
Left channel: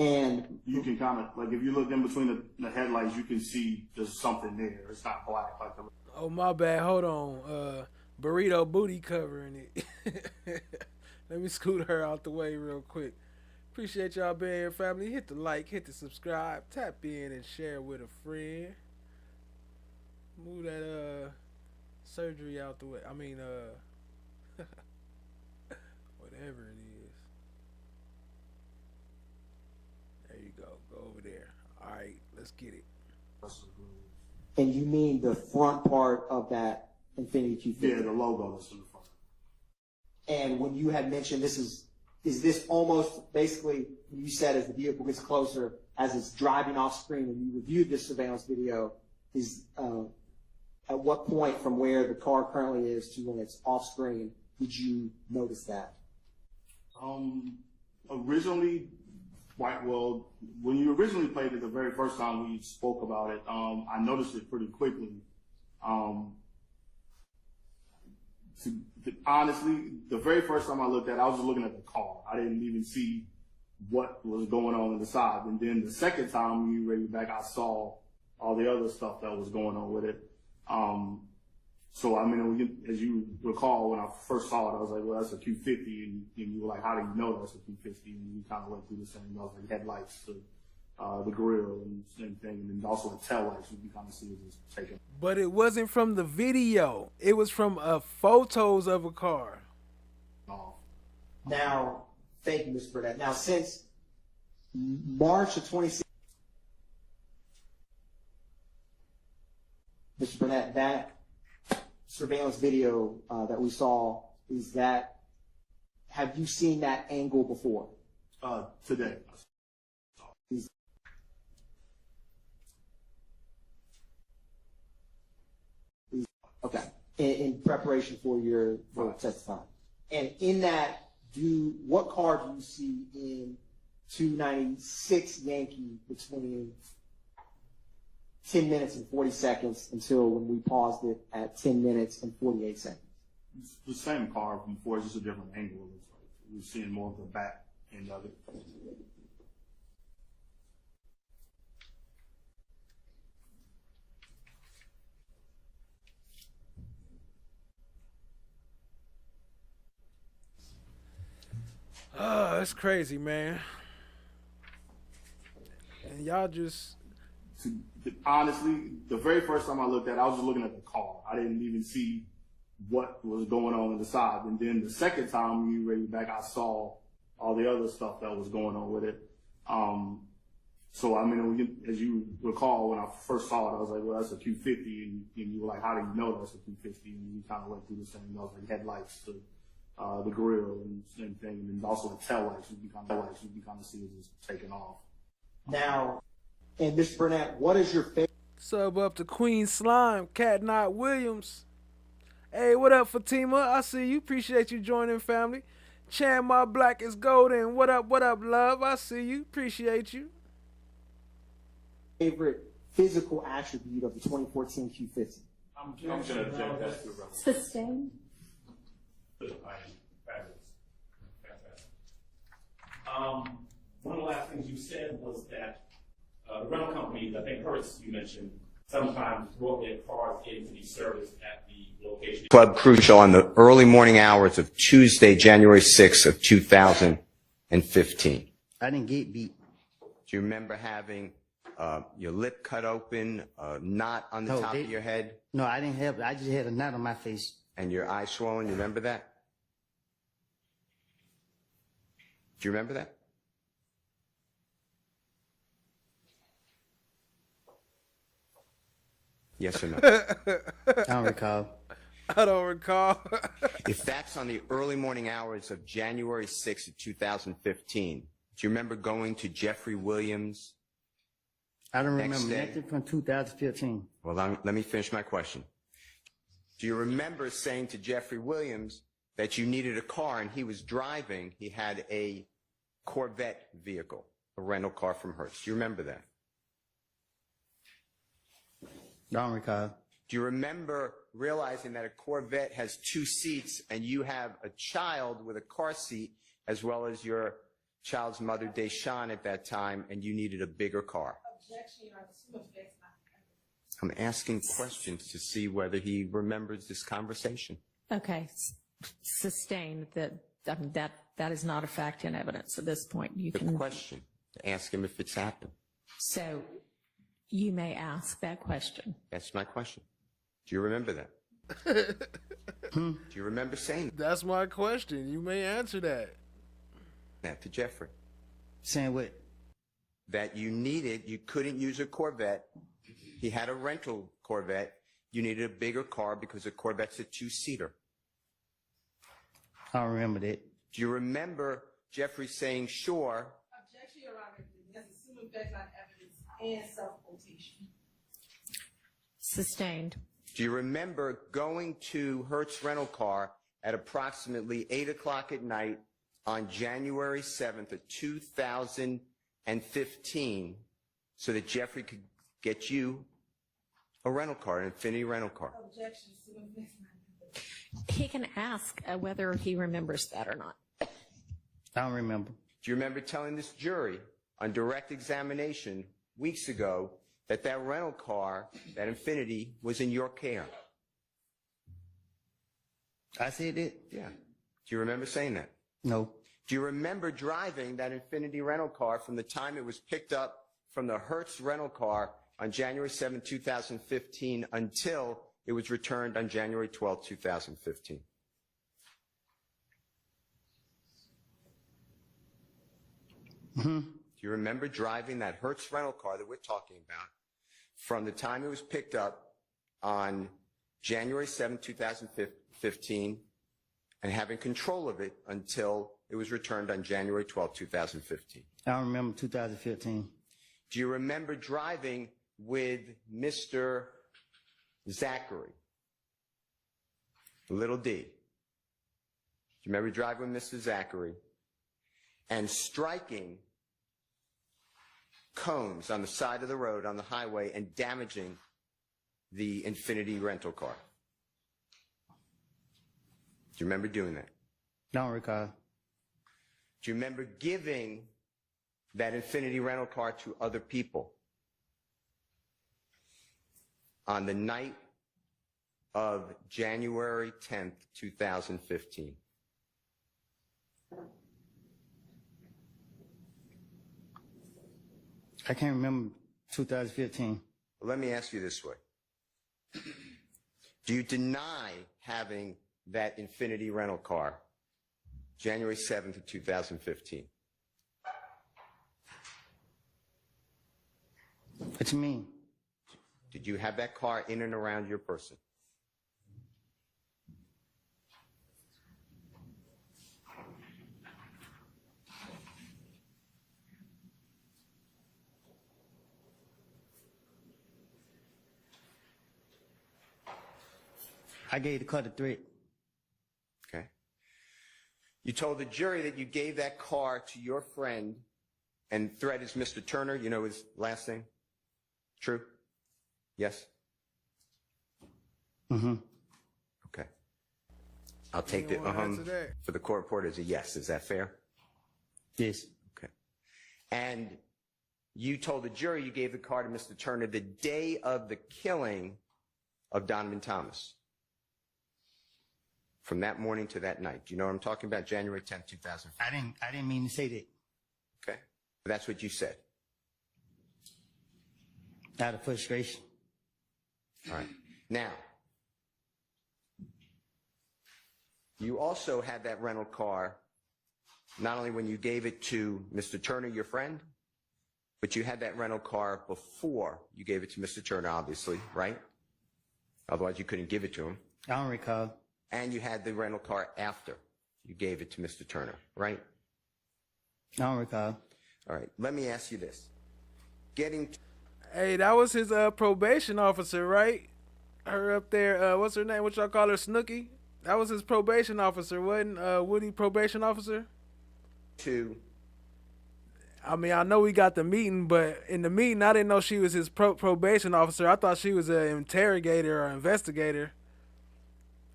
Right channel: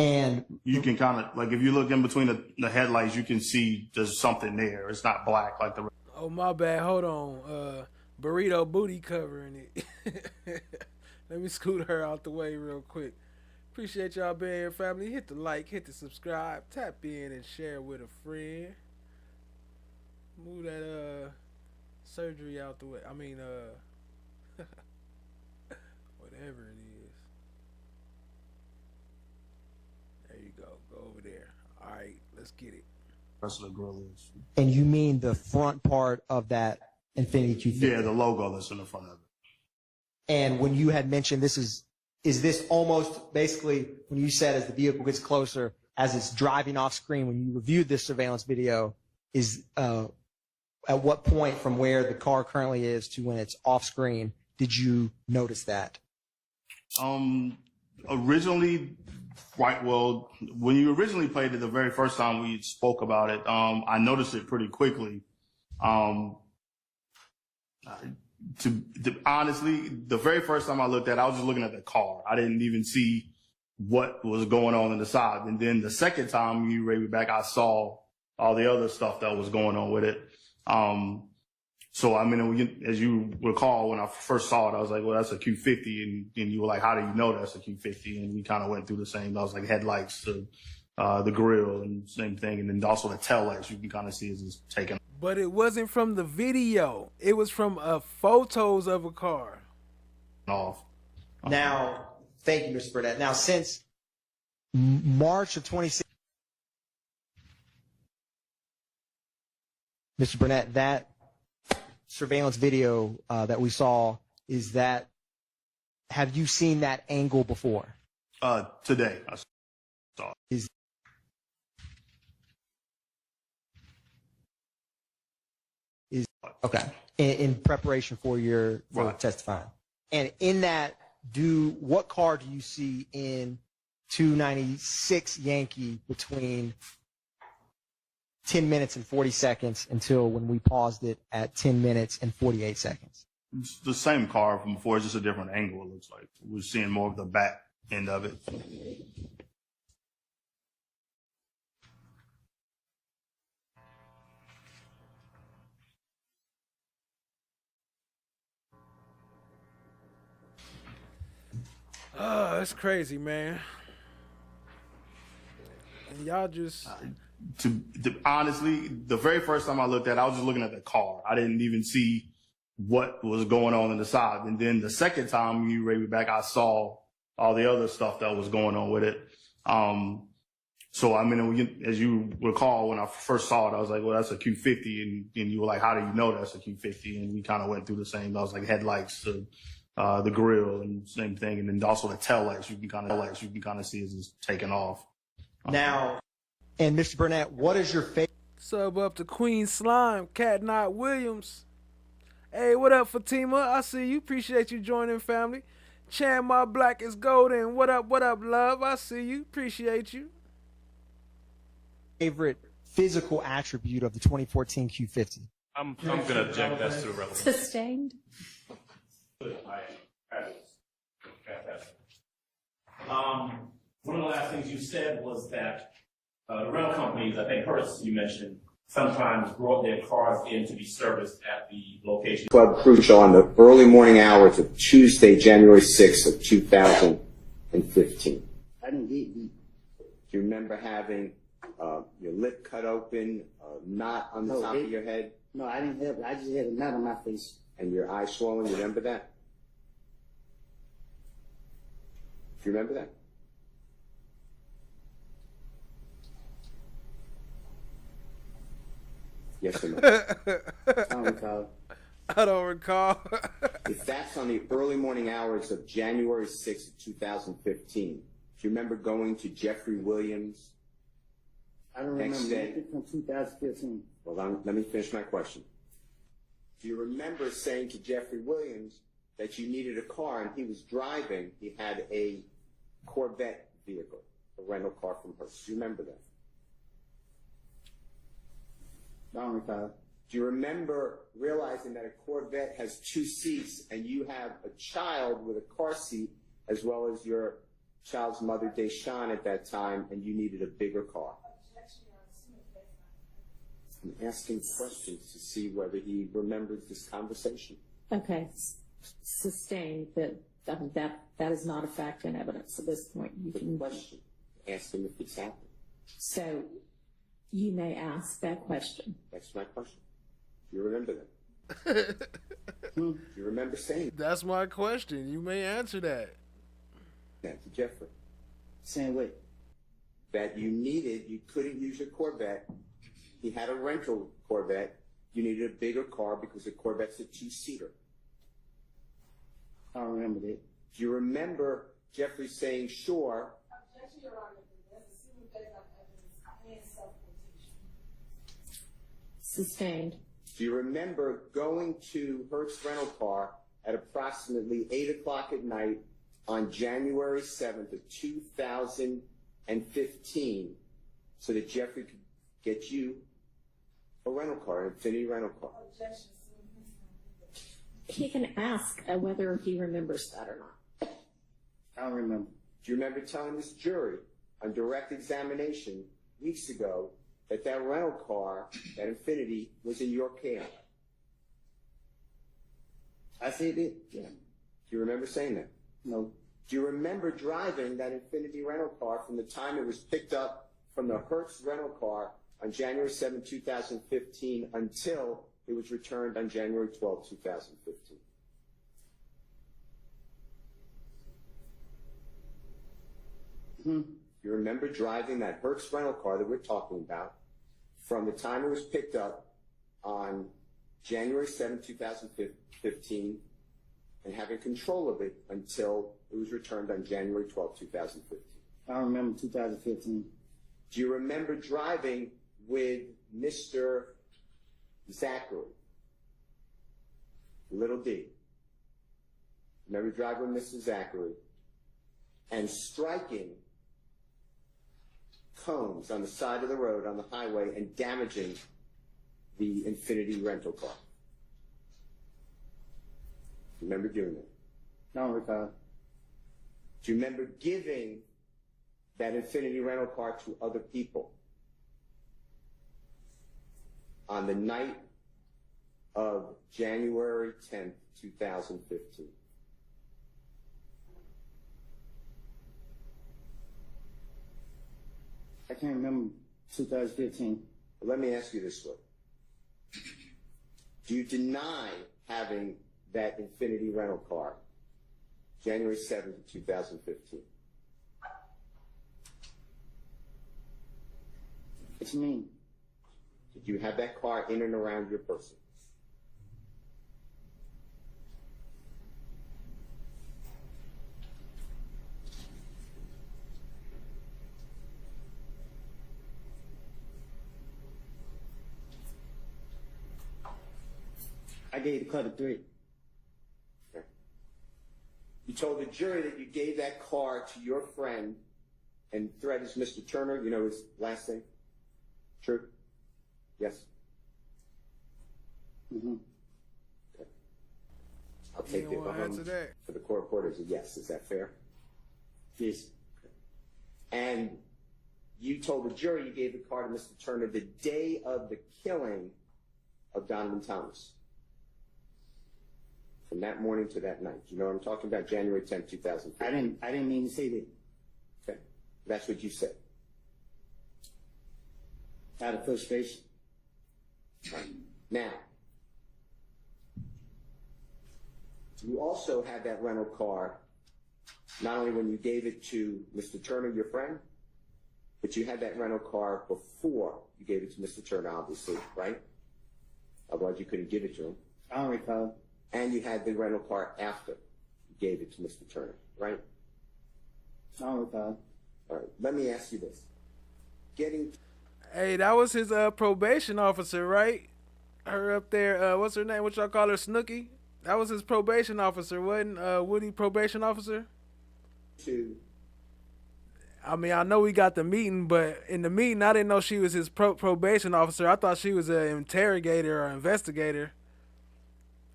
And you can kind of, like, if you look in between the headlights, you can see there's something there. It's not black like the. Oh, my bad. Hold on. Burrito booty covering it. Let me scoot her out the way real quick. Appreciate y'all being here, family. Hit the like, hit the subscribe, tap in and share with a friend. Move that surgery out the way. I mean, whatever it is. There you go. Go over there. All right, let's get it. Rest of the grill is. And you mean the front part of that Infiniti Q50? Yeah, the logo that's in the front of it. And when you had mentioned is this almost basically when you said as the vehicle gets closer, as it's driving off screen, when you reviewed this surveillance video, is at what point from where the car currently is to when it's off screen did you notice that? Originally, right. Well, when you originally played it, the very first time we spoke about it, I noticed it pretty quickly. Honestly, the very first time I looked at it, I was just looking at the car. I didn't even see what was going on in the side. And then the second time you read me back, I saw all the other stuff that was going on with it. So, I mean, as you recall, when I first saw it, I was like, well, that's a Q50. And you were like, how do you know that's a Q50? And we kind of went through the same. I was like, headlights to the grill and same thing. And then also the tail lights, you can kind of see is just taken. But it wasn't from the video. It was from photos of a car. Off. Now, thank you, Mr. Burnett. Now, since March of 2016, Mr. Burnett, that surveillance video that we saw, have you seen that angle before? Today, I saw it. Okay. In preparation for your testifying. And in that, what car do you see in 296 Yankee between 10 minutes and 40 seconds until when we paused it at 10 minutes and 48 seconds? It's the same car from before, it's just a different angle, it looks like. We're seeing more of the back end of it. Oh, that's crazy, man. And y'all just... Honestly, the very first time I looked at it, I was just looking at the car. I didn't even see what was going on in the side. And then the second time you read me back, I saw all the other stuff that was going on with it. So, I mean, as you recall, when I first saw it, I was like, well, that's a Q50. And you were like, how do you know that's a Q50? And we kind of went through the same. I was like, headlights to the grill and same thing. And then also the tail lights, you can kind of see it's just taking off. Now, and Mr. Burnett, what is your favorite? Sub up to Queen Slime, Cat Knot Williams. Hey, what up, Fatima? I see you. Appreciate you joining, family. Chan, my black is golden. What up, love? I see you. Appreciate you. Favorite physical attribute of the 2014 Q50? I'm going to object. That's too relevant. Sustained. One of the last things you said was that the rental companies, I think first you mentioned, sometimes brought their cars in to be serviced at the location. Club Crucial on the early morning hours of Tuesday, January 6th of 2015. I didn't get beat. Do you remember having your lip cut open, a knot on the top of your head? No, I didn't have. I just had a knot on my face. And your eyes swollen? You remember that? Do you remember that? Yes or no? I don't recall. I don't recall. If that's on the early morning hours of January 6th of 2015, do you remember going to Jeffrey Williams? I don't remember Next day? anything from 2015. Well, let me finish my question. Do you remember saying to Jeffrey Williams that you needed a car and he was driving? He had a Corvette vehicle, a rental car from Hertz. Do you remember that? I don't recall. Do you remember realizing that a Corvette has 2 seats and you have a child with a car seat as well as your child's mother, Deshawn, at that time, and you needed a bigger car? I'm asking questions to see whether he remembers this conversation. Okay, sustained that that is not a fact in evidence at this point. You The can question, ask him if it's happened. so you may ask that question. That's my question. Do you remember that? Do you remember saying that? That's my question. You may answer that. Yeah, to Jeffrey. Saying what? That you couldn't use a Corvette. He had a rental Corvette. You needed a bigger car because a Corvette's a 2-seater. I don't remember that. Do you remember Jeffrey saying, sure? Objection, Your Honor. That's assuming facts on evidence and self-quotation. Sustained. Do you remember going to Hertz Rental Car at approximately 8 o'clock at night on January 7th of 2015 so that Jeffrey could get you a rental car, an Infiniti rental car? Objection, assuming facts on evidence. He can ask whether he remembers that or not. I don't remember. Do you remember telling this jury on direct examination weeks ago that rental car, that Infiniti, was in your care? I said it. Yeah. Do you remember saying that? No. Do you remember driving that Infiniti rental car from the time it was picked up from the Hertz rental car on January 7, 2015 until it was returned on January 12, 2015? Mm-hmm. Do you remember driving that Hertz rental car that we're talking about from the time it was picked up on January 7, 2015 and having control of it until it was returned on January 12, 2015? I don't remember 2015. Do you remember driving with Mr. Zachary? Little D. Do you remember driving with Mr. Zachary and striking cones on the side of the road on the highway and damaging the Infiniti rental car? Do you remember doing that? I don't recall. Do you remember giving that Infiniti rental car to other people on the night of January 10th, 2015? I can't remember 2015. Well, let me ask you this way. Do you deny having that Infiniti rental car January 7th of 2015? What you mean? Did you have that car in and around your person? I gave the car to Threat. Okay. You told the jury that you gave that car to your friend, and Threat is Mr. Turner. You know his last name? True? Yes? Mm-hmm. Okay. I'll take don't wanna answer that. for the court reporter as a yes. Is that fair? Yes. Okay. And you told the jury you gave the car to Mr. Turner the day of the killing of Donovan Thomas. From that morning to that night. Do you know what I'm talking about? January 10th, 2015. I didn't mean to say that. Okay. But that's what you said. Out of frustration. All right. Now, you also had that rental car not only when you gave it to Mr. Turner, your friend, but you had that rental car before you gave it to Mr. Turner, obviously, right? Otherwise, you couldn't give it to him. I don't recall. And you had the rental car after you gave it to Mr. Turner, right? I don't recall. All right. Let me ask you this. Hey, that was his probation officer, right? Her up there, what's her name? What y'all call her, Snooki? That was his probation officer, wasn't Woody probation officer? I mean, I know we got the meeting, but in the meeting, I didn't know she was his probation officer. I thought she was an interrogator or investigator.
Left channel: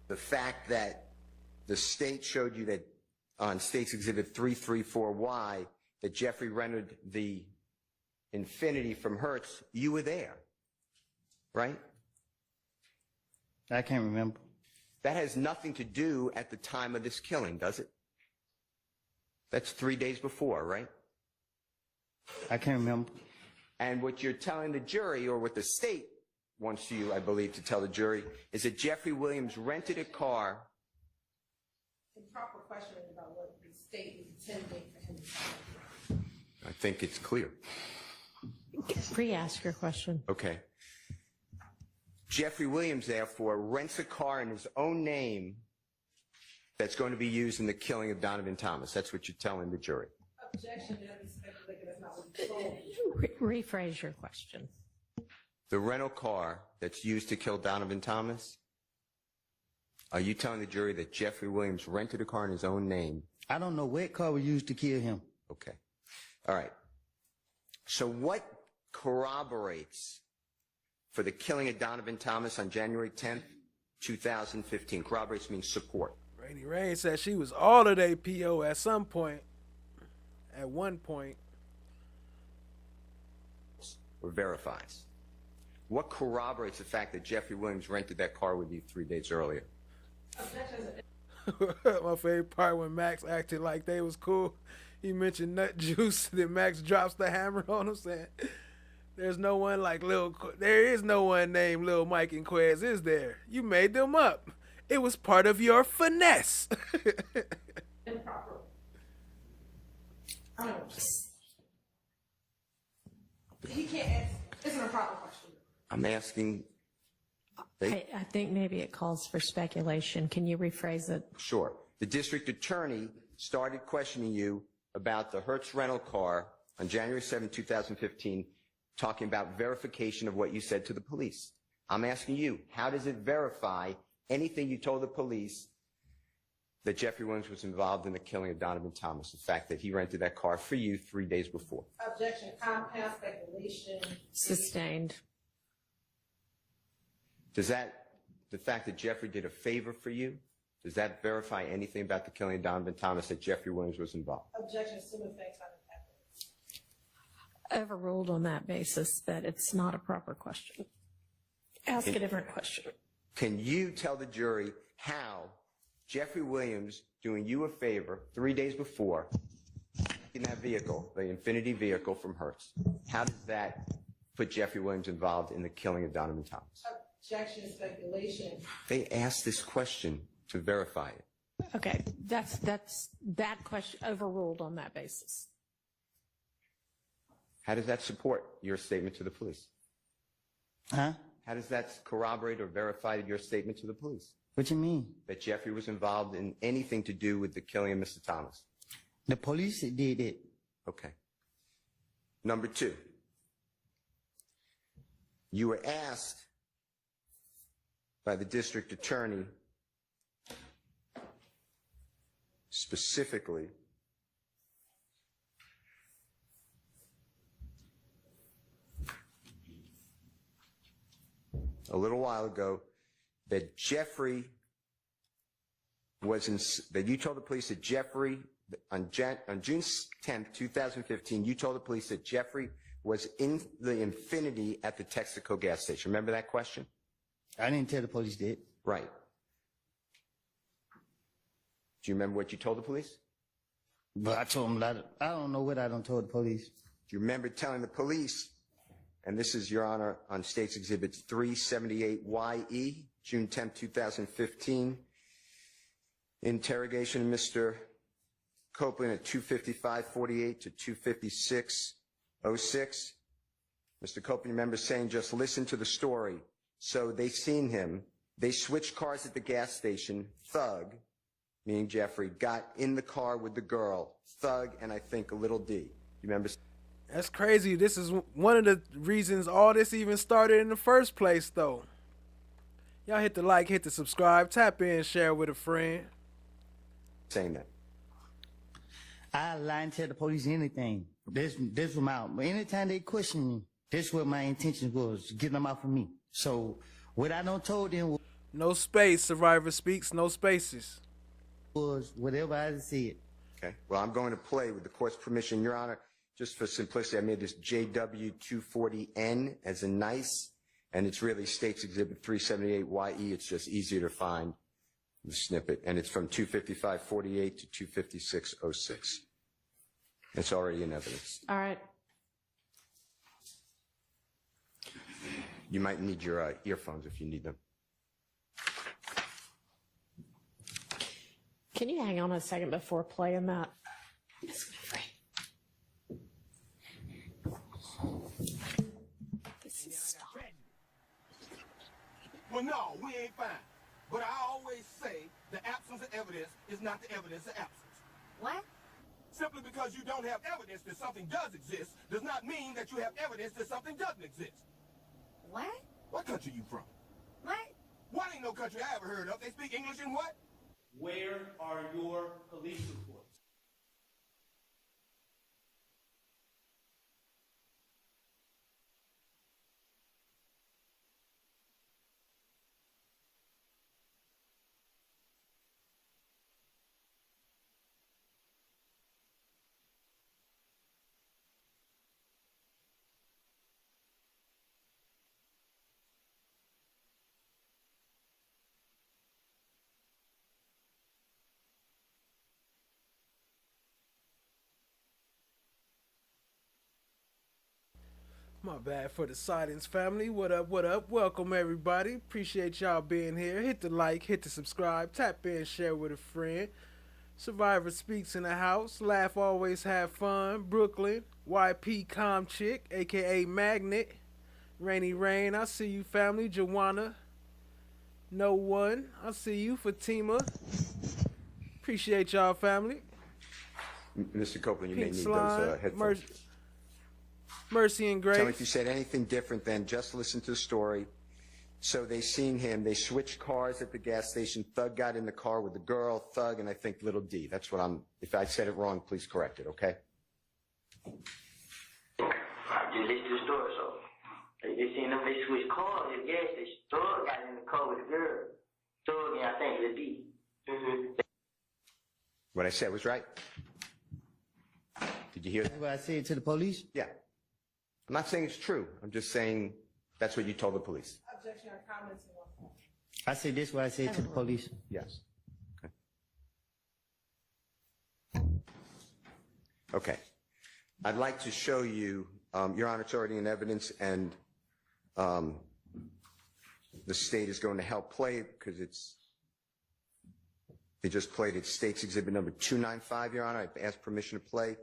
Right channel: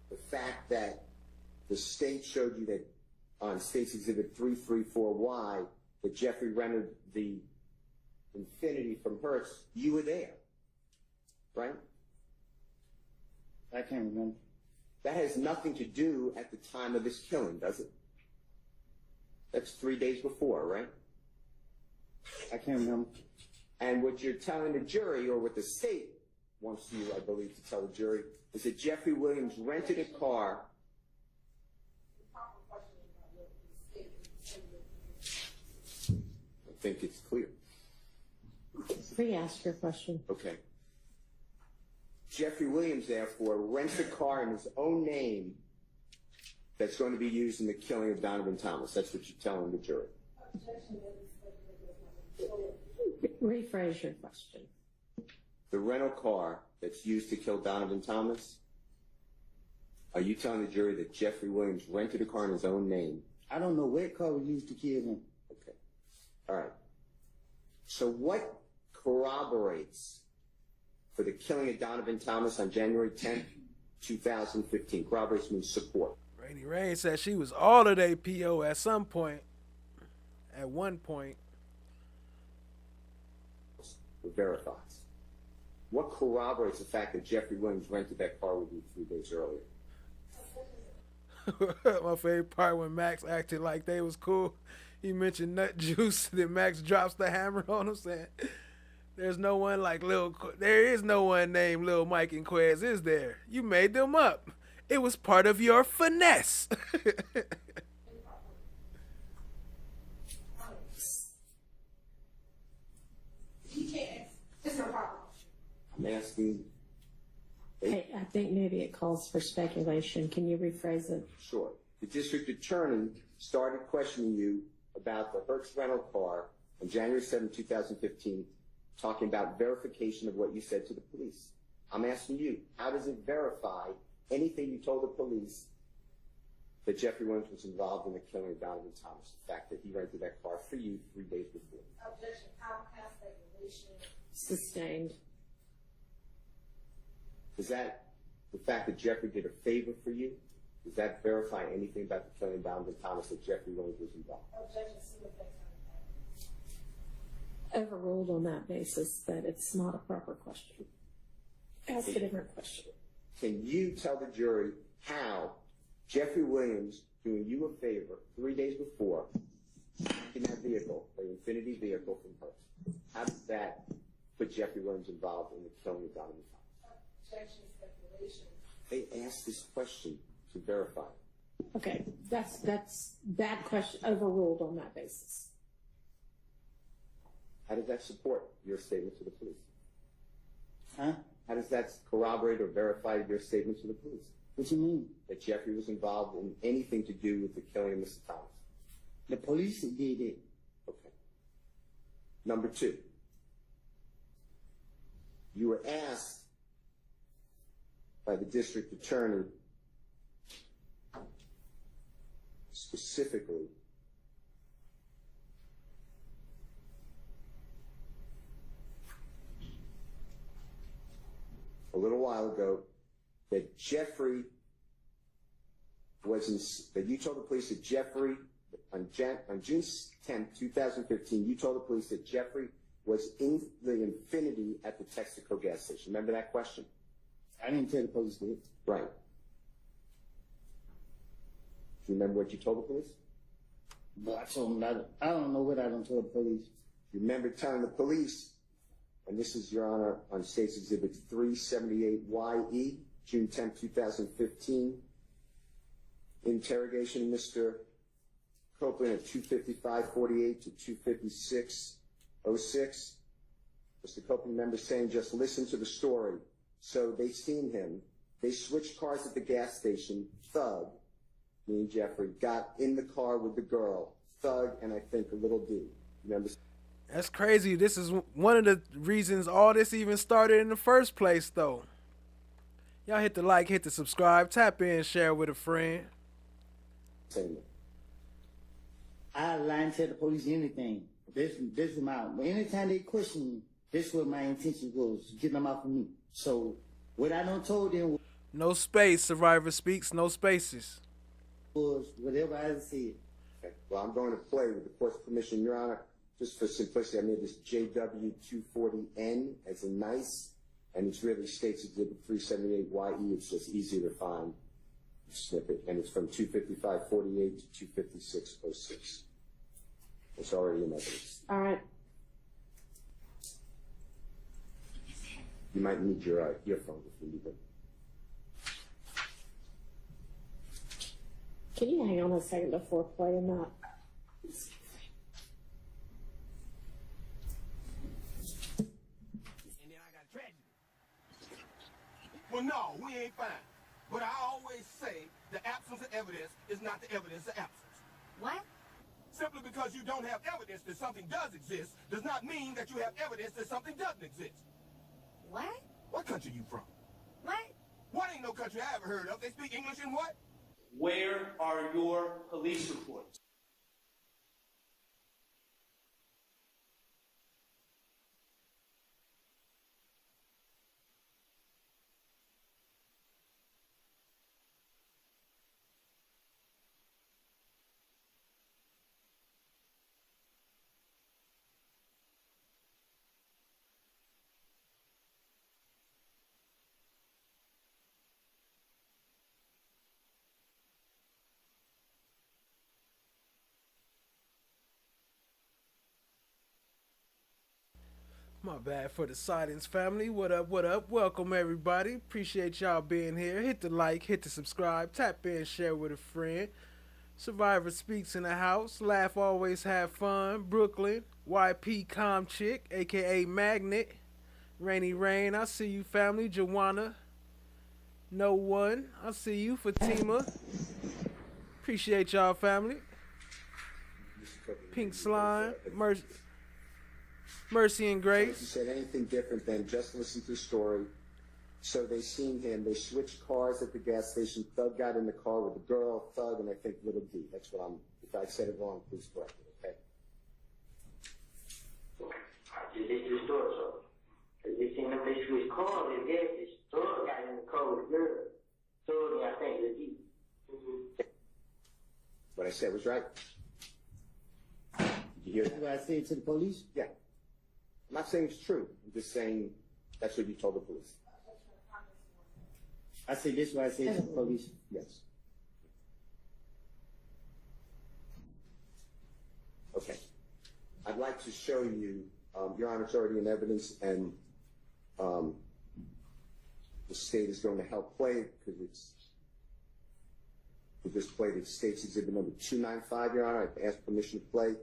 The fact that the state showed you that on State's Exhibit 334Y that Jeffrey rented the Infiniti from Hertz, you were there, right? I can't remember. That has nothing to do at the time of this killing, does it? That's 3 days before, right? I can't remember. And what you're telling the jury, or what the state wants you, I believe, to tell the jury, is that Jeffrey Williams rented a car. The proper question is about what the state is intending for him to do. I think it's clear. Re-ask your question. Okay. Jeffrey Williams, therefore, rents a car in his own name that's going to be used in the killing of Donovan Thomas. That's what you're telling the jury. Objection, that is speculative, that's not what he told. Rephrase your question. The rental car that's used to kill Donovan Thomas, are you telling the jury that Jeffrey Williams rented a car in his own name? I don't know what car was used to kill him. Okay. All right. So what corroborates for the killing of Donovan Thomas on January 10th, 2015? Corroborates means support. Rainy Rain said she was all of their PO at some point. At one point. Or verifies. What corroborates the fact that Jeffrey Williams rented that car with you 3 days earlier? My favorite part when Max acted like they was cool. He mentioned Nut Juice, then Max drops the hammer on him saying, there is no one named Lil Mike and Quez, is there? You made them up. It was part of your finesse. Improper. I don't know. He can't answer. It's an improper question. I'm asking. I think maybe it calls for speculation. Can you rephrase it? Sure. The district attorney started questioning you about the Hertz rental car on January 7, 2015, talking about verification of what you said to the police. I'm asking you, how does it verify anything you told the police that Jeffrey Williams was involved in the killing of Donovan Thomas, the fact that he rented that car for you 3 days before? Objection, compound speculation. Sustained. Does that, the fact that Jeffrey did a favor for you, does that verify anything about the killing of Donovan Thomas that Jeffrey Williams was involved? Objection, assuming facts are Overruled on that basis that it's not a proper question. Ask a different question. Can you tell the jury how Jeffrey Williams doing you a favor 3 days before in that vehicle, the Infiniti vehicle from Hertz, how does that put Jeffrey Williams involved in the killing of Donovan Thomas? objection, speculation. They asked this question to verify it. Okay, that's that question overruled on that basis. How does that support your statement to the police? Huh? How does that corroborate or verify your statement to the police? What you mean? That Jeffrey was involved in anything to do with the killing of Mr. Thomas? The police did it. Okay. Number two, you were asked by the district attorney specifically a little while ago that Jeffrey was in, that you told the police that Jeffrey, on June 10th, 2015, you told the police that Jeffrey was in the Infinity at the Texaco gas station. Remember that question? I didn't tell the police that. Right. Do you remember what you told the police? But I told them I don't know what I done told the police. Do you remember telling the police, and this is, Your Honor, on State's Exhibit 378YE, June 10, 2015, interrogation of Mr. Copeland at 255:48 to 256:06. Mr. Copeland, you remember saying, just listen to the story. So they seen him. They switched cars at the gas station. Thug, meaning Jeffrey, got in the car with the girl. Thug and I think a little D. You remember? That's crazy. This is one of the reasons all this even started in the first place, though. Y'all hit the like, hit the subscribe, tap in, share with a friend. Saying that. I lie and tell the police anything. This was my, anytime they question me, this what my intention was, getting them out of me. So what I done told them no space, Survivor Speaks, no spaces. Was whatever I said. Okay. Well, I'm going to play with the court's permission, Your Honor. Just for simplicity, I made this JW240N as a nice, and it's really State's Exhibit 378YE. It's just easier to find the snippet, and it's from 255:48 to 256:06. It's already in evidence. All right. You might need your earphones if you need them. Can you hang on a second before playing that? Yes, my friend. Well, no, we ain't fine. But I always say the absence of evidence is not the evidence of absence. What? Simply because you don't have evidence that something does exist does not mean that you have evidence that something doesn't exist. What? What country you from? What? What ain't no country I ever heard of. They speak English in what? Where are your police reports? My bad for the silence, family. What up, what up? Welcome, everybody. Appreciate y'all being here. Hit the like, hit the subscribe, tap in, share with a friend. Survivor Speaks in the house. Laugh, always have fun. Brooklyn. YP Calm Chick, a.k.a. Magnet. Rainy Rain, I see you, family. Joanna. No One, I see you. Fatima. Appreciate y'all, family. Mr. Copeland, you Pink may need Slime. those headphones. Mercy and Tell me Grace. if you said anything different than just listen to the story. So they seen him. They switched cars at the gas station. Thug got in the car with the girl. Thug and I think little D. That's what I'm. If I said it wrong, please correct it. Okay. I just listened to the story, so they just seen them. They switched cars at the gas station. Thug got in the car with the girl. Thug and I think little D. What I said was right. Did you hear That's what I said to the police? Yeah. I'm not saying it's true. I'm just saying that's what you told the police. Objection or comments? I said this is what I said to the police. Yes. Okay. Okay. I'd like to show you, Your Honor, it's already in evidence, and the state is going to help play it because they just played it. State's Exhibit number 295, Your Honor. I've asked permission to play.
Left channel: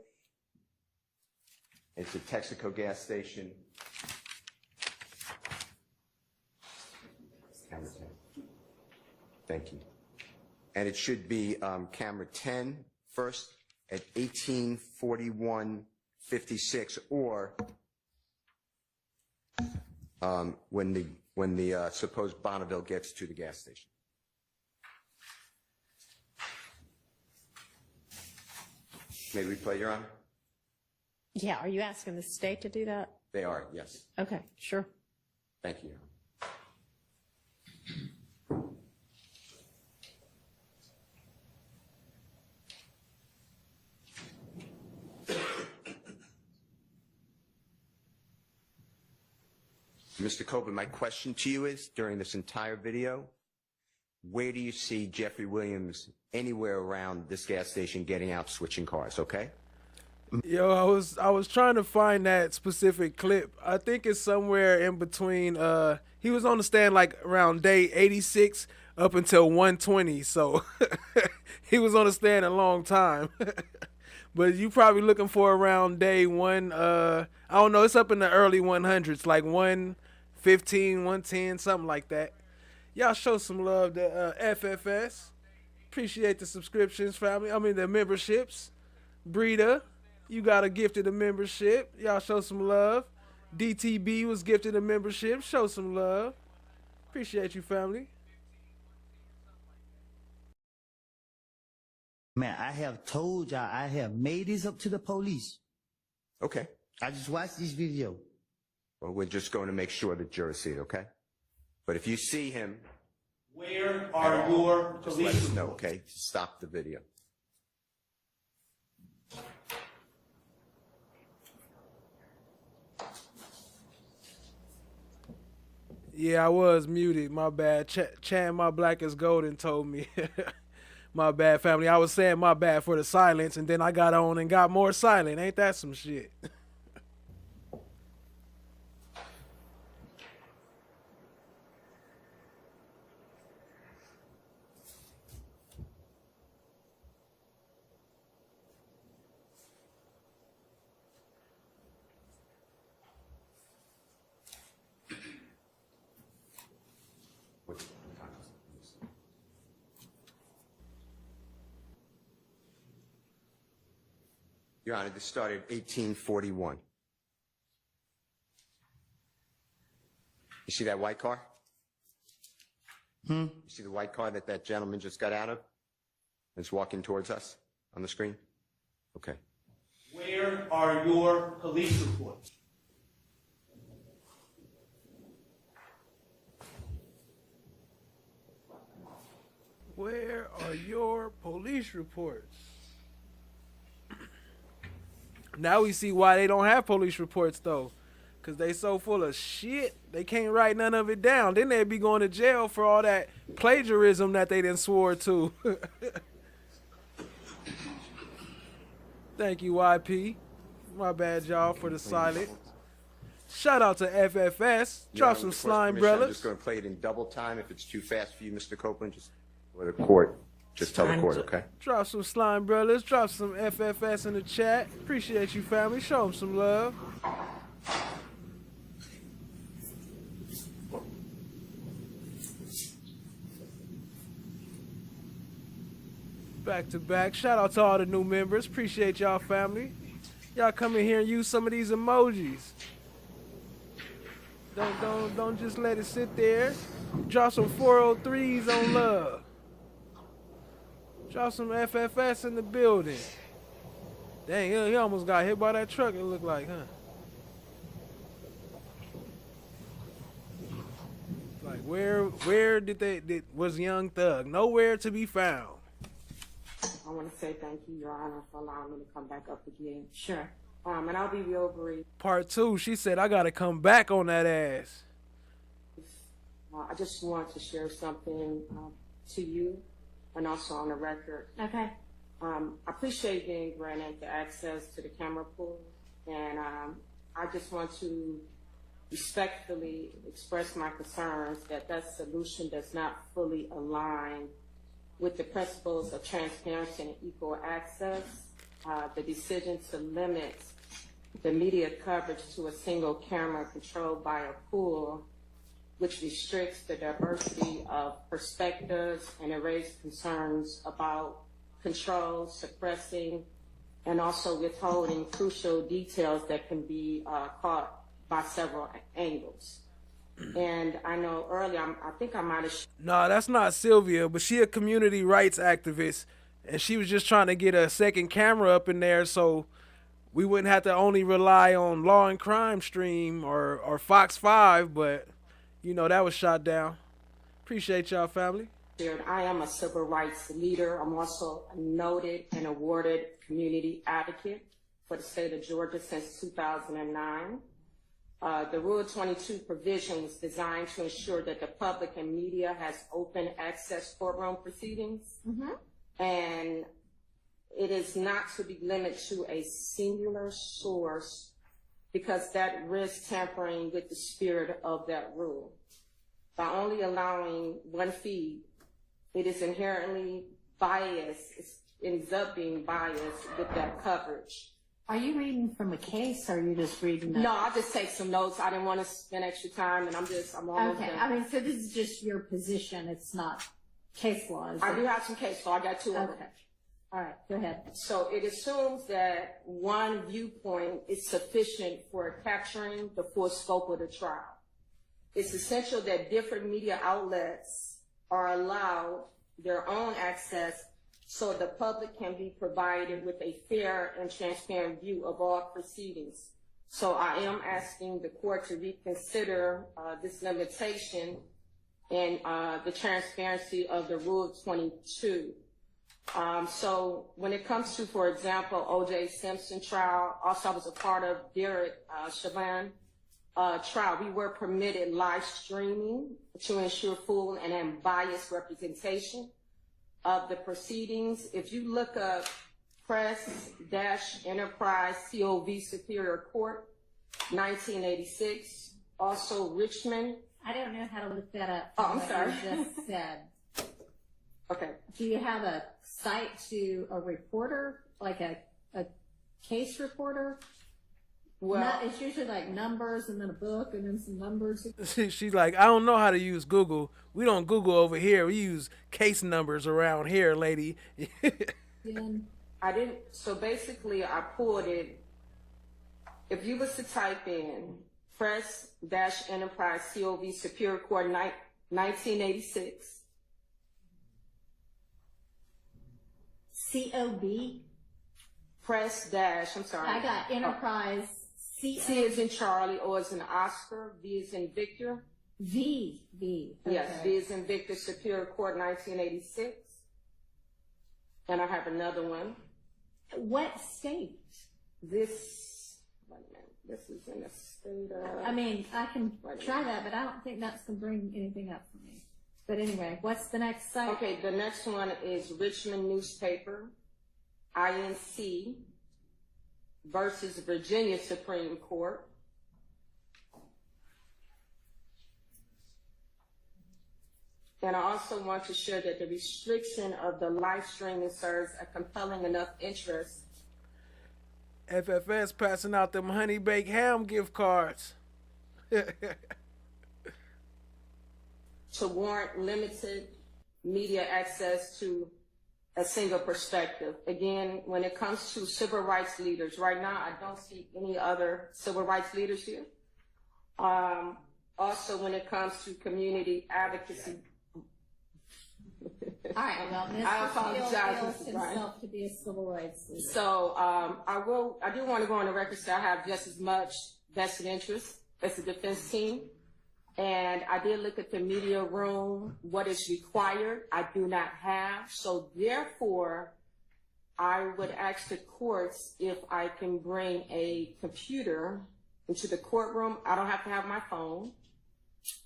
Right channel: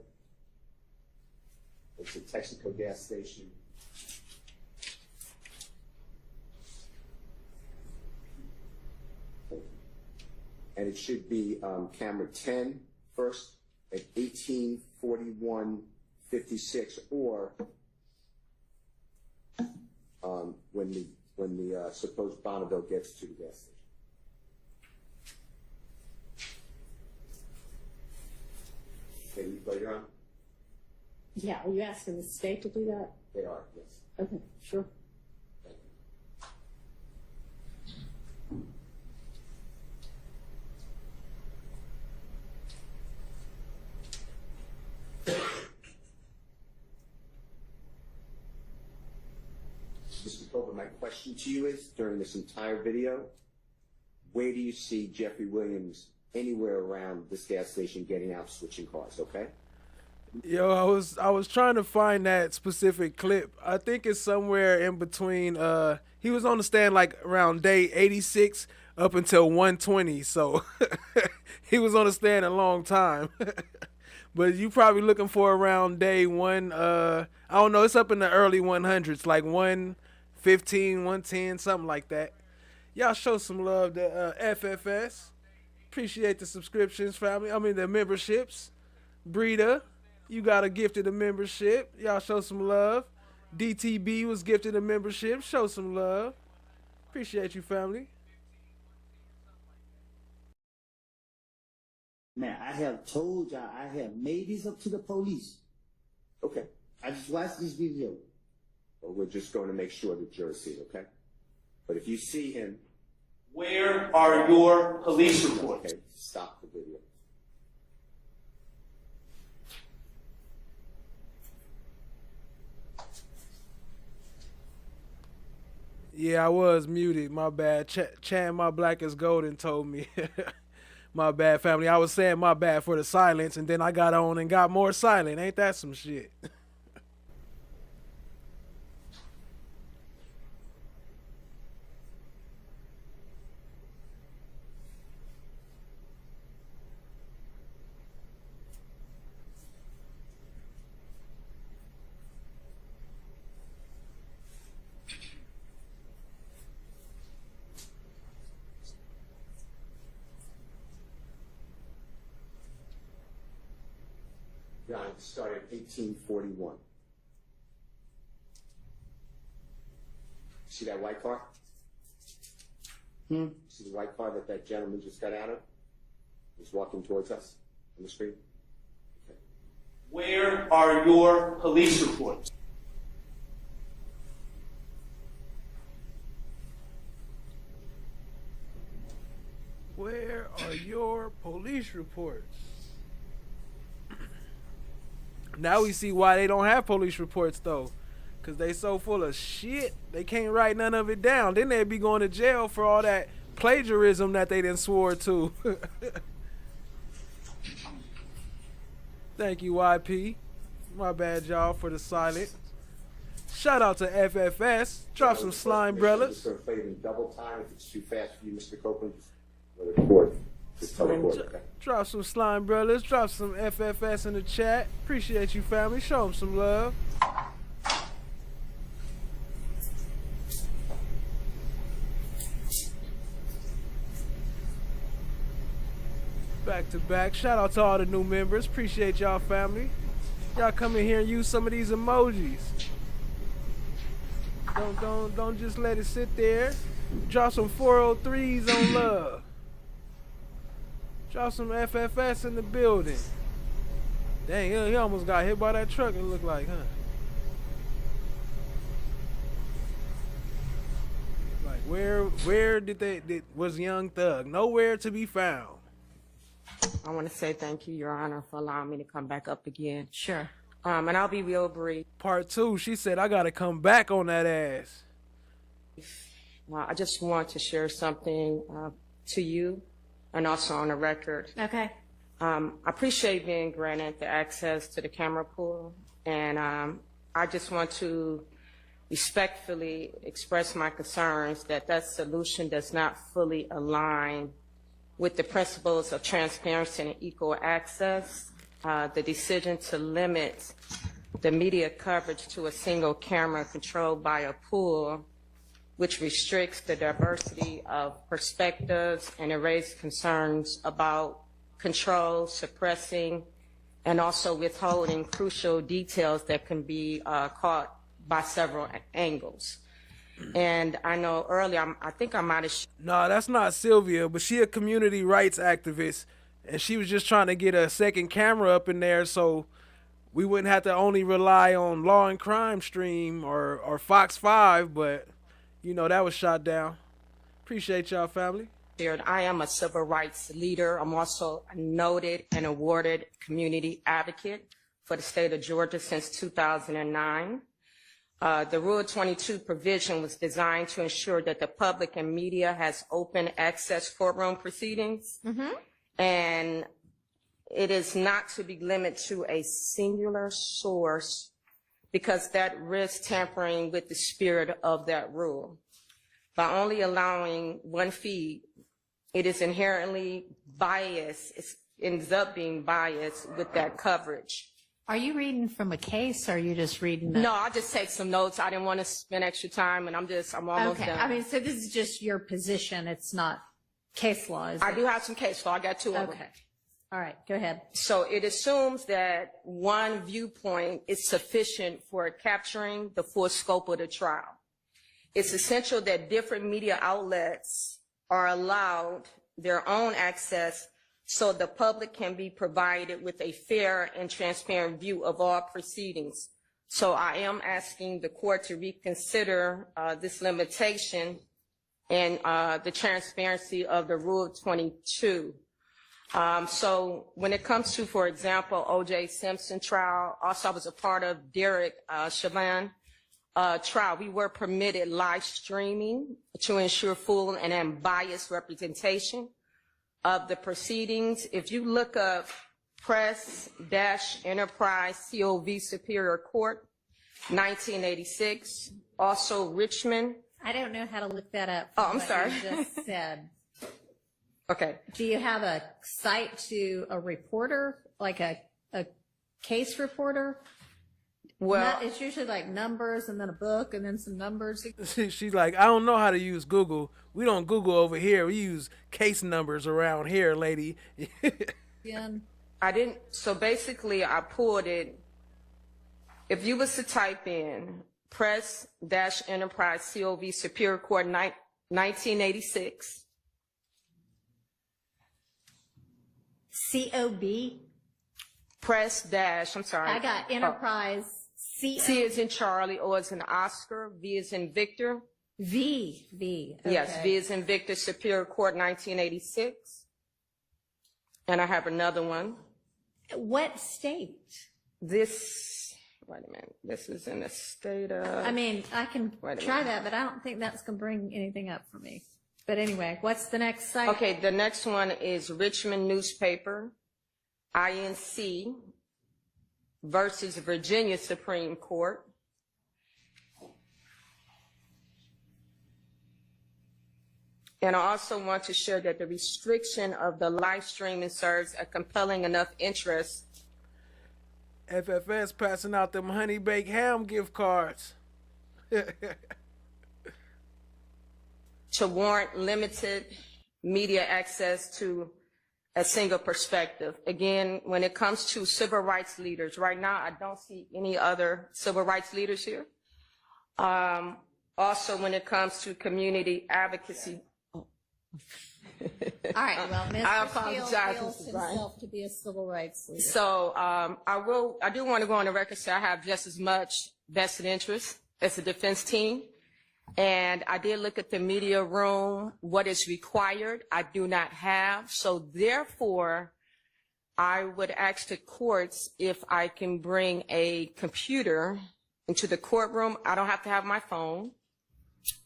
It's a Texaco gas station. Thank you. And it should be camera 10 first at 18:41:56, or when the supposed Bonneville gets to the gas station. May we play, Your Honor? Yeah, are you asking the state to do that? They are, yes. Okay, sure. Thank you. Mr. Copeland, my question to you is, during this entire video, where do you see Jeffrey Williams anywhere around this gas station getting out, switching cars, okay? Yo, I was trying to find that specific clip. I think it's somewhere in between. He was on the stand like around day 86 up until 120, so he was on the stand a long time. But you probably looking for around day one. I don't know. It's up in the early 100s, like 115, 110, something like that. Y'all show some love to FFS. Appreciate the subscriptions, family. I mean the memberships. Breeda, you got a gifted a membership. Y'all show some love. DTB was gifted a membership. Show some love. Appreciate you, family. Man, I have told y'all, I have made this up to the police. Okay. I just watched this video. Well, we're just going to make sure the jurors see it, okay? But if you see him... Where are your police reports? Okay, stop the video. Yeah, I was muted. My bad. Chan, my black is golden told me. My bad, family. I was saying my bad for the silence, and then I got on and got more silent. Ain't that some shit? Your Honor, this started in 1841. You see that white car? You see the white car that that gentleman just got out of? It's walking towards us on the screen? Okay. Where are your police reports? Where are your police reports? Now we see why they don't have police reports though. Cause they so full of shit, they can't write none of it down. Then they'd be going to jail for all that plagiarism that they done swore to. Thank you, YP. My bad, y'all, for the silent. Shout out to FFS. Drop some slime, I'm brothers. just going to play it in double time. If it's too fast for you, Mr. Copeland, just let the court. Just tell the court, okay? Drop some slime, brothers. Drop some FFS in the chat. Appreciate you, family. Show them some love. Back to back. Shout out to all the new members. Appreciate y'all, family. Y'all come in here and use some of these emojis. Don't just let it sit there. Drop some 403s on love. Drop some FFS in the building. Dang, he almost got hit by that truck, it looked like, huh? Like, where was Young Thug? Nowhere to be found. I want to say thank you, Your Honor, for allowing me to come back up again. Sure. And I'll be real brief. Part 2, she said, I got to come back on that ass. I just want to share something to you and also on the record. Okay. I appreciate being granted the access to the camera pool, and I just want to respectfully express my concerns that that solution does not fully align with the principles of transparency and equal access. The decision to limit the media coverage to a single camera controlled by a pool, which restricts the diversity of perspectives and it raises concerns about control, suppressing, and also withholding crucial details that can be caught by several angles. And I know earlier, I think I might have... Nah, that's not Sylvia, but she a community rights activist, and she was just trying to get a second camera up in there so we wouldn't have to only rely on Law and Crime Stream or Fox 5, but, you know, that was shot down. Appreciate y'all, family. I am a civil rights leader. I'm also a noted and awarded community advocate for the state of Georgia since 2009. The Rule 22 provision was designed to ensure that the public and media has open access courtroom proceedings. And it is not to be limited to a singular source because that risks tampering with the spirit of that rule. By only allowing one feed, it is inherently biased. It ends up being biased with that coverage. Are you reading from a case, or are you just reading that? No, I'll just take some notes. I didn't want to spend extra time, and I'm almost Okay, done. I mean, so this is just your position, it's not case law, is I it? do have some case law. I got two of them. Okay, all right, go ahead. So it assumes that one viewpoint is sufficient for capturing the full scope of the trial. It's essential that different media outlets are allowed their own access so the public can be provided with a fair and transparent view of all proceedings. So I am asking the court to reconsider this limitation and the transparency of the Rule 22. So when it comes to, for example, O.J. Simpson trial, also I was a part of Derek Chauvin trial. We were permitted live streaming to ensure full and unbiased representation of the proceedings. If you look up Press-Enterprise COV Superior Court, 1986, also Richmond. I don't know how to look that up. Oh, I'm sorry. You just said. Okay. Do you have a site to a reporter, like a case reporter? Well, it's usually like numbers and then a book and then some numbers. She's like, I don't know how to use Google. We don't Google over here. We use case numbers around here, lady. I didn't. So basically, I pulled it. If you was to type in Press-Enterprise COV Superior Court 1986. COB? I'm sorry. I got Enterprise. C is in Charlie, O is in Oscar, V is in Victor. V. Okay. Yes, V is in Victor, Superior Court, 1986. And I have another one. What state? Wait a minute. This is in the state of... I mean, I can try that, but I don't think that's going to bring anything up for me. But anyway, what's the next site? Okay, the next one is Richmond Newspaper, INC versus Virginia Supreme Court. And I also want to share that the restriction of the live streaming serves a compelling enough interest. FFS passing out them honey baked ham gift cards. To warrant limited media access to a single perspective. Again, when it comes to civil rights leaders, right now I don't see any other civil rights leaders here. Also, when it comes to community advocacy. All right, well, Mr. I apologize, Steele feels Mr. Bryan. himself to be a civil rights leader. So I do want to go on the record, say I have just as much vested interest as the defense team. And I did look at the media room, what is required, I do not have. So therefore, I would ask the courts if I can bring a computer into the courtroom. I don't have to have my phone,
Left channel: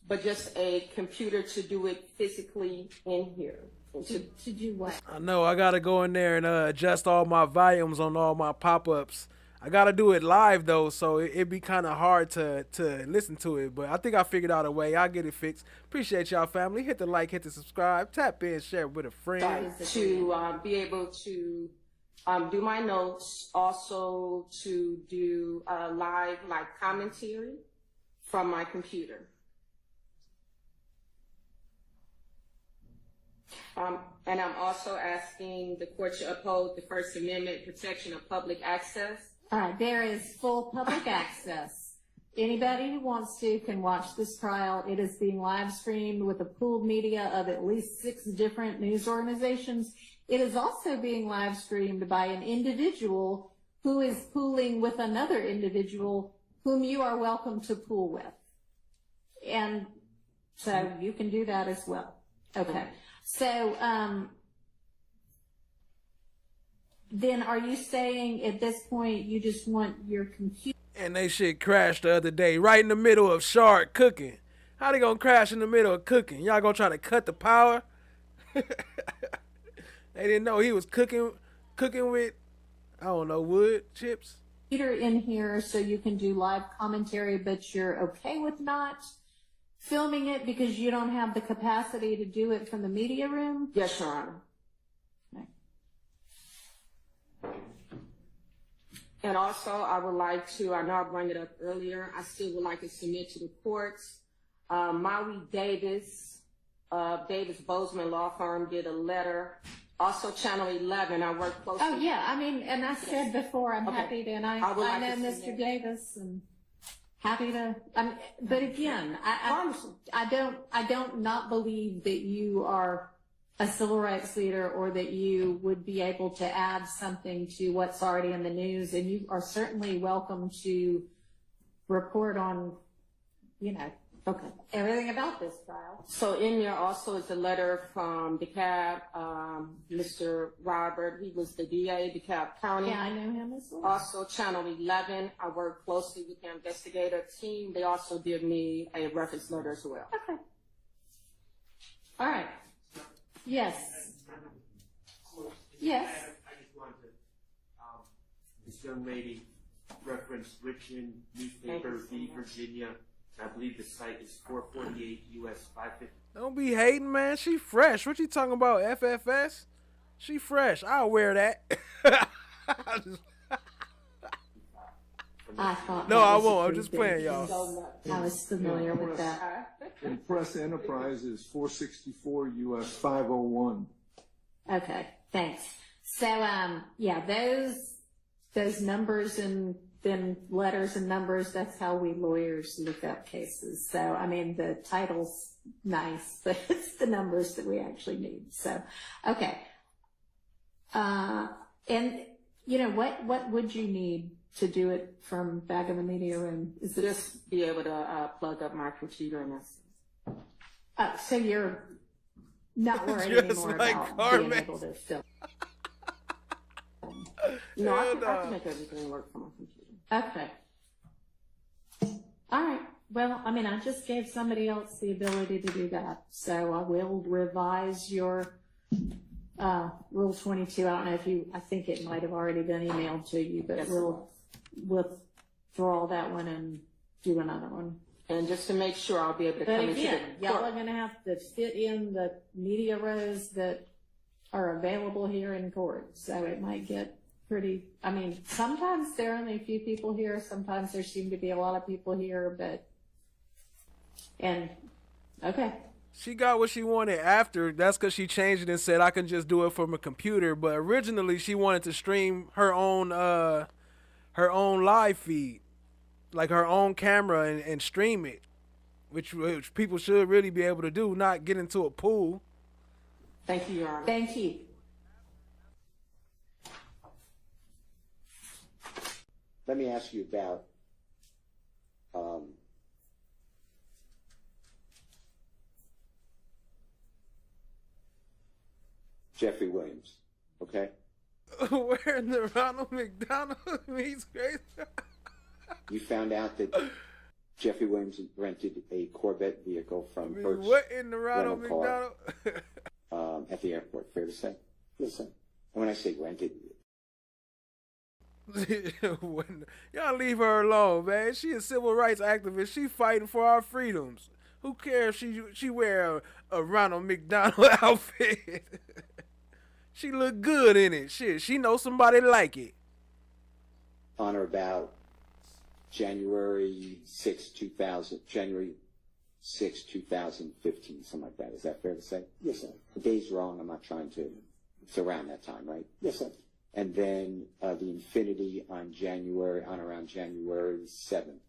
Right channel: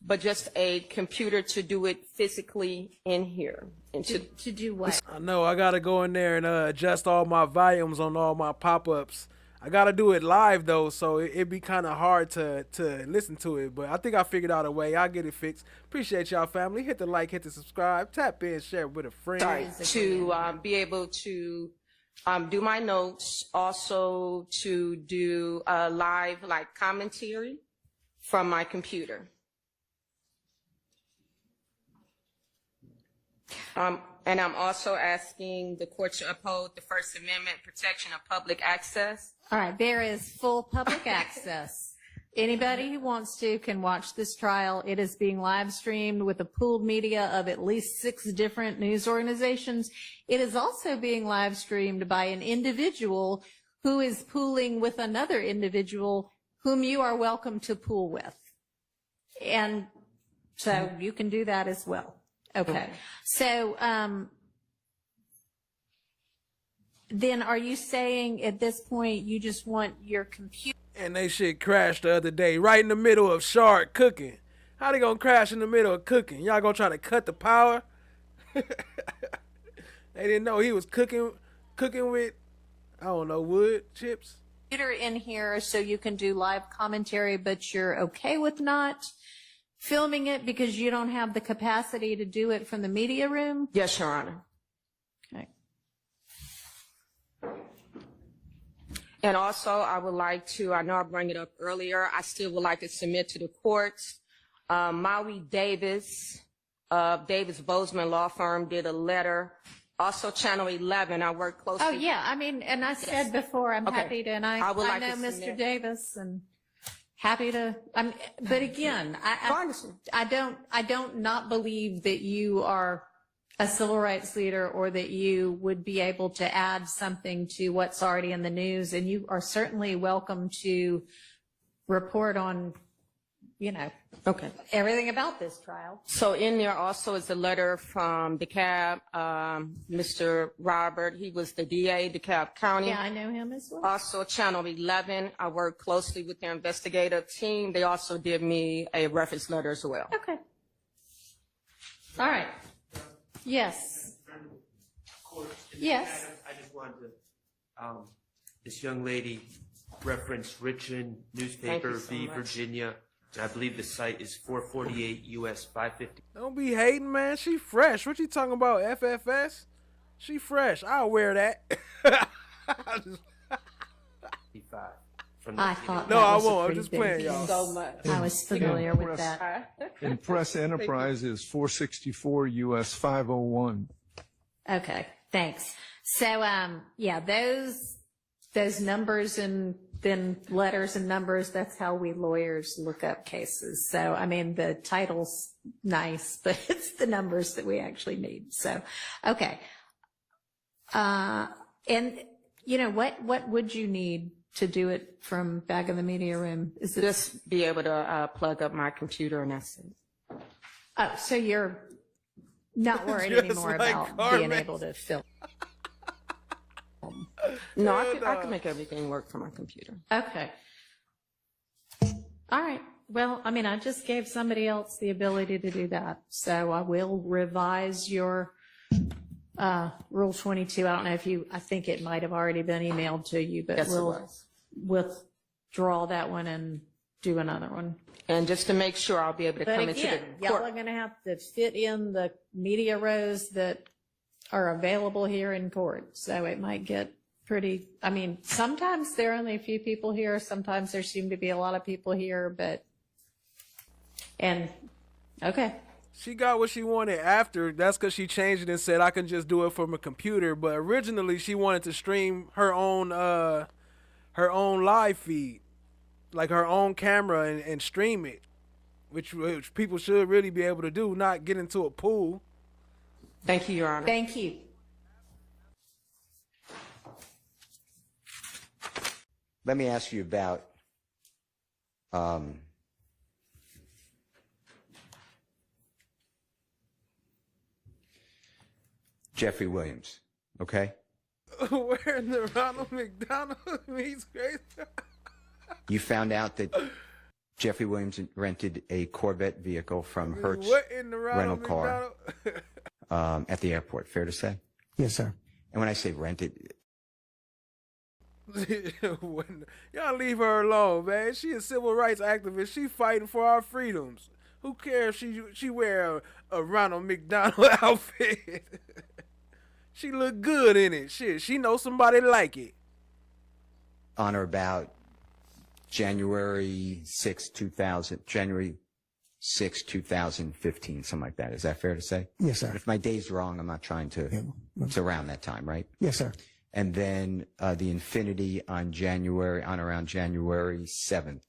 but just a computer to do it physically in here. And to do what? I know, I got to go in there and adjust all my volumes on all my pop-ups. I got to do it live, though, so it'd be kind of hard to listen to it. But I think I figured out a way. I'll get it fixed. Appreciate y'all, family. Hit the like, hit the subscribe, tap in, share with a friend. To be able to do my notes, also to do live commentary from my computer. And I'm also asking the court to uphold the First Amendment protection of public access. All right, there is full public access. Anybody who wants to can watch this trial. It is being live streamed with a pooled media of at least 6 different news organizations. It is also being live streamed by an individual who is pooling with another individual whom you are welcome to pool with. And so you can do that as well. Okay. So, then are you saying at this point you just want your computer? And they shit crashed the other day, right in the middle of Shark cooking. How they gonna crash in the middle of cooking? Y'all gonna try to cut the power? They didn't know he was cooking with, I don't know, wood chips. In here so you can do live commentary, but you're okay with not filming it because you don't have the capacity to do it from the media room? Yes, Your Honor. Okay. And also, I would like to, I know I brought it up earlier, I still would like to submit to the courts. Maui Davis, Davis Bozeman Law Firm did a letter. Also, Channel 11, I work closely. Oh, yeah, I mean, and I said before, I'm Okay. happy to, and I would like know to Mr. submit. Davis, and happy to, but again, I don't not believe that you are a civil rights leader or that you would be able to add something to what's already in the news, and you are certainly welcome to report on, Okay. everything about this trial. So in there also is a letter from DeKalb, Mr. Robert. He was the DA, DeKalb County. Yeah, I know him as well. Also, Channel 11, I work closely with their investigative team. They also did me a reference letter as well. Okay. All right. Yes. Yes. I just wanted to, this young lady referenced Richmond newspaper Thank you so v. much. Virginia. And I believe the site is 448 US 550. Don't be hating, man. She fresh. What you talking about, FFS? She fresh. I'll wear that. I thought No, that I was a won't. I'm pretty just big playing, deal. y'all. So much. I was familiar with that. And Press Enterprise is 464 US 501. Okay, thanks. So, yeah, those numbers and then letters and numbers, that's how we lawyers look up cases. So, I mean, the title's nice, but it's the numbers that we actually need. So, okay. And, what would you need to do it from back in the media room? Is it Just be able to plug up my computer and that's it. so you're not worried Just anymore like about Carmen. being able to film? No, I Hell can no. make everything work from my computer. Okay. All right. Well, I mean, I just gave somebody else the ability to do that. So I will revise your Rule 22. I don't know if I think it might have already been emailed to you, but Yes, it we'll was. withdraw that one and do another one. And just to make sure I'll be able to But come into again, the y'all court. are going to have to fit in the media rows that are available here in court. So it might get pretty, I mean, sometimes there are only a few people here. Sometimes there seem to be a lot of people here, okay. She got what she wanted after. That's because she changed it and said I can just do it from a computer. But originally she wanted to stream her own live feed, like her own camera and stream it, which people should really be able to do, not get into a pool. Thank you, Your Honor. Thank you. Let me ask you about Jeffrey Williams, okay? Where in the Ronald McDonald meets Grace? You found out that Jeffrey Williams rented a Corvette vehicle from Hertz What in the rental Ronald car McDonald? at the airport, fair to say? Yes, sir. And when I say rented, Y'all leave her alone, man. She a civil rights activist. She fighting for our freedoms. Who cares if she wear a Ronald McDonald outfit? She look good in it. Shit, she knows somebody like it. on or about January 6, 2015, something like that. Is that fair to say? Yes, sir. If my day's wrong, I'm not trying to. It's around that time, right? Yes, sir. And then the Infinity on around January 7th,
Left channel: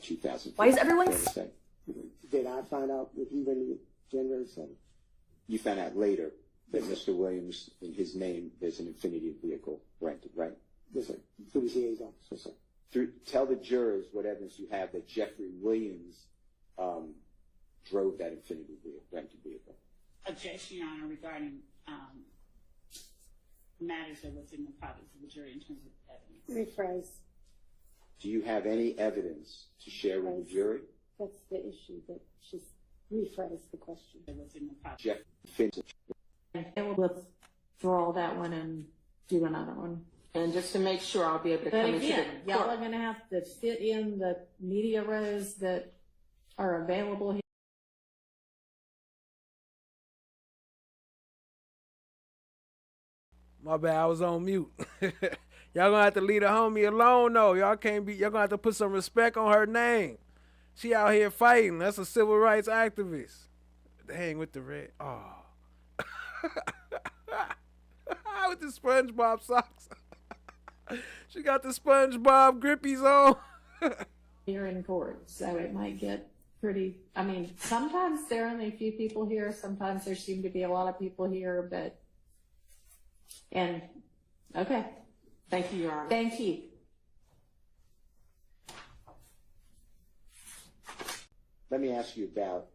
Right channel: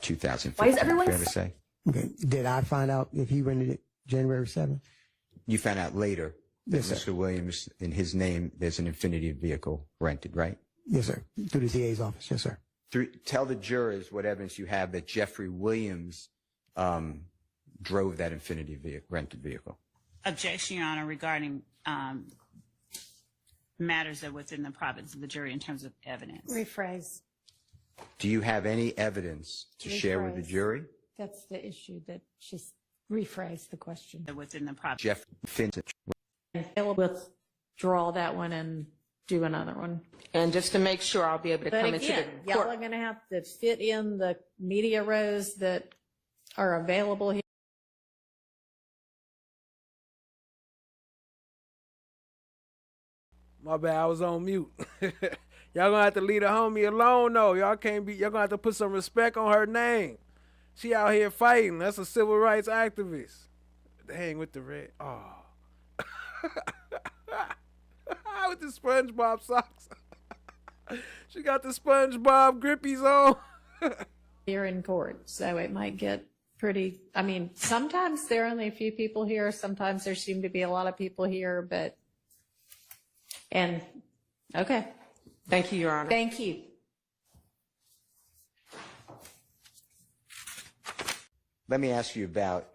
2015. Why is everyone fair to say? Okay. Did I find out if he rented it January 7th? You found out later that Yes, sir. Mr. Williams, in his name, there's an Infinity vehicle rented, right? Yes, sir. Through the DA's office. Yes, sir. Tell the jurors what evidence you have that Jeffrey Williams drove that Infinity rented vehicle. Objection, Your Honor, regarding matters that are within the province of the jury in terms of evidence. Rephrase. Do you have any evidence to share with the Rephrase. jury? That's the issue that she's rephrased the question. Within the property. Jeff Finch. We'll withdraw that one and do another one. And just to make sure I'll be able to But come into again, the y'all court. are gonna have to fit in the media rows that are available here. My bad, I was on mute. Y'all gonna have to leave the homie alone though. Y'all gonna have to put some respect on her name. She out here fighting. That's a civil rights activist. Hang with the red. Oh. With the SpongeBob socks. She got the SpongeBob grippies on. Here in court, so it might get pretty, I mean, sometimes there are only a few people here, sometimes there seem to be a lot of people here, but, okay. Thank you, Your Honor. Thank you. Let me ask you about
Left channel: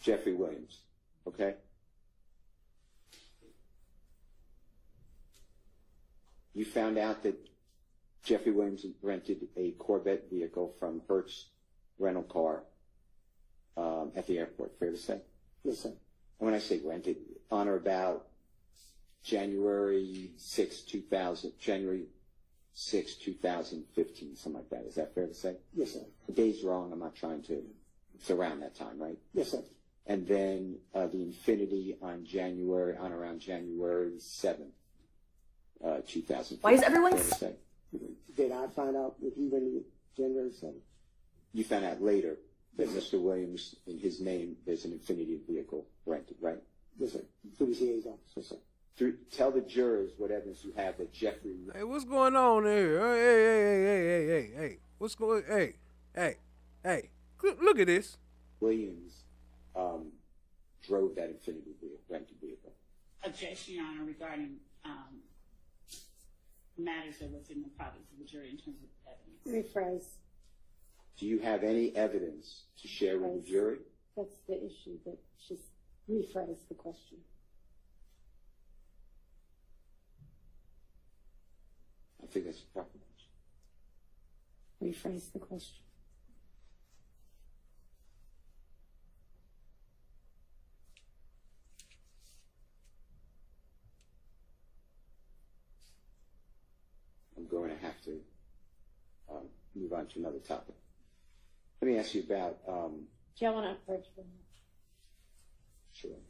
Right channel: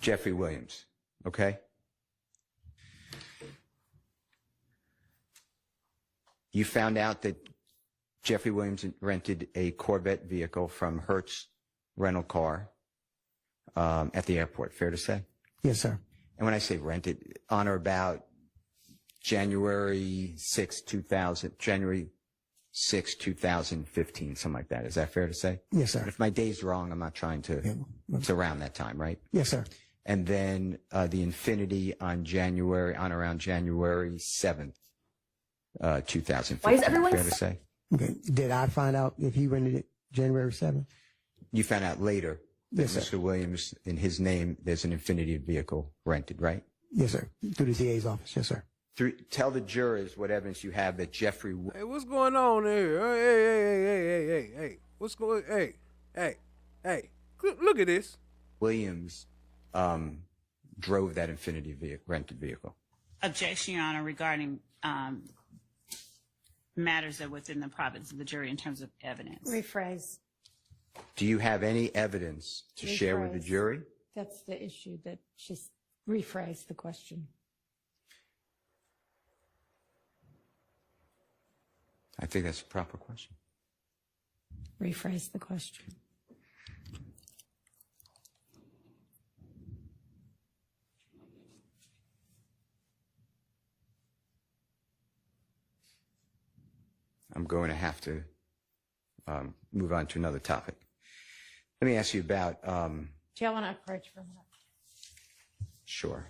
Jeffrey Williams, okay? You found out that Jeffrey Williams rented a Corvette vehicle from Hertz Rental Car at the airport, fair to say? Yes, sir. And when I say rented, on or about January 6, 2015, something like that. Is that fair to say? Yes, sir. If my day's wrong, I'm not trying to, it's around that time, right? Yes, sir. And then the Infinity on around January 7th, 2015. Why is everyone fair to say? Okay. Did I find out if he rented it January 7th? You found out later that Yes, sir. Mr. Williams, in his name, there's an Infinity vehicle rented, right? Yes, sir. Through the DA's office. Yes, sir. Tell the jurors what evidence you have that Jeffrey. Hey, what's going on here? Hey. What's going? Hey. Look at this. Williams drove that Infinity rented vehicle. Objection, Your Honor, regarding matters that are within the province of the jury in terms of evidence. Rephrase. Do you have any evidence to share with the Rephrase. jury? That's the issue that she's rephrased the question. I think that's a proper question. Rephrase the question. I'm going to have to move on to another topic. Let me ask you about. Do y'all want to approach for a minute? Sure.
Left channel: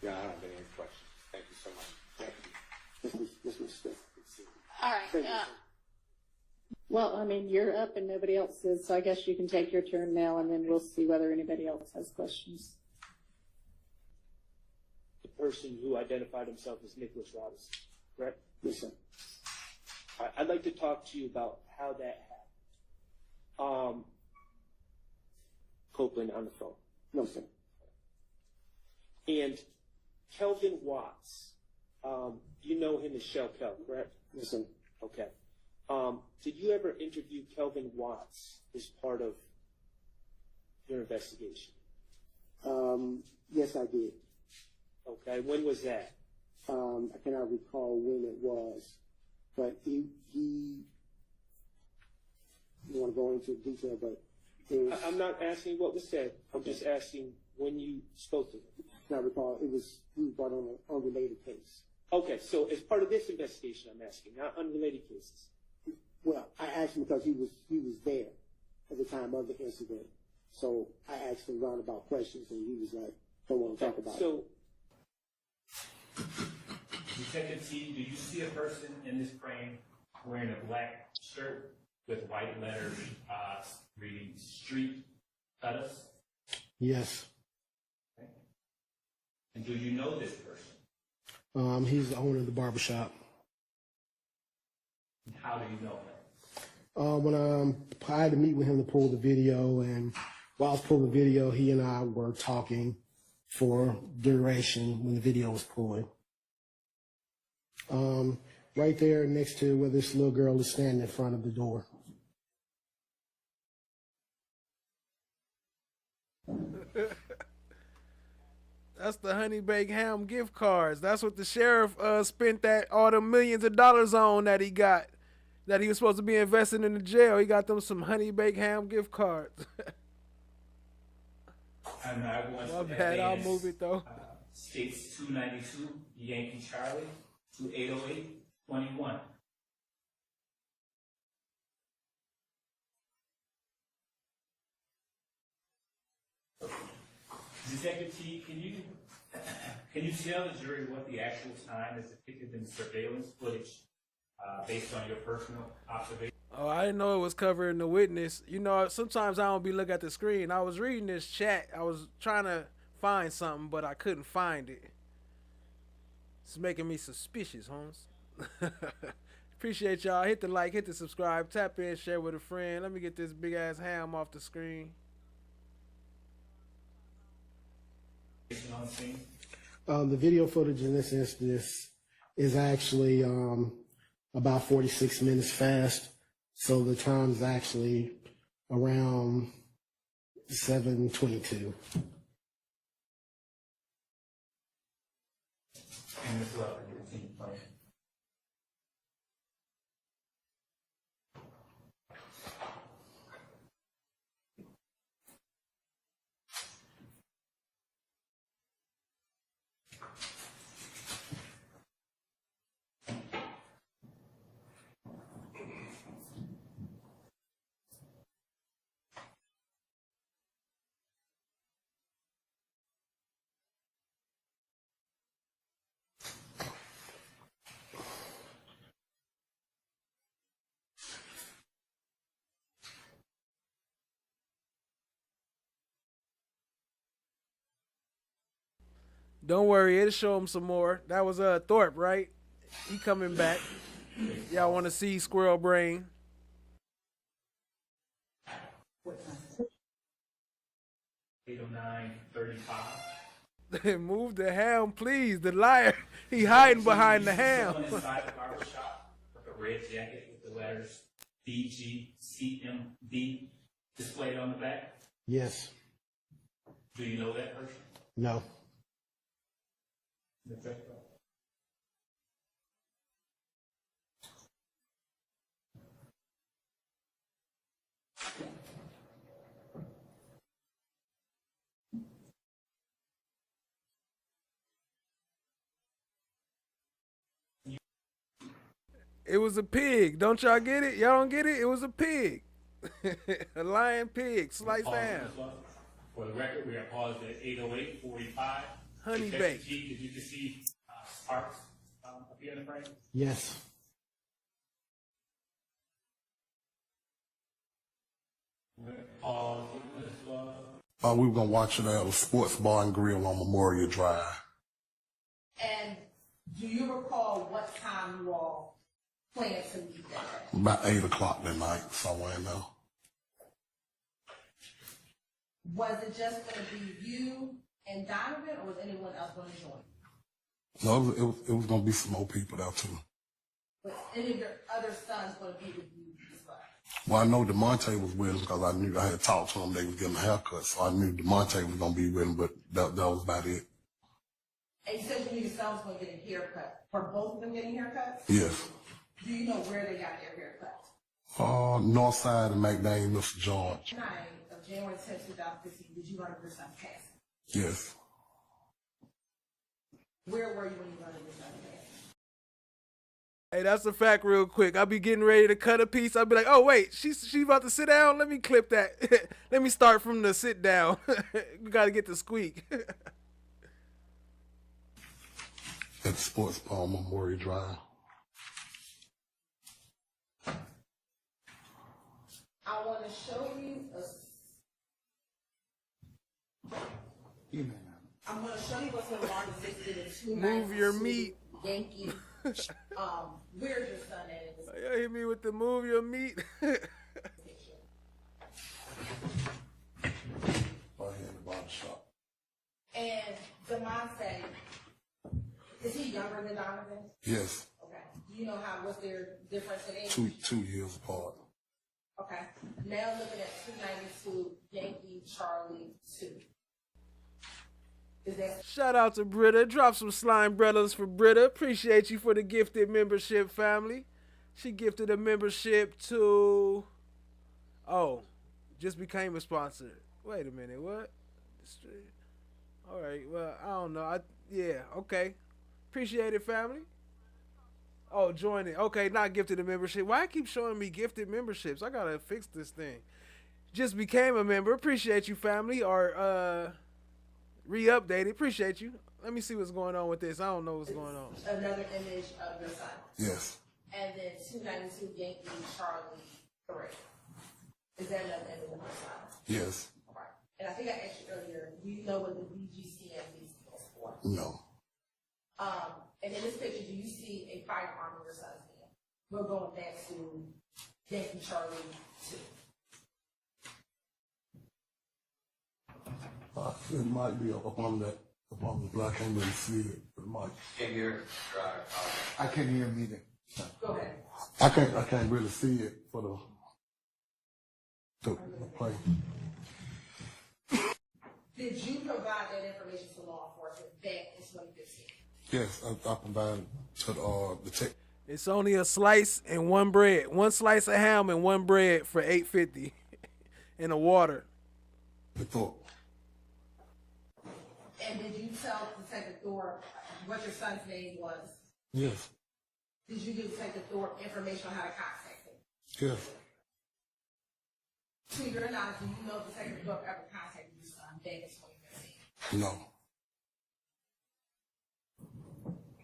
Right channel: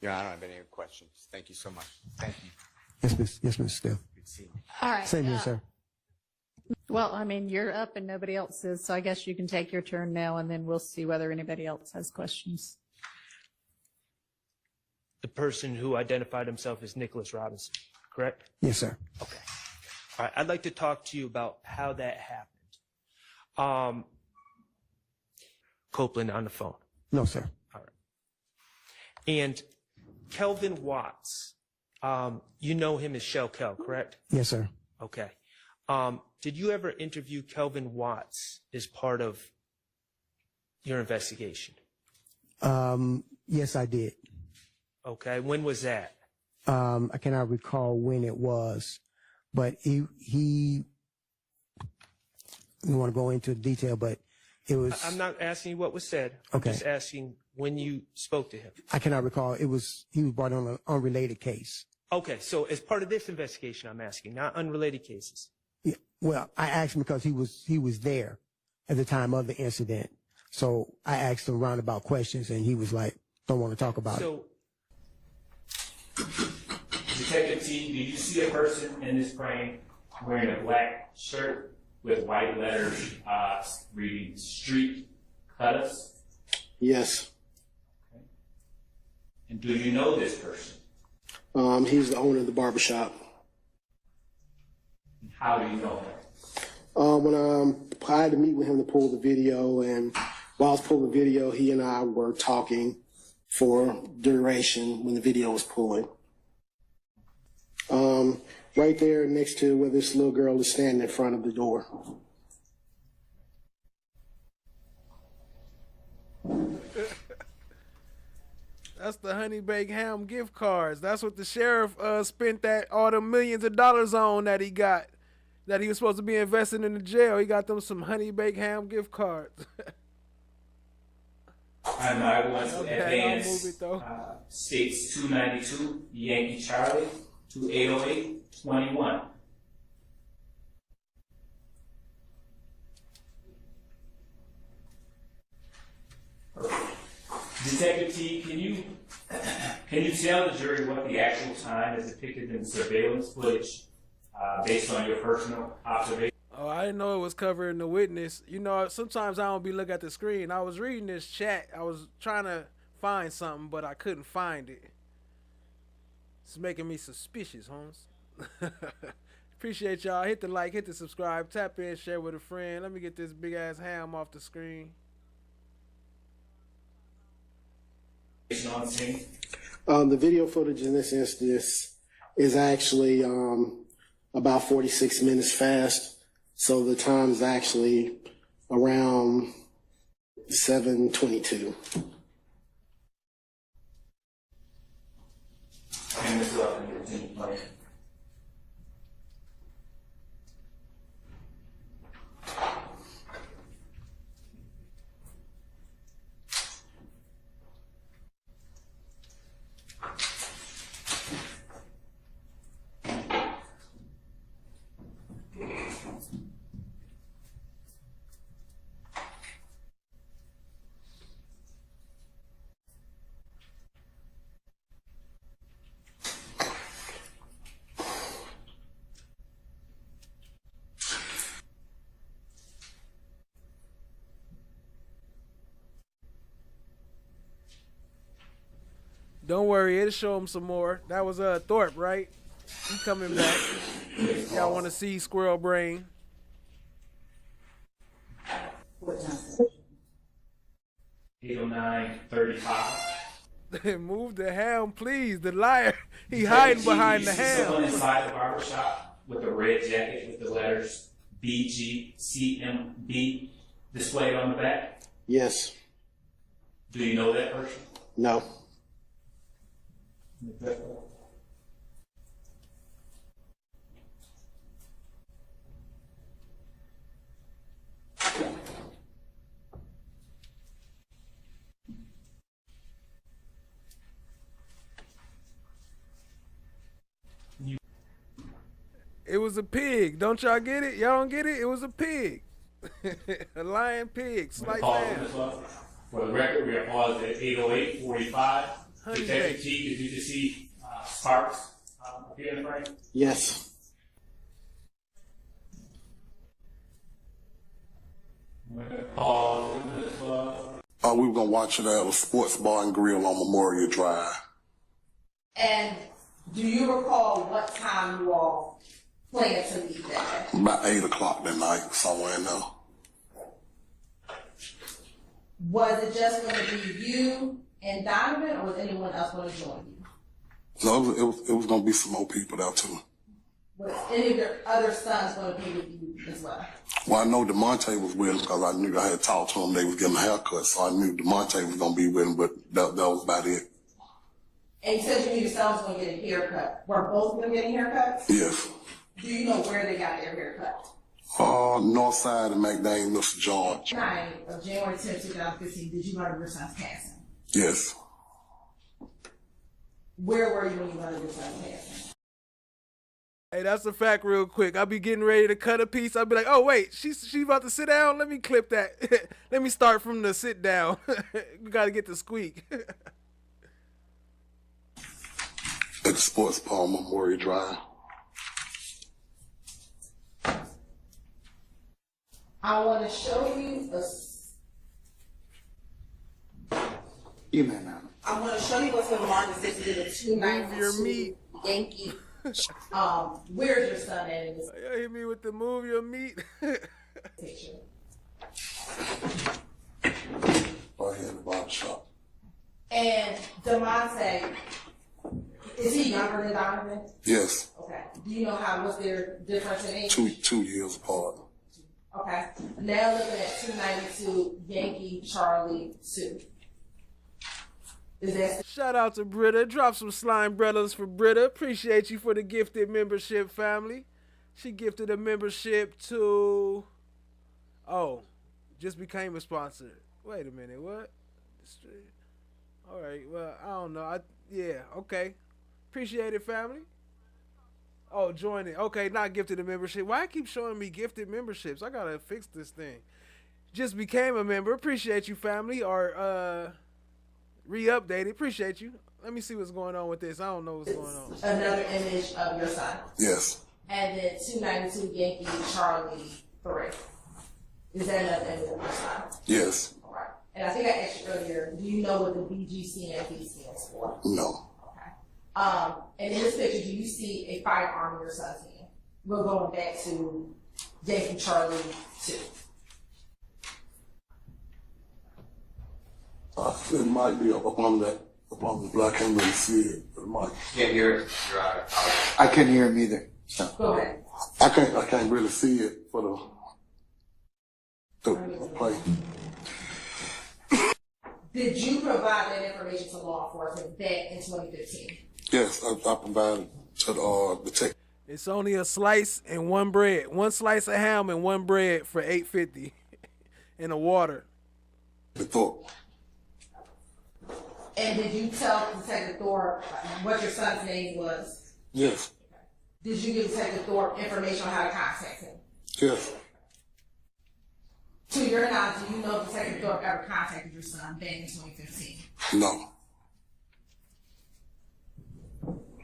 Yeah, I don't have any questions. Thank you so much. Thank you. Yes, Mr. Steph. All right. Same here, sir. Well, I mean, you're up and nobody else is, so I guess you can take your turn now, and then we'll see whether anybody else has questions. The person who identified himself as Nicholas Robinson, correct? Yes, sir. Okay. All right. I'd like to talk to you about how that happened. Copeland on the phone. No, sir. And Kelvin Watts, you know him as Shell Kel, correct? Yes, sir. Okay. Did you ever interview Kelvin Watts as part of your investigation? Yes, I did. Okay. When was that? I cannot recall when it was, but he you want to go into detail, but it was. I'm not asking you what was said. Okay. I'm just asking when you spoke to him. I cannot recall. He was brought on an unrelated case. Okay. So as part of this investigation, I'm asking, not unrelated cases. Yeah, well, I asked him because he was there at the time of the incident. So I asked him roundabout questions, and he was like, "Don't want to talk about it." Detective T, do you see a person in this frame wearing a black shirt with white letters reading "Street Cut Us"? Yes. And do you know this person? He's the owner of the barbershop. How do you know him? When I had to meet with him to pull the video, and while I was pulling the video, he and I were talking for duration when the video was pulling. right there next to where this little girl is standing in front of the door. That's the honey baked ham gift cards. That's what the sheriff spent all the millions of dollars on that he got, that he was supposed to be investing in the jail. He got them some honey baked ham gift cards. And I want to advance, I'll move it though. States 292, Yankee Charlie, 2808, 21. Detective T, can you tell the jury what the actual time is depicted in surveillance footage based on your personal observation? Oh, I didn't know it was covering the witness. You know, sometimes I don't be looking at the screen. I was reading this chat. I was trying to find something, but I couldn't find it. It's making me suspicious, Holmes. Appreciate y'all. Hit the like, hit the subscribe, tap in, share with a friend. Let me get this big ass ham off the screen. The video footage in this instance is actually about 46 minutes fast. So the time's actually around 7:22. And this weapon continue playing. Don't worry, it'll show him some more. That was Thorpe, right? He coming back. Y'all want to see Squirrel Brain? 809-35. Move the ham, please. The liar. He hiding behind the ham. Someone inside the barber shop with a red jacket with the letters BGCMB displayed on the back. Yes. Do you know that person? No. It was a pig. Don't y'all get it? Y'all don't get it? It was a pig. A lion pig. Sliced ham. For the record, we are paused at 8:08:45. Honey Detective baked. T, did you just see Sparks appear in the frame? Yes. We were gonna watch it at a sports bar and grill on Memorial Drive. And do you recall what time you all planned to leave that day? About 8 o'clock that night, somewhere in there. Was it just going to be you and Donovan, or was anyone else going to join you? No, it was gonna be some more people there too. Was any of your other sons going to be with you as well? Well, I know DeMonte was with him because I knew I had talked to him. They was getting a haircut, so I knew DeMonte was gonna be with him, but that was about it. And you said you knew your son was going to get a haircut. Were both of them getting haircuts? Yes. Do you know where they got their haircut? North side of McDaniel, Mr. George. Night of January 10, 2015, did you learn of your son's passing? Yes. Where were you when you learned of your son's passing? Hey, that's a fact real quick. I'll be getting ready to cut a piece. I'll be like, oh, wait, she's about to sit down? Let me clip that. Let me start from the sit down. We got to get the squeak. At the sports bar on Memorial Drive. I want to show you You may not. I want to show you what's been marked as if it is a 292 Move your meat. Yankee. Where's your son at in this Y'all hit me with the move your meat. picture? Right here in the barber shop. And DeMonte, is he younger than Donovan? Yes. Okay. Do Do you know what's their difference in age? 2 years apart. Okay. Now looking at 292 Yankee Charlie 2. Is that Shout out to Britta. Drop some slime brothers for Britta. Appreciate you for the gifted membership, family. She gifted a membership to... Oh, just became a sponsor. Wait a minute, what? All right, well, I don't know. Yeah, okay. Appreciate it, family. Oh, join it. Okay, not gifted a membership. Why I keep showing me gifted memberships? I gotta fix this thing. Just became a member. Appreciate you, family. Or re-updated. Appreciate you. Let me see what's going on with this. I don't know what's going on. another image of your son? Yes. And then 292 Yankee Charlie 3. Is that another image of your son? Yes. All right. And I think I asked you earlier, do you know what the BGCNP stands for? No. And in this picture, do you see a firearm in your son's hand? We're going back to Yankee Charlie 2. It might be up on the black. I can't really see it. It might. Can't hear it. I couldn't hear him either. So. Go ahead. I can't really see it for the plate. Did you provide that information to law enforcement back in 2015? Yes, I provided to the tech. It's only a slice and one bread. One slice of ham and one bread for $8.50 and a water. The Thorpe. And did you tell Detective Thorpe what your son's name was? Yes. Did you give Detective Thorpe information on how to contact him? Yes. To your knowledge, do you know Detective Thorpe ever contacted your son back in 2015? No.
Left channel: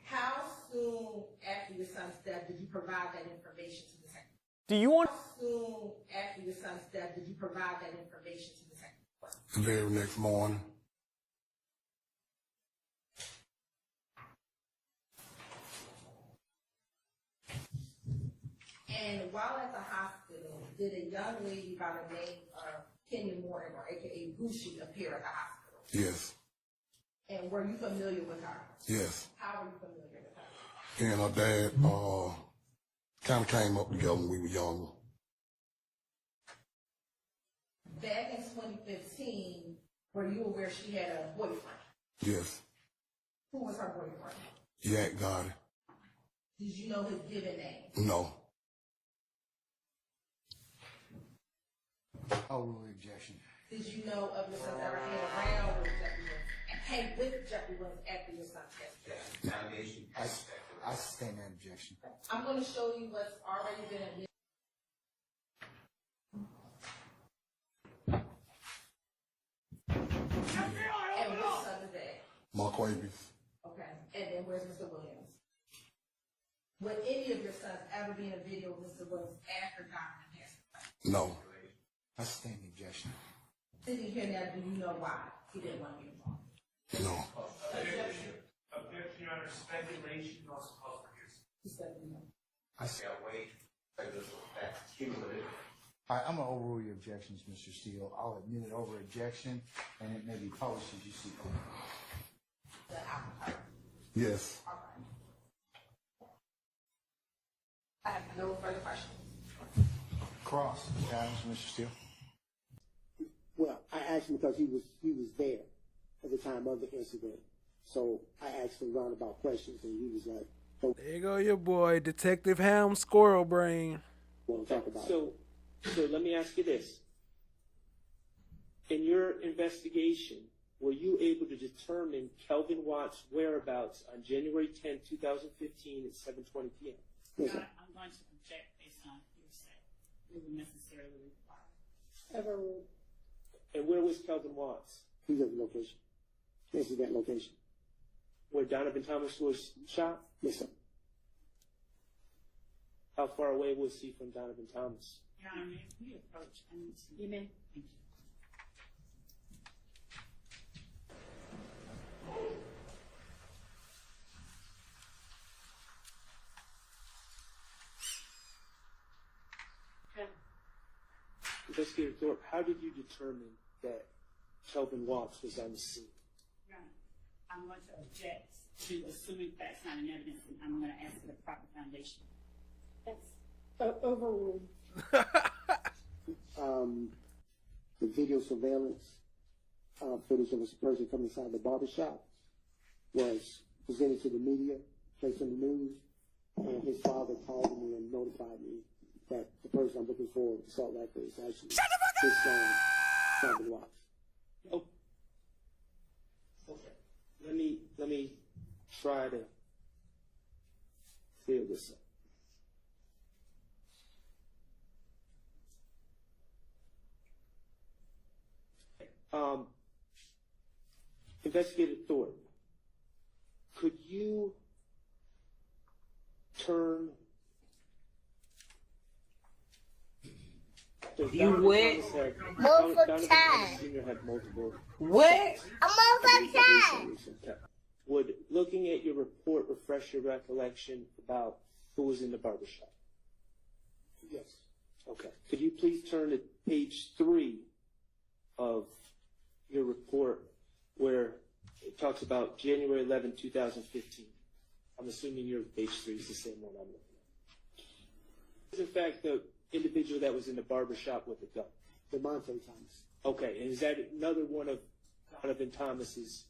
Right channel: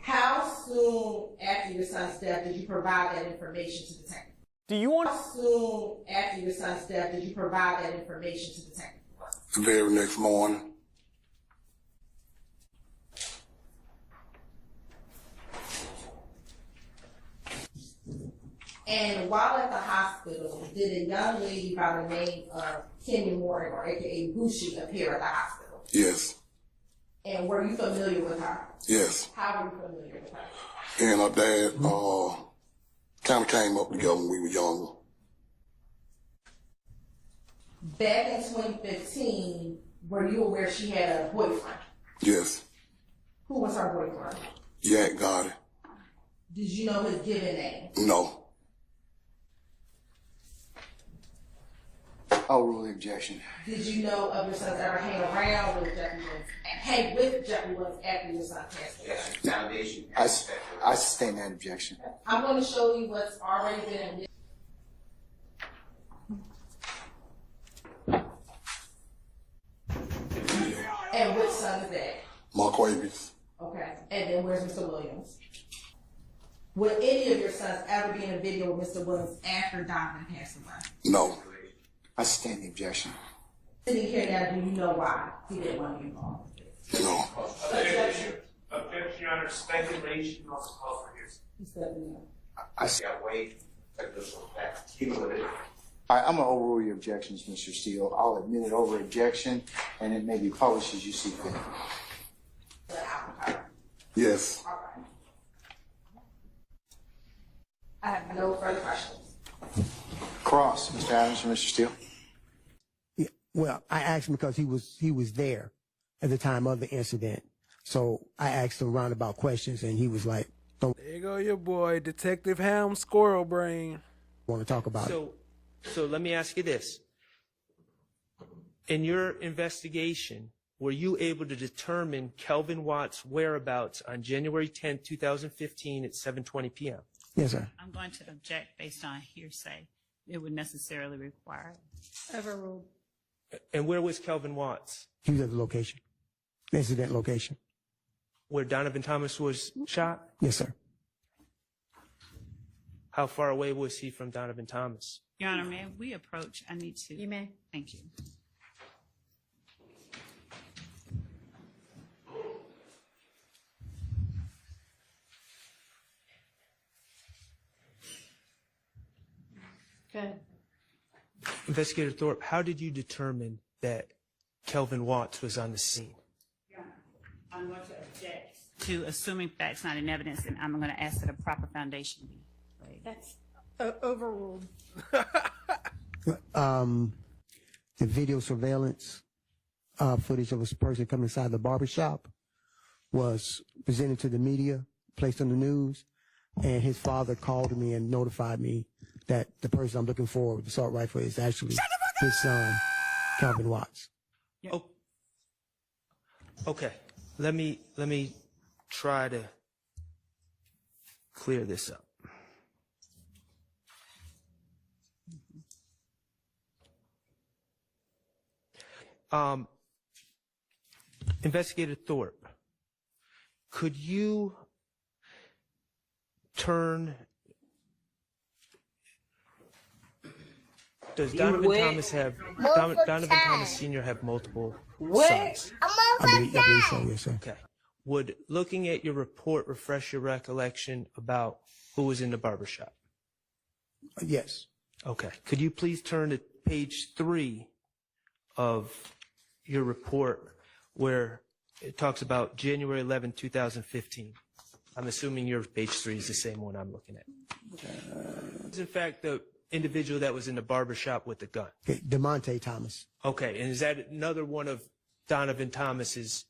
How soon after your son's death did you provide that information to Detective? Do you want? How soon after your son's death did you provide that information to Detective? The very next morning. And while at the hospital, did a young lady by the name of Kenya Morgan, or aka Bushi, appear at the hospital? Yes. And were you familiar with her? Yes. How were you familiar with her? Me and her dad kind of came up together when we were younger. Back in 2015, were you aware she had a boyfriend? Yes. Who was her boyfriend? Yak Gotti. Did you know his given name? No. I'll rule the objection. Did you know of your son's ever hang around with Jeffrey Williams, hang with Jeffrey Williams after your son passed away? I sustain that objection. I'm going to show you what's already been And which son is that? Marquavius. Okay. And then where's Mr. Williams? Would any of your sons ever be in a video with Mr. Williams after Donovan passed away? No. I sustain the objection. Sitting here now, do you know why he didn't want to be involved? No. Objection, Your Honor. Speculation also calls for hearsay. He said no. I wait. Keep it with it. All right, I'm going to overrule your objections, Mr. Steele. I'll admit it over objection, and it may be published as you see fit. Yes. I have no further questions. Cross, Mr. Adams or Mr. Steele? Yeah, well, I asked him because he was there at the time of the incident. So I asked him roundabout questions, and he was like, "Don't." There you go, your boy, Detective Ham Squirrel Brain. Want to talk about it? So let me ask you this. In your investigation, were you able to determine Kelvin Watt's whereabouts on January 10, 2015 at 7:20 p.m.? Yes, sir. I'm going to object based on hearsay. It would necessarily require overruled. And where was Kelvin Watts? He was at the location, the incident location. Where Donovan Thomas was shot? Yes, sir. How far away was he from Donovan Thomas? Your Honor, may we approach? I need to. You may. Thank you. Good. Investigator Thorpe, how did you determine that Kelvin Watts was on the scene? Your Honor, I'm going to object to assuming facts not in evidence, and I'm going to ask that a proper foundation be laid. That's overruled. The video surveillance footage of a person coming inside the barbershop was presented to the media, placed on the news, and his father called me and notified me that the person I'm looking for with the assault rifle is actually his son, Calvin Watts. Oh, okay. Let me try to clear this up. Investigator Thorpe, could you turn? Does Donovan Thomas have Donovan Thomas Sr. have multiple sons? Okay. Would looking at your report refresh your recollection about who was in the barbershop? Yes. Okay. Could you please turn to page 3 of your report where it talks about January 11, 2015? I'm assuming your page 3 is the same one I'm looking at. In fact, the individual that was in the barbershop with the gun. Okay, DeMonte Thomas. Okay, and is that another one of Donovan Thomas's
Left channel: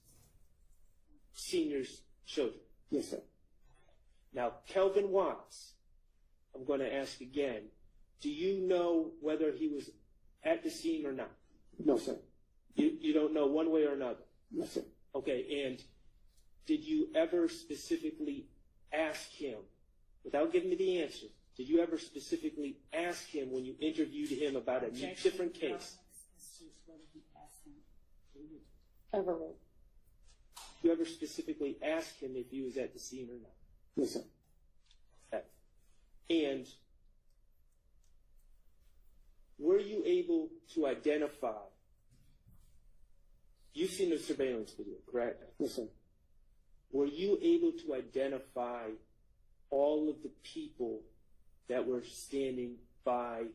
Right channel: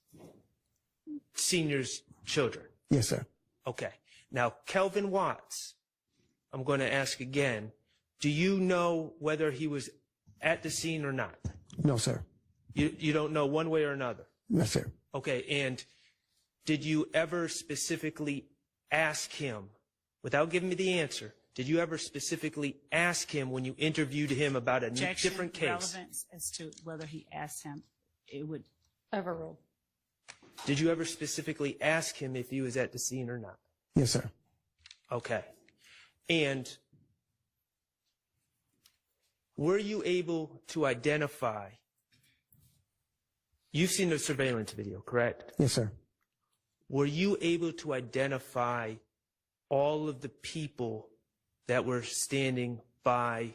senior's children? Yes, sir. Okay. Now, Kelvin Watts, I'm going to ask again, do you know whether he was at the scene or not? No, sir. You don't know one way or another? No, sir. Okay, and did you ever specifically ask him, without giving me the answer, did you ever specifically ask him when you interviewed him about a different case? Relevance as to whether he asked him, it would overrule. Did you ever specifically ask him if he was at the scene or not? Yes, sir. Okay. And were you able to identify, you've seen the surveillance video, correct? Yes, sir. Were you able to identify all of the people that were standing by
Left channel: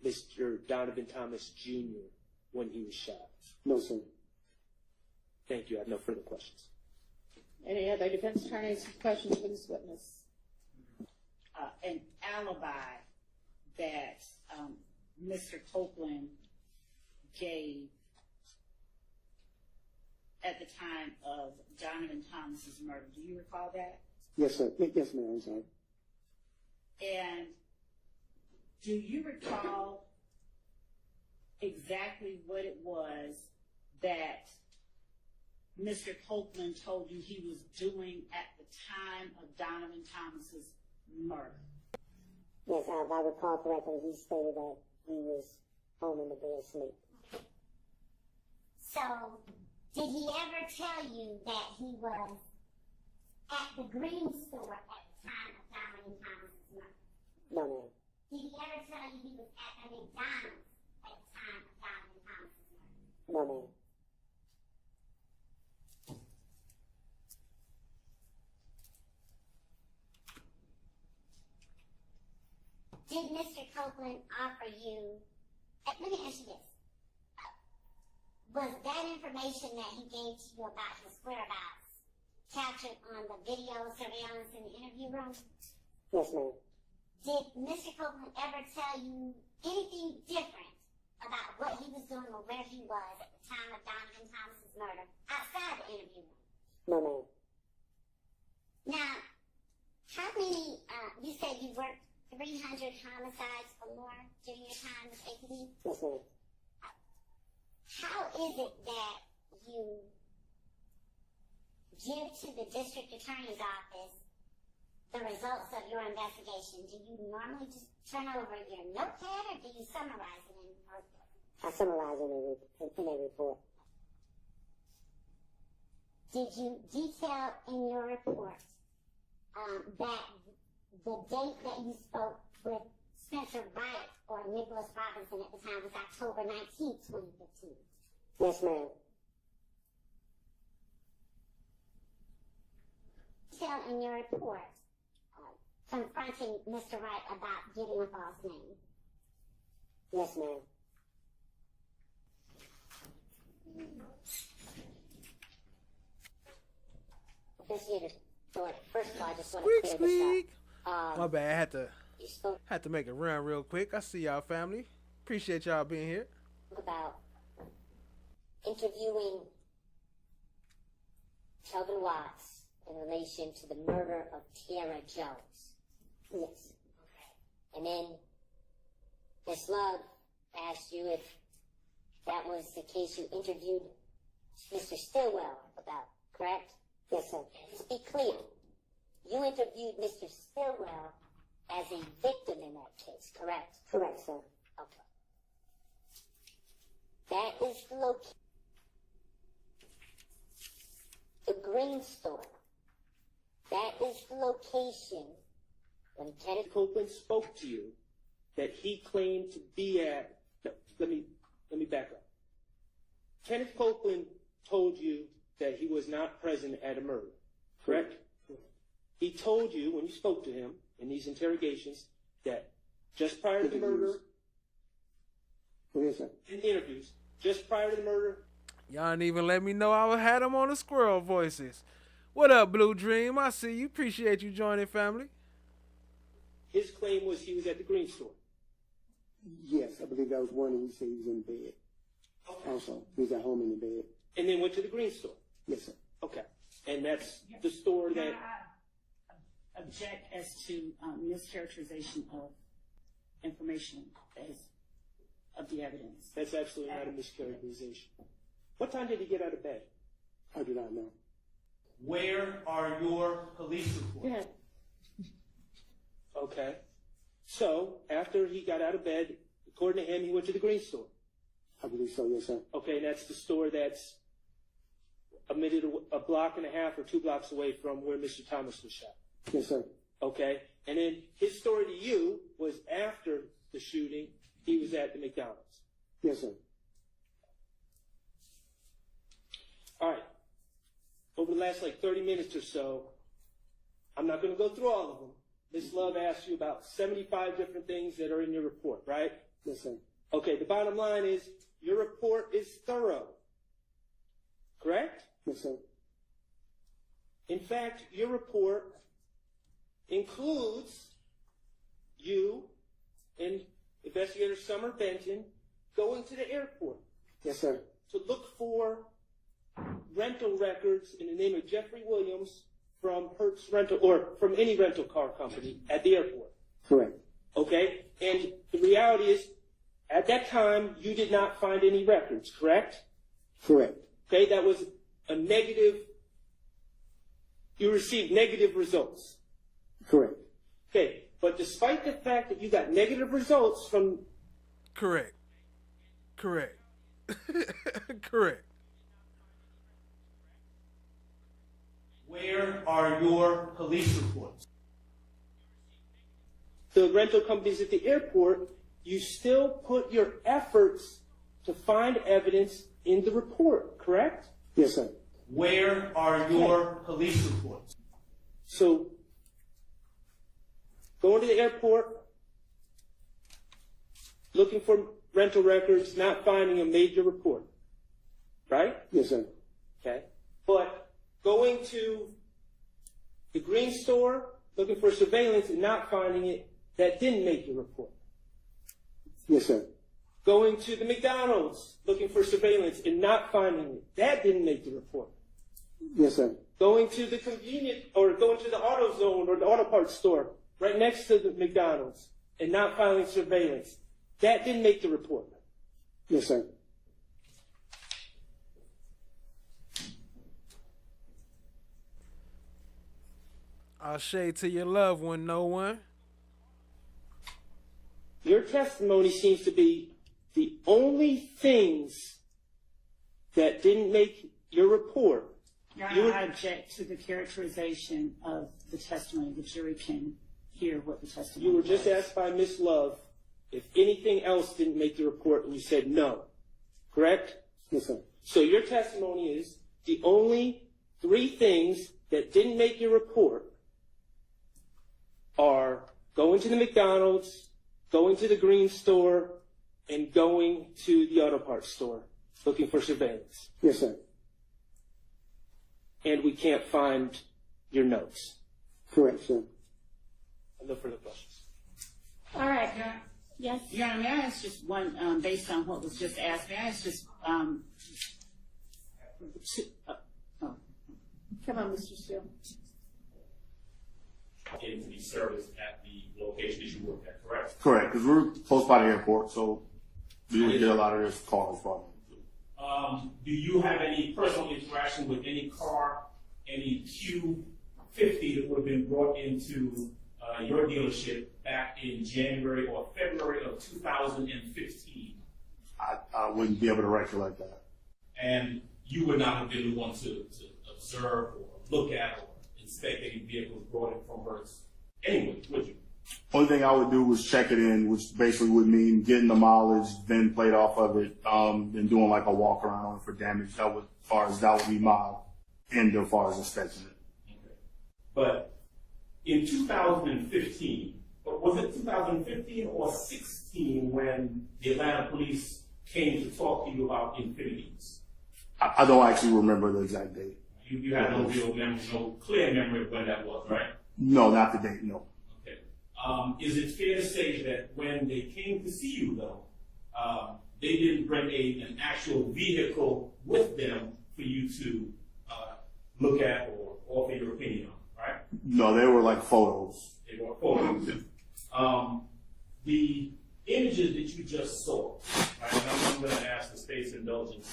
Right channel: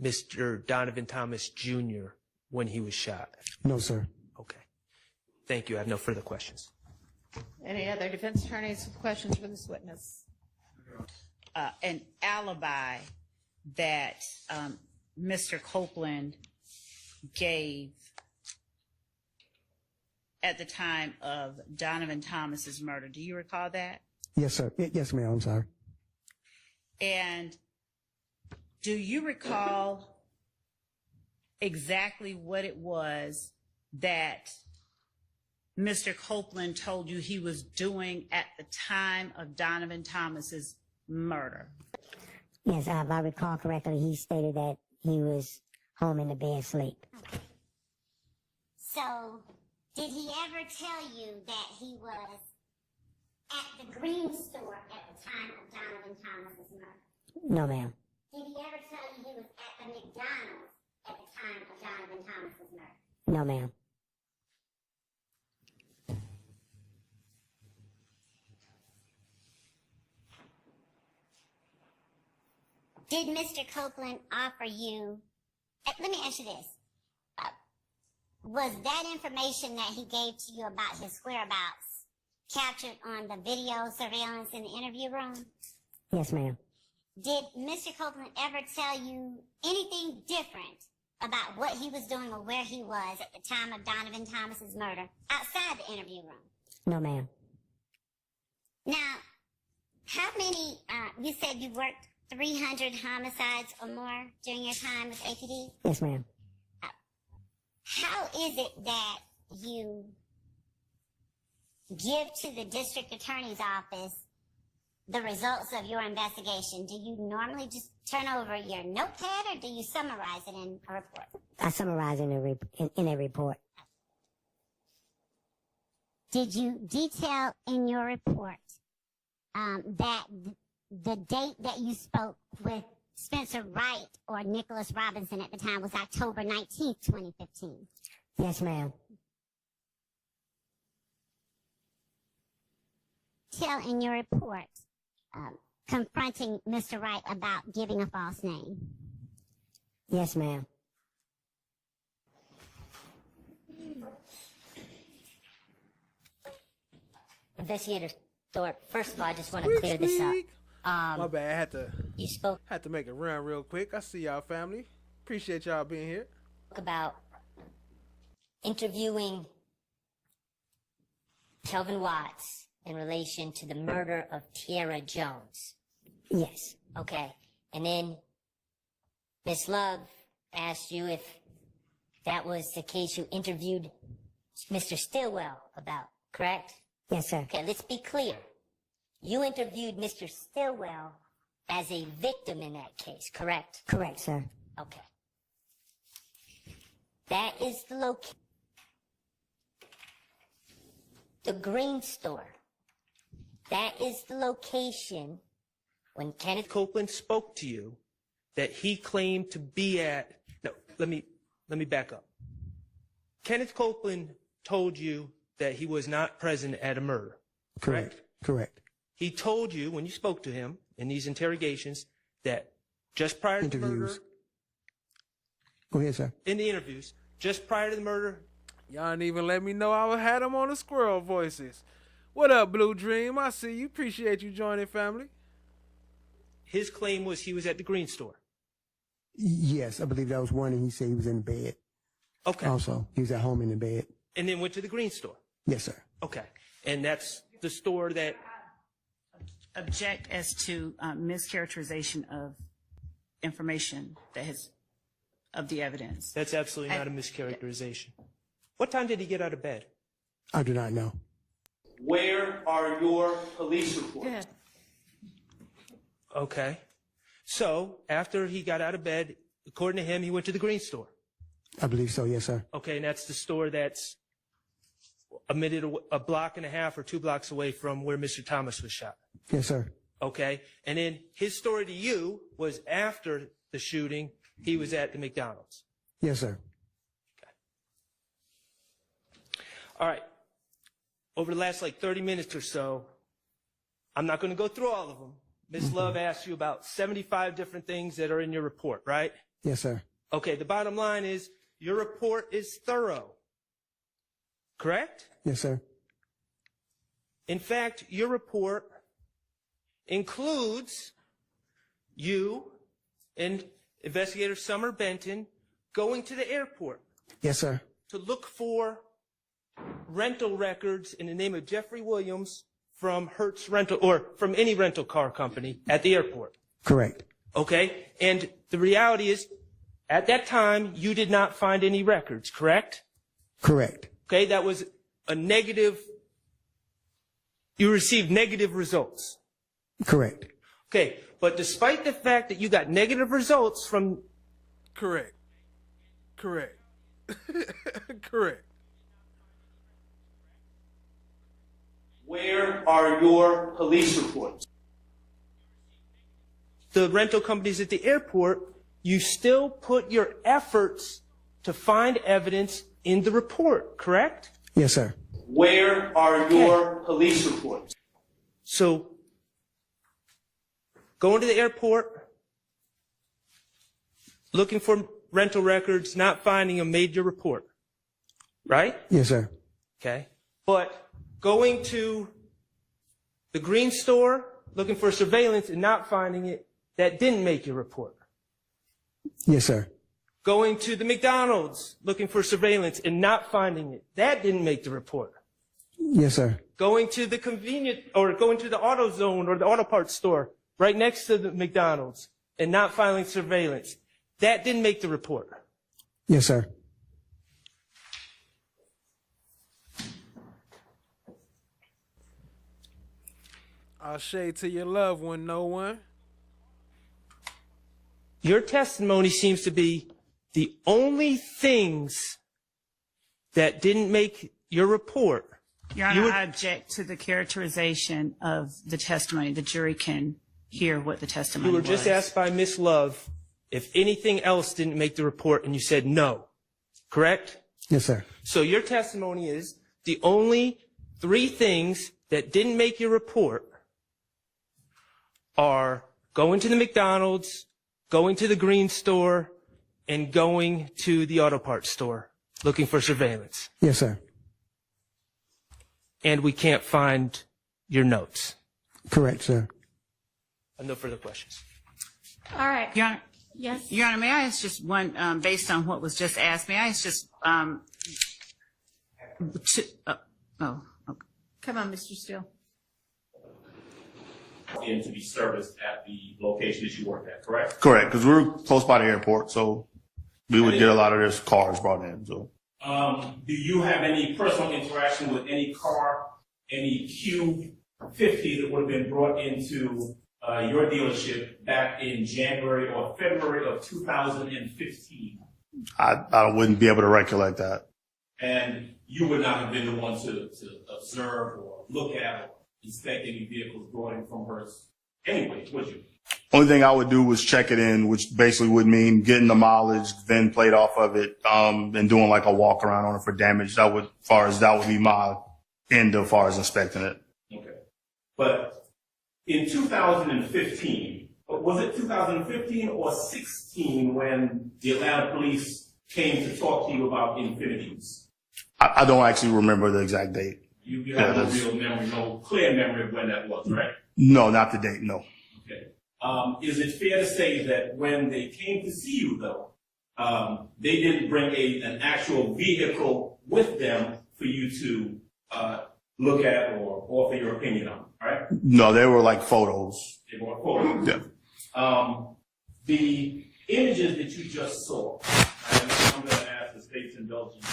Mr. Donovan Thomas Jr. when he was shot? No, sir. Okay. Thank you. I have no further questions. Any other defense attorneys have questions for this witness? An alibi that Mr. Copeland gave at the time of Donovan Thomas's murder. Do you recall that? Yes, sir. Yes, ma'am. I'm sorry. And do you recall exactly what it was that Mr. Copeland told you he was doing at the time of Donovan Thomas's murder? Yes, if I recall correctly, he stated that he was home in the bed asleep. So, did he ever tell you that he was at the green store at the time of Donovan Thomas's murder? No, ma'am. Did he ever tell you he was at the McDonald's at the time of Donovan Thomas's murder? No, ma'am. Did Mr. Copeland offer you, let me ask you this, was that information that he gave to you about his whereabouts captured on the video surveillance in the interview room? Yes, ma'am. Did Mr. Copeland ever tell you anything different about what he was doing or where he was at the time of Donovan Thomas's murder outside the interview room? No, ma'am. Now, how many, you said you worked 300 homicides or more during your time with APD? Yes, ma'am. How is it that you give to the district attorney's office the results of your investigation? Do you normally just turn over your notepad or do you summarize it in a report? I summarize in a report. Did you detail in your report that the date that you spoke with Spencer Wright or Nicholas Robinson at the time was October 19th, 2015? Yes, ma'am. Tell in your report confronting Mr. Wright about giving a false name? Yes, ma'am. Investigator Thorpe, first of all, I just want to clear this up. My bad. You spoke Had to make a run real quick. I see y'all, family. Appreciate y'all being here. about interviewing Kelvin Watts in relation to the murder of Tierra Jones. Yes. Okay. And then Miss Love asked you if that was the case you interviewed Mr. Stillwell about, correct? Yes, sir. Okay, let's be clear. You interviewed Mr. Stillwell as a victim in that case, correct? Correct, sir. Okay. That is the location. The green store. That is the location when Kenneth Copeland spoke to you that he claimed to be at. No, let me back up. Kenneth Copeland told you that he was not present at a murder, correct? Correct. He told you when you spoke to him in these interrogations that just prior to the murder, Go ahead, sir. in the interviews, just prior to the murder, Y'all didn't even let me know I had them on the Squirrel Voices. What up, Blue Dream? I see you. Appreciate you joining, family. his claim was he was at the green store. Yes, I believe that was one, and he said he was in bed. Okay. Also, he was at home in the bed. And then went to the green store. Yes, sir. Okay. And that's the store that. Object as to mischaracterization of information that has of the evidence. That's absolutely not a mischaracterization. What time did he get out of bed? I do not know. Where are your police reports? Okay. So after he got out of bed, according to him, he went to the green store. I believe so, yes, sir. Okay, and that's the store that's a block and a half or 2 blocks away from where Mr. Thomas was shot. Yes, sir. Okay, and then his story to you was after the shooting, he was at the McDonald's. Yes, sir. All right. Over the last 30 minutes or so, I'm not going to go through all of them. Ms. Love asked you about 75 different things that are in your report, right? Yes, sir. Okay, the bottom line is your report is thorough. Correct? Yes, sir. In fact, your report includes you and Investigator Summer Benton going to the airport. Yes, sir. To look for rental records in the name of Jeffrey Williams from Hertz Rental or from any rental car company at the airport. Correct. Okay? And the reality is, at that time, you did not find any records, correct? Correct. Okay, that was a negative, you received negative results. Correct. Okay, but despite the fact that you got negative results from... Correct. Correct. Correct. Where are your police reports? The rental companies at the airport, you still put your efforts to find evidence in the report, correct? Yes, sir. Where are your police reports? So, going to the airport, looking for rental records, not finding them, made your report, right? Yes, sir. Okay. But going to the green store, looking for surveillance and not finding it, that didn't make your report. Yes, sir. Going to the McDonald's, looking for surveillance and not finding it, that didn't make the report. Yes, sir. Going to the going to the AutoZone or the auto parts store right next to the McDonald's and not filing surveillance, that didn't make the report. Yes, sir. I'll shade to your loved one, no one. Your testimony seems to be the only things that didn't make your report. Your Honor, I object to the characterization of the testimony. The jury can hear what the testimony You were was. just asked by Miss Love if anything else didn't make the report, and you said no, correct? Yes, sir. So your testimony is the only 3 things that didn't make your report are going to the McDonald's, going to the green store, and going to the auto parts store looking for surveillance. Yes, sir. And we can't find your notes. Correct, sir. No further questions. All right. Your Honor, Yes. Your Honor, may I ask just one, based on what was just asked, may I ask just, Come on, Mr. Steele. In to be serviced at the location that you work at, correct? Correct, because we're close by the airport, so we would get a lot of their cars brought in. So, do you have any personal interaction with any car, any Q50 that would have been brought into your dealership back in January or February of 2015? I wouldn't be able to recollect that. And you would not have been the one to observe or look at or inspect any vehicles brought in from her anyway, would you? Only thing I would do was check it in, which basically would mean getting the mileage, VIN plate off of it, and doing like a walk around on it for damage. That would be my end as far as inspecting it. Okay. But in 2015, was it 2015 or 16 when the Atlanta police came to talk to you about Infinities? I don't actually remember the exact date. You have no real memory, no clear memory of when that was, right? No, not the date, no. Okay. Is it fair to say that when they came to see you, though, they didn't bring an actual vehicle with them for you to look at or offer your opinion on, right? No, they were like photos. They were photos. Yeah. The images that you just saw, I'm going to ask the state's indulgence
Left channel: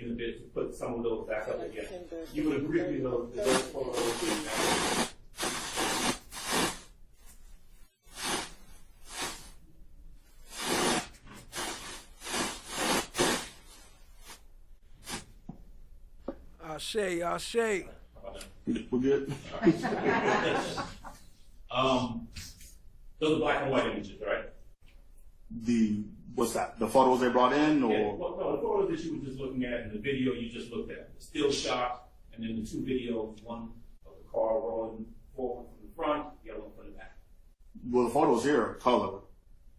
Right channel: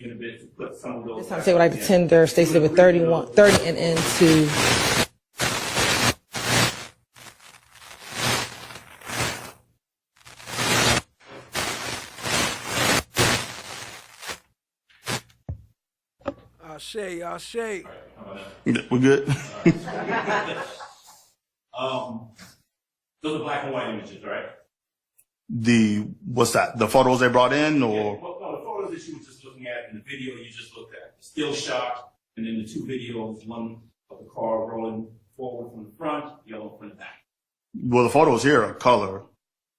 in a bit to put some of those. I say what like the tender states with 30 and into. Ashe. We're good. Those are black and white images, right? What's that? The photos they brought in, or? Yeah, no, the photos that you were just looking at, and the video you just looked at, still shot, and then the two videos, one of the car rolling forward from the front, the other one from the back. Well, the photos here are color.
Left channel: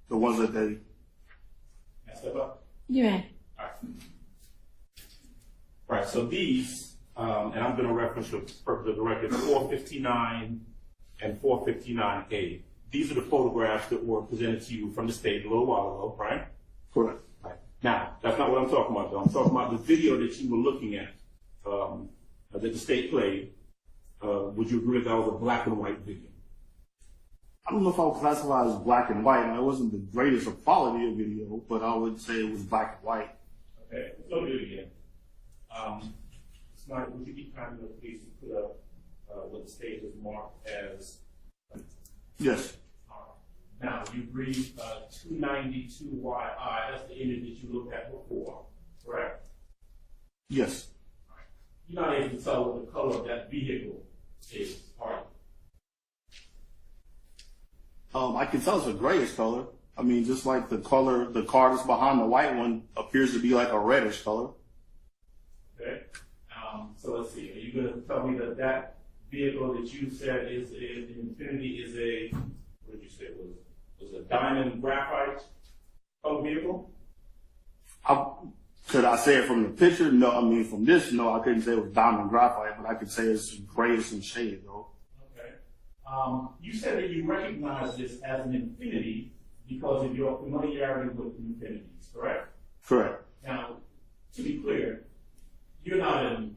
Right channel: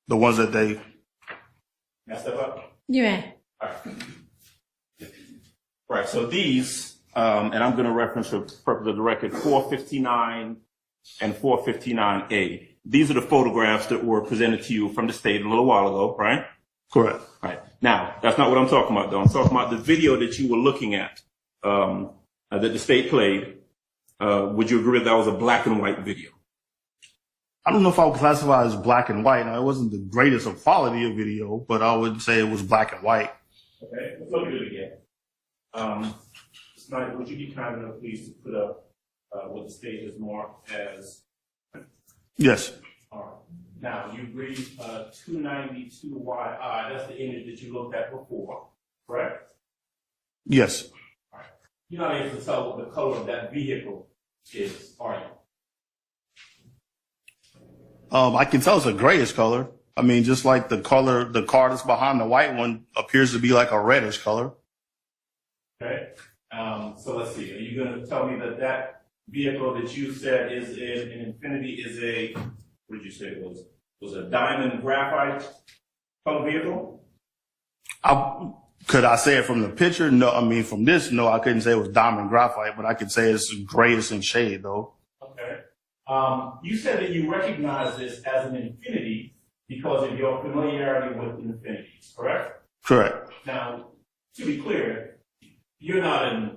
The ones that they. Can I step up? You may. All right. Right, so these, and I'm going to reference for purpose of the record, 459 and 459A. These are the photographs that were presented to you from the state a little while ago, right? Correct. Right. Now, that's not what I'm talking about, though. I'm talking about the video that you were looking at, that the state played. Would you agree that was a black and white video? I don't know if I would classify it as black and white. It wasn't the greatest of quality of video, but I would say it was black and white. Okay, let's look at it again. Snyder, would you be kind enough, please, to put up what the state has marked as? Yes. All right. Now, you read 292YI. That's the image that you looked at before, correct? Yes. All right. You're not able to tell what the color of that vehicle is, are you? I can tell it's a grayish color. I mean, just like the car that's behind the white one appears to be like a reddish color. Okay. So let's see. Are you going to tell me that that vehicle that you said is in Infinity is a, what did you say it was a diamond graphite color vehicle? Could I say it from the picture? No. I mean, from this, no, I couldn't say it was diamond graphite, but I could say it's grayish in shade, though. Okay. You said that you recognize this as an Infinity because of your familiarity with Infinities, correct? Correct. Now, to be clear, you're not a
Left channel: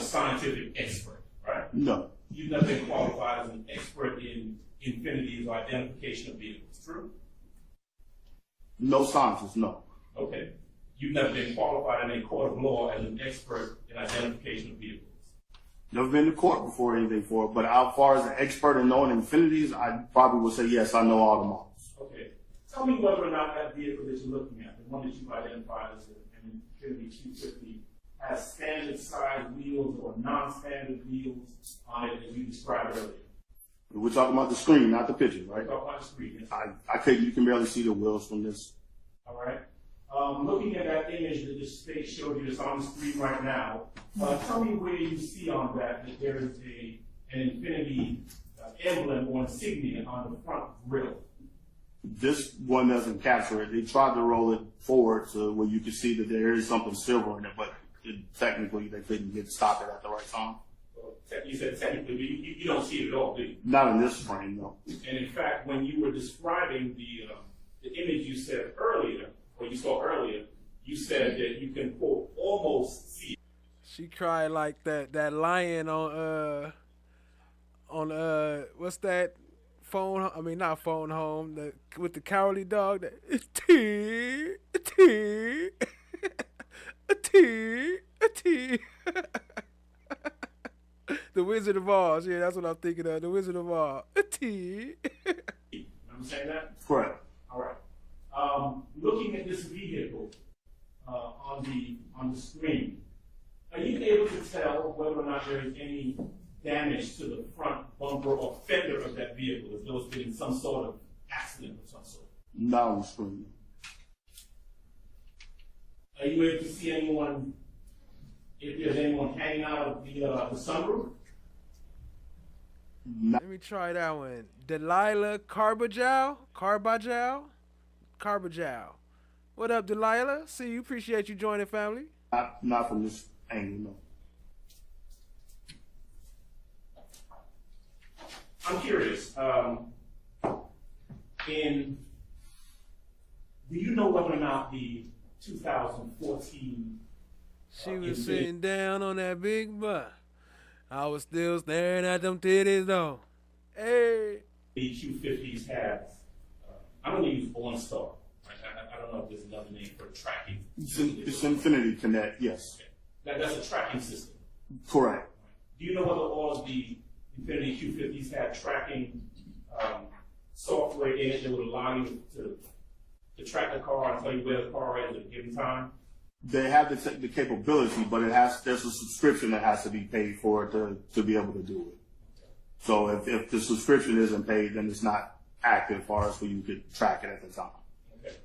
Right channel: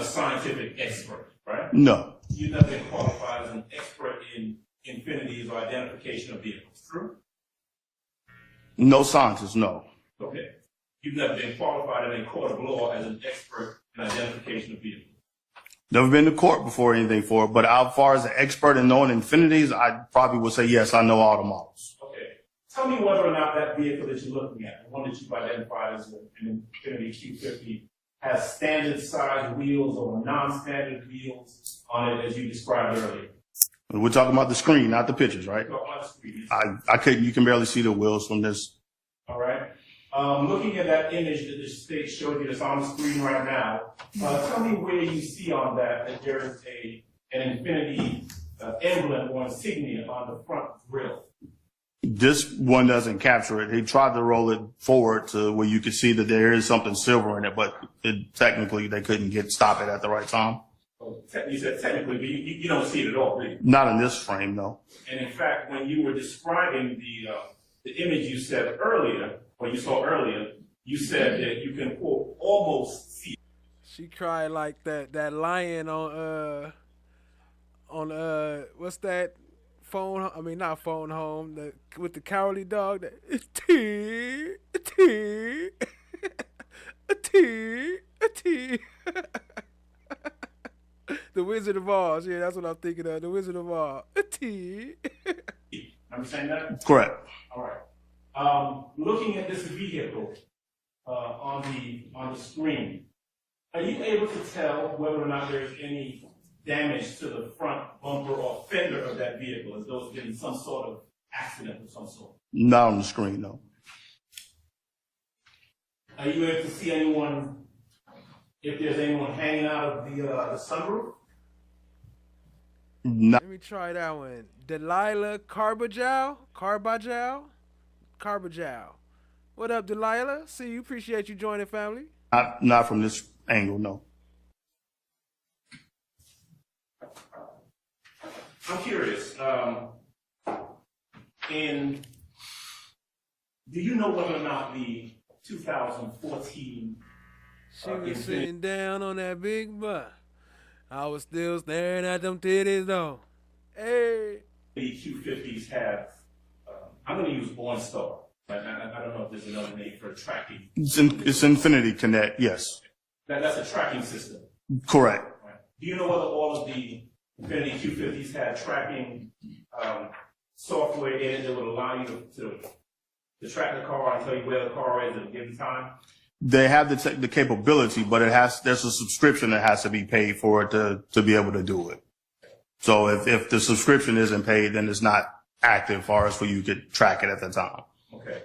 scientific expert, right? No. You've never been qualified as an expert in Infinities or identification of vehicles, true? No scientist, no. Okay. You've never been qualified in a court of law as an expert in identification of vehicles. Never been to court before or anything for it, but as far as an expert in knowing Infinities, I probably would say yes, I know all the models. Okay. Tell me whether or not that vehicle that you're looking at, the one that you've identified as an Infinity Q50, has standard size wheels or non-standard wheels on it as you described earlier. We're talking about the screen, not the pictures, right? On the screen, yes. I couldn't, you can barely see the wheels from this. All right. Looking at that image that the state showed you that's on the screen right now, tell me where you see on that there is an Infinity emblem or insignia on the front grille. This one doesn't capture it. He tried to roll it forward to where you could see that there is something silver in it, but technically they couldn't stop it at the right time. You said technically, but you don't see it at all, do you? Not in this frame, no. And in fact, when you were describing the image you said earlier, or you saw earlier, you said that you can quote almost see. She cried like that lion on what's that phone? I mean, not phone home. With the cowardly dog. That The Wizard of Oz. Yeah, that's what I'm thinking of. The Wizard of Oz. Understand that? Correct. All right. Looking at this vehicle on the screen, are you able to tell whether or not there is any damage to the front bumper or fender of that vehicle? Has those been some sort of accident of some sort? Not on the screen, no. Are you able to see anyone, if there's anyone hanging out of the sunroof? No. Let me try that one. Delilah Carbajal. What up, Delilah? See you. Appreciate you joining, family. Not from this angle, no. I'm curious. Do you know whether or not the 2014? She was sitting down on that big butt. I was still staring at them titties though. Hey. The Q50s have. I'm going to use OnStar. I don't know if there's another name for tracking. It's Infinity Connect, yes. That's a tracking system. Correct. Right. Do you know whether all of the Infinity Q50s had tracking software in it that would allow you to track the car and tell you where the car is at a given time? They have the capability, but there's a subscription that has to be paid for it to be able to do it. So if the subscription isn't paid, then it's not active for us for you to track it at the time. Okay.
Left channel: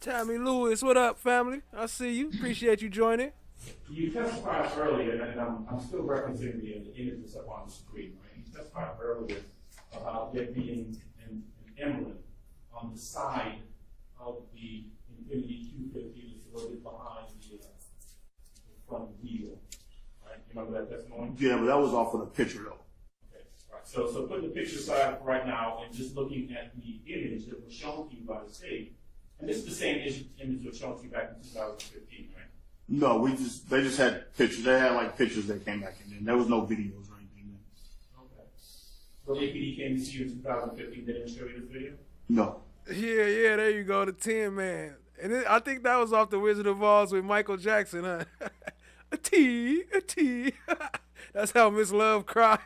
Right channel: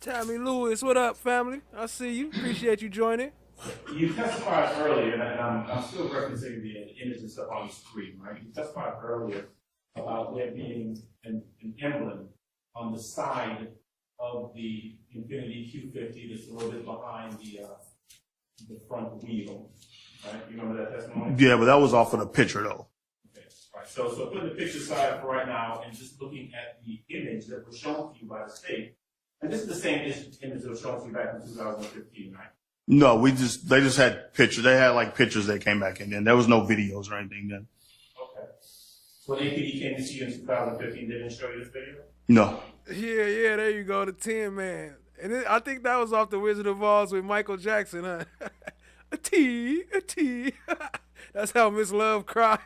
Tammy Lewis, what up, family? I see you. Appreciate you joining. You testified earlier, and I'm still referencing the images up on the screen, right? You testified earlier about there being an emblem on the side of the Infinity Q50 that's a little bit behind the front wheel. Right? You remember that testimony? Yeah, but that was off of the picture, though. Okay. All right. So putting the picture aside for right now and just looking at the image that was shown to you by the state, and this is the same image that was shown to you back in 2015, right? No, they just had pictures. They had like pictures that came back in then. There was no videos or anything then. Okay. So APD came to see you in 2015. They didn't show you this video? No. Yeah, there you go, the Tin Man. And I think that was off the Wizard of Oz with Michael Jackson, huh? a T. That's how Miss Love cried.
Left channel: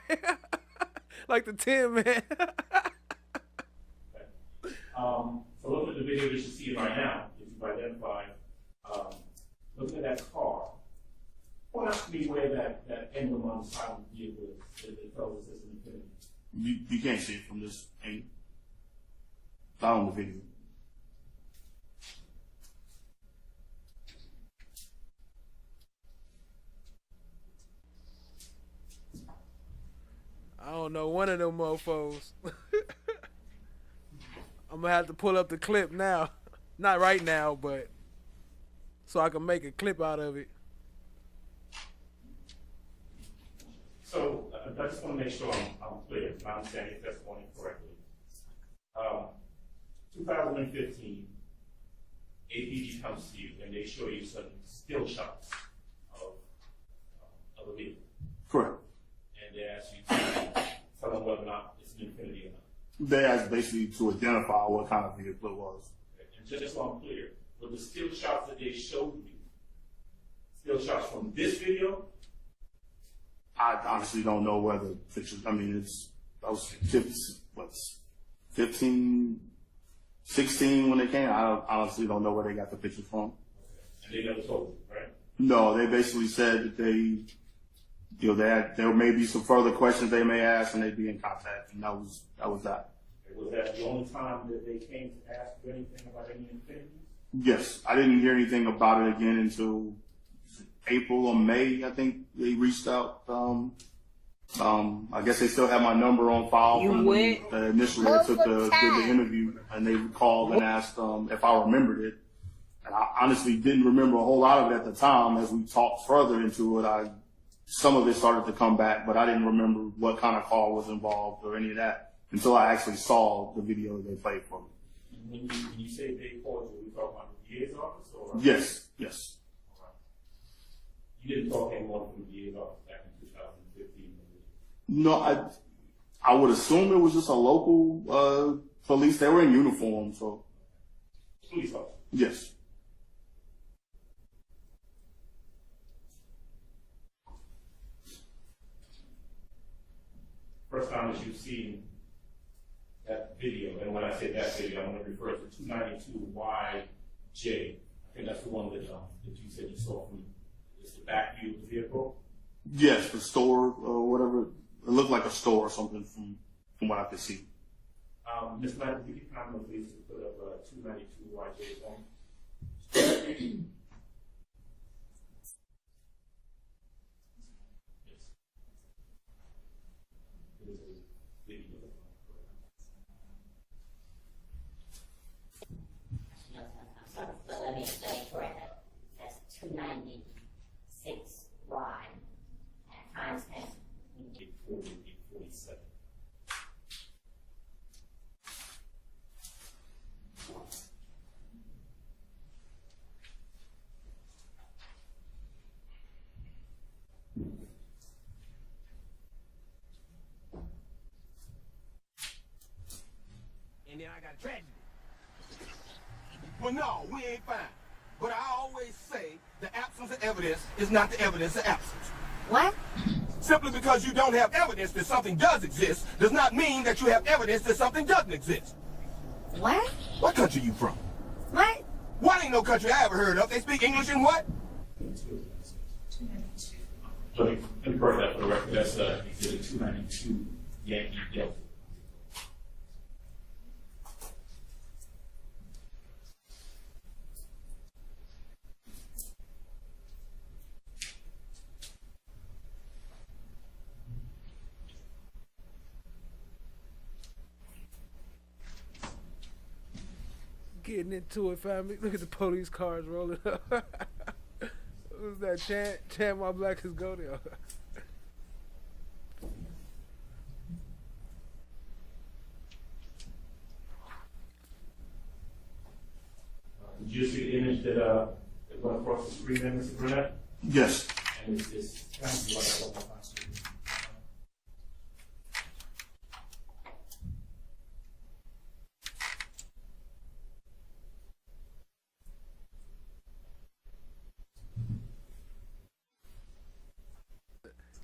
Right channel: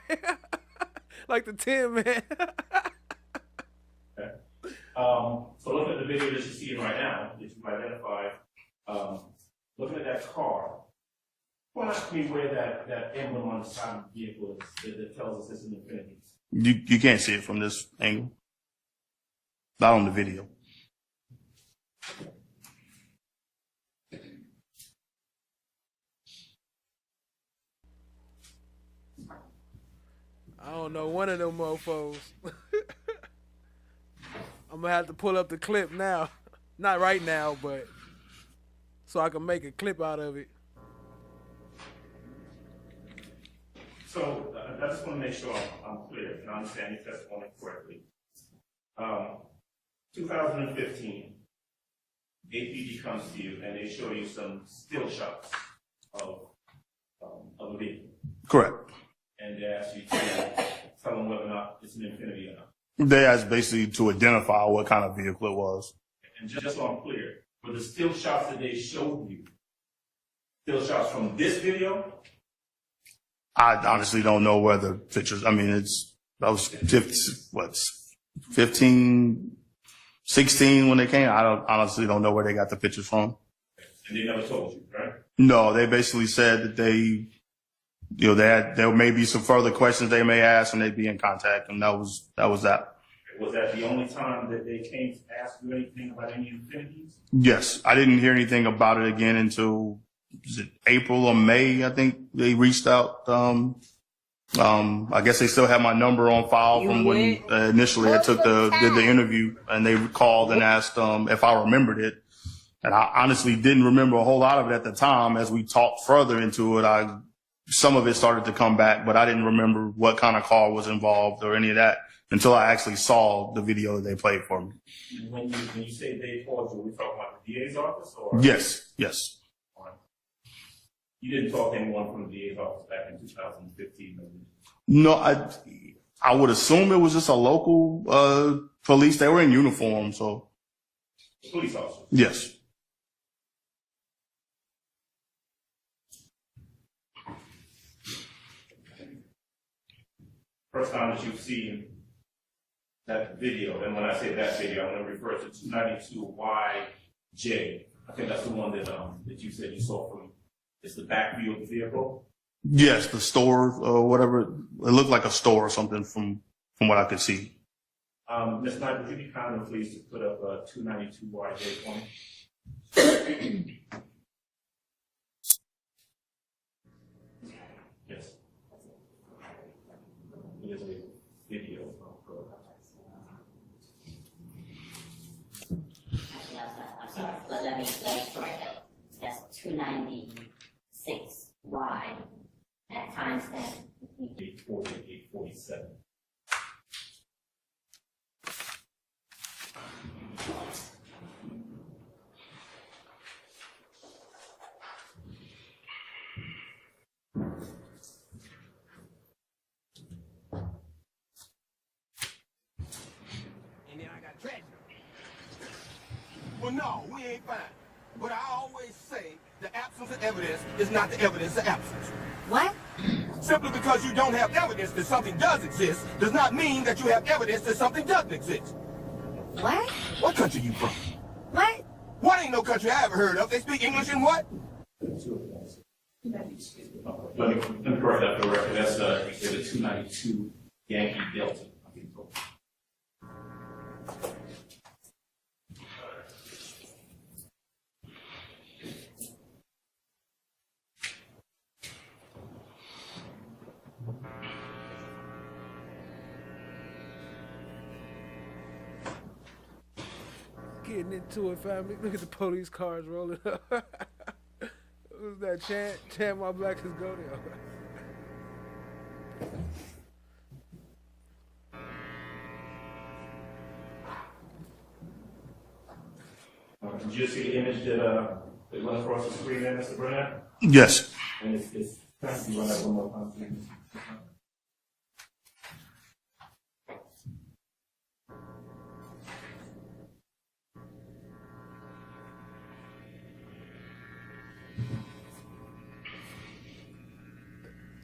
Like the Tin Man. Okay. So looking at the video that you see right now, that you've identified, looking at that car, point out to me where that emblem on the side of the vehicle is that tells us it's an Infinity. You can't see it from this angle. Not on the video. I don't know, one of them mofos. I'm gonna have to pull up the clip now. Not right now, but so I can make a clip out of it. So I just want to make sure I'm clear, if I understand your testimony correctly. 2015, APG comes to you and they show you some still shots of a vehicle. Correct. And they ask you to tell them whether or not it's an Infinity or not. They asked basically to identify what kind of vehicle it was. And just so I'm clear, were the still shots that they showed you still shots from this video? I honestly don't know where the pictures. I mean, that was 15, 16 when they came. I honestly don't know where they got the pictures from. And they never told you, right? No, they basically said that there may be some further questions they may ask, and they'd be in contact, and that was that. Was that the only time that they came to ask you anything about any Infinities? Yes, I didn't hear anything about it again until April or May. I think they reached out. I guess they still have my number on file from when initially I did the interview, and they called and asked if I remembered it, And I honestly didn't remember a whole lot of it at the time. As we talked further into it, some of it started to come back, but I didn't remember what kind of car was involved or any of that until I actually saw the video that they played for me. When you say they called you, we talking about the DA's office? Or? Yes, yes. You didn't talk to anyone from the DA's office back in 2015? No, I would assume it was just a local police. They were in uniform, so. Police officer? Yes. First time that you've seen that video, and when I say that video, I'm going to refer to 292YJ. I think that's the one that you said you saw from. It's the back view of the vehicle. Yes, the store or whatever. It looked like a store or something from what I could see. Ms. Knight, would you be kind enough, please, to put up 292YJ for me? Yes. It is a video. Let me say that's 296Y at timestamp 840, 847. And then I got tragedy. Well, no, we ain't fine. But I always say the absence of evidence is not the evidence of absence. What? Simply because you don't have evidence that something does exist does not mean that you have evidence that something doesn't exist. What? What country you from? What? What ain't no country I ever heard of. They speak English in what? Let me correct that for the record. That's exhibit 292 Yankee Delta. Getting into it, family. Look at the police cars rolling up. Who's that? Chant my black is go there. Did you see the image that went across the screen there, Mr. Burnett? Yes. And it's kind of run that one more time, please.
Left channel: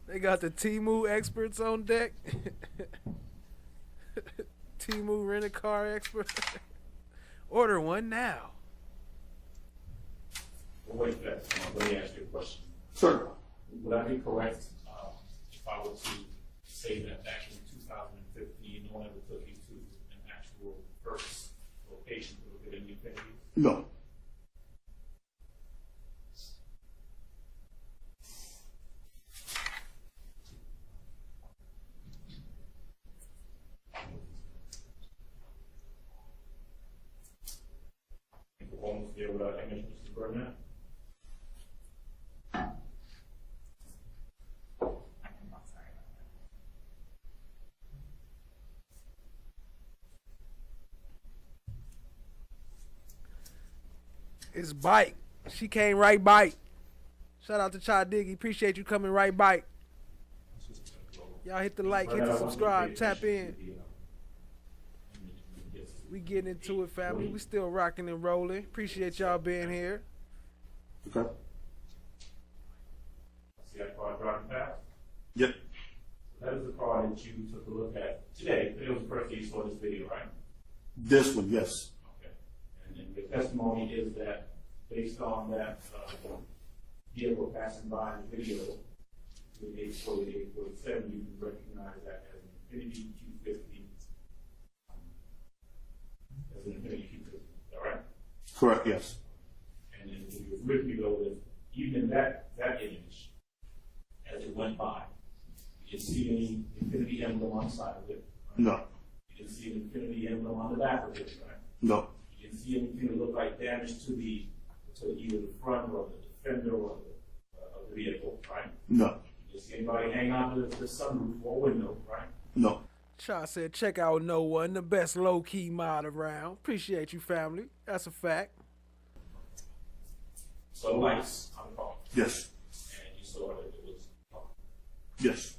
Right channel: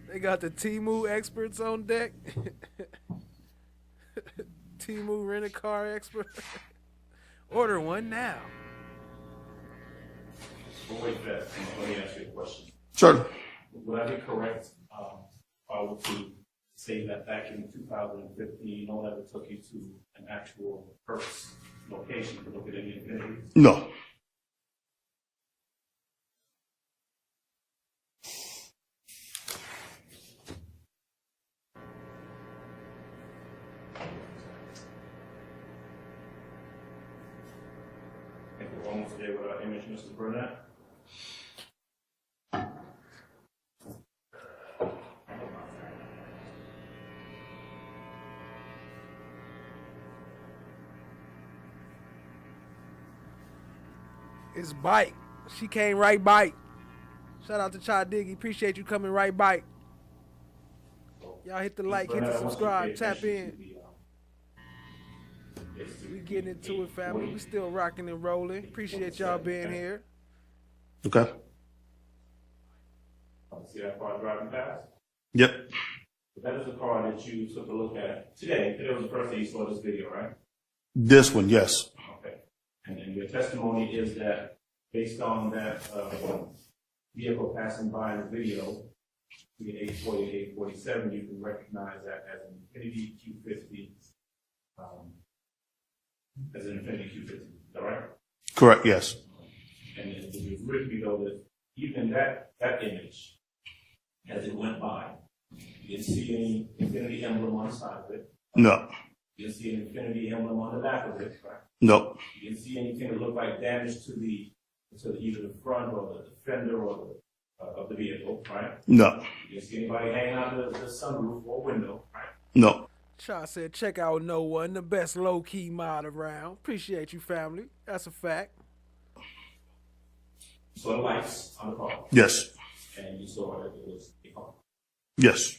They got the Temu experts on deck. Temu rent-a-car expert. Order one now. But wait, let me ask you a question. Sure. Would I be correct if I were to say that back in 2015, no one ever took you to an actual first location to look at any Infiniti? No. Almost gave image, Mr. Burnett. It's Bike. She came right Bike. Shout out to Chad Diggy. Appreciate you coming right Bike. Y'all hit the like, hit the subscribe, tap in. We getting into it, family. We still rocking and rolling. Appreciate y'all being here. Okay. See that car driving past? Yep. That is the car that you took a look at today. Today was the first day you saw this video, right? This one, yes. Okay. And then your testimony is that based on that vehicle passing by in the video, between 840 and 847, you can recognize that as an Infiniti Q50. As an Infiniti Q50, is that right? Correct, yes. And then it was written below that even that image, as it went by, you didn't see any Infiniti emblem on the side of it. No. You didn't see an Infiniti emblem on the back of it, right? No. You didn't see anything that looked like damage to the to either the front or the fender or of the vehicle, right? No. You didn't see anybody hang out the sunroof or window, right? No. Shaw said, check out No One, the best low-key mod around. Appreciate you, family. That's a fact. So the lights on the car. Yes. And you saw that it was a car. Yes.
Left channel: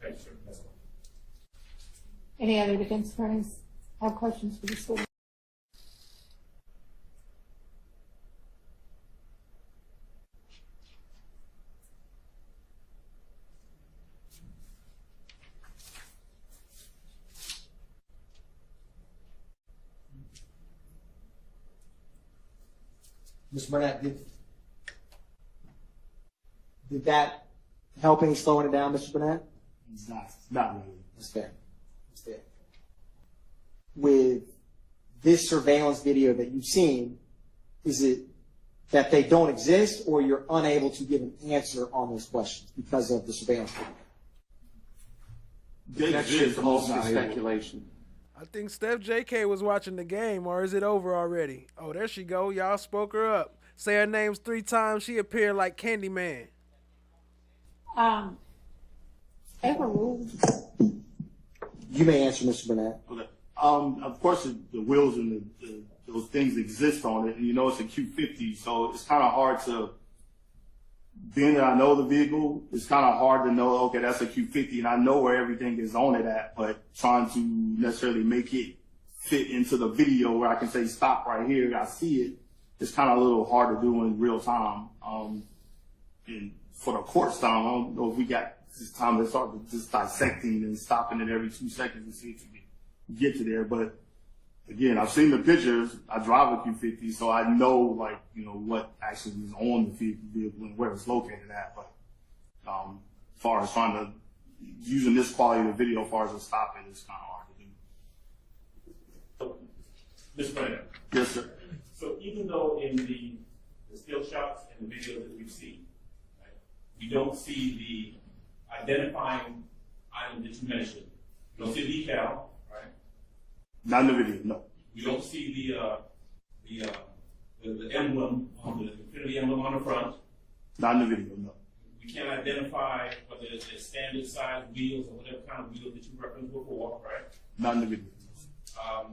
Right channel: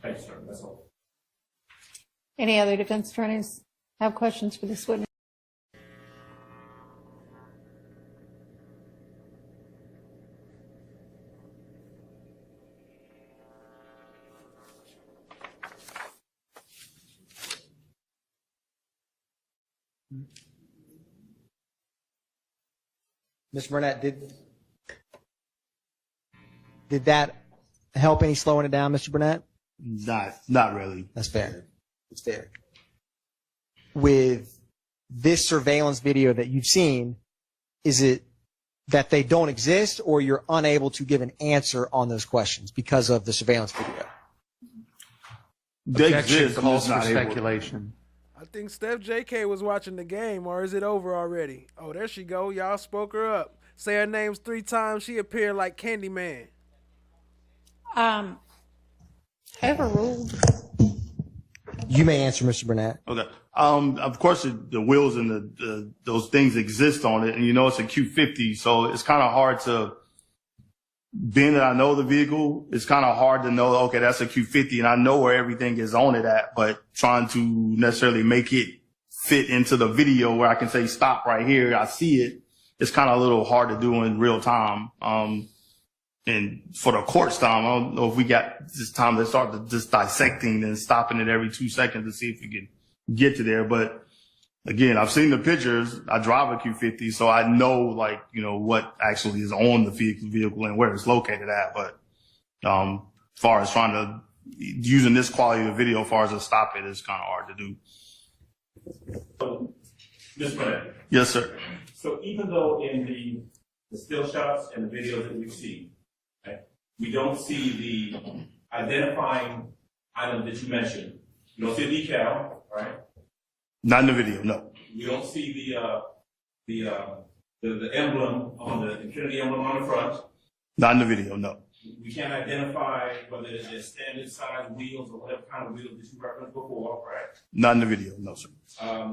Thank you, sir. That's all. Any other defense attorneys have questions for this witness? Mr. Burnett, did that help any slowing it down, Mr. Burnett? Not really. That's fair. It's fair. With this surveillance video that you've seen, is it that they don't exist, or you're unable to give an answer on those questions because of the surveillance video? They Objection exist, I'm calls just for not able. speculation. I think Steph JK was watching the game, or is it over already? Oh, there she go. Y'all spoke her up. Say her names 3 times. She appeared like Candyman. Overruled. You may answer, Mr. Burnett. Okay. Of course, the wheels and those things exist on it, and you know it's a Q50, so it's kind of hard to. Being that I know the vehicle, it's kind of hard to know. Okay, that's a Q50, and I know where everything is on it at. But trying to necessarily make it fit into the video where I can say stop right here, I see it. It's kind of a little hard to do in real time. And for the court's time, I don't know if we got this time to start just dissecting and stopping it every 2 seconds to see if we can get to there. But again, I've seen the pictures. I drive a Q50, so I know, like, you know, what actually is on the vehicle and where it's located at. But as far as trying to using this quality of video, as far as to stop it, is kind of hard to do. So, Mr. Burnett. Yes, sir. So even though in the still shots and the videos that we've seen, right, you don't see the identifying item that you mentioned. You don't see a decal, right? Not in the video, no. You don't see the emblem on the Infinity emblem on the front. Not in the video, no. You can't identify whether it's standard size wheels or whatever kind of wheels that you referenced before, right? Not in the video, no, sir.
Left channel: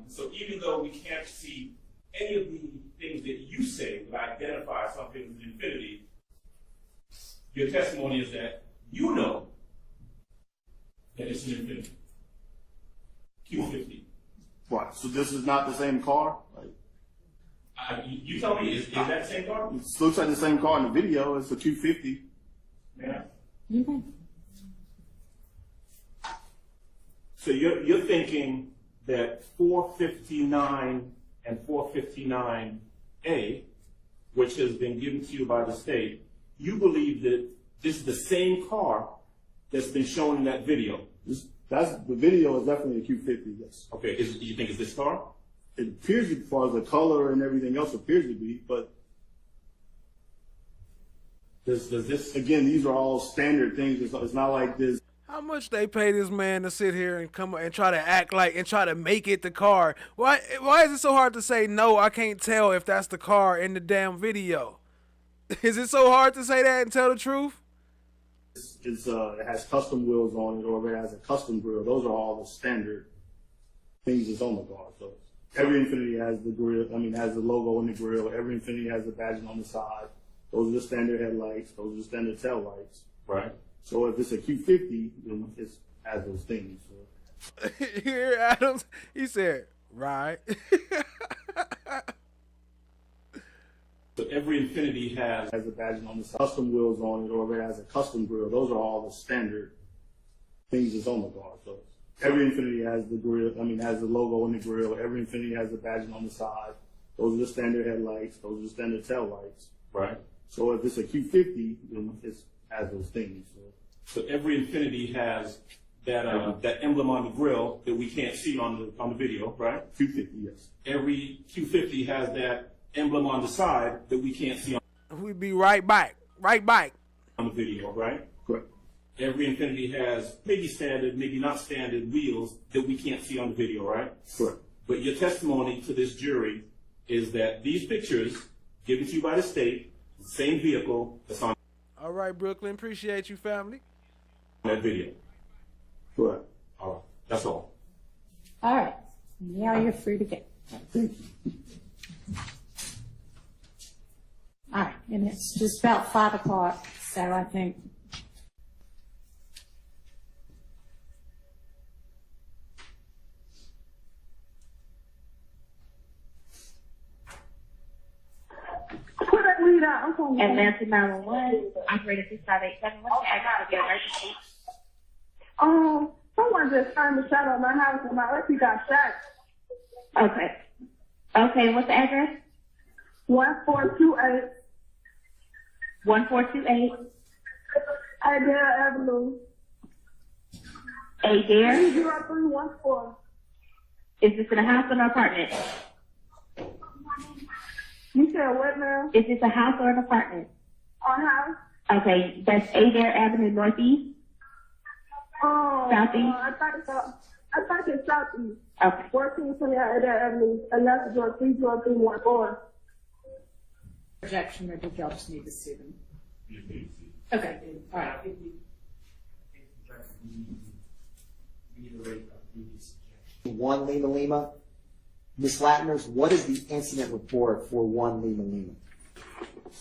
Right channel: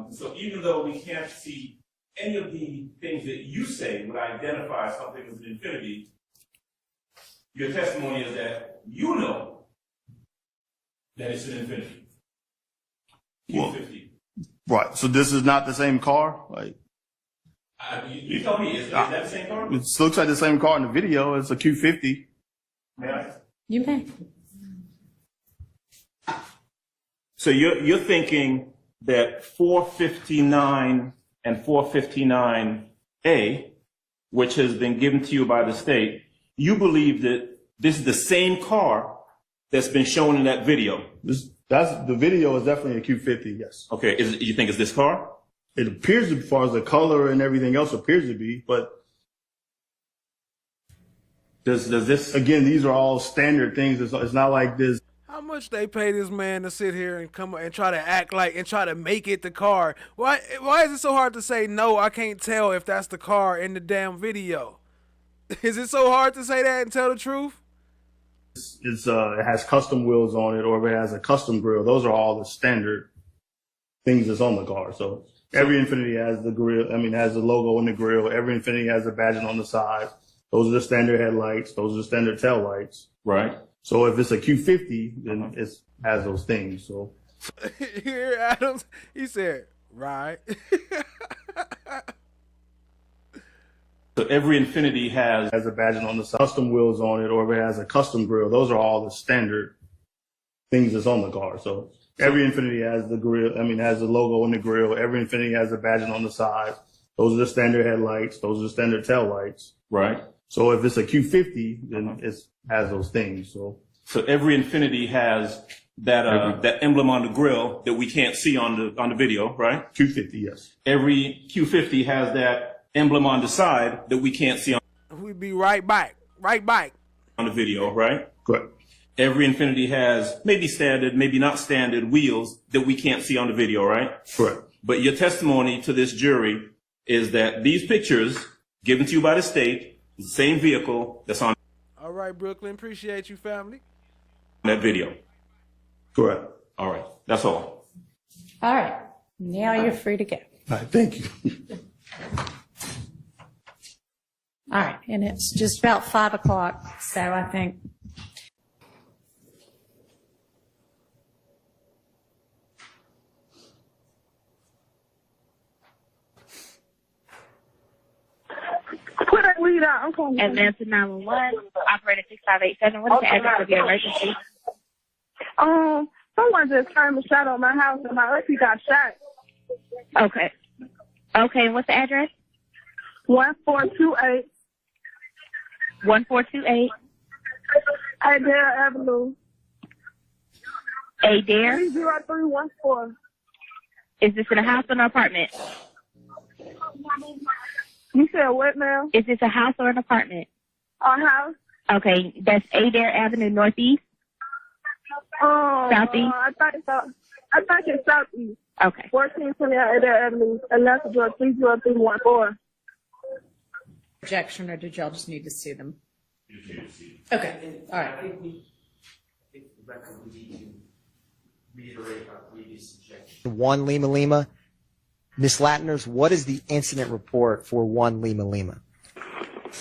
So even though we can't see any of the things that you say would identify something as an Infinity, your testimony is that you know that it's an Infinity. Q50. Right. So this is not the same car? Like, you tell me, is that the same car? it looks like the same car in the video. It's a Q50. Yeah. You may. So you're thinking that 459 and 459A, which has been given to you by the state, you believe that this is the same car that's been shown in that video? The video is definitely a Q50, yes. Okay, you think it's this car? It appears to, as far as the color and everything else appears to be, but does this, again, these are all standard things. It's not like this. How much they pay this man to sit here and come and try to act like and try to make it the car? Why is it so hard to say no? I can't tell if that's the car in the damn video. Is it so hard to say that and tell the truth? It has custom wheels on it, or if it has a custom grill. Those are all the standard things that's on the car. So every Infinity has the grill. I mean, has the logo on the grill. Every Infinity has a badging on the side. Those are the standard headlights. Those are the standard tail lights. Right. So if it's a Q50, then it has those things. So here, Adams, he said, right. So every Infinity has a badging on the side, custom wheels on it, or if it has a custom grill. Those are all the standard things that's on the car. So every Infinity has the grill. I mean, has the logo on the grill. Every Infinity has a badging on the side. Those are the standard headlights. Those are the standard tail lights. Right. So if it's a Q50, then it has those things. So every Infinity has that that emblem on the grill that we can't see on the video, right? Q50, yes. Every Q50 has that emblem on the side that we can't see on. We'd be right back on the video, right? Correct. Every Infinity has maybe standard, maybe not standard wheels that we can't see on the video, right? Correct. But your testimony to this jury is that these pictures given to you by the state. It's the same vehicle that's on All right, Brooklyn. Appreciate you, family. that video. Correct. All right. That's all. All right. Now you're free to go. All right, thank you. All right. And it's just about 5 o'clock. So I think. And that's 911, operator 6587. What is the address of your emergency? Someone just turned a shot on my house and my auntie got shot. Okay. Okay, and what's the address? 1428 1428 Adair Avenue. Adair? 30314. Is this in a house or an apartment? You said what, ma'am? Is this a house or an apartment? A house. Okay, that's Adair Avenue Northeast? Southeast? I thought it's Southeast. Okay. 1428 Adair Avenue, and that's the drug 30314. Projection, or did y'all just need to see them? Okay, all right. One Lima Lima. Ms. Latners, what is the incident report for One Lima Lima?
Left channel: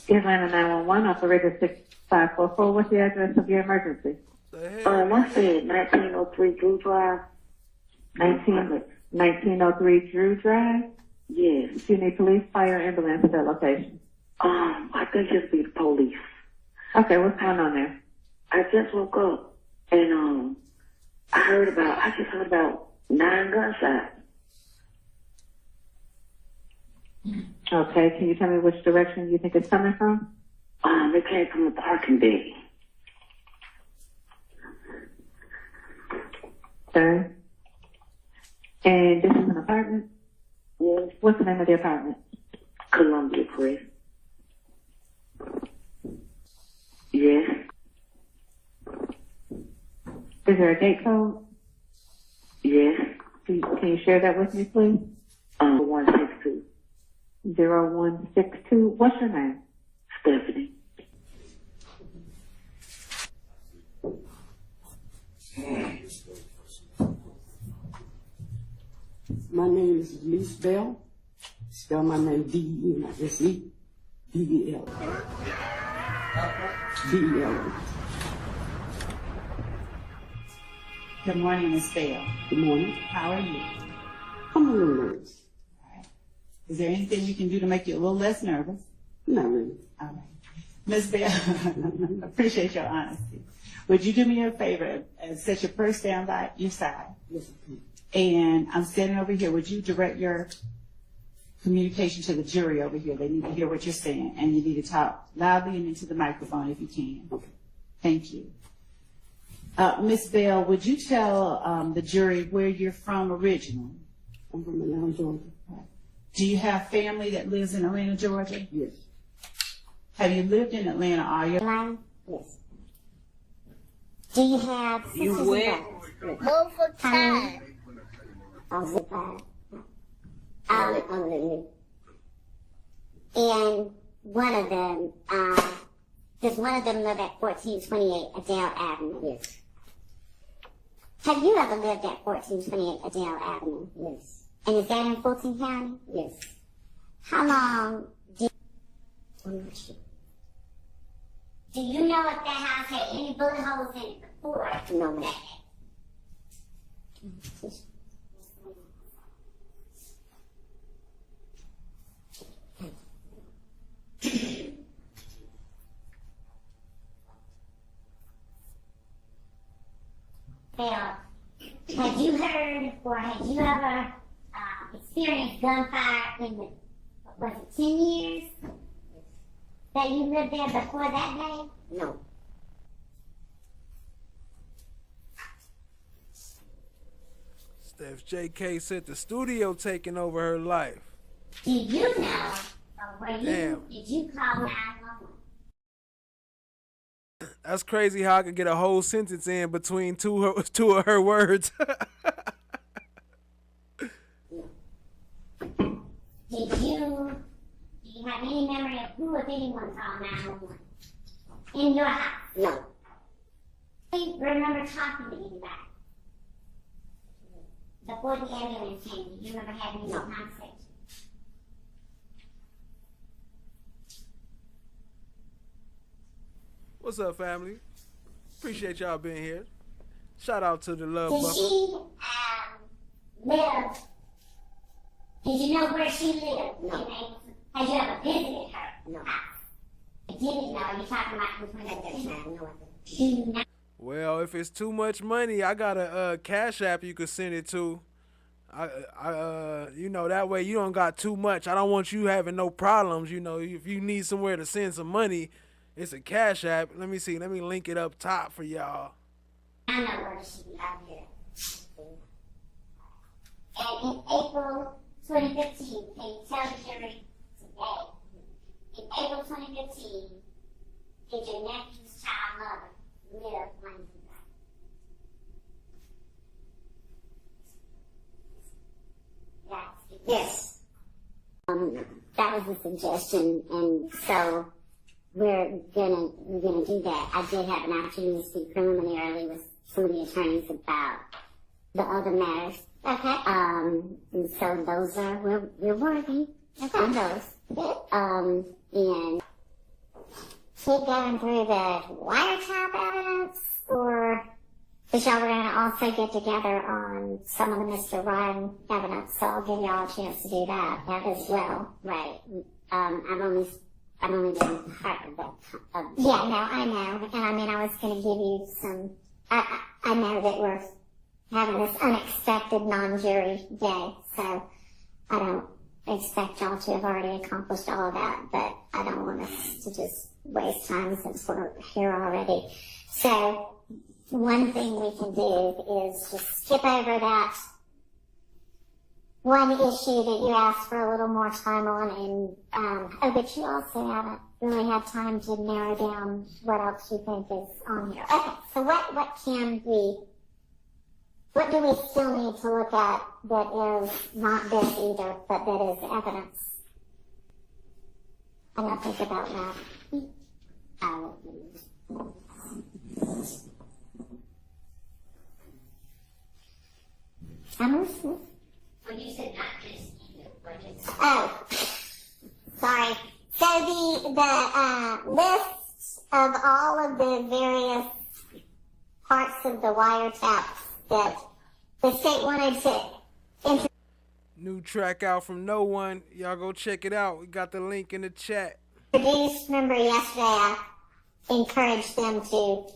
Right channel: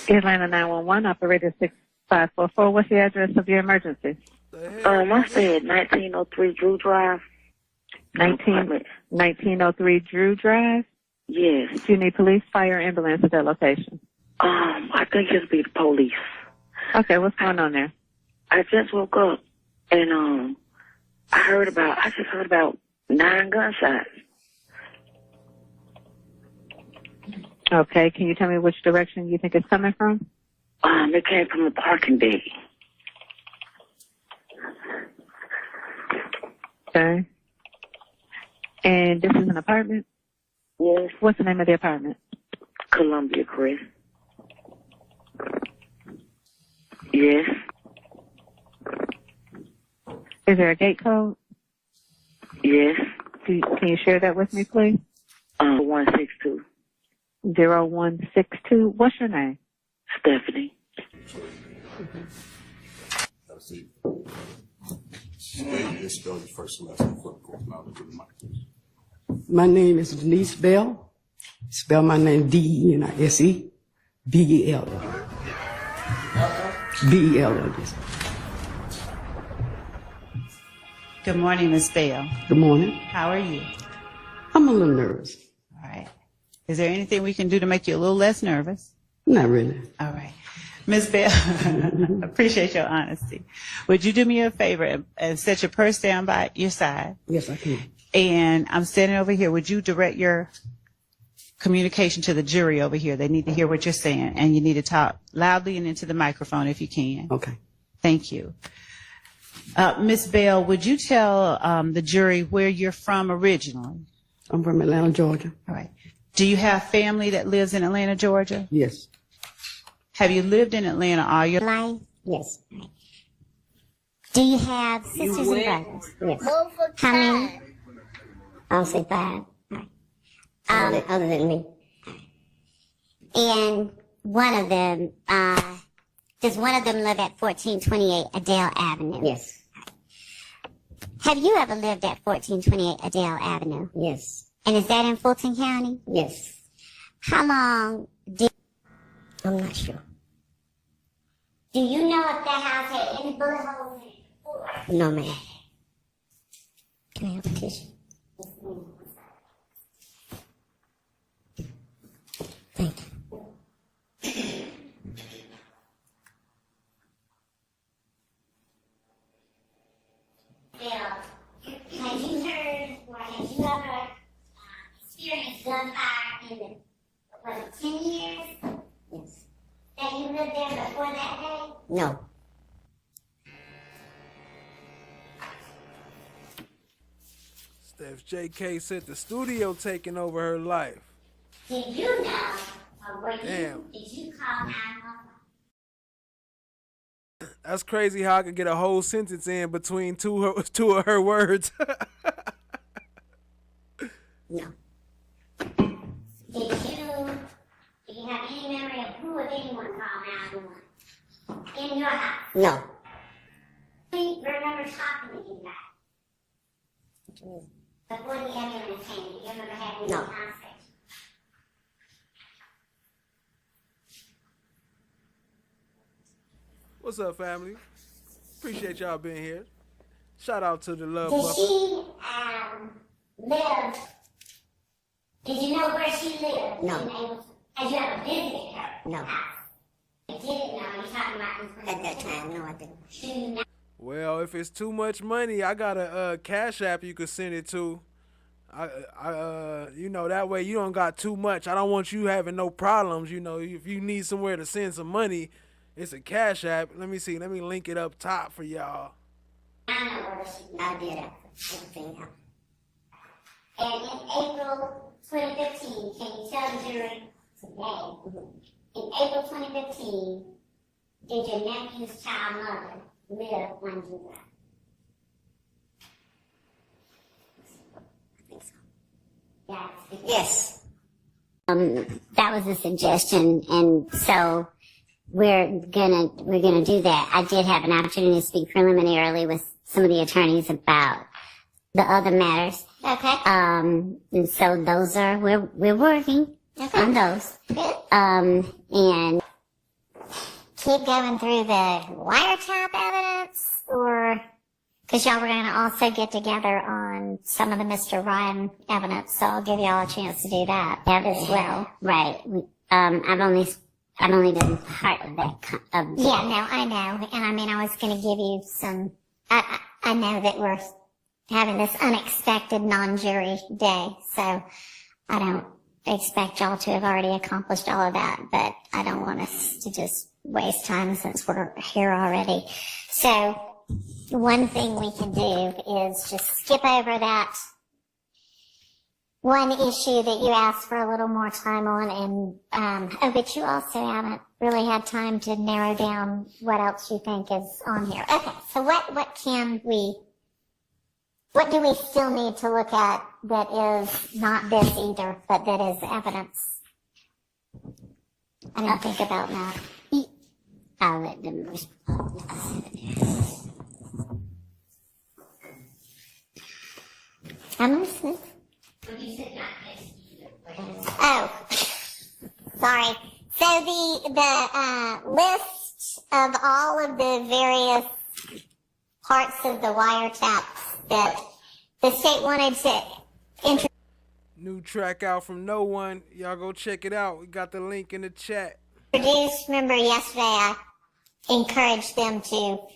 Atlanta 911, operator 6544. What's the address of your emergency? I said 1903 Drew Drive. 1903 Drew Drive? Yes. Do you need police, fire, ambulance at that location? I think it'll be the police. Okay, what's going on there? I just woke up and I just heard about 9 gunshots. Okay, can you tell me which direction you think it's coming from? It came from the parking deck. Okay. And this is an apartment? Yes. What's the name of the apartment? Columbia Crest. Yes. Is there a gate code? Yes. Can you share that with me, please? 162. 0162. What's your name? Stephanie. My name is Denise Bell. Spell my name D-E-N-I-S-E B-E-L. B-E-L. Good morning, Ms. Bell. Good morning. How are you? I'm a little nervous. All right. Is there anything we can do to make you a little less nervous? Not really. All right. Ms. Bell, appreciate your honesty. Would you do me a favor and set your purse down by your side? Yes, I can. And I'm standing over here. Would you direct your communication to the jury over here? They need to hear what you're saying, and you need to talk loudly and into the microphone if you can. Okay. Thank you. Ms. Bell, would you tell the jury where you're from originally? I'm from Atlanta, Georgia. All right. Do you have family that lives in Atlanta, Georgia? Yes. Have you lived in Atlanta all your life? Yes. Do you have sisters and went brothers? Yes. Multiple times. I'll say 5. Other than me. And one of them, does one of them live at 1428 Adele Avenue? Yes. Have you ever lived at 1428 Adele Avenue? Yes. And is that in Fulton County? Yes. How long did... I'm not sure. Do you know if that house had any bullet holes in it before? No, ma'am. Can I have a tissue? Thank you. Well, have you heard or have you ever experienced gunfire in the, was it 10 years? Yes. That you lived there before that day? No. Steph JK said the studio taking over her life. Did you know, or Damn. did you call 911? That's crazy how I could get a whole sentence in between two of her words. No. Do you have any memory would anyone call 911? In your house? No. Do you remember talking to anybody? Before the ambulance came, do you remember having any conversation? What's up, family? Appreciate y'all being here. Shout out to the Love Did Buffer. she live? Did you know where she lived? No. Had you ever visited her? No. You didn't know. You're talking about At that time, no, I didn't. Well, if it's too much money, I got a Cash App you could send it to. You know, that way you don't got too much. I don't want you having no problems. You know, if you need somewhere to send some money, it's a Cash App. Let me see. Let me link it up top for y'all. I know where she I did everything else. And in April 2015, can you tell the jury today? In April 2015, did your nephew's child mother live on you? Yes. That was a suggestion, and so we're gonna do that. I did have an opportunity to speak preliminarily with some of the attorneys about the other matters. Okay. And so those are we're working on those. And keep going through the wiretap evidence, or because y'all were going to also get together on some of the Mr. Ryan evidence, so I'll give y'all a chance to do that as well. Right. I've only been part of that. Yeah, no, I know. And I mean, I was going to give you some. I know that we're having this unexpected non-jury day, so I don't expect y'all to have already accomplished all of that, but I don't want us to just waste time since we're here already. So one thing we can do is just skip over that one issue that you asked for a little more time on, and but you also haven't really had time to narrow down what else you think is on here. Okay, so what do we still need to look at that is not this either, but that is evidence? I didn't think about that. I'll let them respond. I'm listening. When you said not this, oh, sorry. So the list of all of the various parts of the wiretaps that the state wanted to New track out from No One. Y'all go check it out. We got the link in the chat. introduce. Remember yesterday I encouraged them to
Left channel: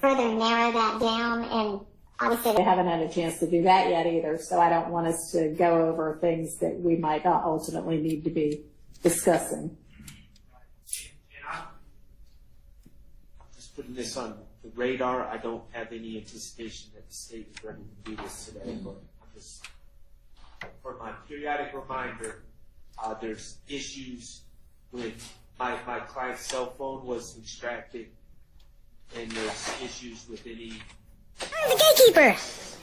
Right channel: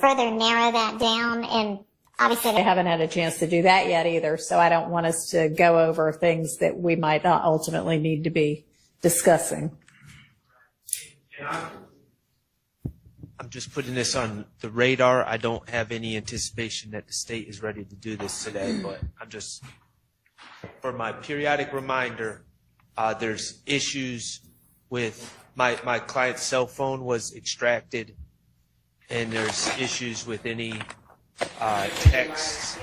further narrow that down, and obviously I haven't had a chance to do that yet either, so I don't want us to go over things that we might not ultimately need to be discussing. I'm just putting this on the radar. I don't have any anticipation that the state is ready to do this today, but I'm just, for my periodic reminder, there's issues with my client's cell phone was extracted, and there's issues with any texts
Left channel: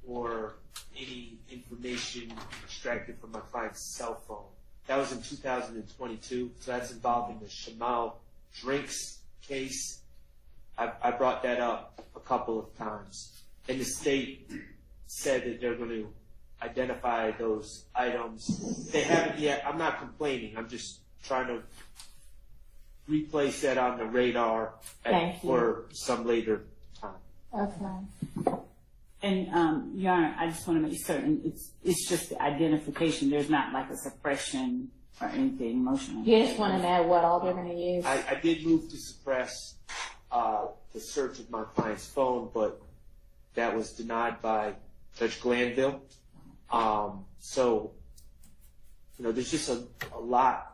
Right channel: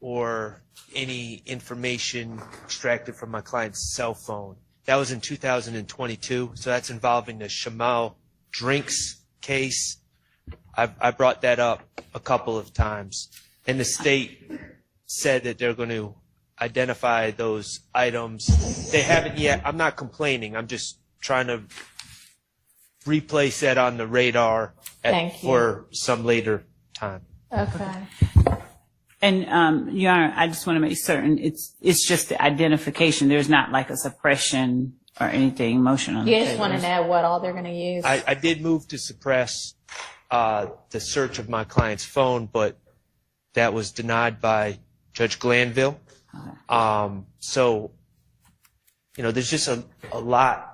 or any information extracted from my client's cell phone. That was in 2022, so that's involving the Shamal drinks case. I brought that up a couple of times, and the state said that they're going to identify those items. They haven't yet. I'm not complaining. I'm just trying to replace that on the radar for some later time. Okay. And Your Honor, I just want to make certain it's just the identification. There's not like a suppression or anything motion on You the just table. want to know what all they're going to use. I did move to suppress the search of my client's phone, but that was denied by Judge Glanville. So, there's just a lot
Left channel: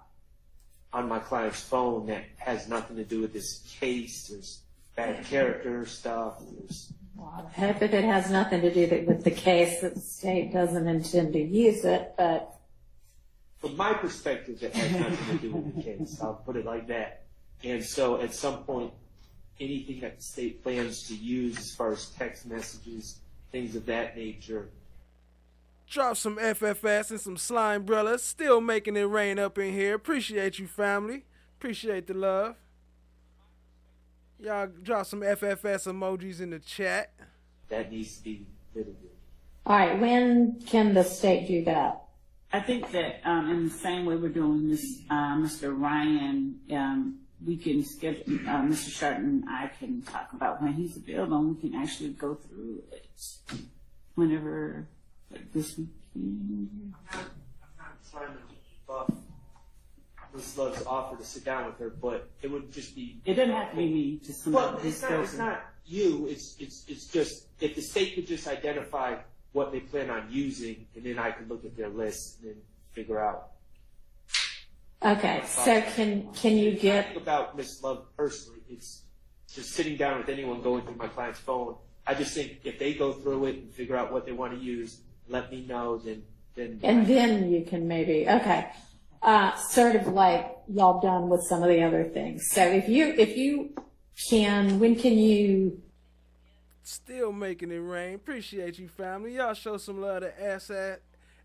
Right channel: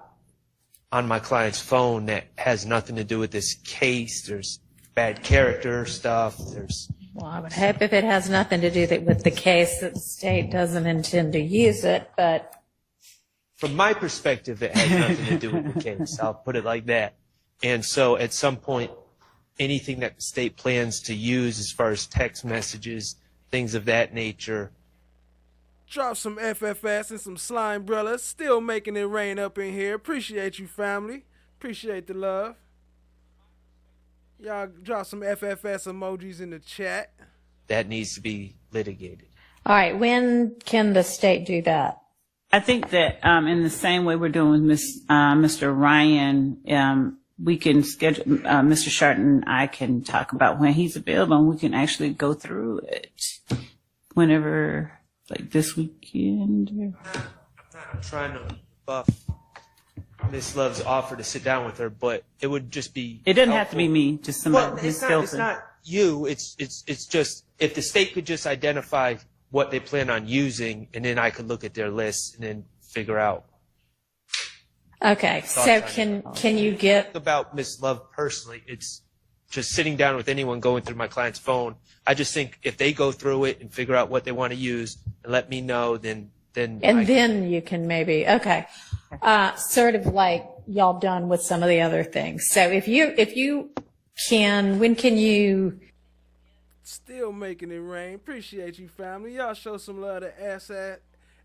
on my client's phone that has nothing to do with this case. There's bad character stuff. Well, I would hope if it has nothing to do with the case that the state doesn't intend to use it, but From my perspective, it has nothing to do with the case. I'll put it like that. And so at some point, anything that the state plans to use as far as text messages, things of that nature. Drop some FFS and some Slime Brella. Still making it rain up in here. Appreciate you, family. Appreciate the love. Y'all drop some FFS emojis in the chat. That needs to be litigated. All right, when can the state do that? I think that in the same way we're doing with Mr. Ryan, we can schedule, Mr. Sharton and I can talk about when he's available, and we can actually go through it whenever, like this weekend. I'm trying to buff Miss Love's offer to sit down with her, but it would just be. It doesn't have to be me, just somebody Well, who's it's not you. It's just if the state could just identify what they plan on using, and then I could look at their list and then figure out. Okay, so can you get about Miss Love personally? It's just sitting down with anyone going through my client's phone. I just think if they go through it and figure out what they want to use and let me know, then then you can maybe sort of like y'all done with some of the other things. So if you can, when can you? Still making it rain. Appreciate you, family. Y'all show some love to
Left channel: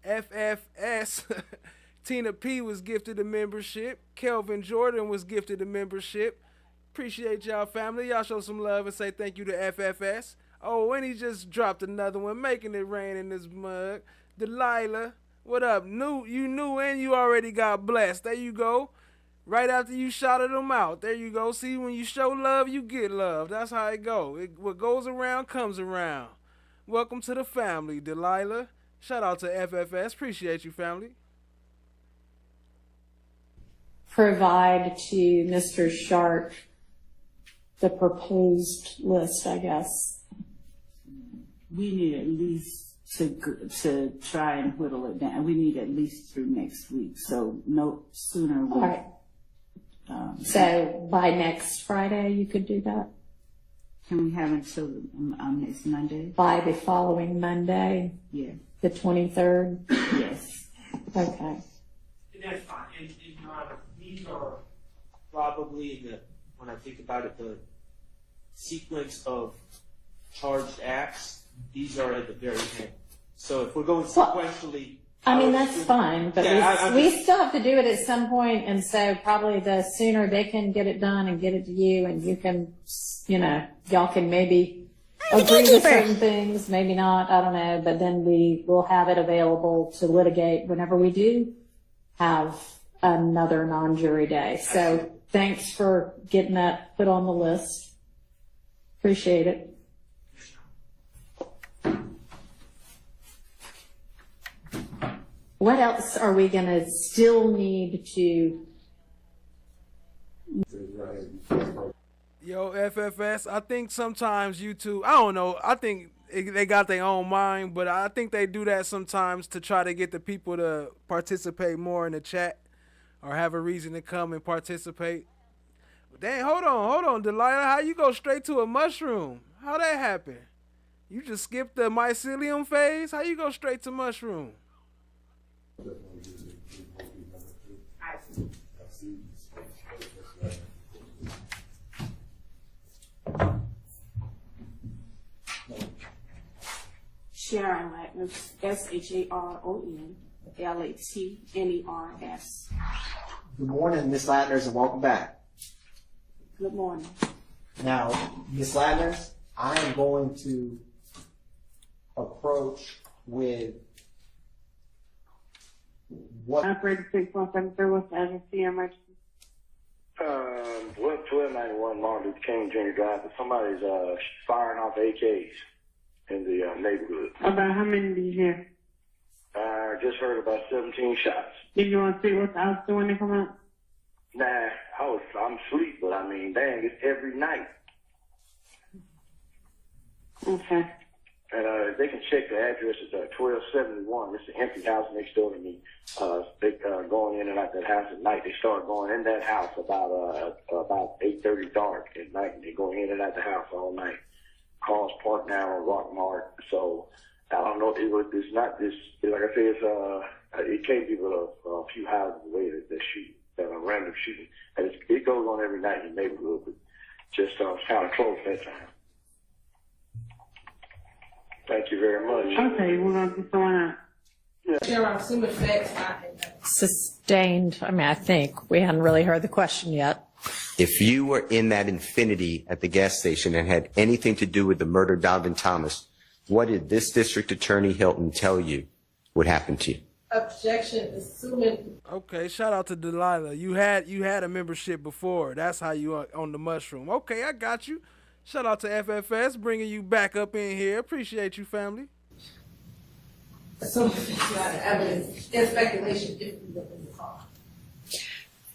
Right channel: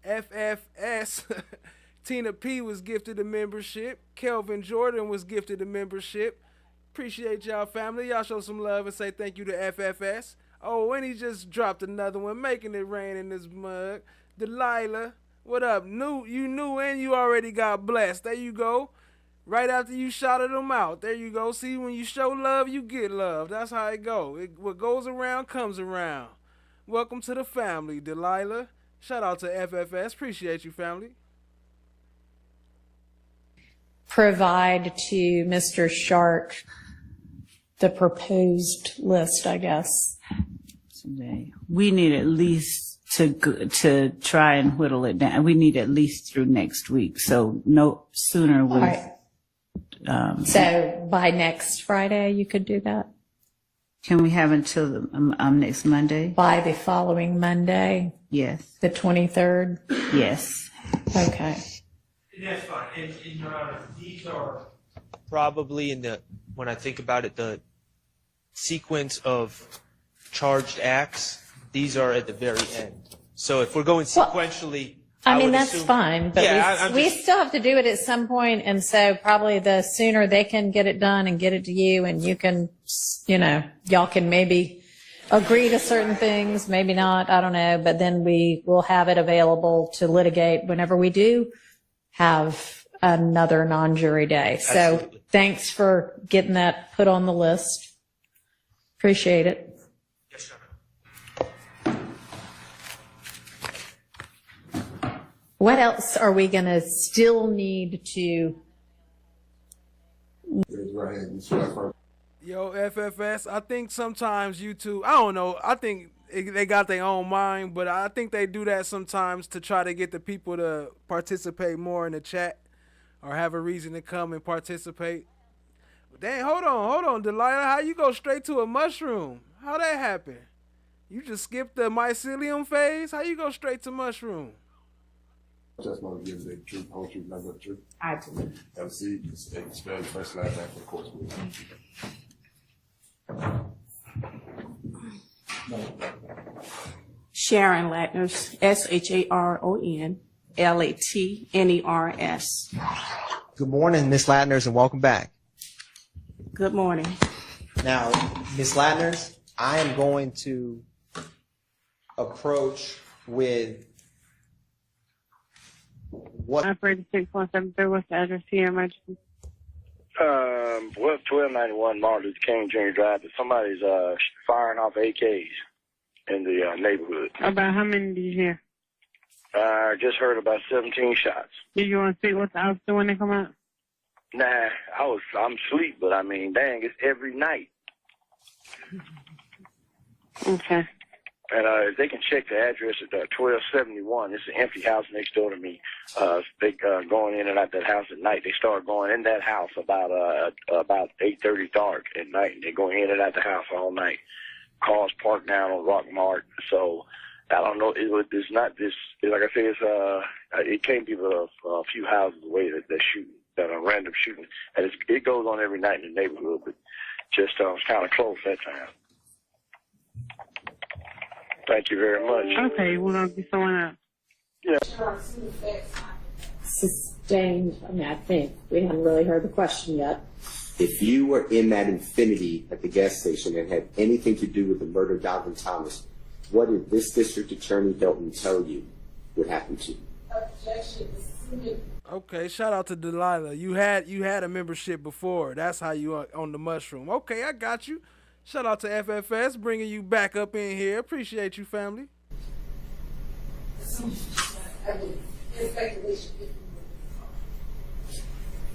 FFS. Tina P was gifted a membership. Kelvin Jordan was gifted a membership. Appreciate y'all, family. Y'all show some love and say thank you to FFS. Oh, and he just dropped another one, making it rain in this mug. Delilah, what up? You knew and you already got blessed. There you go. Right after you shouted them out. There you go. See, when you show love, you get love. That's how it go. What goes around comes around. Welcome to the family, Delilah. Shout out to FFS. Appreciate you, family. Provide to Mr. Shark the proposed list, I guess. Today, we need at least to try and whittle it down. We need at least through next week. So no sooner with. All right. So by next Friday, you could do that? Can we have until next Monday? By the following Monday? Yes. The 23rd? Yes. Okay. That's fine. And Your Honor, these are probably when I think about it, the sequence of charged acts, these are at the very end. So if we're going sequentially, I mean, would that's assume, fine, but yeah, we still have to do it at some point, and so probably the sooner they can get it done and get it to you, and you can, y'all can maybe agree to certain things, maybe not, I don't know, but then we will have it available to litigate whenever we do have another non-jury day. So thanks for getting that put on the list. Appreciate it. What else are we going to still need to? Yo, FFS, I think sometimes YouTube, I don't know, I think they got their own mind, but I think they do that sometimes to try to get the people to participate more in the chat or have a reason to come and participate. Dang, hold on, Delilah, how you go straight to a mushroom? How that happen? You just skipped the mycelium phase? How you go straight to mushroom? Just want to give the true poetry number 2. I do. MC, spell your first last name for the course, please. Sharon Latners, SharonLatners. Good morning, Miss Latners, and welcome back. Good morning. Now, Miss Latners, I am going to approach with what. Operator 6173, what's the address to your emergency? 1291 Martin Luther King Jr. Drive. Somebody's firing off AKs in the neighborhood. About how many did you hear? Just heard about 17 shots. Did you want to see what's out when they come out? Nah, I'm asleep, but I mean, dang, it's every night. Okay. And if they can check the address at 1271, it's an empty house next door to me. They going in and out that house at night. They start going in that house about 8:30 dark at night, and they go in and out the house all night. Cars parked down on Rock Mart. So I don't know. It's not this. Like I said, it can't be a few houses away that shoot, that are random shooting, and it goes on every night in the neighborhood. But just it's kind of close that time. Thank you very much. Okay, we're going to get someone out. There are some effects Sustained. I mean, I think we hadn't really heard the question yet. If you were in that Infinity at the gas station and had anything to do with the murder of Donovan Thomas, what did this District Attorney Hilton tell you would happen to you? Objection, assuming. Okay, shout out to Delilah. You had a membership before. That's how you are on the mushroom. Okay, I got you. Shout out to FFS bringing you back up in here. Appreciate you, family. Assuming it's not evidence, it's speculation if you look in the car.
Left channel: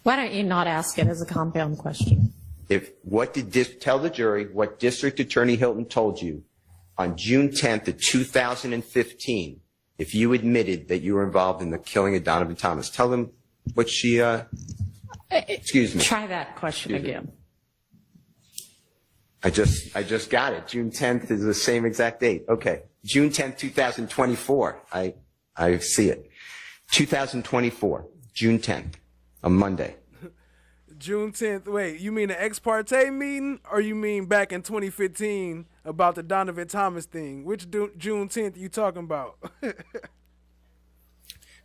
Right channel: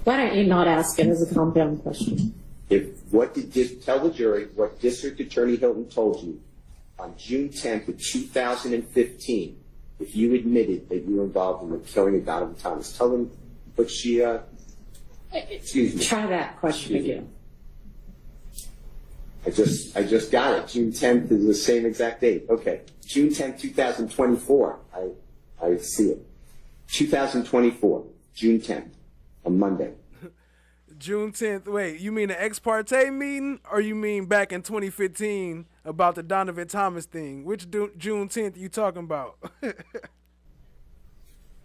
Why don't you not ask it as a compound question? Tell the jury what District Attorney Hilton told you on June 10th of 2015 if you admitted that you were involved in the killing of Donovan Thomas. Tell them what she, excuse me. Try that question again. I just got it. June 10th is the same exact date. Okay. June 10th, 2024. I see it. 2024, June 10th, a Monday. June 10th. Wait, you mean the ex parte meeting, or you mean back in 2015 about the Donovan Thomas thing? Which June 10th you talking about?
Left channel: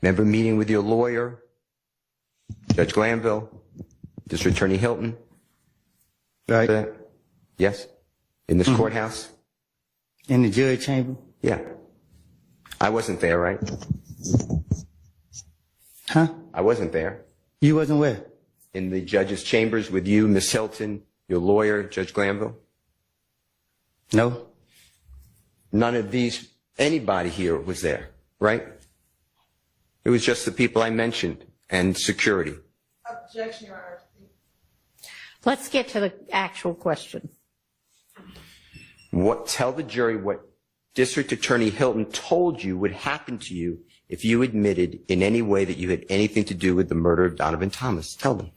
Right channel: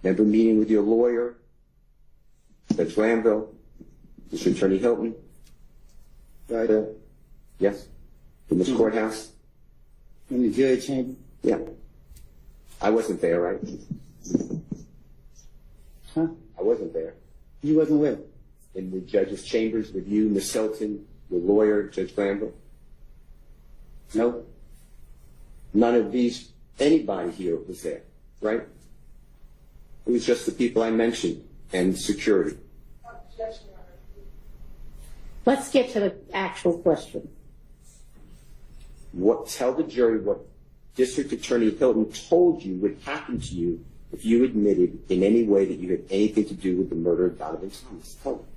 Remember meeting with your lawyer, Judge Glanville, District Attorney Hilton? Right. Yes? In this courthouse? In the judge chamber? Yeah. I wasn't there, right? Huh? I wasn't there. You wasn't where? In the judge's chambers with you, Miss Hilton, your lawyer, Judge Glanville? No. None of anybody here was there, right? It was just the people I mentioned and security. Objection, Your Honor. Let's get to the actual question. Tell the jury what District Attorney Hilton told you would happen to you if you admitted in any way that you had anything to do with the murder of Donovan Thomas. Tell them.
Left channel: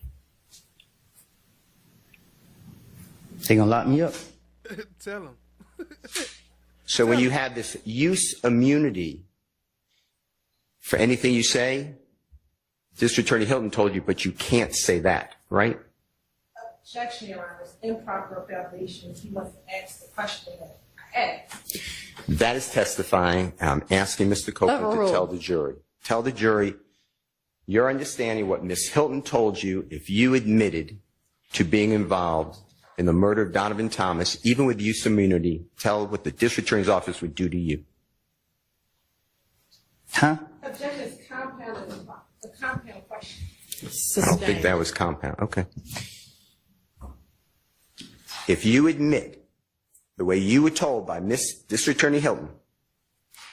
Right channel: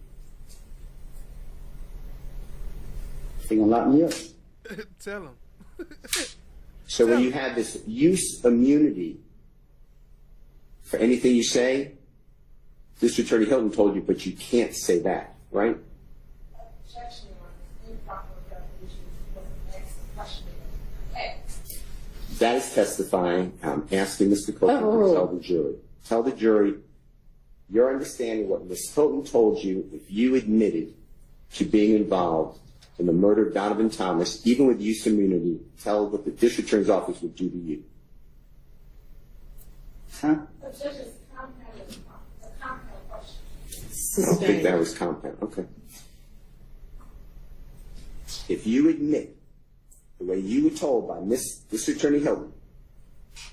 They gonna lock me up. Tell them. So when you have this use immunity for anything you say, District Attorney Hilton told you, but you can't say that, right? Objection, Your Honor. Improper foundation. He must ask the question that I asked. That is testifying, and I'm asking Mr. Copeland to tell the jury. Tell the jury your understanding what Miss Hilton told you if you admitted to being involved in the murder of Donovan Thomas, even with use immunity. Tell what the District Attorney's Office would do to you. Huh? Objection is compound. A compound question. I don't think that was compound. Okay. If you admit, the way you were told by Miss District Attorney Hilton,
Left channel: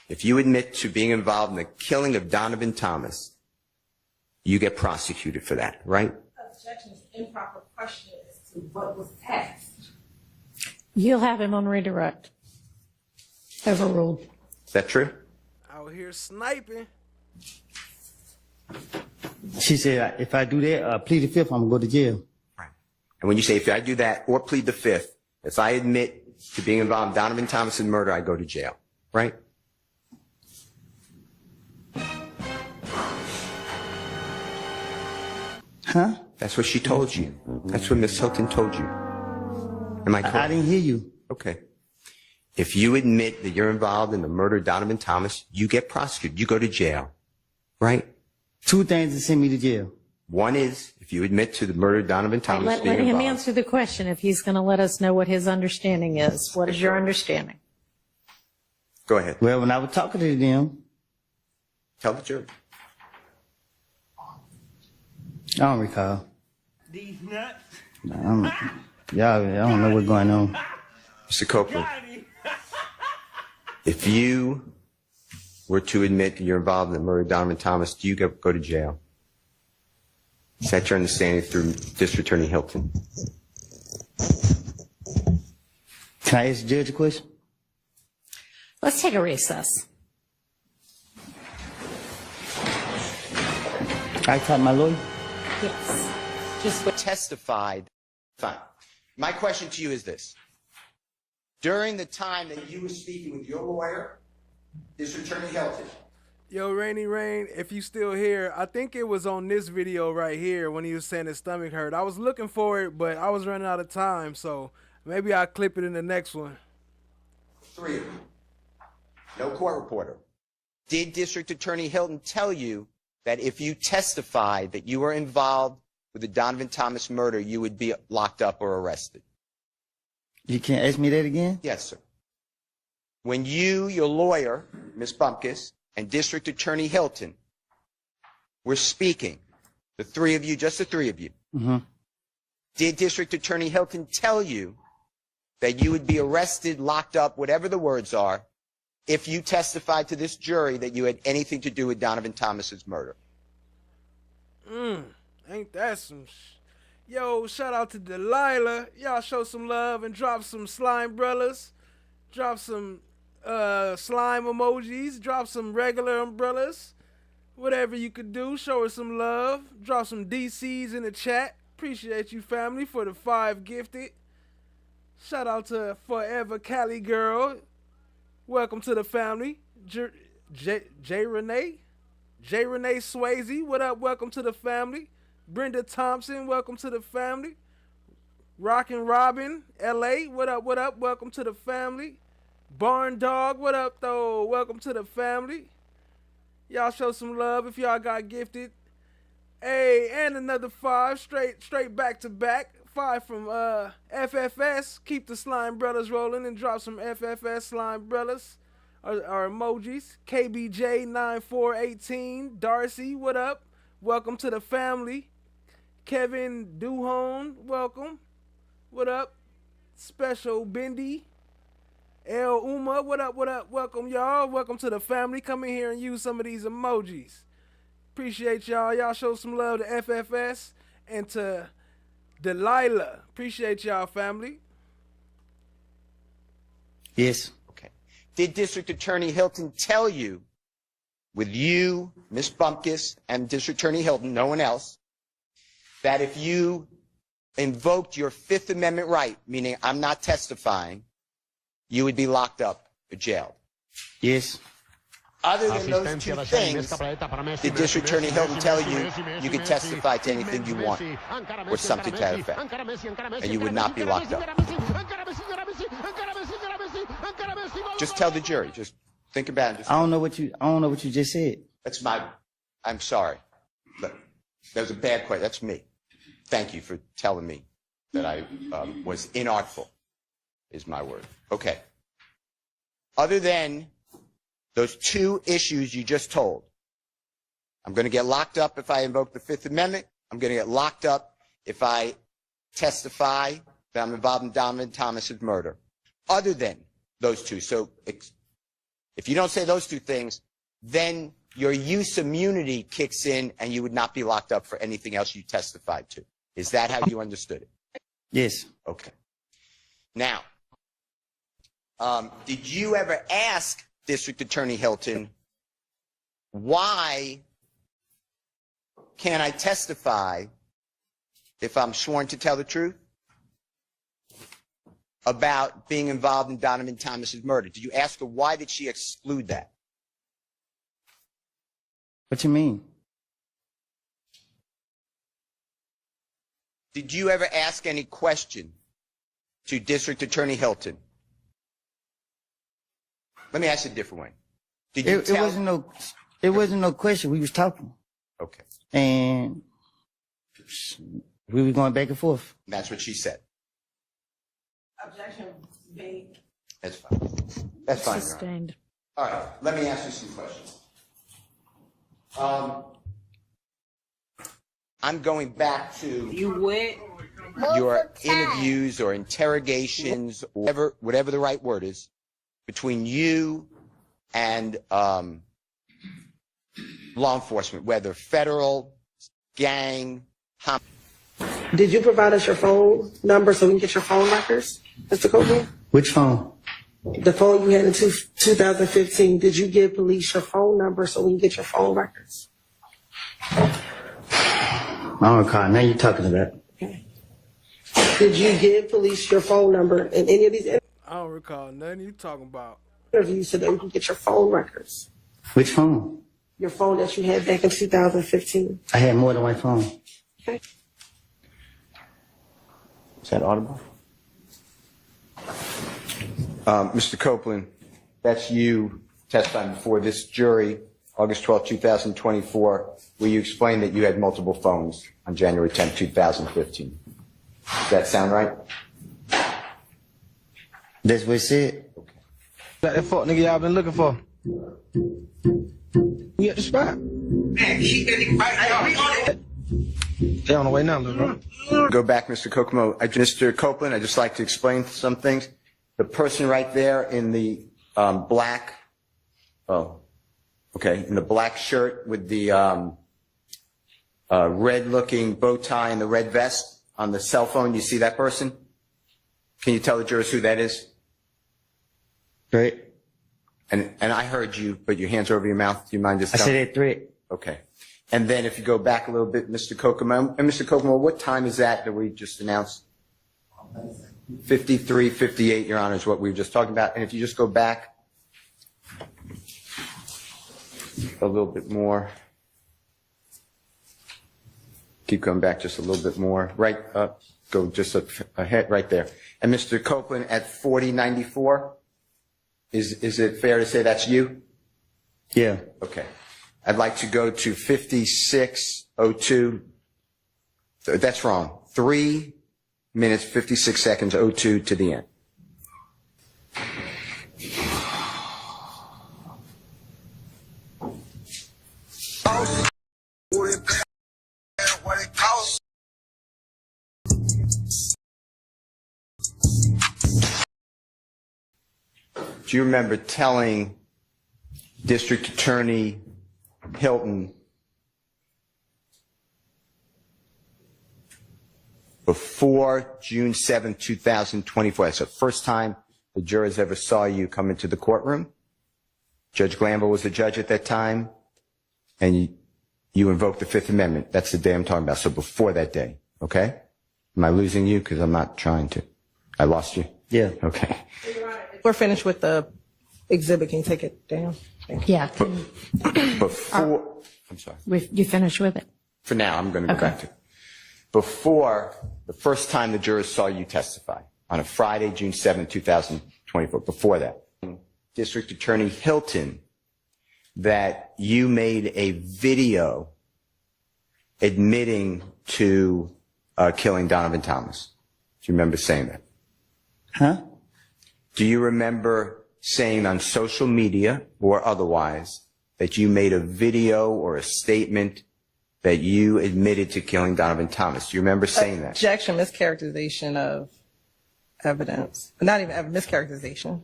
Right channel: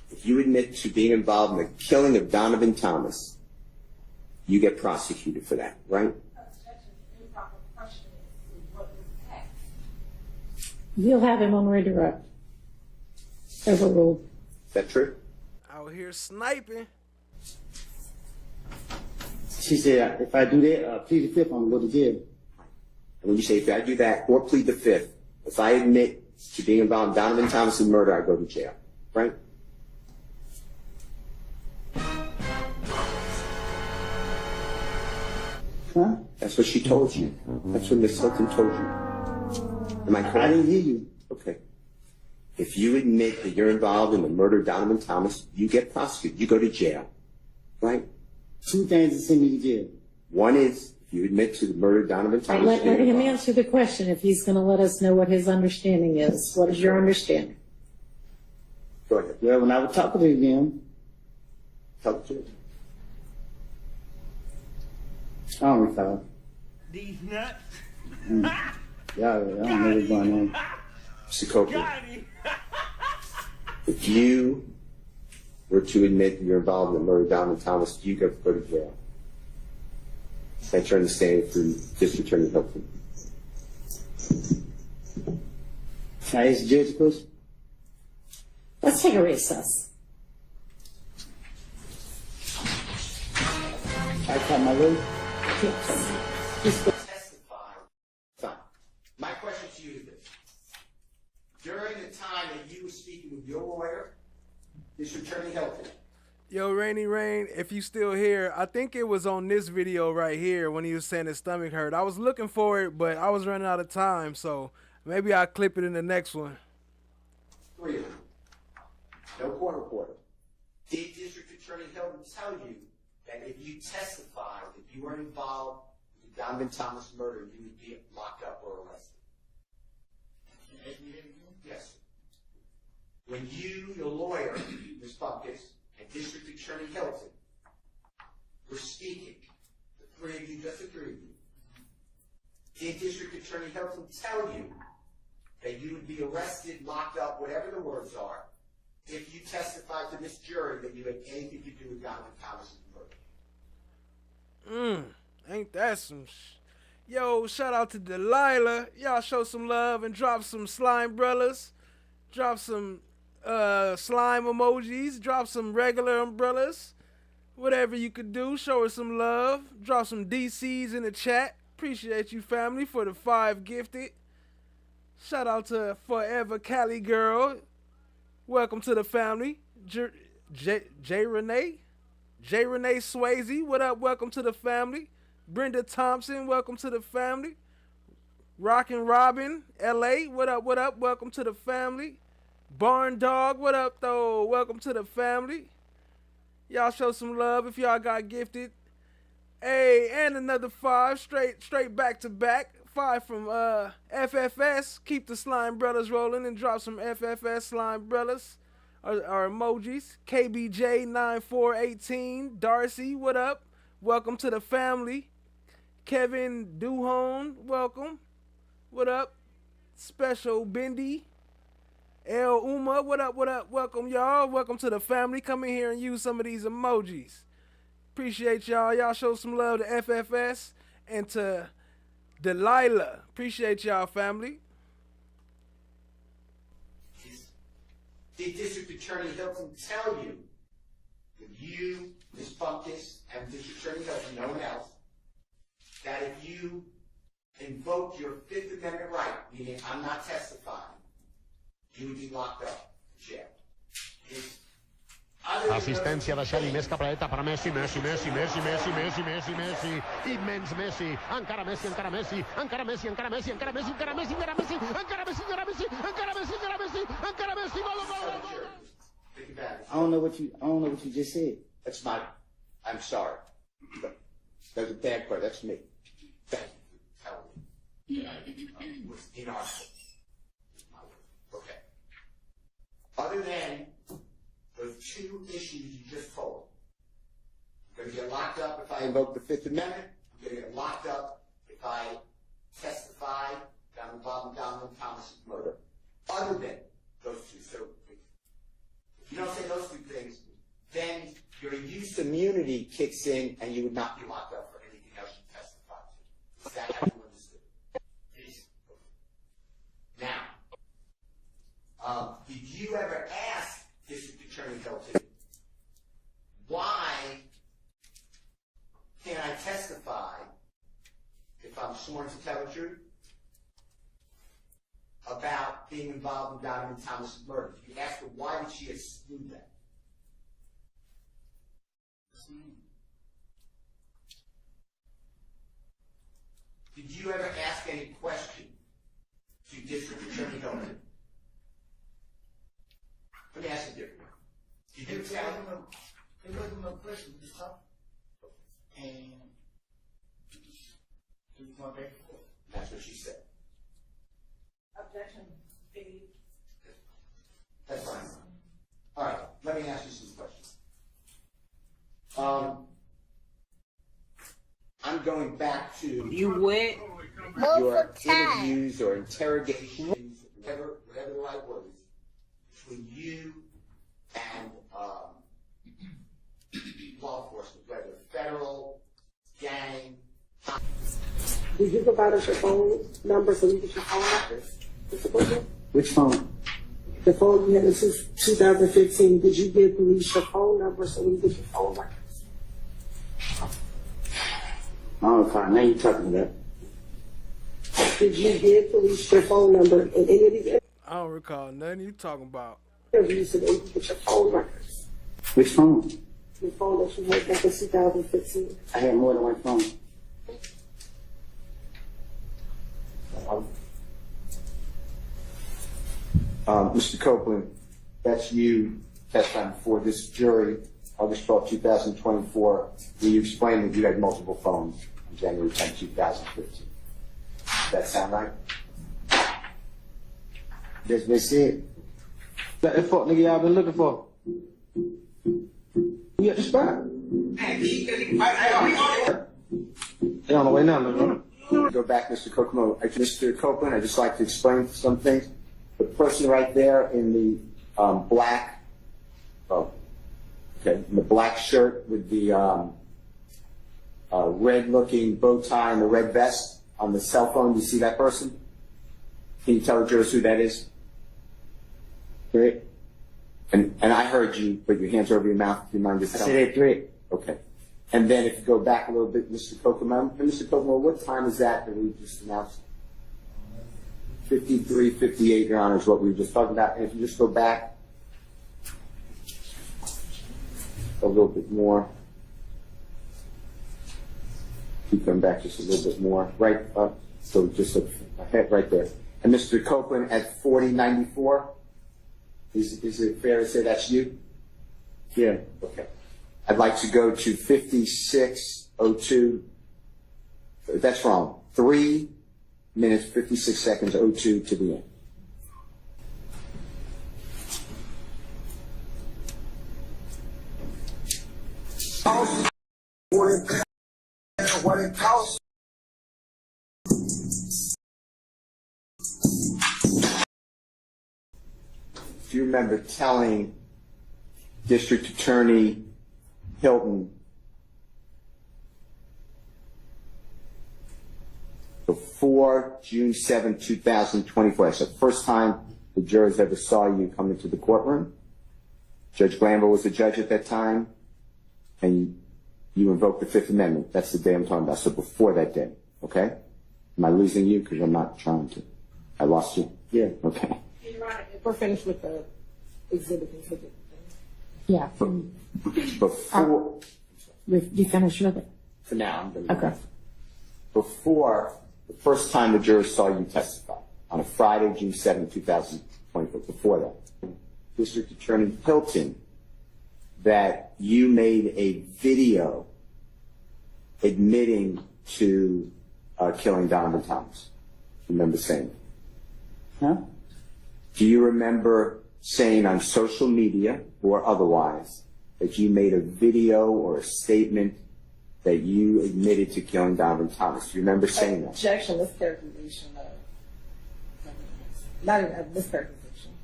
if you admit to being involved in the killing of Donovan Thomas, you get prosecuted for that, right? Objection is improper question as to what was asked. You'll have him on redirect. Overruled. Is that true? Out here sniping. She said, if I do that, plead the fifth, I'm gonna go to jail. And when you say, if I do that or plead the fifth, if I admit to being involved in Donovan Thomas's murder, I go to jail, right? Huh? That's what she told you. That's what Miss Hilton told you. Am I correct? I didn't hear you. Okay. If you admit that you're involved in the murder of Donovan Thomas, you get prosecuted. You go to jail, right? Two things to send me to jail. One is, if you admit to the murder of Donovan Thomas Let being him involved. answer the question if he's going to let us know what his understanding is. What is your understanding? Go ahead. Well, when I was talking to them, tell the jury. I don't recall. These nuts. I don't know what's going on. Mr. Copeland, if you were to admit that you're involved in the murder of Donovan Thomas, do you go to jail? Is that your understanding through District Attorney Hilton? Can I ask the judge a question? Let's take a recess. I call my lawyer. Just testified. Fine. My question to you is this. During the time that you were speaking with your lawyer, District Attorney Hilton. Yo, Rainy Rain, if you still here, I think it was on this video right here when he was saying his stomach hurt. I was looking for it, but I was running out of time, so maybe I'll clip it in the next one. 3 of them. No court reporter. Did District Attorney Hilton tell you that if you testified that you were involved with the Donovan Thomas murder, you would be locked up or arrested? You can't ask me that again? Yes, sir. When you, your lawyer, Ms. Bumpkus, and District Attorney Hilton were speaking, the three of you, just the three of you, did District Attorney Hilton tell you that you would be arrested, locked up, whatever the words are, if you testified to this jury that you had anything to do with Donovan Thomas's murder? Ain't that some Yo, shout out to Delilah. Y'all show some love and drop some slime umbrellas. Drop some slime emojis. Drop some regular umbrellas. Whatever you could do, show her some love. Drop some DCs in the chat. Appreciate you, family, for the 5 gifted. Shout out to Forever Cali Girl. Welcome to the family. J. Renee Swayze, what up? Welcome to the family. Brenda Thompson, welcome to the family. Rockin' Robin, LA, what up? What up? Welcome to the family. Barn Dog, what up though? Welcome to the family. Y'all show some love if y'all got gifted. Hey, and another 5 straight back to back. 5 from FFS. Keep the slime brothers rolling and drop some FFS slime brothers or emojis. KBJ9418. Darcy, what up? Welcome to the family. Kevin Duhon, welcome. What up? Special Bendy. El Uma, what up, what up? Welcome, y'all. Welcome to the family. Come in here and use some of these emojis. Appreciate y'all. Y'all show some love to FFS and to Delilah. Appreciate y'all, family. Yes. Okay. Did District Attorney Hilton tell you, with you, Ms. Bumpkus, and District Attorney Hilton, no one else, that if you invoked your Fifth Amendment right, meaning I'm not testifying, you would be locked up or jailed? Yes. Other than those two things, did District Attorney Hilton tell you you can testify to anything you want or something to that effect, and you would not be locked up? Just tell the jury. Just think about it. I don't know what you just said. That's I'm sorry. That was a bad question. That's me. Thank you for telling me that I was inartful, is my word. Okay. Other than those 2 issues you just told, I'm going to get locked up if I invoke the Fifth Amendment. I'm going to get locked up if I testify that I'm involved in Donovan Thomas's murder. Other than those 2. So if you don't say those 2 things, then your use immunity kicks in and you would not be locked up for anything else you testified to. Is that how you understood it? Yes. Okay. Now, did you ever ask District Attorney Hilton, why can't I testify if I'm sworn to tell the truth about being involved in Donovan Thomas's murder? Did you ask her why did she exclude that? What you mean? Did you ever ask any question to District Attorney Hilton? Let me ask you a different one. Did you It wasn't no question. We was talking. Okay. And we were going back and forth. That's what she said. Objection B. That's fine. That's fine. Sustained. All right. Let me ask you some questions. I'm going back to your interviews or interrogations, or whatever the right word is, between you and law enforcement, whether federal, gang, Did you provide us your phone number so we can get your phone records, Mr. Copeland? Which phone? The phone you had in 2015. Did you give police your phone number so we can get your phone records? I don't recall. Now you're talking about. Did you give police your phone number in any of these I don't recall nothing you talking about. interviews so that we can get your phone records? Which phone? Your phone that you had back in 2015. I had more than one phone. Okay. Is that audible? Mr. Copeland, that's you testifying before this jury August 12, 2024, where you explained that you had multiple phones on January 10, 2015. Does that sound right? That's what it said. That fuck nigga y'all been looking for. We at the spot. They on the way now, bro. Go back, Mr. Kokomo. Mr. Copeland, I'd just like to explain some things. The person right there in the black, in the black shirt with the red-looking bow tie and the red vest on the cell phone, you see that person? Can you tell the jurors who that is? Threat. And I heard you, but your hands are over your mouth. Do you mind just I telling said that threat. Okay. And then if you go back a little bit, Mr. Kokomo, and Mr. Kokomo, what time is that we just announced? 53:58, Your Honor, is what we were just talking about. And if you just go back a little bit more, keep coming back just a little bit more, right up, go just ahead, right there. And Mr. Copeland at 4094, is it fair to say that's you? Yeah. Okay. I'd like to go to 56:02. That's wrong. 3 minutes, 56 seconds, 02 to the end. Do you remember telling District Attorney Hilton before June 7, 2024, that's the first time the jurors ever saw you come into the courtroom? Judge Glanville was the judge at that time, and you invoked the Fifth Amendment. That's the day I'm talking about, so before that day, okay? Am I losing you? Because I'm not trying to. I lost you? Yeah. Okay. We're finished with the exhibit. Can you take it down? Yeah. Before, I'm sorry. You finished with it? For now, I'm going to go back to it. Before the first time the jurors saw you testify, on a Friday, June 7, 2024, before that, District Attorney Hilton, that you made a video admitting to killing Donovan Thomas. Do you remember saying that? Huh? Do you remember saying on social media or otherwise that you made a video or a statement that you admitted to killing Donovan Thomas? Do you remember saying that? Objection, mischaracterization of evidence. Not even mischaracterization.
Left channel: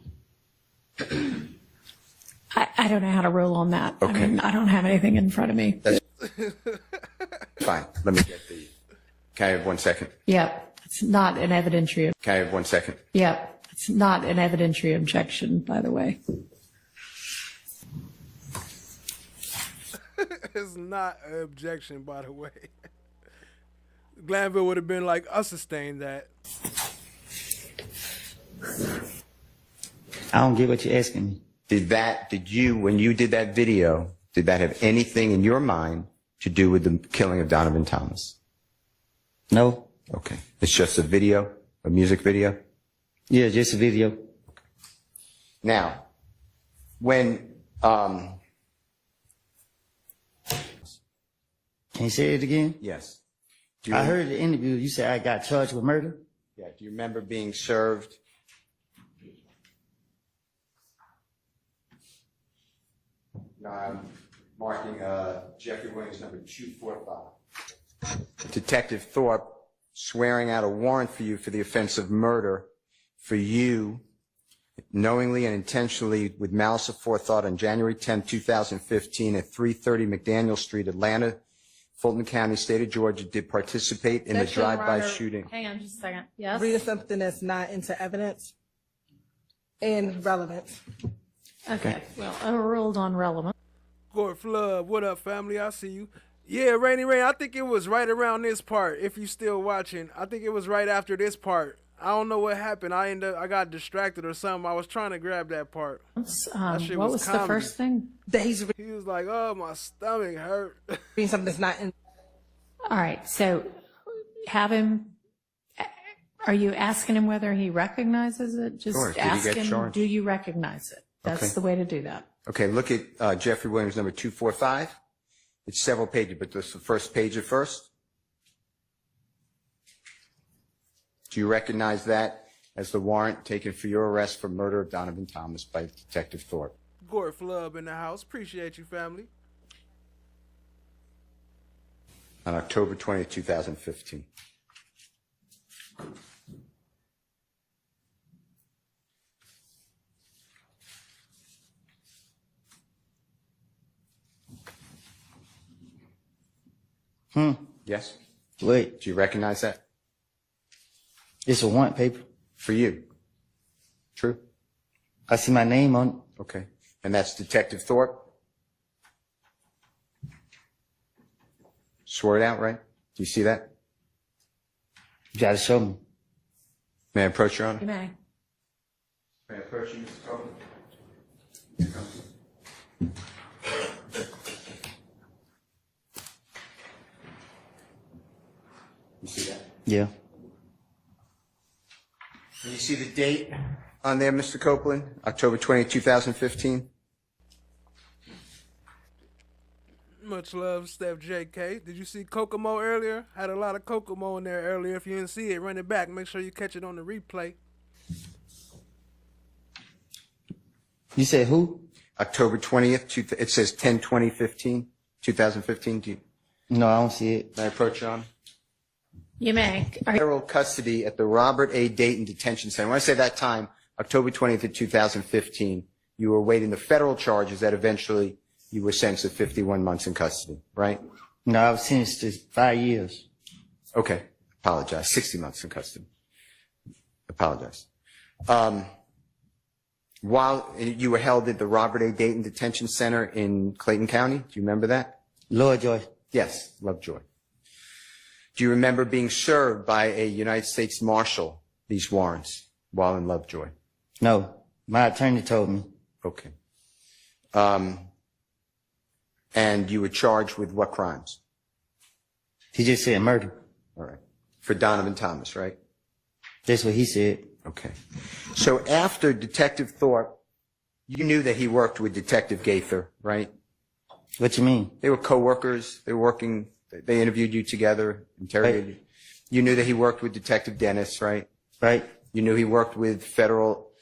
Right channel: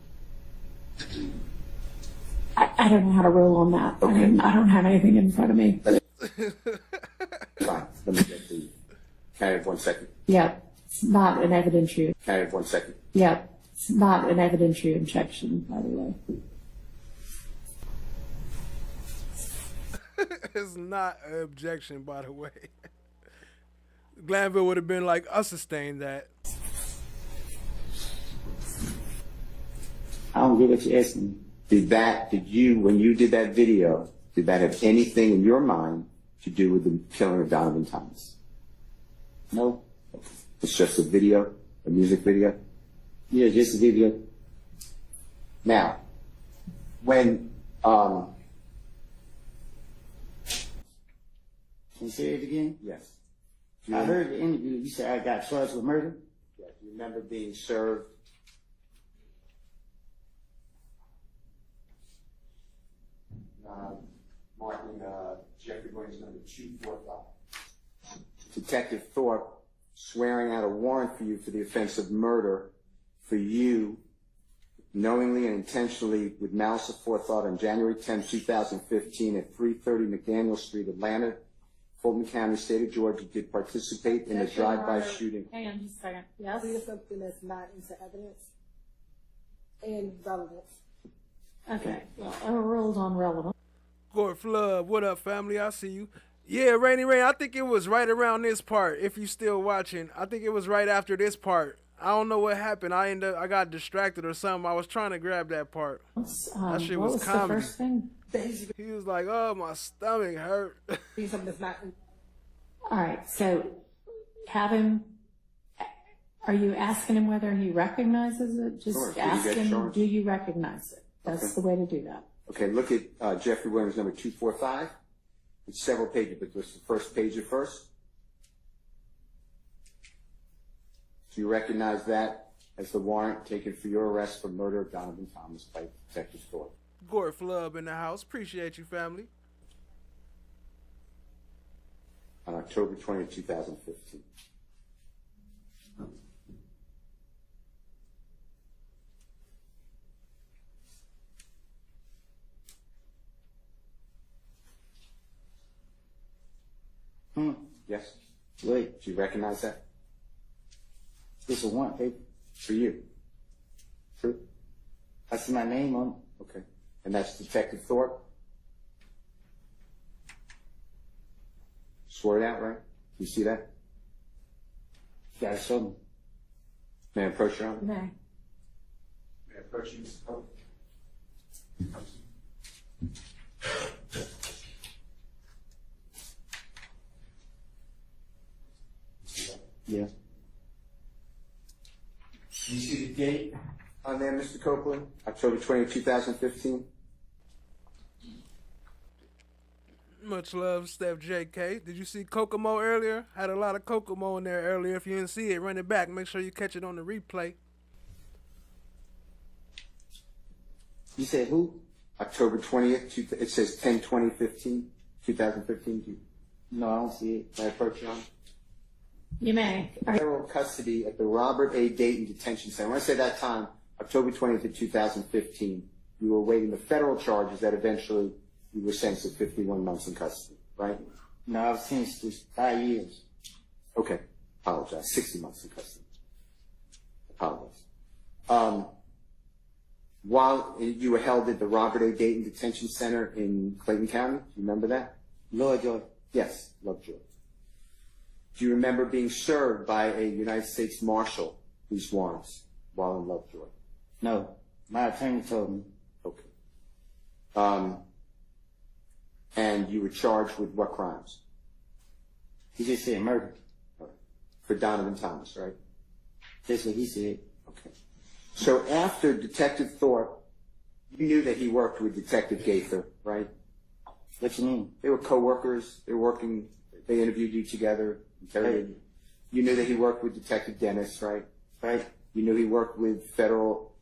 I don't know how to rule on that. Okay. I mean, I don't have anything in front of me. Fine. Let me get the... Can I have 1 second? Yeah, it's not an evidentiary. Can I have 1 second? Yeah, it's not an evidentiary objection, by the way. It's not an objection, by the way. Glanville would have been like, I sustain that. I don't get what you're asking me. Did you, when you did that video, did that have anything in your mind to do with the killing of Donovan Thomas? No. Okay. It's just a video, a music video? Yeah, just a video. Now, when, Can you say it again? Yes. I heard the interview. You said I got charged with murder? Yeah, do you remember being served? No, I'm marking Jeffrey Williams number 245. Detective Thorpe swearing out a warrant for you for the offense of murder for you knowingly and intentionally with malice aforethought on January 10, 2015 at 330 McDaniel Street, Atlanta, Fulton County, state of Georgia, did participate in the drive-by shooting. Hang on just a second. Yes? Reading something that's not into evidence and relevance. Okay, well, overruled on relevant. Court Flood, what up, family? I see you. Yeah, Rainy Rain, I think it was right around this part, if you still watching. I think it was right after this part. I don't know what happened. I got distracted or something. I was trying to grab that part. That shit what was the comedy. first thing? He was like, oh, my stomach hurt. Reading something that's not in. All right, so have him. Are you asking him whether he recognizes it? Just Sure. Did he ask get him, charged? do you recognize it? That's Okay. the way to do that. Okay, look at Jeffrey Williams, number 245. It's several pages, but this is the first page at first. Do you recognize that as the warrant taken for your arrest for murder of Donovan Thomas by Detective Thorpe? Gore Flub in the house. Appreciate you, family. On October 20th, 2015. Yes? Wait, Do you recognize that? it's a warrant paper. For you. True? I see my name on it. Okay. And that's Detective Thorpe? Swore it out, right? Do you see that? You gotta show me. May I approach your honor? You may. May I approach you, Mr. Copeland? You see that? Yeah. You see the date on there, Mr. Copeland? October 20th, 2015? Much love, Steph JK. Did you see Kokomo earlier? Had a lot of Kokomo in there earlier. If you didn't see it, run it back. Make sure you catch it on the replay. You said who? October 20th, it says 10/20/15, 2015. Do you, No, I don't see it. may I approach your honor? You may. Federal custody at the Robert A. Dayton Detention Center. When I say that time, October 20th of 2015, you were awaiting the federal charges that eventually you were sentenced to 51 months in custody, right? No, I was sentenced to 5 years. Okay. Apologize. 60 months in custody. Apologize. While you were held at the Robert A. Dayton Detention Center in Clayton County, do you remember that? Lovejoy. Yes, Lovejoy. Do you remember being served by a United States Marshal these warrants while in Lovejoy? No, my attorney told me. Okay. And you were charged with what crimes? He just said murder. All right. For Donovan Thomas, right? That's what he said. Okay. So after Detective Thorpe, you knew that he worked with Detective Gaither, right? What you mean? They were co-workers. They were working. They interviewed you together, interrogated you. You knew that he worked with Detective Dennis, right? Right. You knew he worked with federal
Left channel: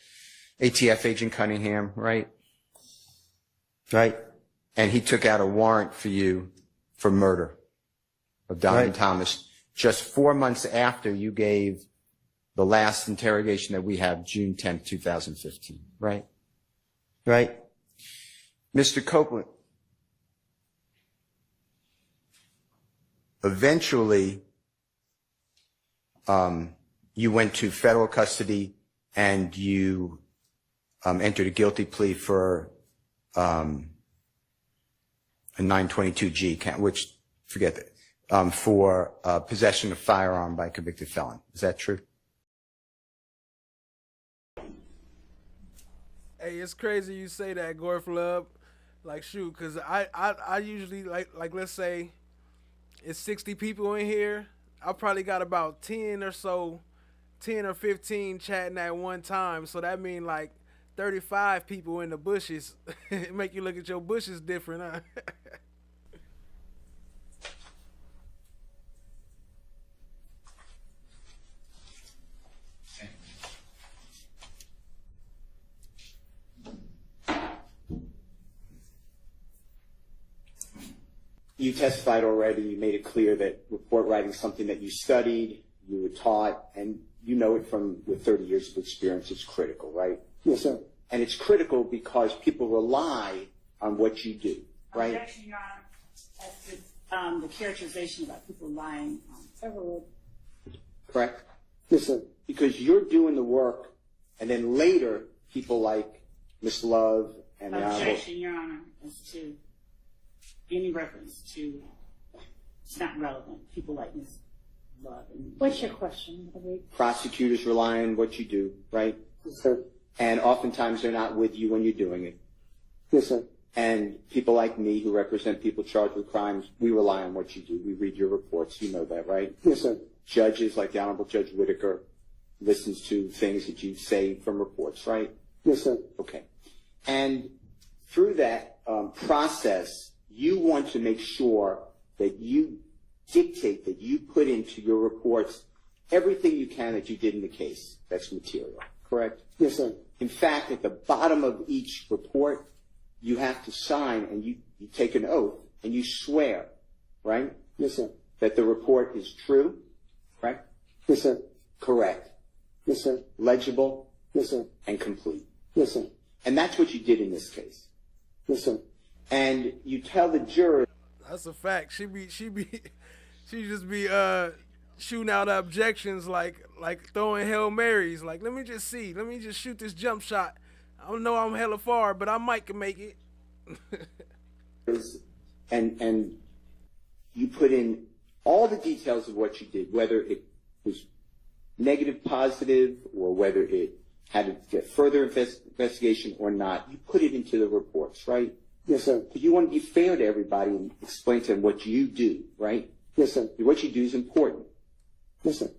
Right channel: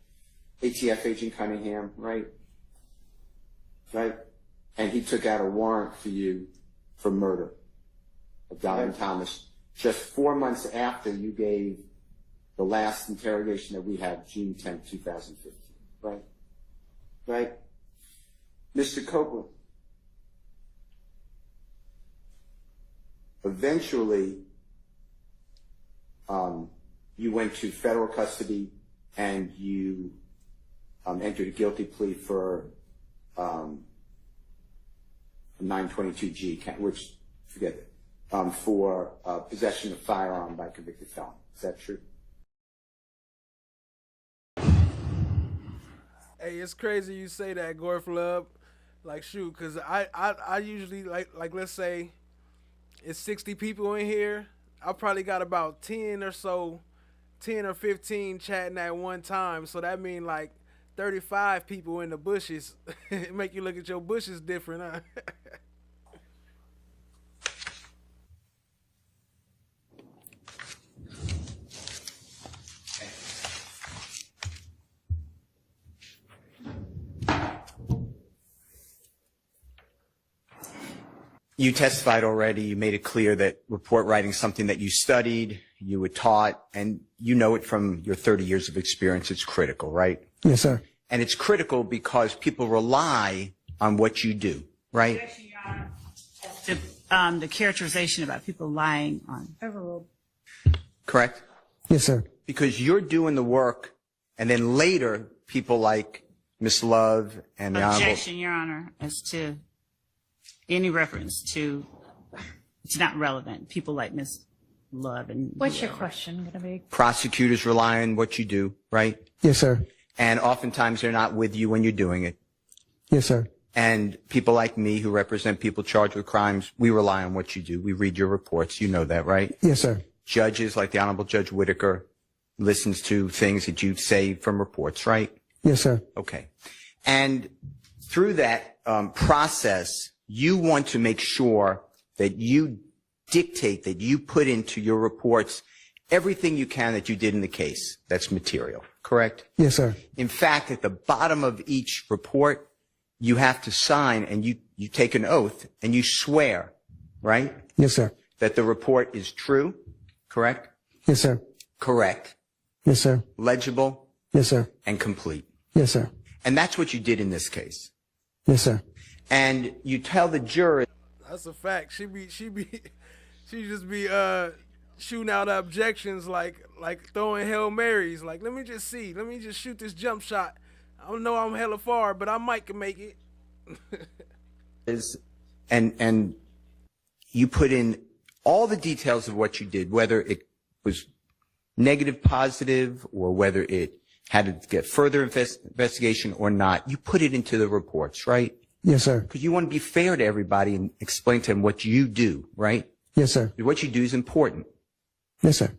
ATF agent Cunningham, right? Right. And he took out a warrant for you for murder of Donovan Thomas just 4 months after you gave the last interrogation that we have, June 10th, 2015, right? Right. Mr. Copeland, eventually, you went to federal custody and you entered a guilty plea for a 922G count, which, forget that, for possession of firearm by a convicted felon. Is that true? Hey, it's crazy you say that, Gore Flub. Like, shoot, because I usually, like, let's say it's 60 people in here. I probably got about 10 or 15 chatting at one time. So that means like 35 people in the bushes. It make you look at your bushes different, huh? You testified already. You made it clear that report writing is something that you studied, you were taught, and you know it from your 30 years of experience. It's critical, right? Yes, sir. And it's critical because people rely on what you do, right? Objection, Your Honor. To the characterization about people lying on. Correct? Yes, sir. Because you're doing the work, and then later, people like Miss Love and the Honorable... Objection, Your Honor, as to any reference to, it's not relevant. People like Miss Love and... What's your question going to be? Prosecutors rely on what you do, right? Yes, sir. And oftentimes they're not with you when you're doing it. Yes, sir. And people like me who represent people charged with crimes, we rely on what you do. We read your reports. You know that, right? Yes, sir. Judges like the Honorable Judge Whitaker listens to things that you say from reports, right? Yes, sir. Okay. And through that process, you want to make sure that you dictate, that you put into your reports everything you can that you did in the case that's material, correct? Yes, sir. In fact, at the bottom of each report, you have to sign and you take an oath and you swear, right? Yes, sir. That the report is true, correct? Yes, sir. Correct, Yes, sir. legible, Yes, sir. and complete. Yes, sir. And that's what you did in this case. Yes, sir. And you tell the jury. That's a fact. She just be shooting out objections like throwing Hail Marys. Like, let me just shoot this jump shot. I don't know I'm hella far, but I might can make it. And you put in all the details of what you did, whether it was negative, positive, or whether it had to get further investigation or not. You put it into the reports, right? Yes, sir. Because you want to be fair to everybody and explain to them what you do, right? Yes, sir. What you do is important. Yes, sir.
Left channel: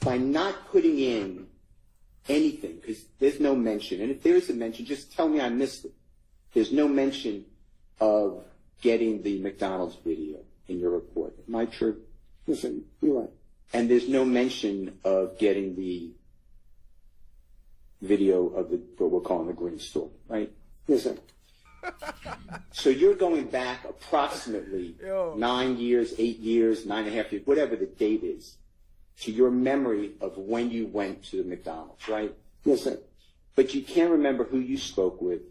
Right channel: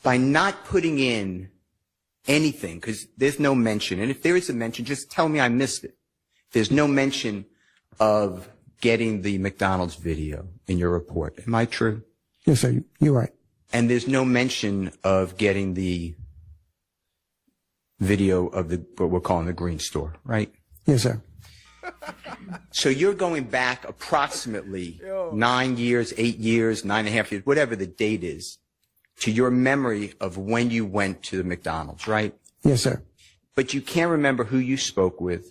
By not putting in anything, because there's no mention, and if there is a mention, just tell me I missed it. There's no mention of getting the McDonald's video in your report. Am I true? Yes, sir. You're right. And there's no mention of getting the video of what we're calling the green store, right? Yes, sir. So you're going back approximately 9 years, 8 years, 9.5 years, whatever the date is, to your memory of when you went to the McDonald's, right? Yes, sir. But you can't remember who you spoke with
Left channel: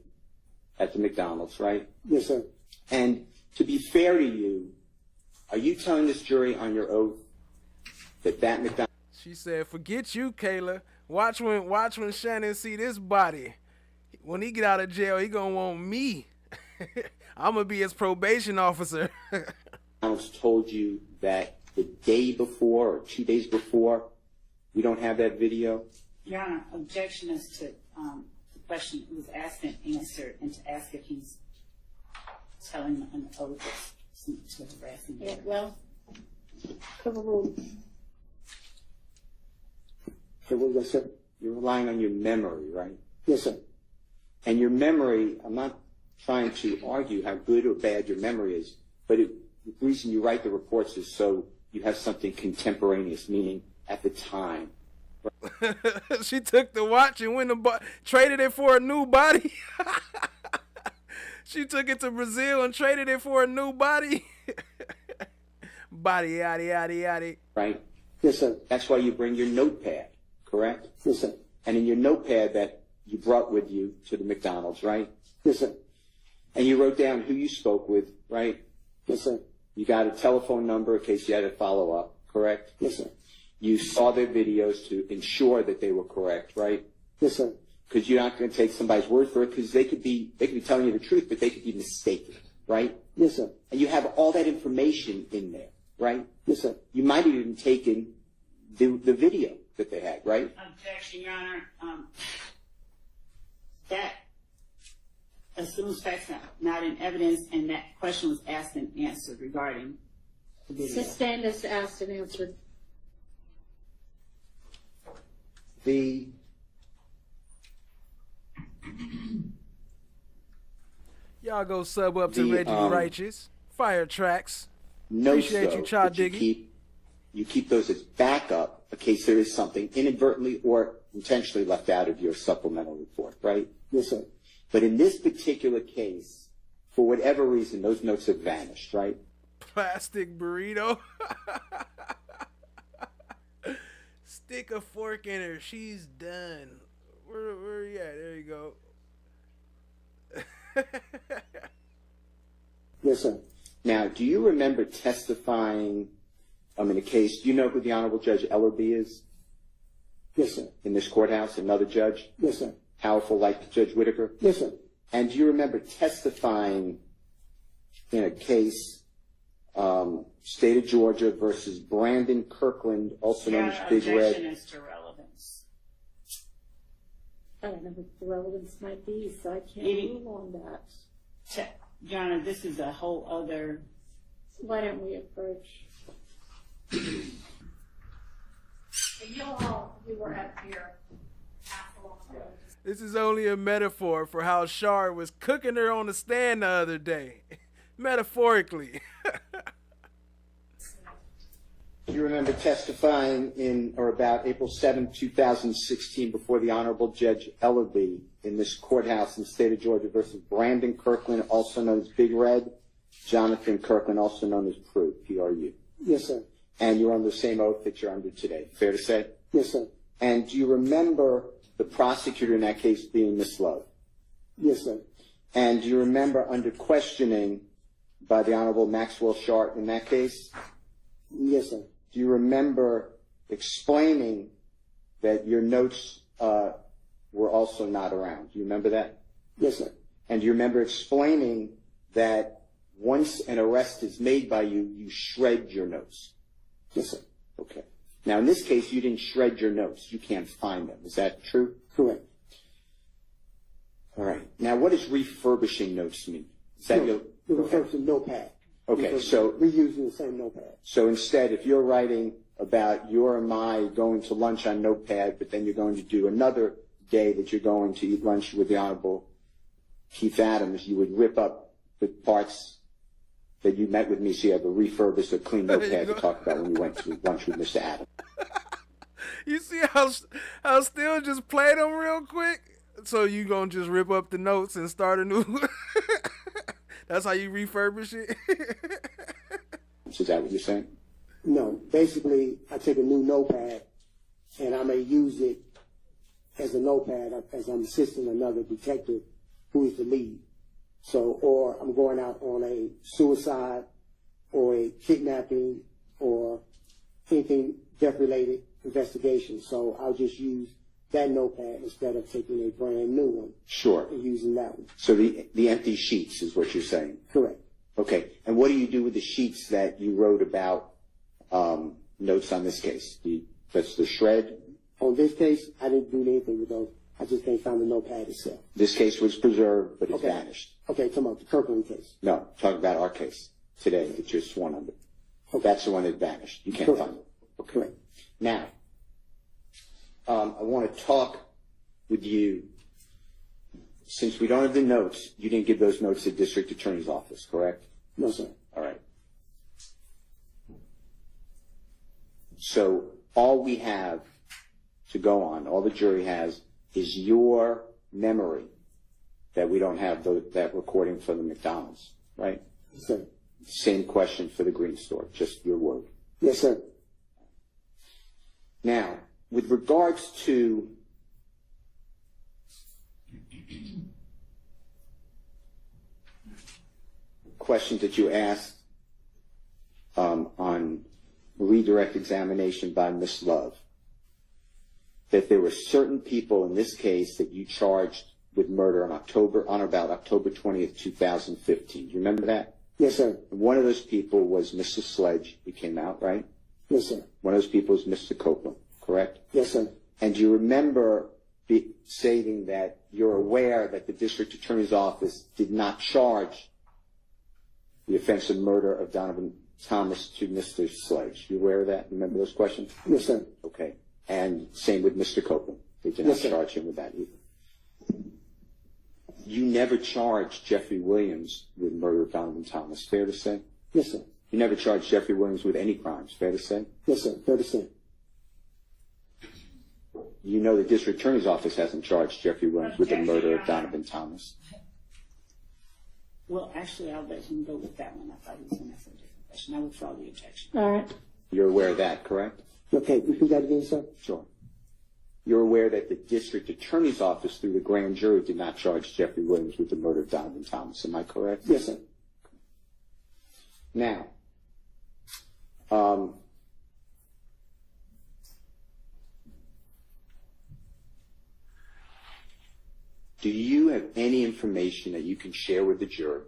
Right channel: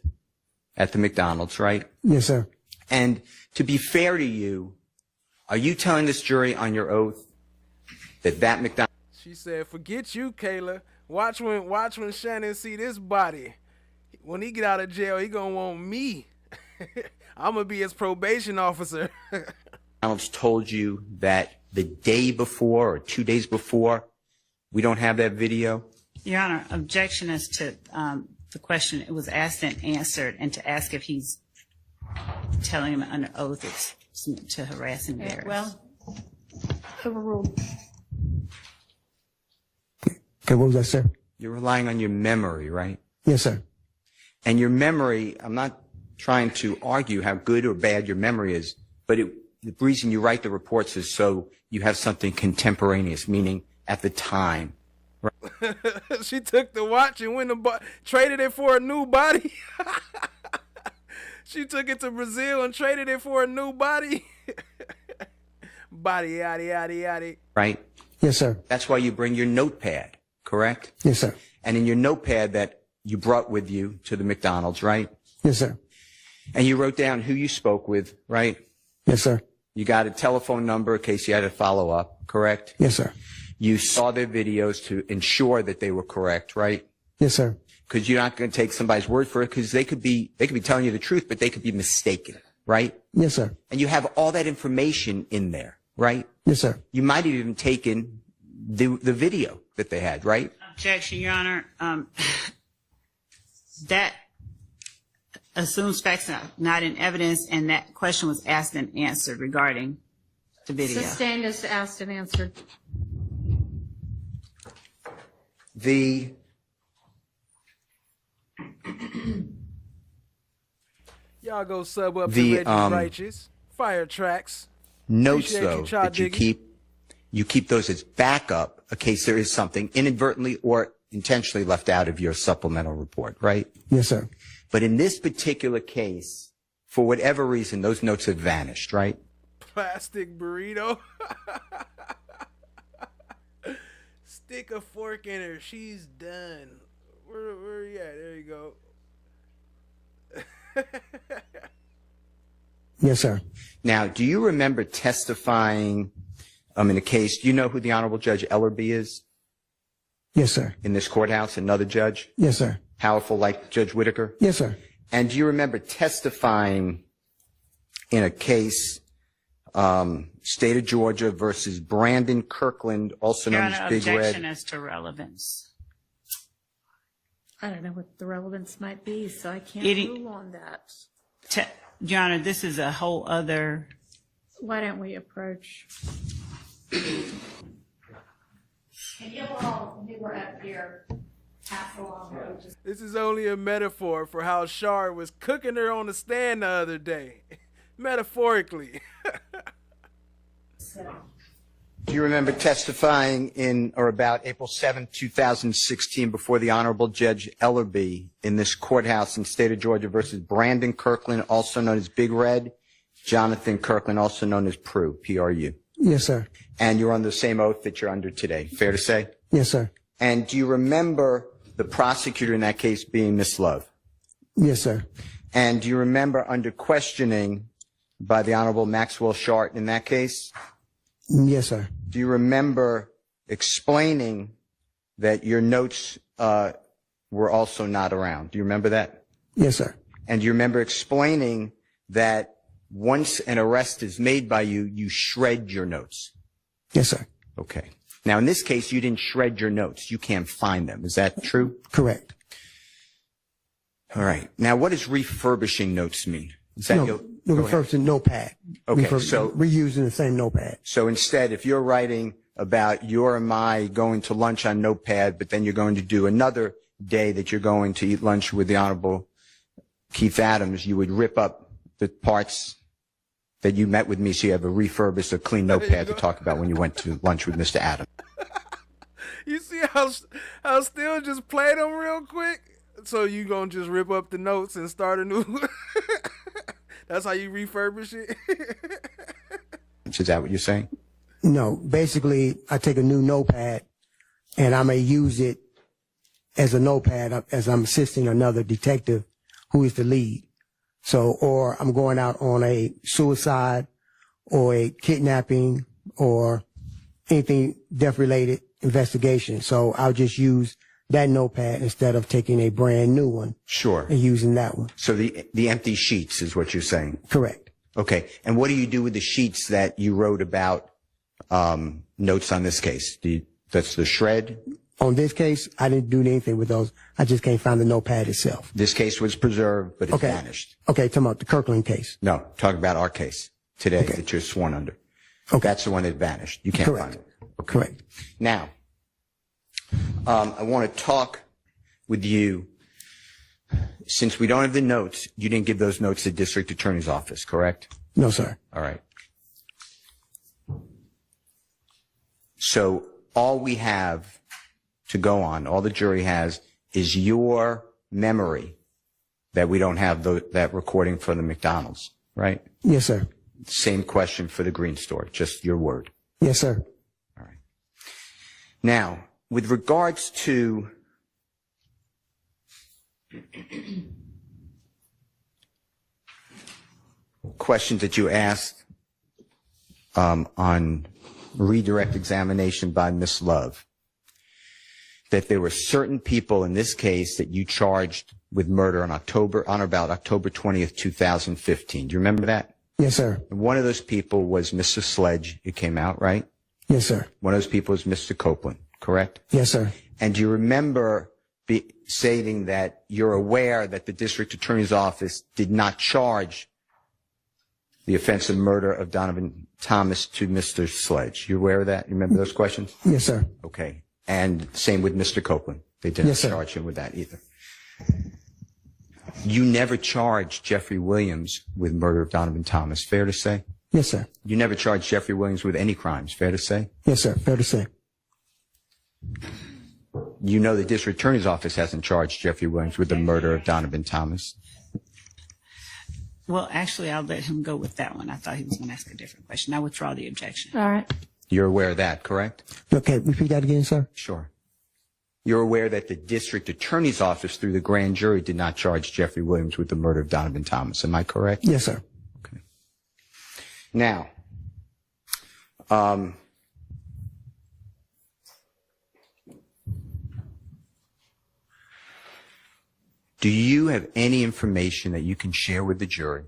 at the McDonald's, right? Yes, sir. And to be fair to you, are you telling this jury on your oath that McDonald's... She said, "Forget you, Kayla. Watch when Shannon see this body. When he get out of jail, he gonna want me. I'm gonna be his probation officer." McDonald's told you that the day before or 2 days before, we don't have that video? Your Honor, objection as to the question. It was asked and answered, and to ask if he's telling him under oath is to harass and embarrass. Well, overruled. Okay, what was that, sir? You're relying on your memory, right? Yes, sir. And your memory, I'm not trying to argue how good or bad your memory is, but the reason you write the reports is so you have something contemporaneous, meaning at the time. Right? She took the watch and went and traded it for a new body. She took it to Brazil and traded it for a new body. Body, yaddy, yaddy, yaddy. Right? Yes, sir. That's why you bring your notepad, correct? Yes, sir. And in your notepad that you brought with you to the McDonald's, right? Yes, sir. And you wrote down who you spoke with, right? Yes, sir. You got a telephone number in case you had to follow up, correct? Yes, sir. You saw their videos to ensure that they were correct, right? Yes, sir. Because you're not going to take somebody's word for it, because they could be telling you the truth, but they could be mistaken, right? Yes, sir. And you have all that information in there, right? Yes, sir. You might have even taken the video that they had, right? Objection, Your Honor. That assumes facts not in evidence, and that question was asked and answered regarding the video. Sustained as asked and answered. Y'all go sub up to Reggie Righteous. Fire Tracks. Notes, Appreciate though, you, Cha that Diggy. you keep those as backup in case there is something inadvertently or intentionally left out of your supplemental report, right? Yes, sir. But in this particular case, for whatever reason, those notes have vanished, right? Plastic burrito. Stick a fork in her. She's done. Where you at? There you go. Yes, sir. Now, do you remember testifying in a case? Do you know who the Honorable Judge Ellerby is? Yes, sir. In this courthouse, another judge? Yes, sir. Powerful like Judge Whitaker? Yes, sir. And do you remember testifying in a case, State of Georgia versus Brandon Kirkland, also Your known Honor, as Big objection Red? as to relevance. I don't know what the relevance might be, so I can't rule on that. Your Honor, this is a whole other... Why don't we approach? You all, you were up here This is only a metaphor for how Shard was cooking her on the stand the other day. Metaphorically. Do you remember testifying in or about April 7, 2016 before the Honorable Judge Ellerby in this courthouse in the state of Georgia versus Brandon Kirkland, also known as Big Red, Jonathan Kirkland, also known as Prue, P-R-U? Yes, sir. And you're under the same oath that you're under today, fair to say? Yes, sir. And do you remember the prosecutor in that case being Miss Love? Yes, sir. And do you remember under questioning by the Honorable Maxwell Shart in that case? Yes, sir. Do you remember explaining that your notes were also not around? Do you remember that? Yes, sir. And do you remember explaining that once an arrest is made by you, you shred your notes? Yes, sir. Okay. Now, in this case, you didn't shred your notes. You can't find them. Is that true? Correct. All right. Now, what does refurbishing notes mean? Is that No, refurbishing notepad. Okay, so reusing the same notepad. So instead, if you're writing about your and my going to lunch on Notepad, but then you're going to do another day that you're going to eat lunch with the Honorable Keith Adams, you would rip up the parts that you met with me so you have a refurbished or clean notepad to talk about when you went to lunch with Mr. Adams. You see how Still just played them real quick? So you gonna just rip up the notes and start a new... That's how you refurbish it? Is that what you're saying? No, basically, I take a new notepad and I may use it as a notepad as I'm assisting another detective who is the lead. So, or I'm going out on a suicide or a kidnapping or anything death-related investigation. So I'll just use that notepad instead of taking a brand new one. Sure. And using that one. So the empty sheets is what you're saying? Correct. Okay. And what do you do with the sheets that you wrote about notes on this case? That's the shred? On this case, I didn't do anything with those. I just can't find the notepad itself. This case was preserved, but it vanished. Okay, talking about the Kirkland case. No, talking about our case today that you're sworn under. Okay. That's the one that vanished. You can't find it. Okay. Correct. Now, I want to talk with you. Since we don't have the notes, you didn't give those notes to the district attorney's office, correct? No, sir. All right. So all we have to go on, all the jury has, is your memory that we don't have that recording for the McDonald's, right? Yes, sir. Same question for the Green Store, just your word. Yes, sir. All right. Now, with regards to questions that you asked on redirect examination by Ms. Love, that there were certain people in this case that you charged with murder on or about October 20th, 2015. Do you remember that? Yes, sir. One of those people was Mr. Sledge. It came out, right? Yes, sir. One of those people was Mr. Copeland, correct? Yes, sir. And do you remember stating that you're aware that the district attorney's office did not charge the offense of murder of Donovan Thomas to Mr. Sledge? You aware of that? You remember those questions? Yes, sir. Okay. And same with Mr. Copeland. They did not charge him with that either. You never charged Jeffrey Williams with murder of Donovan Thomas, fair to say? Yes, sir. You never charged Jeffrey Williams with any crimes, fair to say? Yes, sir. Fair to say. You know the district attorney's office hasn't charged Jeffrey Williams with the murder of Donovan Thomas. Well, actually, I'll let him go with that one. I thought he was going to ask a different question. I withdraw the objection. All right. You're aware of that, correct? Okay, repeat that again, sir. Sure. You're aware that the district attorney's office through the grand jury did not charge Jeffrey Williams with the murder of Donovan Thomas. Am I correct? Yes, sir. Okay. Now, do you have any information that you can share with the jury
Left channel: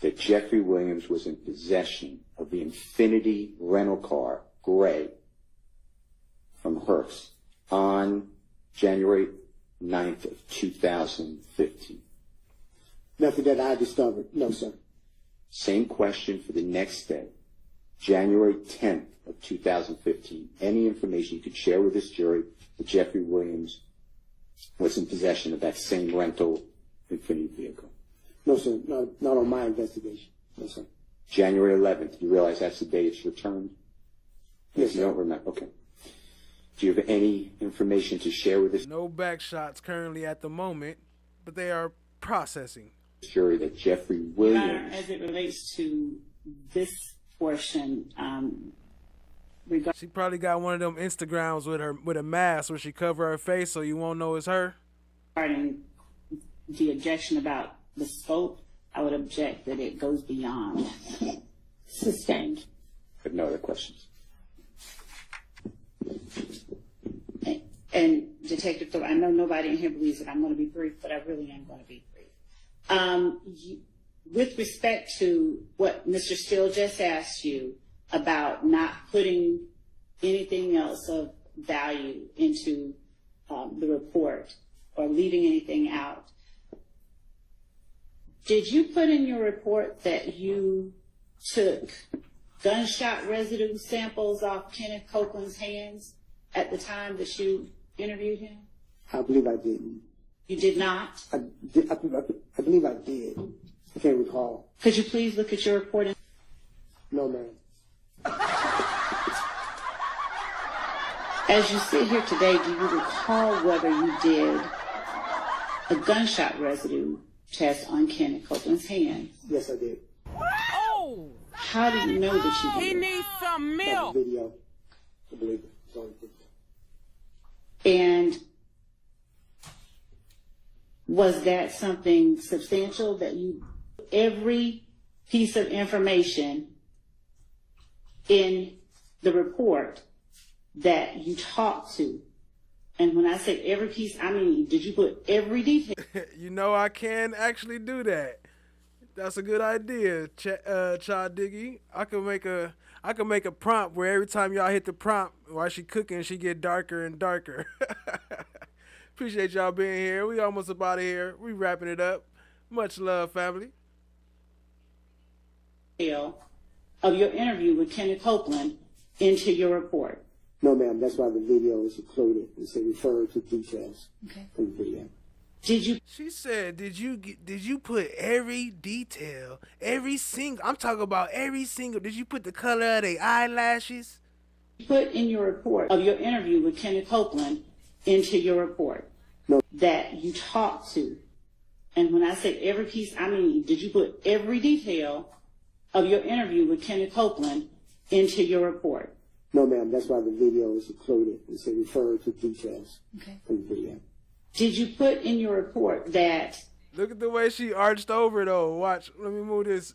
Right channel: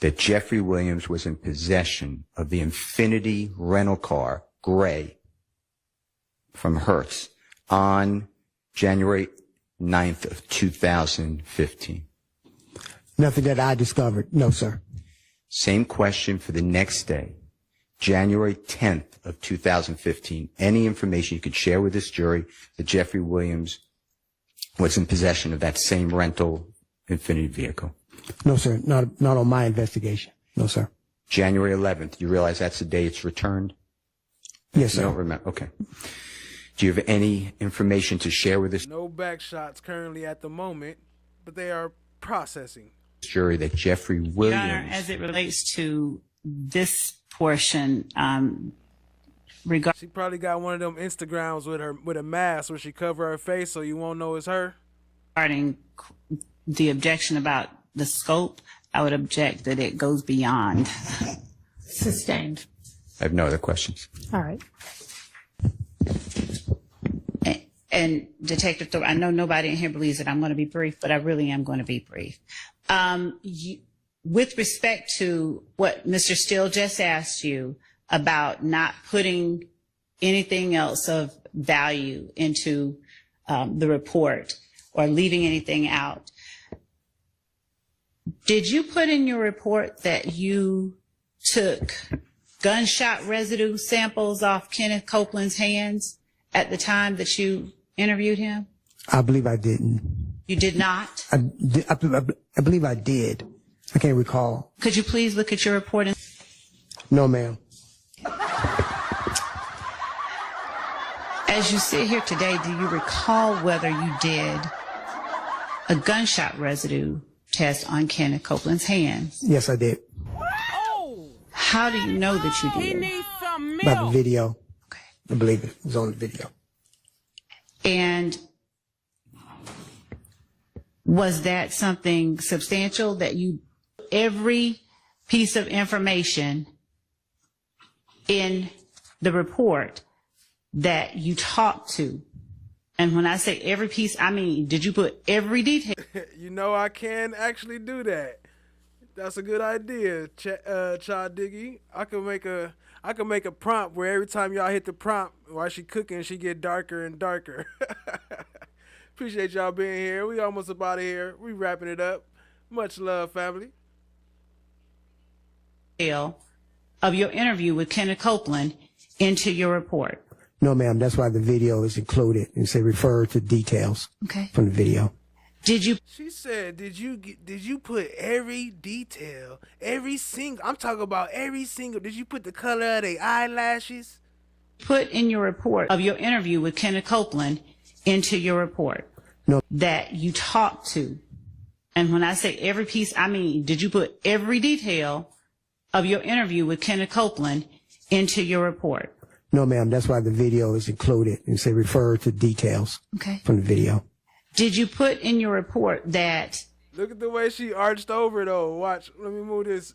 that Jeffrey Williams was in possession of the Infiniti rental car, gray, from Hertz on January 9th of 2015? Nothing that I discovered. No, sir. Same question for the next day. January 10th of 2015, any information you could share with this jury that Jeffrey Williams was in possession of that same rental Infiniti vehicle? No, sir. Not on my investigation. No, sir. January 11th, you realize that's the day it's returned? Yes, You sir. don't remember? Okay. Do you have any information to share with this No back shots currently at the moment, but they are processing. jury that Jeffrey Your Honor, Williams... as it relates to this portion, She probably got one of them Instagrams with a mask where she cover her face so you won't know it's her. regarding the objection about the scope, I would object that it goes beyond. Sustained. I have no other questions. All right. And Detective Thorpe, I know nobody in here believes that I'm going to be brief, but I really am going to be brief. With respect to what Mr. Steele just asked you about not putting anything else of value into the report or leaving anything out, did you put in your report that you took gunshot residue samples off Kenneth Copeland's hands at the time that you interviewed him? I believe I didn't. You did not? I believe I did. I can't recall. Could you please look at your report? No, ma'am. As you sit here today, do you recall whether you did a gunshot residue test on Kenneth Copeland's hands? Yes, I did. How do you know that you did? He needs some By the milk. video. Okay. I believe it was on the video. And was that something substantial that you, every piece of information in the report that you talked to? And when I say every piece, I mean, did you put every detail? You know, I can actually do that. That's a good idea, Child Diggy. I could make a prompt where every time y'all hit the prompt while she cooking, she get darker and darker. Appreciate y'all being here. We almost about here. We wrapping it up. Much love, family. Of your interview with Kenneth Copeland into your report. No, ma'am. That's why the video is included and say refer to details from the video. Did you? She said, did you put every detail, every single? I'm talking about every single. Did you put the color of their eyelashes? Put in your report of your interview with Kenneth Copeland into your report. No. That you talked to. And when I say every piece, I mean, did you put every detail of your interview with Kenneth Copeland into your report? No, ma'am. That's why the video is included and say refer to details from the video. Did you put in your report that? Look at the way she arched over, though. Watch. Let me move this,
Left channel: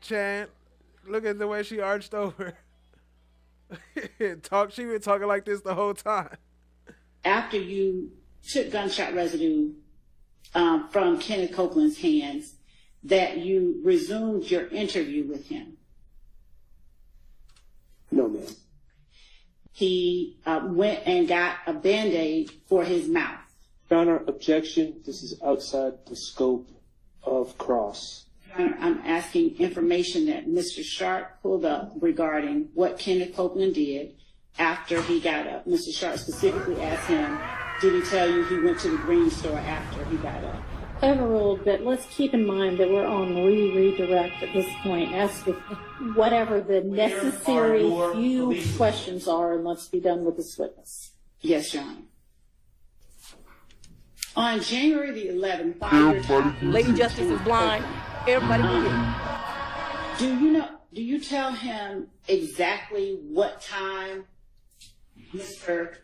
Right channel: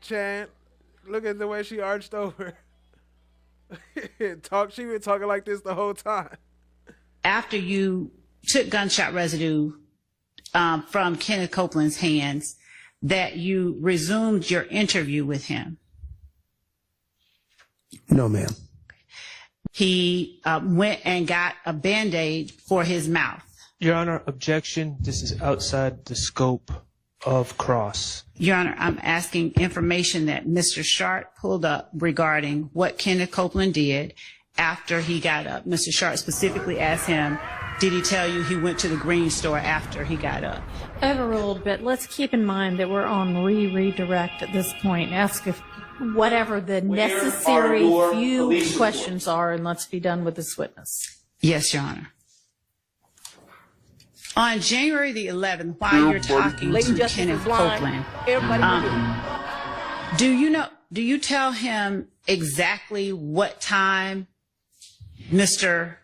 Chan. Look at the way she arched over. She been talking like this the whole time. After you took gunshot residue from Kenneth Copeland's hands, that you resumed your interview with him? No, ma'am. He went and got a Band-Aid for his mouth. Your Honor, objection. This is outside the scope of cross. Your Honor, I'm asking information that Mr. Sharp pulled up regarding what Kenneth Copeland did after he got up. Mr. Sharp specifically asked him, did he tell you he went to the green store after he got up? Overruled, but let's keep in mind that we're on redirect at this point. Ask if whatever the necessary few questions are, and let's be done with this witness. Yes, Your Honor. On January the 11th, while you're talking Lady to Justice Kenneth is blind. Copeland, Everybody will get do you tell him exactly what time Mr.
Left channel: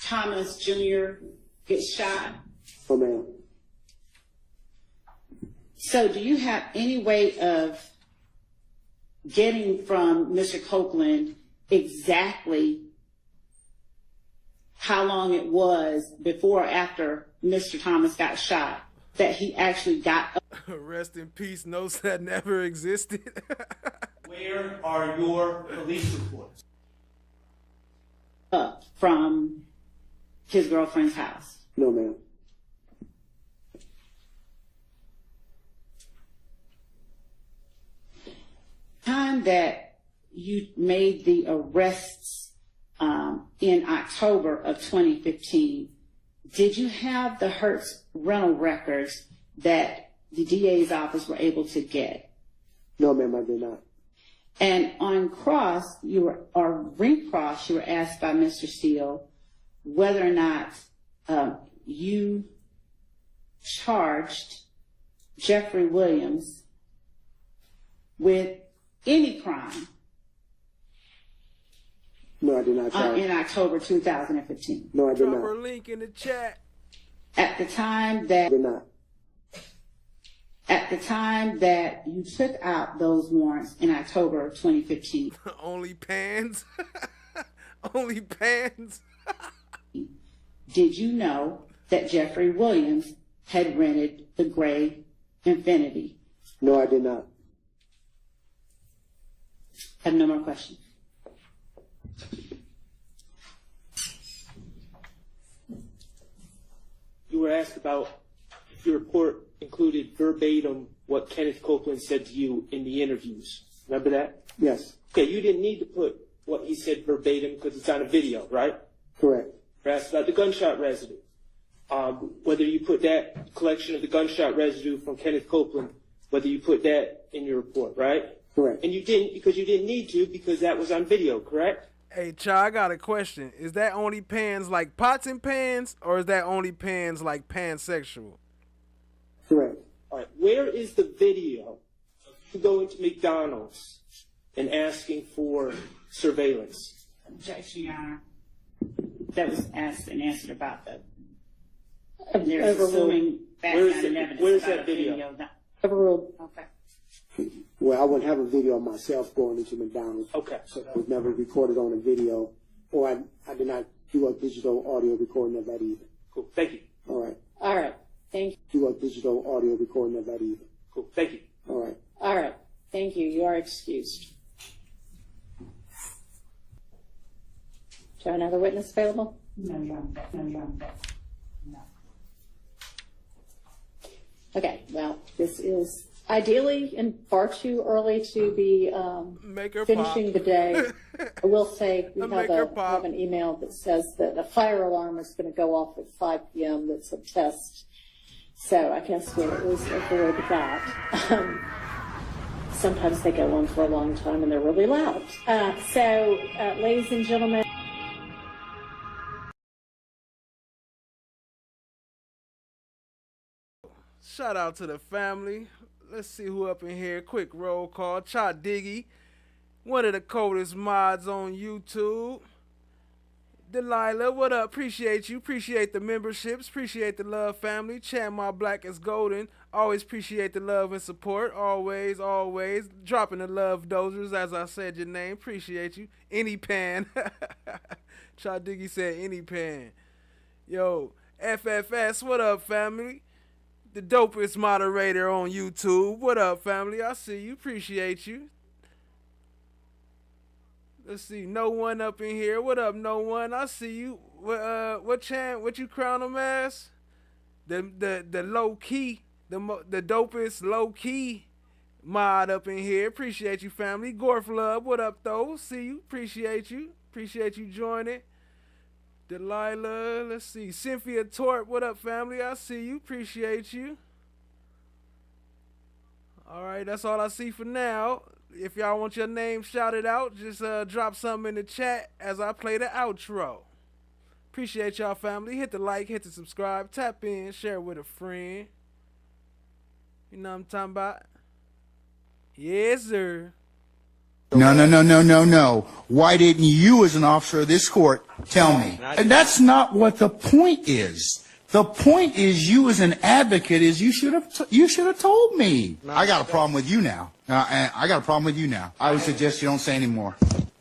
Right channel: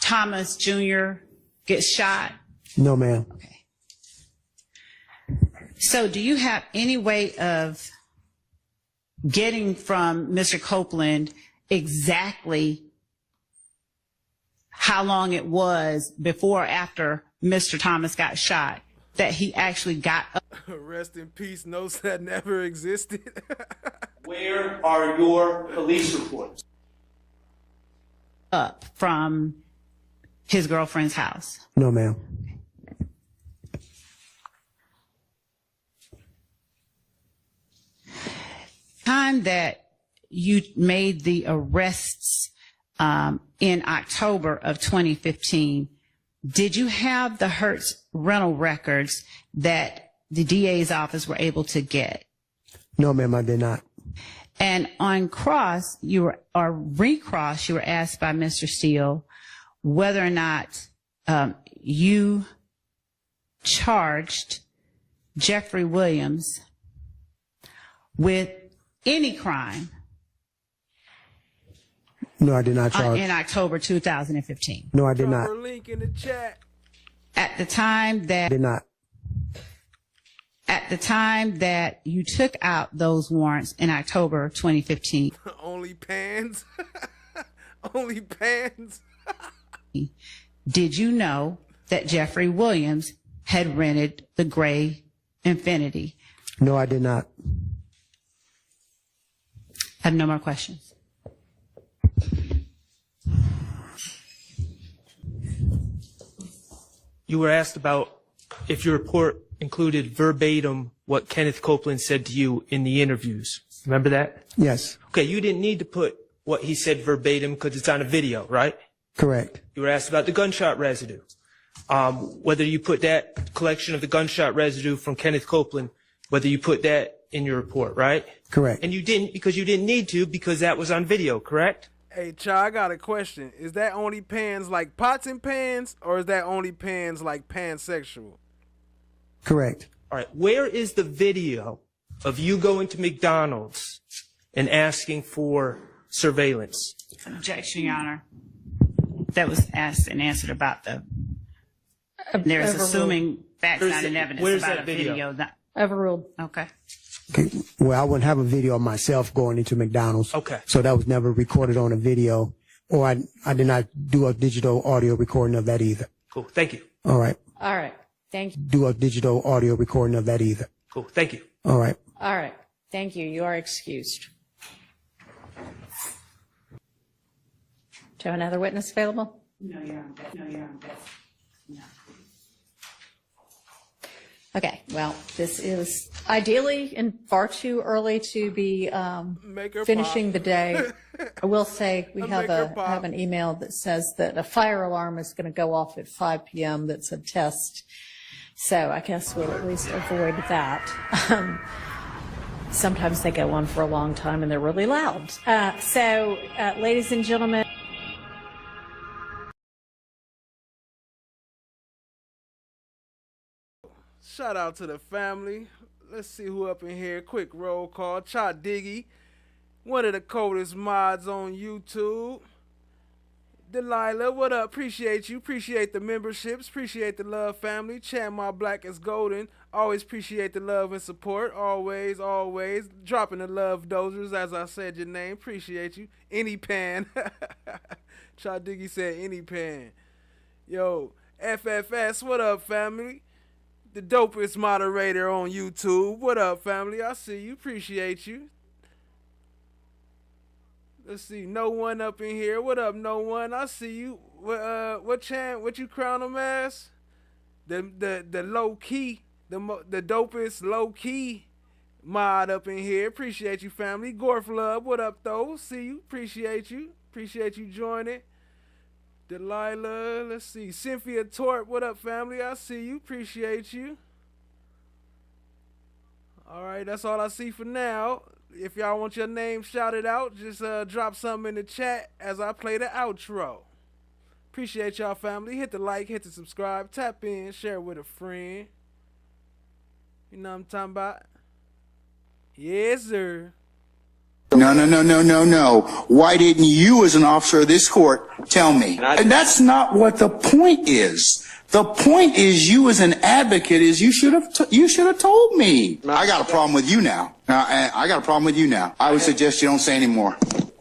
Thomas Jr. gets shot? No, ma'am. So do you have any way of getting from Mr. Copeland exactly how long it was before or after Mr. Thomas got shot that he actually got up? Rest in peace, notes that never existed. Where are your police reports? Up from his girlfriend's house? No, ma'am. Time that you made the arrests in October of 2015, did you have the Hertz rental records that the DA's office were able to get? No, ma'am, I did not. And on recross, you were asked by Mr. Steele whether or not you charged Jeffrey Williams with any crime. No, I did not charge. In October 2015. No, I did Drop not. her link in the chat. At the time that I did not. At the time that you took out those warrants in October 2015. Only pans. Only pans. Did you know that Jeffrey Williams had rented the gray Infiniti? No, I did not. I have no more questions. You were asked about if your report included verbatim what Kenneth Copeland said to you in the interviews. Remember that? Yes. Okay, you didn't need to put what he said verbatim because it's on a video, right? Correct. You were asked about the gunshot residue. Whether you put that collection of the gunshot residue from Kenneth Copeland, whether you put that in your report, right? Correct. And you didn't because you didn't need to because that was on video, correct? Hey, Cha, I got a question. Is that only pans like pots and pans, or is that only pans like pansexual? Correct. All right, where is the video of you going to McDonald's and asking for surveillance? Objection, Your Honor. That was asked and answered about the. There's Overruled. assuming facts, Where's not the- an evidence where's about that a video? video. That, Overruled. okay. Okay. Well, I wouldn't have a video of myself going into McDonald's. Okay. So that was never recorded on a video, or I did not do a digital audio recording of that either. Cool, thank you. All right. All right. Thank you. Do a digital audio recording of that either. Cool, thank you. All right. All right. Thank you. You are excused. Do you have another witness available? No, Your Honor. No, Your Honor. No. Okay. Well, this is ideally and far too early to be Make her finishing pop. the day. I will say we Make have her pop. have an email that says that a fire alarm is going to go off at 5 p.m. That's a test. So I guess we'll at least avoid that. Sometimes they go on for a long time and they're really loud. Ladies and gentlemen. Shout out to the family. Let's see who up in here. Quick roll call. Cha Diggy, one of the coldest mods on YouTube. Delilah, what up? Appreciate you. Appreciate the memberships. Appreciate the love, family. Chad My Black is golden. Always appreciate the love and support. Always, always. Dropping the love dozers, as I said your name. Appreciate you. Any pan. Cha Diggy said any pan. Yo, FFS, what up, family? The dopest moderator on YouTube. What up, family? I see you. Appreciate you. Let's see. No one up in here. What up, no one? I see you. What you crown him as? The low key, the dopest low key mod up in here. Appreciate you, family. Gorf Love. What up, though? See you. Appreciate you. Appreciate you joining. Delilah, let's see. Cynthia Tort, what up, family? I see you. Appreciate you. All right, that's all I see for now. If y'all want your name shouted out, just drop something in the chat as I play the outro. Appreciate y'all, family. Hit the like, hit the subscribe, tap in, share with a friend. You know what I'm talking about? Yes, sir. No. Why didn't you, as an officer of this court, tell me? And that's not what the point is. The point is, you as an advocate, is you should have told me. I got a problem with you now. I got a problem with you now. I would suggest you don't say anymore.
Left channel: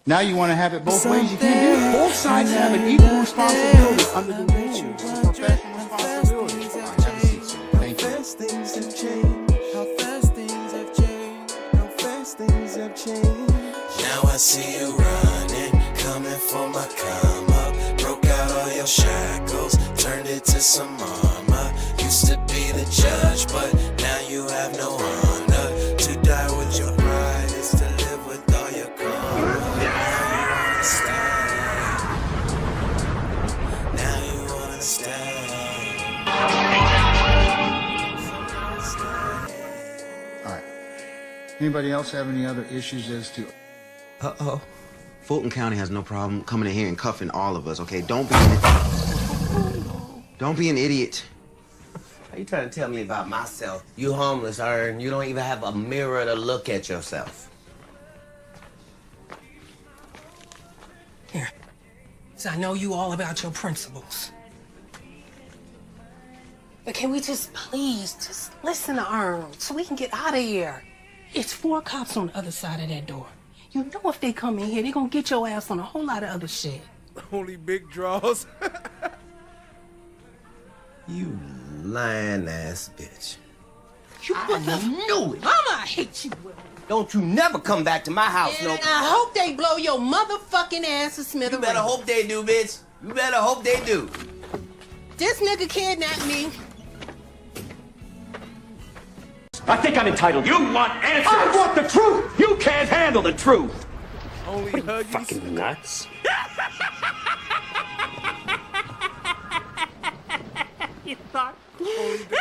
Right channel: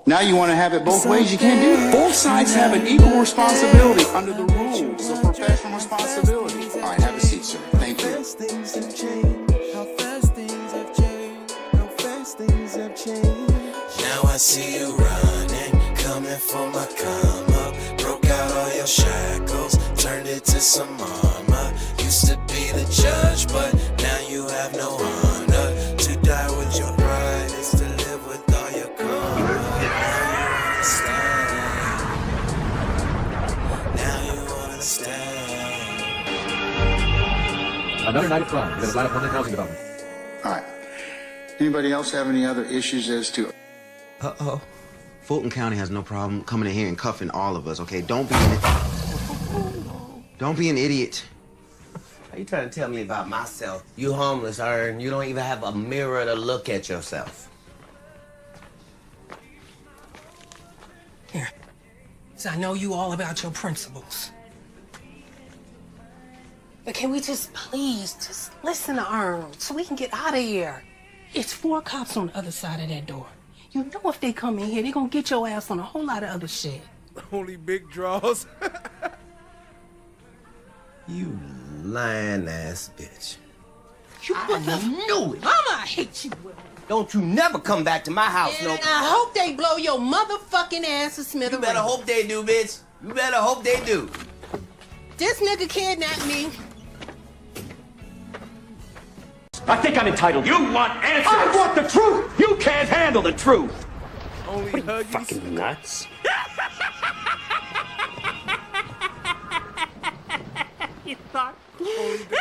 Now you want to have it both ways. You can't do it. Both sides have an equal responsibility under the rules. Professional responsibility. All right, have a seat, sir. Thank you. Things have changed. How fast things have changed. How fast things have changed. Now I see you running, coming for my come up. Broke out all your shackles, turned it to some armor. Used to be the judge, but now you have no honor. To die with your pride is to live with all your karma. Another night of fun. There's a lot of fun housing development. All right. Anybody else have any other issues as to... Uh-oh. Fulton County has no problem coming in here and cuffing all of us, okay? Don't be an idiot. Are you trying to tell me about myself? You homeless, and you don't even have a mirror to look at yourself. Here. So I know you all about your principles. But can we just please just listen to Earl so we can get out of here? It's 4 cops on the other side of that door. You know if they come in here, they're gonna get your ass on a whole lot of other shit. Only big draws. You lying ass bitch. I knew it. Mama, I hate you. Don't you never come back to my house, And no. I hope they blow your motherfucking ass to smithereens. You better hope they do, bitch. You better hope they do. This nigga kidnapped me. I think I'm entitled. You want answers? I want the truth. You can't handle the truth. Only Huggies. Fucking nuts. You thought? Only the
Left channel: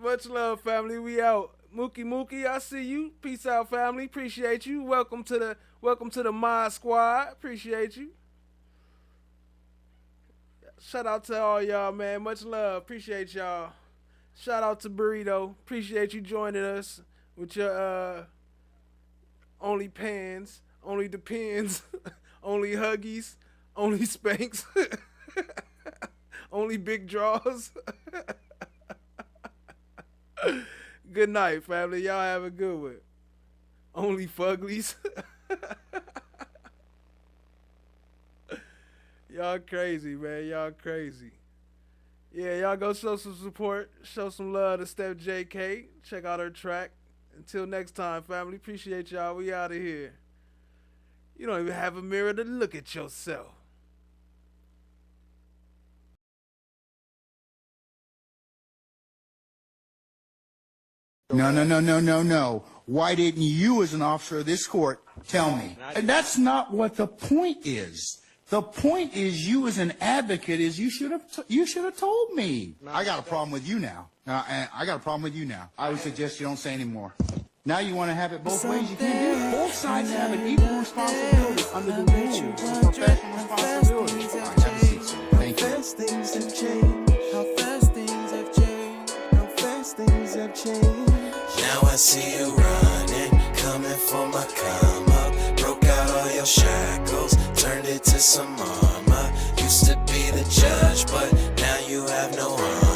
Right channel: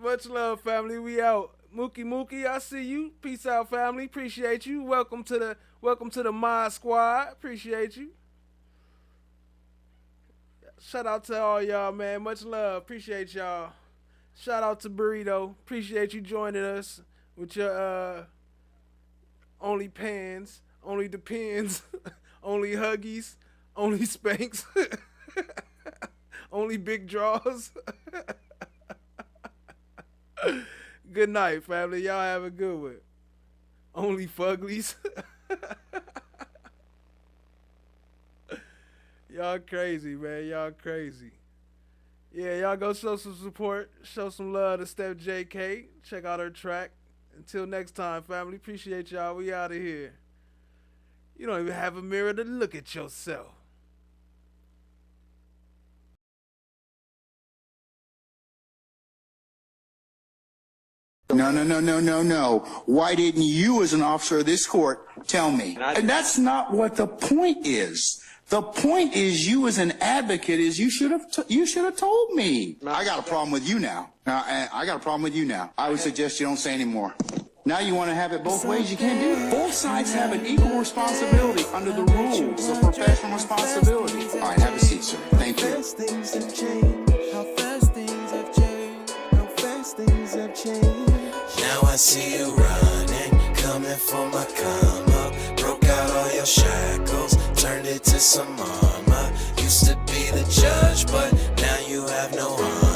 Much love, family. We out. Mookie, I see you. Peace out, family. Appreciate you. Welcome to the Mod Squad. Appreciate you. Shout out to all y'all, man. Much love. Appreciate y'all. Shout out to Burrito. Appreciate you joining us with your only pans, only depends, only Huggies, only Spanks, only big draws. Good night, family. Y'all have a good one. Only Fuglies. Y'all crazy, man. Y'all crazy. Yeah, y'all go show some support. Show some love to Steph JK. Check out her track. Until next time, family. Appreciate y'all. We out of here. You don't even have a mirror to look at yourself. No. Why didn't you, as an officer of this court, tell me? And that's not what the point is. The point is, you as an advocate, is you should have told me. I got a problem with you now. I got a problem with you now. I would suggest you don't say anymore. Now you want to have it both ways. You can't do it. Both sides have an equal responsibility under the rules of professional responsibility. All right, have a seat, sir. Thank you. How fast things have changed. How fast things have changed. How fast things have changed. Now I see you running, coming for my come up. Broke out all your shackles, turned it to some armor. Used to be the judge, but now you have no armor.